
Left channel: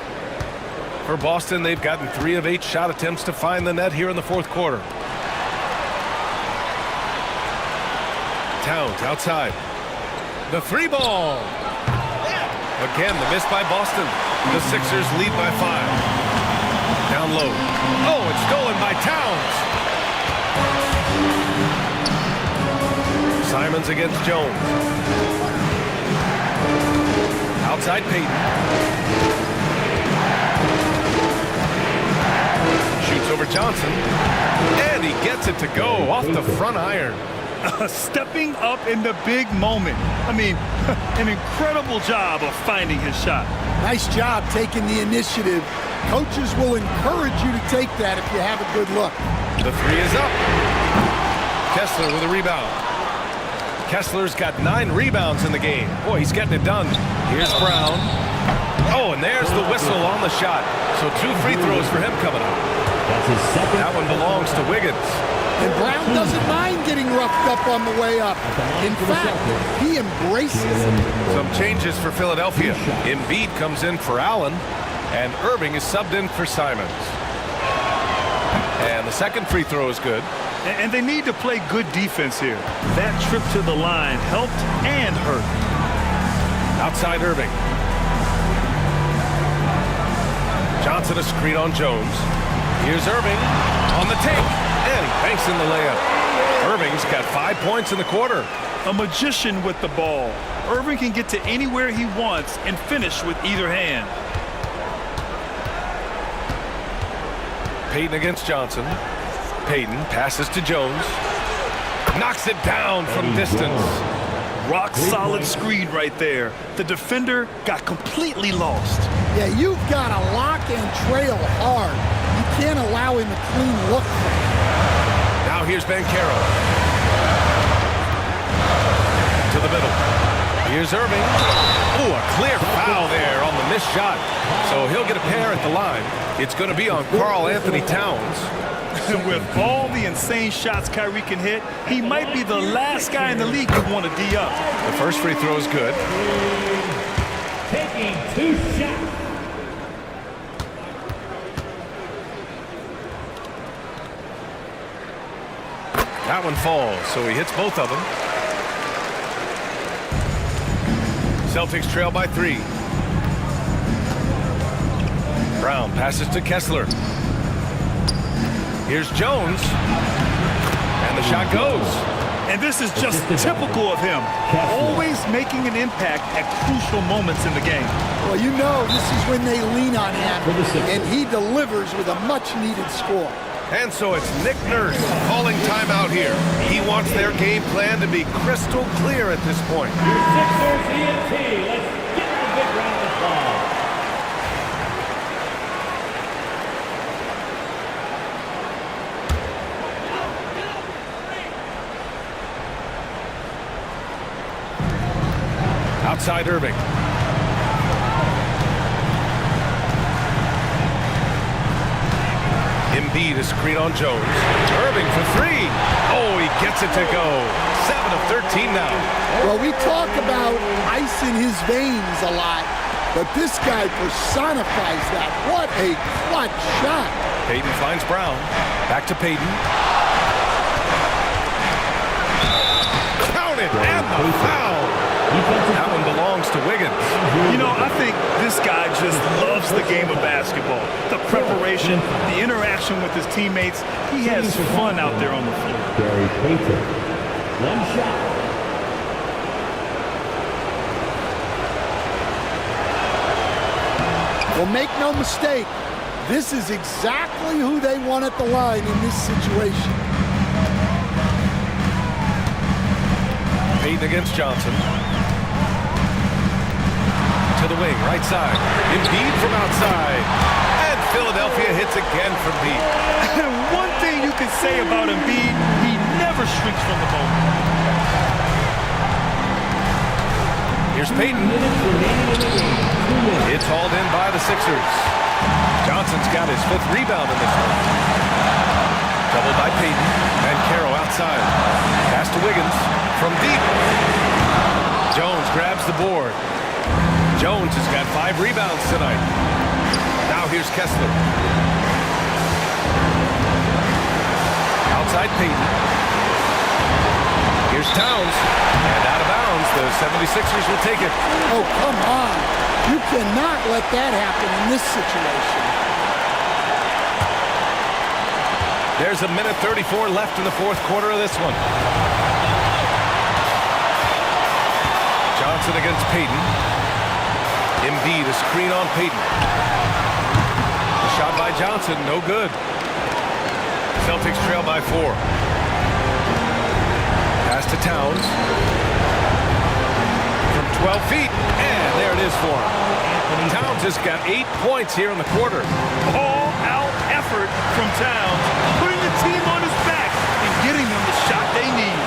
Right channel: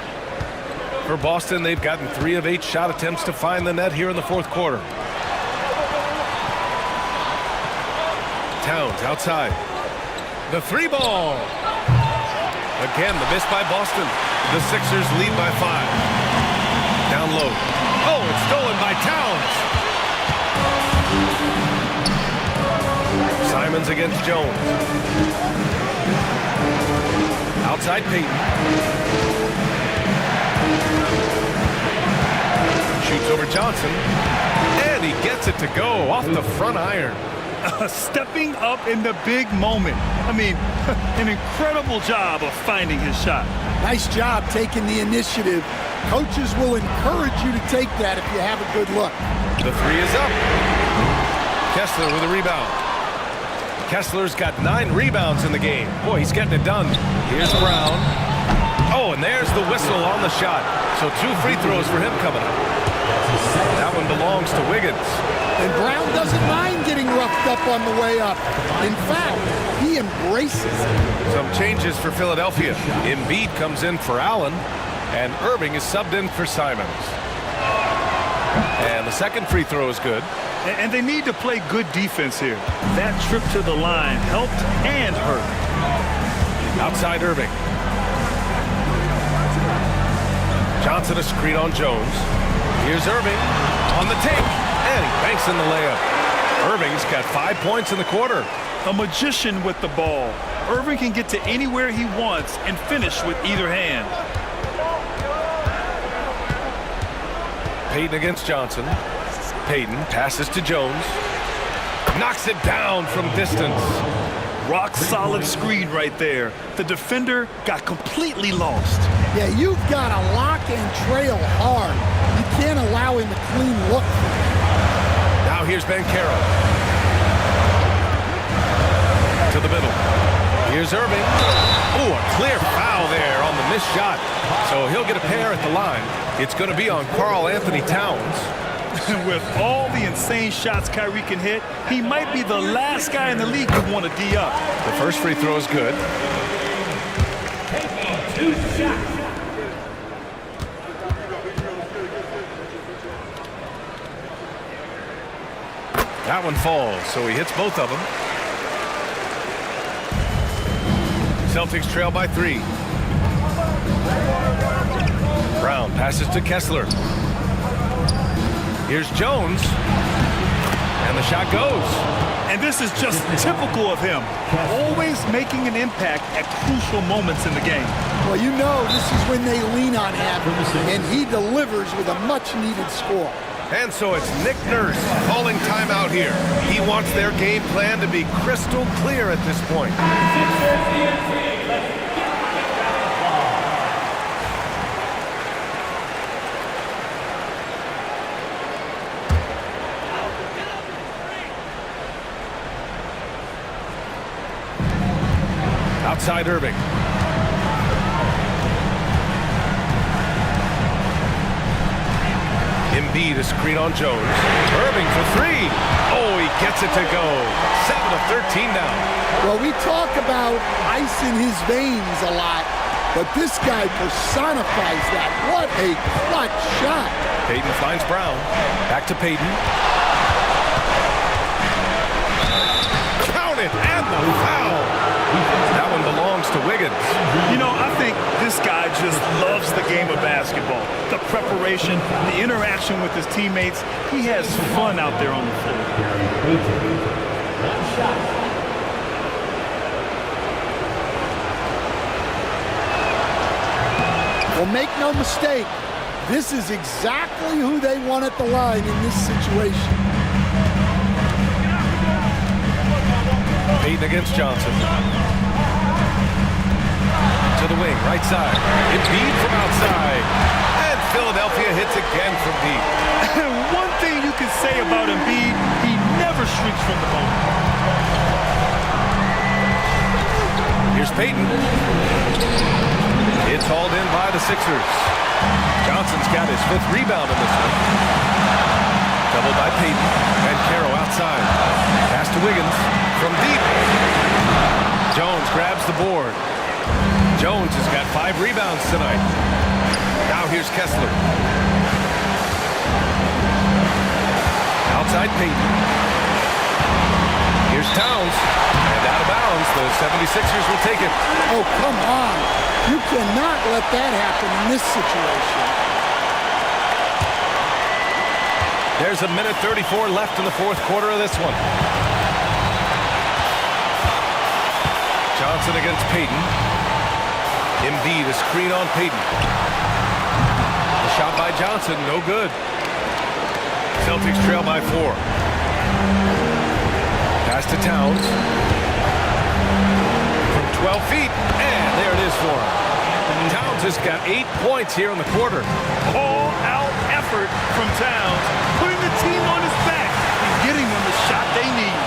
For Boston, they've gotten 3 of 8 shot attempts to find the net here in the 4th quarter. Towns outside. The 3 ball. Again, the miss by Boston. The Sixers lead by 5. Down low. Oh, it's stolen by Towns. Simons against Jones. Outside Payton. Shoots over Johnson. And he gets it to go off the front iron. Stepping up in the big moment. I mean, an incredible job of finding his shot. Nice job taking the initiative. Coaches will encourage you to take that if you have a good look. The 3 is up. Kessler with a rebound. Kessler's got 9 rebounds in the game. Boy, he's getting it done. Here's Brown. Oh, and there's the whistle on the shot. So 2 free throws for him coming up. That one belongs to Wiggins. And Brown doesn't mind getting roughed up on the way up. In fact, he embraces it. Some changes for Philadelphia. Embiid comes in for Allen, and Irving is subbed in for Simons. And the second free throw is good. And they need to play good defense here. That trip to the line helped and hurt. Outside Irving. Johnson a screen on Jones. Here's Irving on the take. And he banks in the layup. Irving's got 5 points in the quarter. A magician with the ball. Irving can get to anywhere he wants and finish with either hand. Payton against Johnson. Payton passes to Jones. Knocks it down from distance. Rock solid screen right there. The defender got completely lost. Yeah, you've got to lock and trail hard. You can't allow him a clean look. Now here's Banchero. To the middle. Here's Irving. Oh, a clear foul there on the missed shot. So he'll get a pair at the line. It's going to be on Karl Anthony Towns. With all the insane shots Kyrie can hit, he might be the last guy in the league to want to D up. The first free throw is good. Taking 2 shots. That one falls, so he hits both of them. Celtics trail by 3. Brown passes to Kessler. Here's Jones. And the shot goes. And this is just typical of him. Always making an impact at crucial moments in the game. Well, you know this is when they lean on him, and he delivers with a much-needed score. And so it's Nick Nurse calling timeout here. He wants their game plan to be crystal clear at this point. Sixers ENT, let's get the big round of applause. Outside Irving. Embiid, a screen on Jones. Irving for three. Oh, he gets it to go. 7 of 13 now. Well, we talk about ice in his veins a lot, but this guy personifies that. What a clutch shot. Payton finds Brown. Back to Payton. Count it, and the foul. That one belongs to Wiggins. You know, I think this guy just loves the game of basketball. The preparation, the interaction with his teammates. He has fun out there on the floor. Gary Payton. One shot. Well, make no mistake, this is exactly who they want at the line in this situation. Payton against Johnson. To the wing, right side. Embiid from outside. And Philadelphia hits again from deep. One thing you can say about Embiid, he never shrinks from the moment. Here's Payton. It's hauled in by the Sixers. Johnson's got his 5th rebound in this one. Doubled by Payton. And Caro outside. Pass to Wiggins from deep. Jones grabs the board. Jones has got 5 rebounds tonight. Now here's Kessler. Outside Payton. Here's Towns. And out of bounds, the 76ers will take it. Oh, come on. You cannot let that happen in this situation. There's a minute 34 left in the 4th quarter of this one. Johnson against Payton. Embiid, a screen on Payton. The shot by Johnson, no good. Celtics trail by 4. Pass to Towns. From 12 feet, and there it is for him. Towns has got 8 points here in the quarter. All-out effort from Towns, putting the team on his back and getting them the shot they need.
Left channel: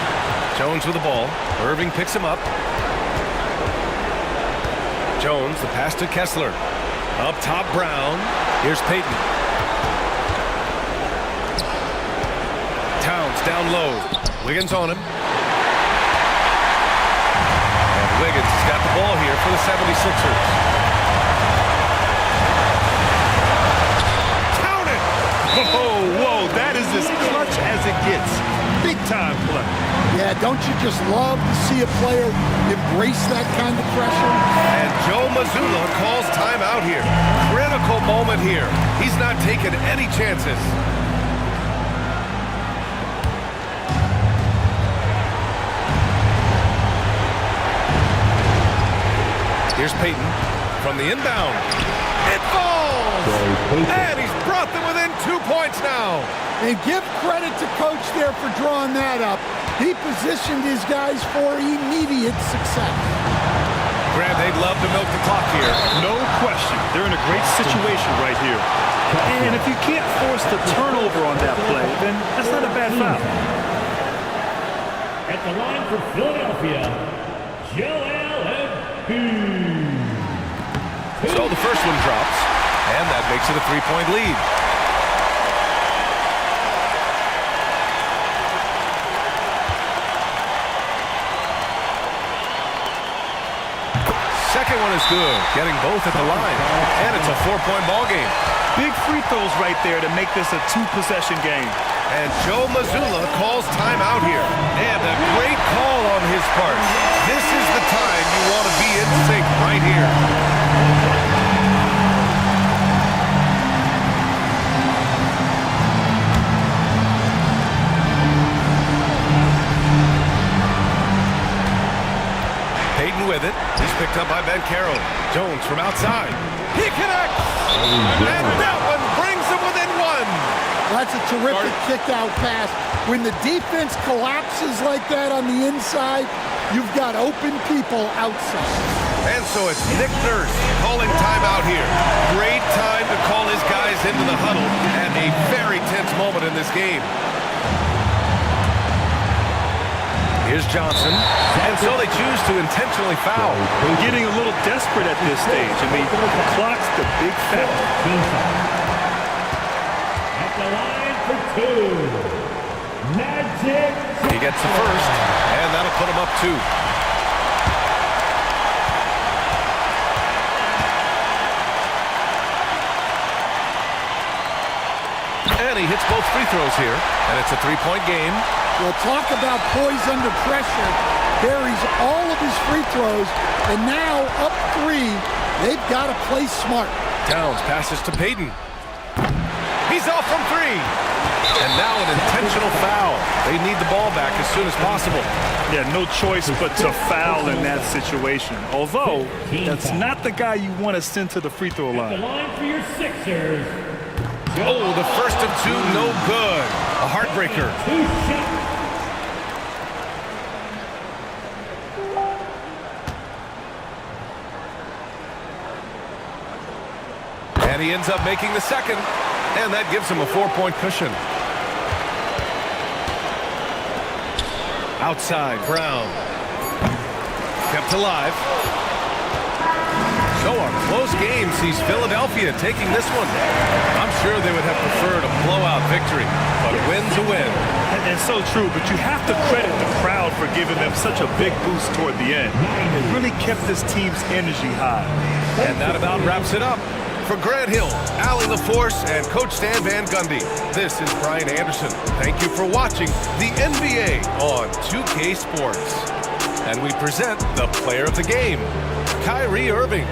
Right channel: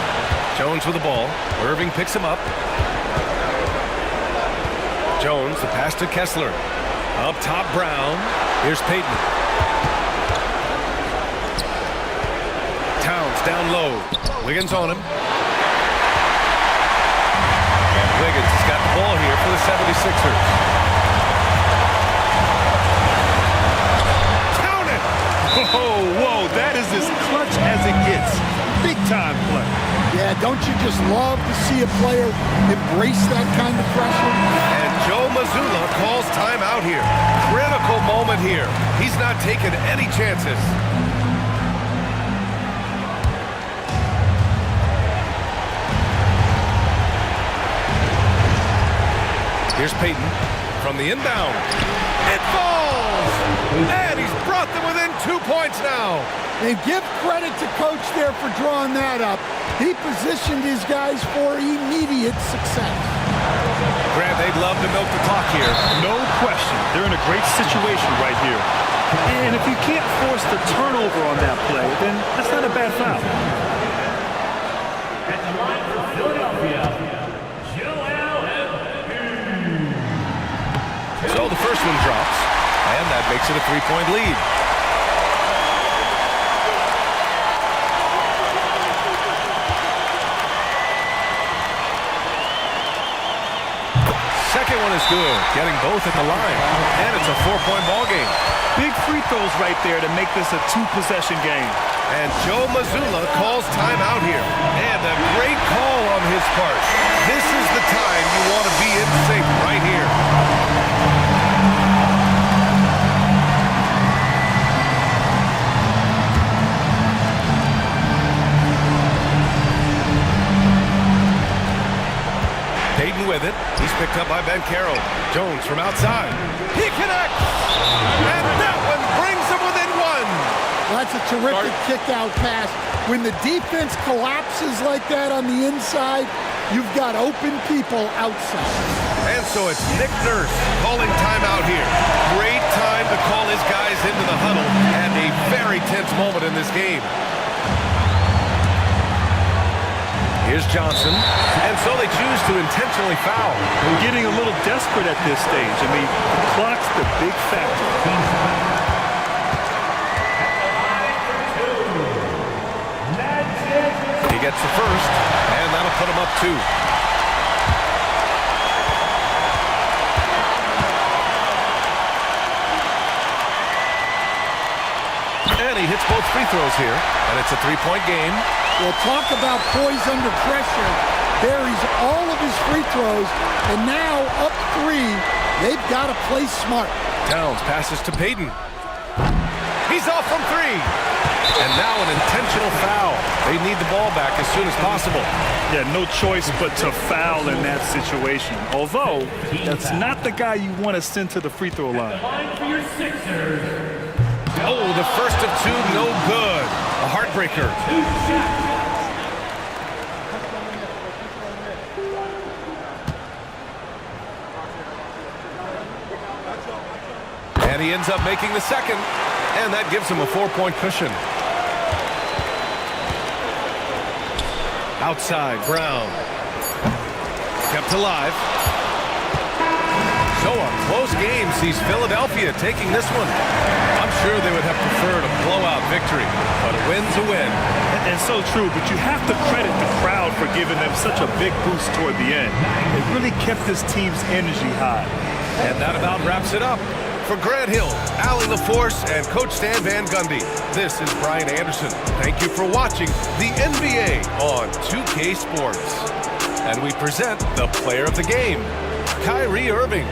Jones with the ball. Irving picks him up. Jones, the pass to Kessler. Up top, Brown. Here's Payton. Towns down low. Wiggins on him. And Wiggins has got the ball here for the 76ers. Count it! Whoa, that is as clutch as it gets. Big time play. Yeah, don't you just love to see a player embrace that kind of pressure? And Joe Mazzulla calls timeout here. Critical moment here. He's not taking any chances. Here's Payton from the inbound. It falls! And he's brought them within 2 points now. And give credit to Coach there for drawing that up. He positioned his guys for immediate success. Grant, they'd love to milk the clock here. No question. They're in a great situation right here. And if you can't force the turnover on that play, then that's not a bad foul. At the line for Philadelphia, Joel Embiid. So the first one drops, and that makes it a 3-point lead. Second one is good, getting both at the line, and it's a 4-point ball game. Big free throws right there to make this a 2-possession game. And Joe Mazzulla calls timeout here, and a great call on his part. This is the time you want to be in sync right here. Payton with it. He's picked up by Caro. Jones from outside. He connects! And that one brings him within 1. Well, that's a terrific kick-out pass. When the defense collapses like that on the inside, you've got open people outside. And so it's Nick Nurse calling timeout here. Great time to call his guys into the huddle at a very tense moment in this game. Here's Johnson, and so they choose to intentionally foul. Getting a little desperate at this stage. I mean, the clock's the big factor. At the line gets the first, and that'll put him up 2. And he hits both free throws here, and it's a 3-point game. Well, talk about poise under pressure. Buries all of his free throws, and now up 3. They've got to play smart. Towns passes to Payton. He's off from 3. And now an intentional foul. They need the ball back as soon as possible. Yeah, no choice but to foul in that situation. Although, that's not the guy you want to send to the free throw line. Line for your Sixers. Oh, the first of 2, no good. A heartbreaker. 2 shots. And he ends up making the second. And that gives him a 4-point cushion. Outside, Brown. Kept alive. So a close game sees Philadelphia taking this one. I'm sure they would have preferred a blowout victory, but a win's a win. And so true, but you have to credit the crowd for giving them such a big boost toward the end. It really kept this team's energy high. And that about wraps it up. For Grant Hill, Allie LaForce, and Coach Stan Van Gundy, this is Brian Anderson. Thank you for watching the NBA on 2K Sports. And we present the player of the game, Kyrie Irving.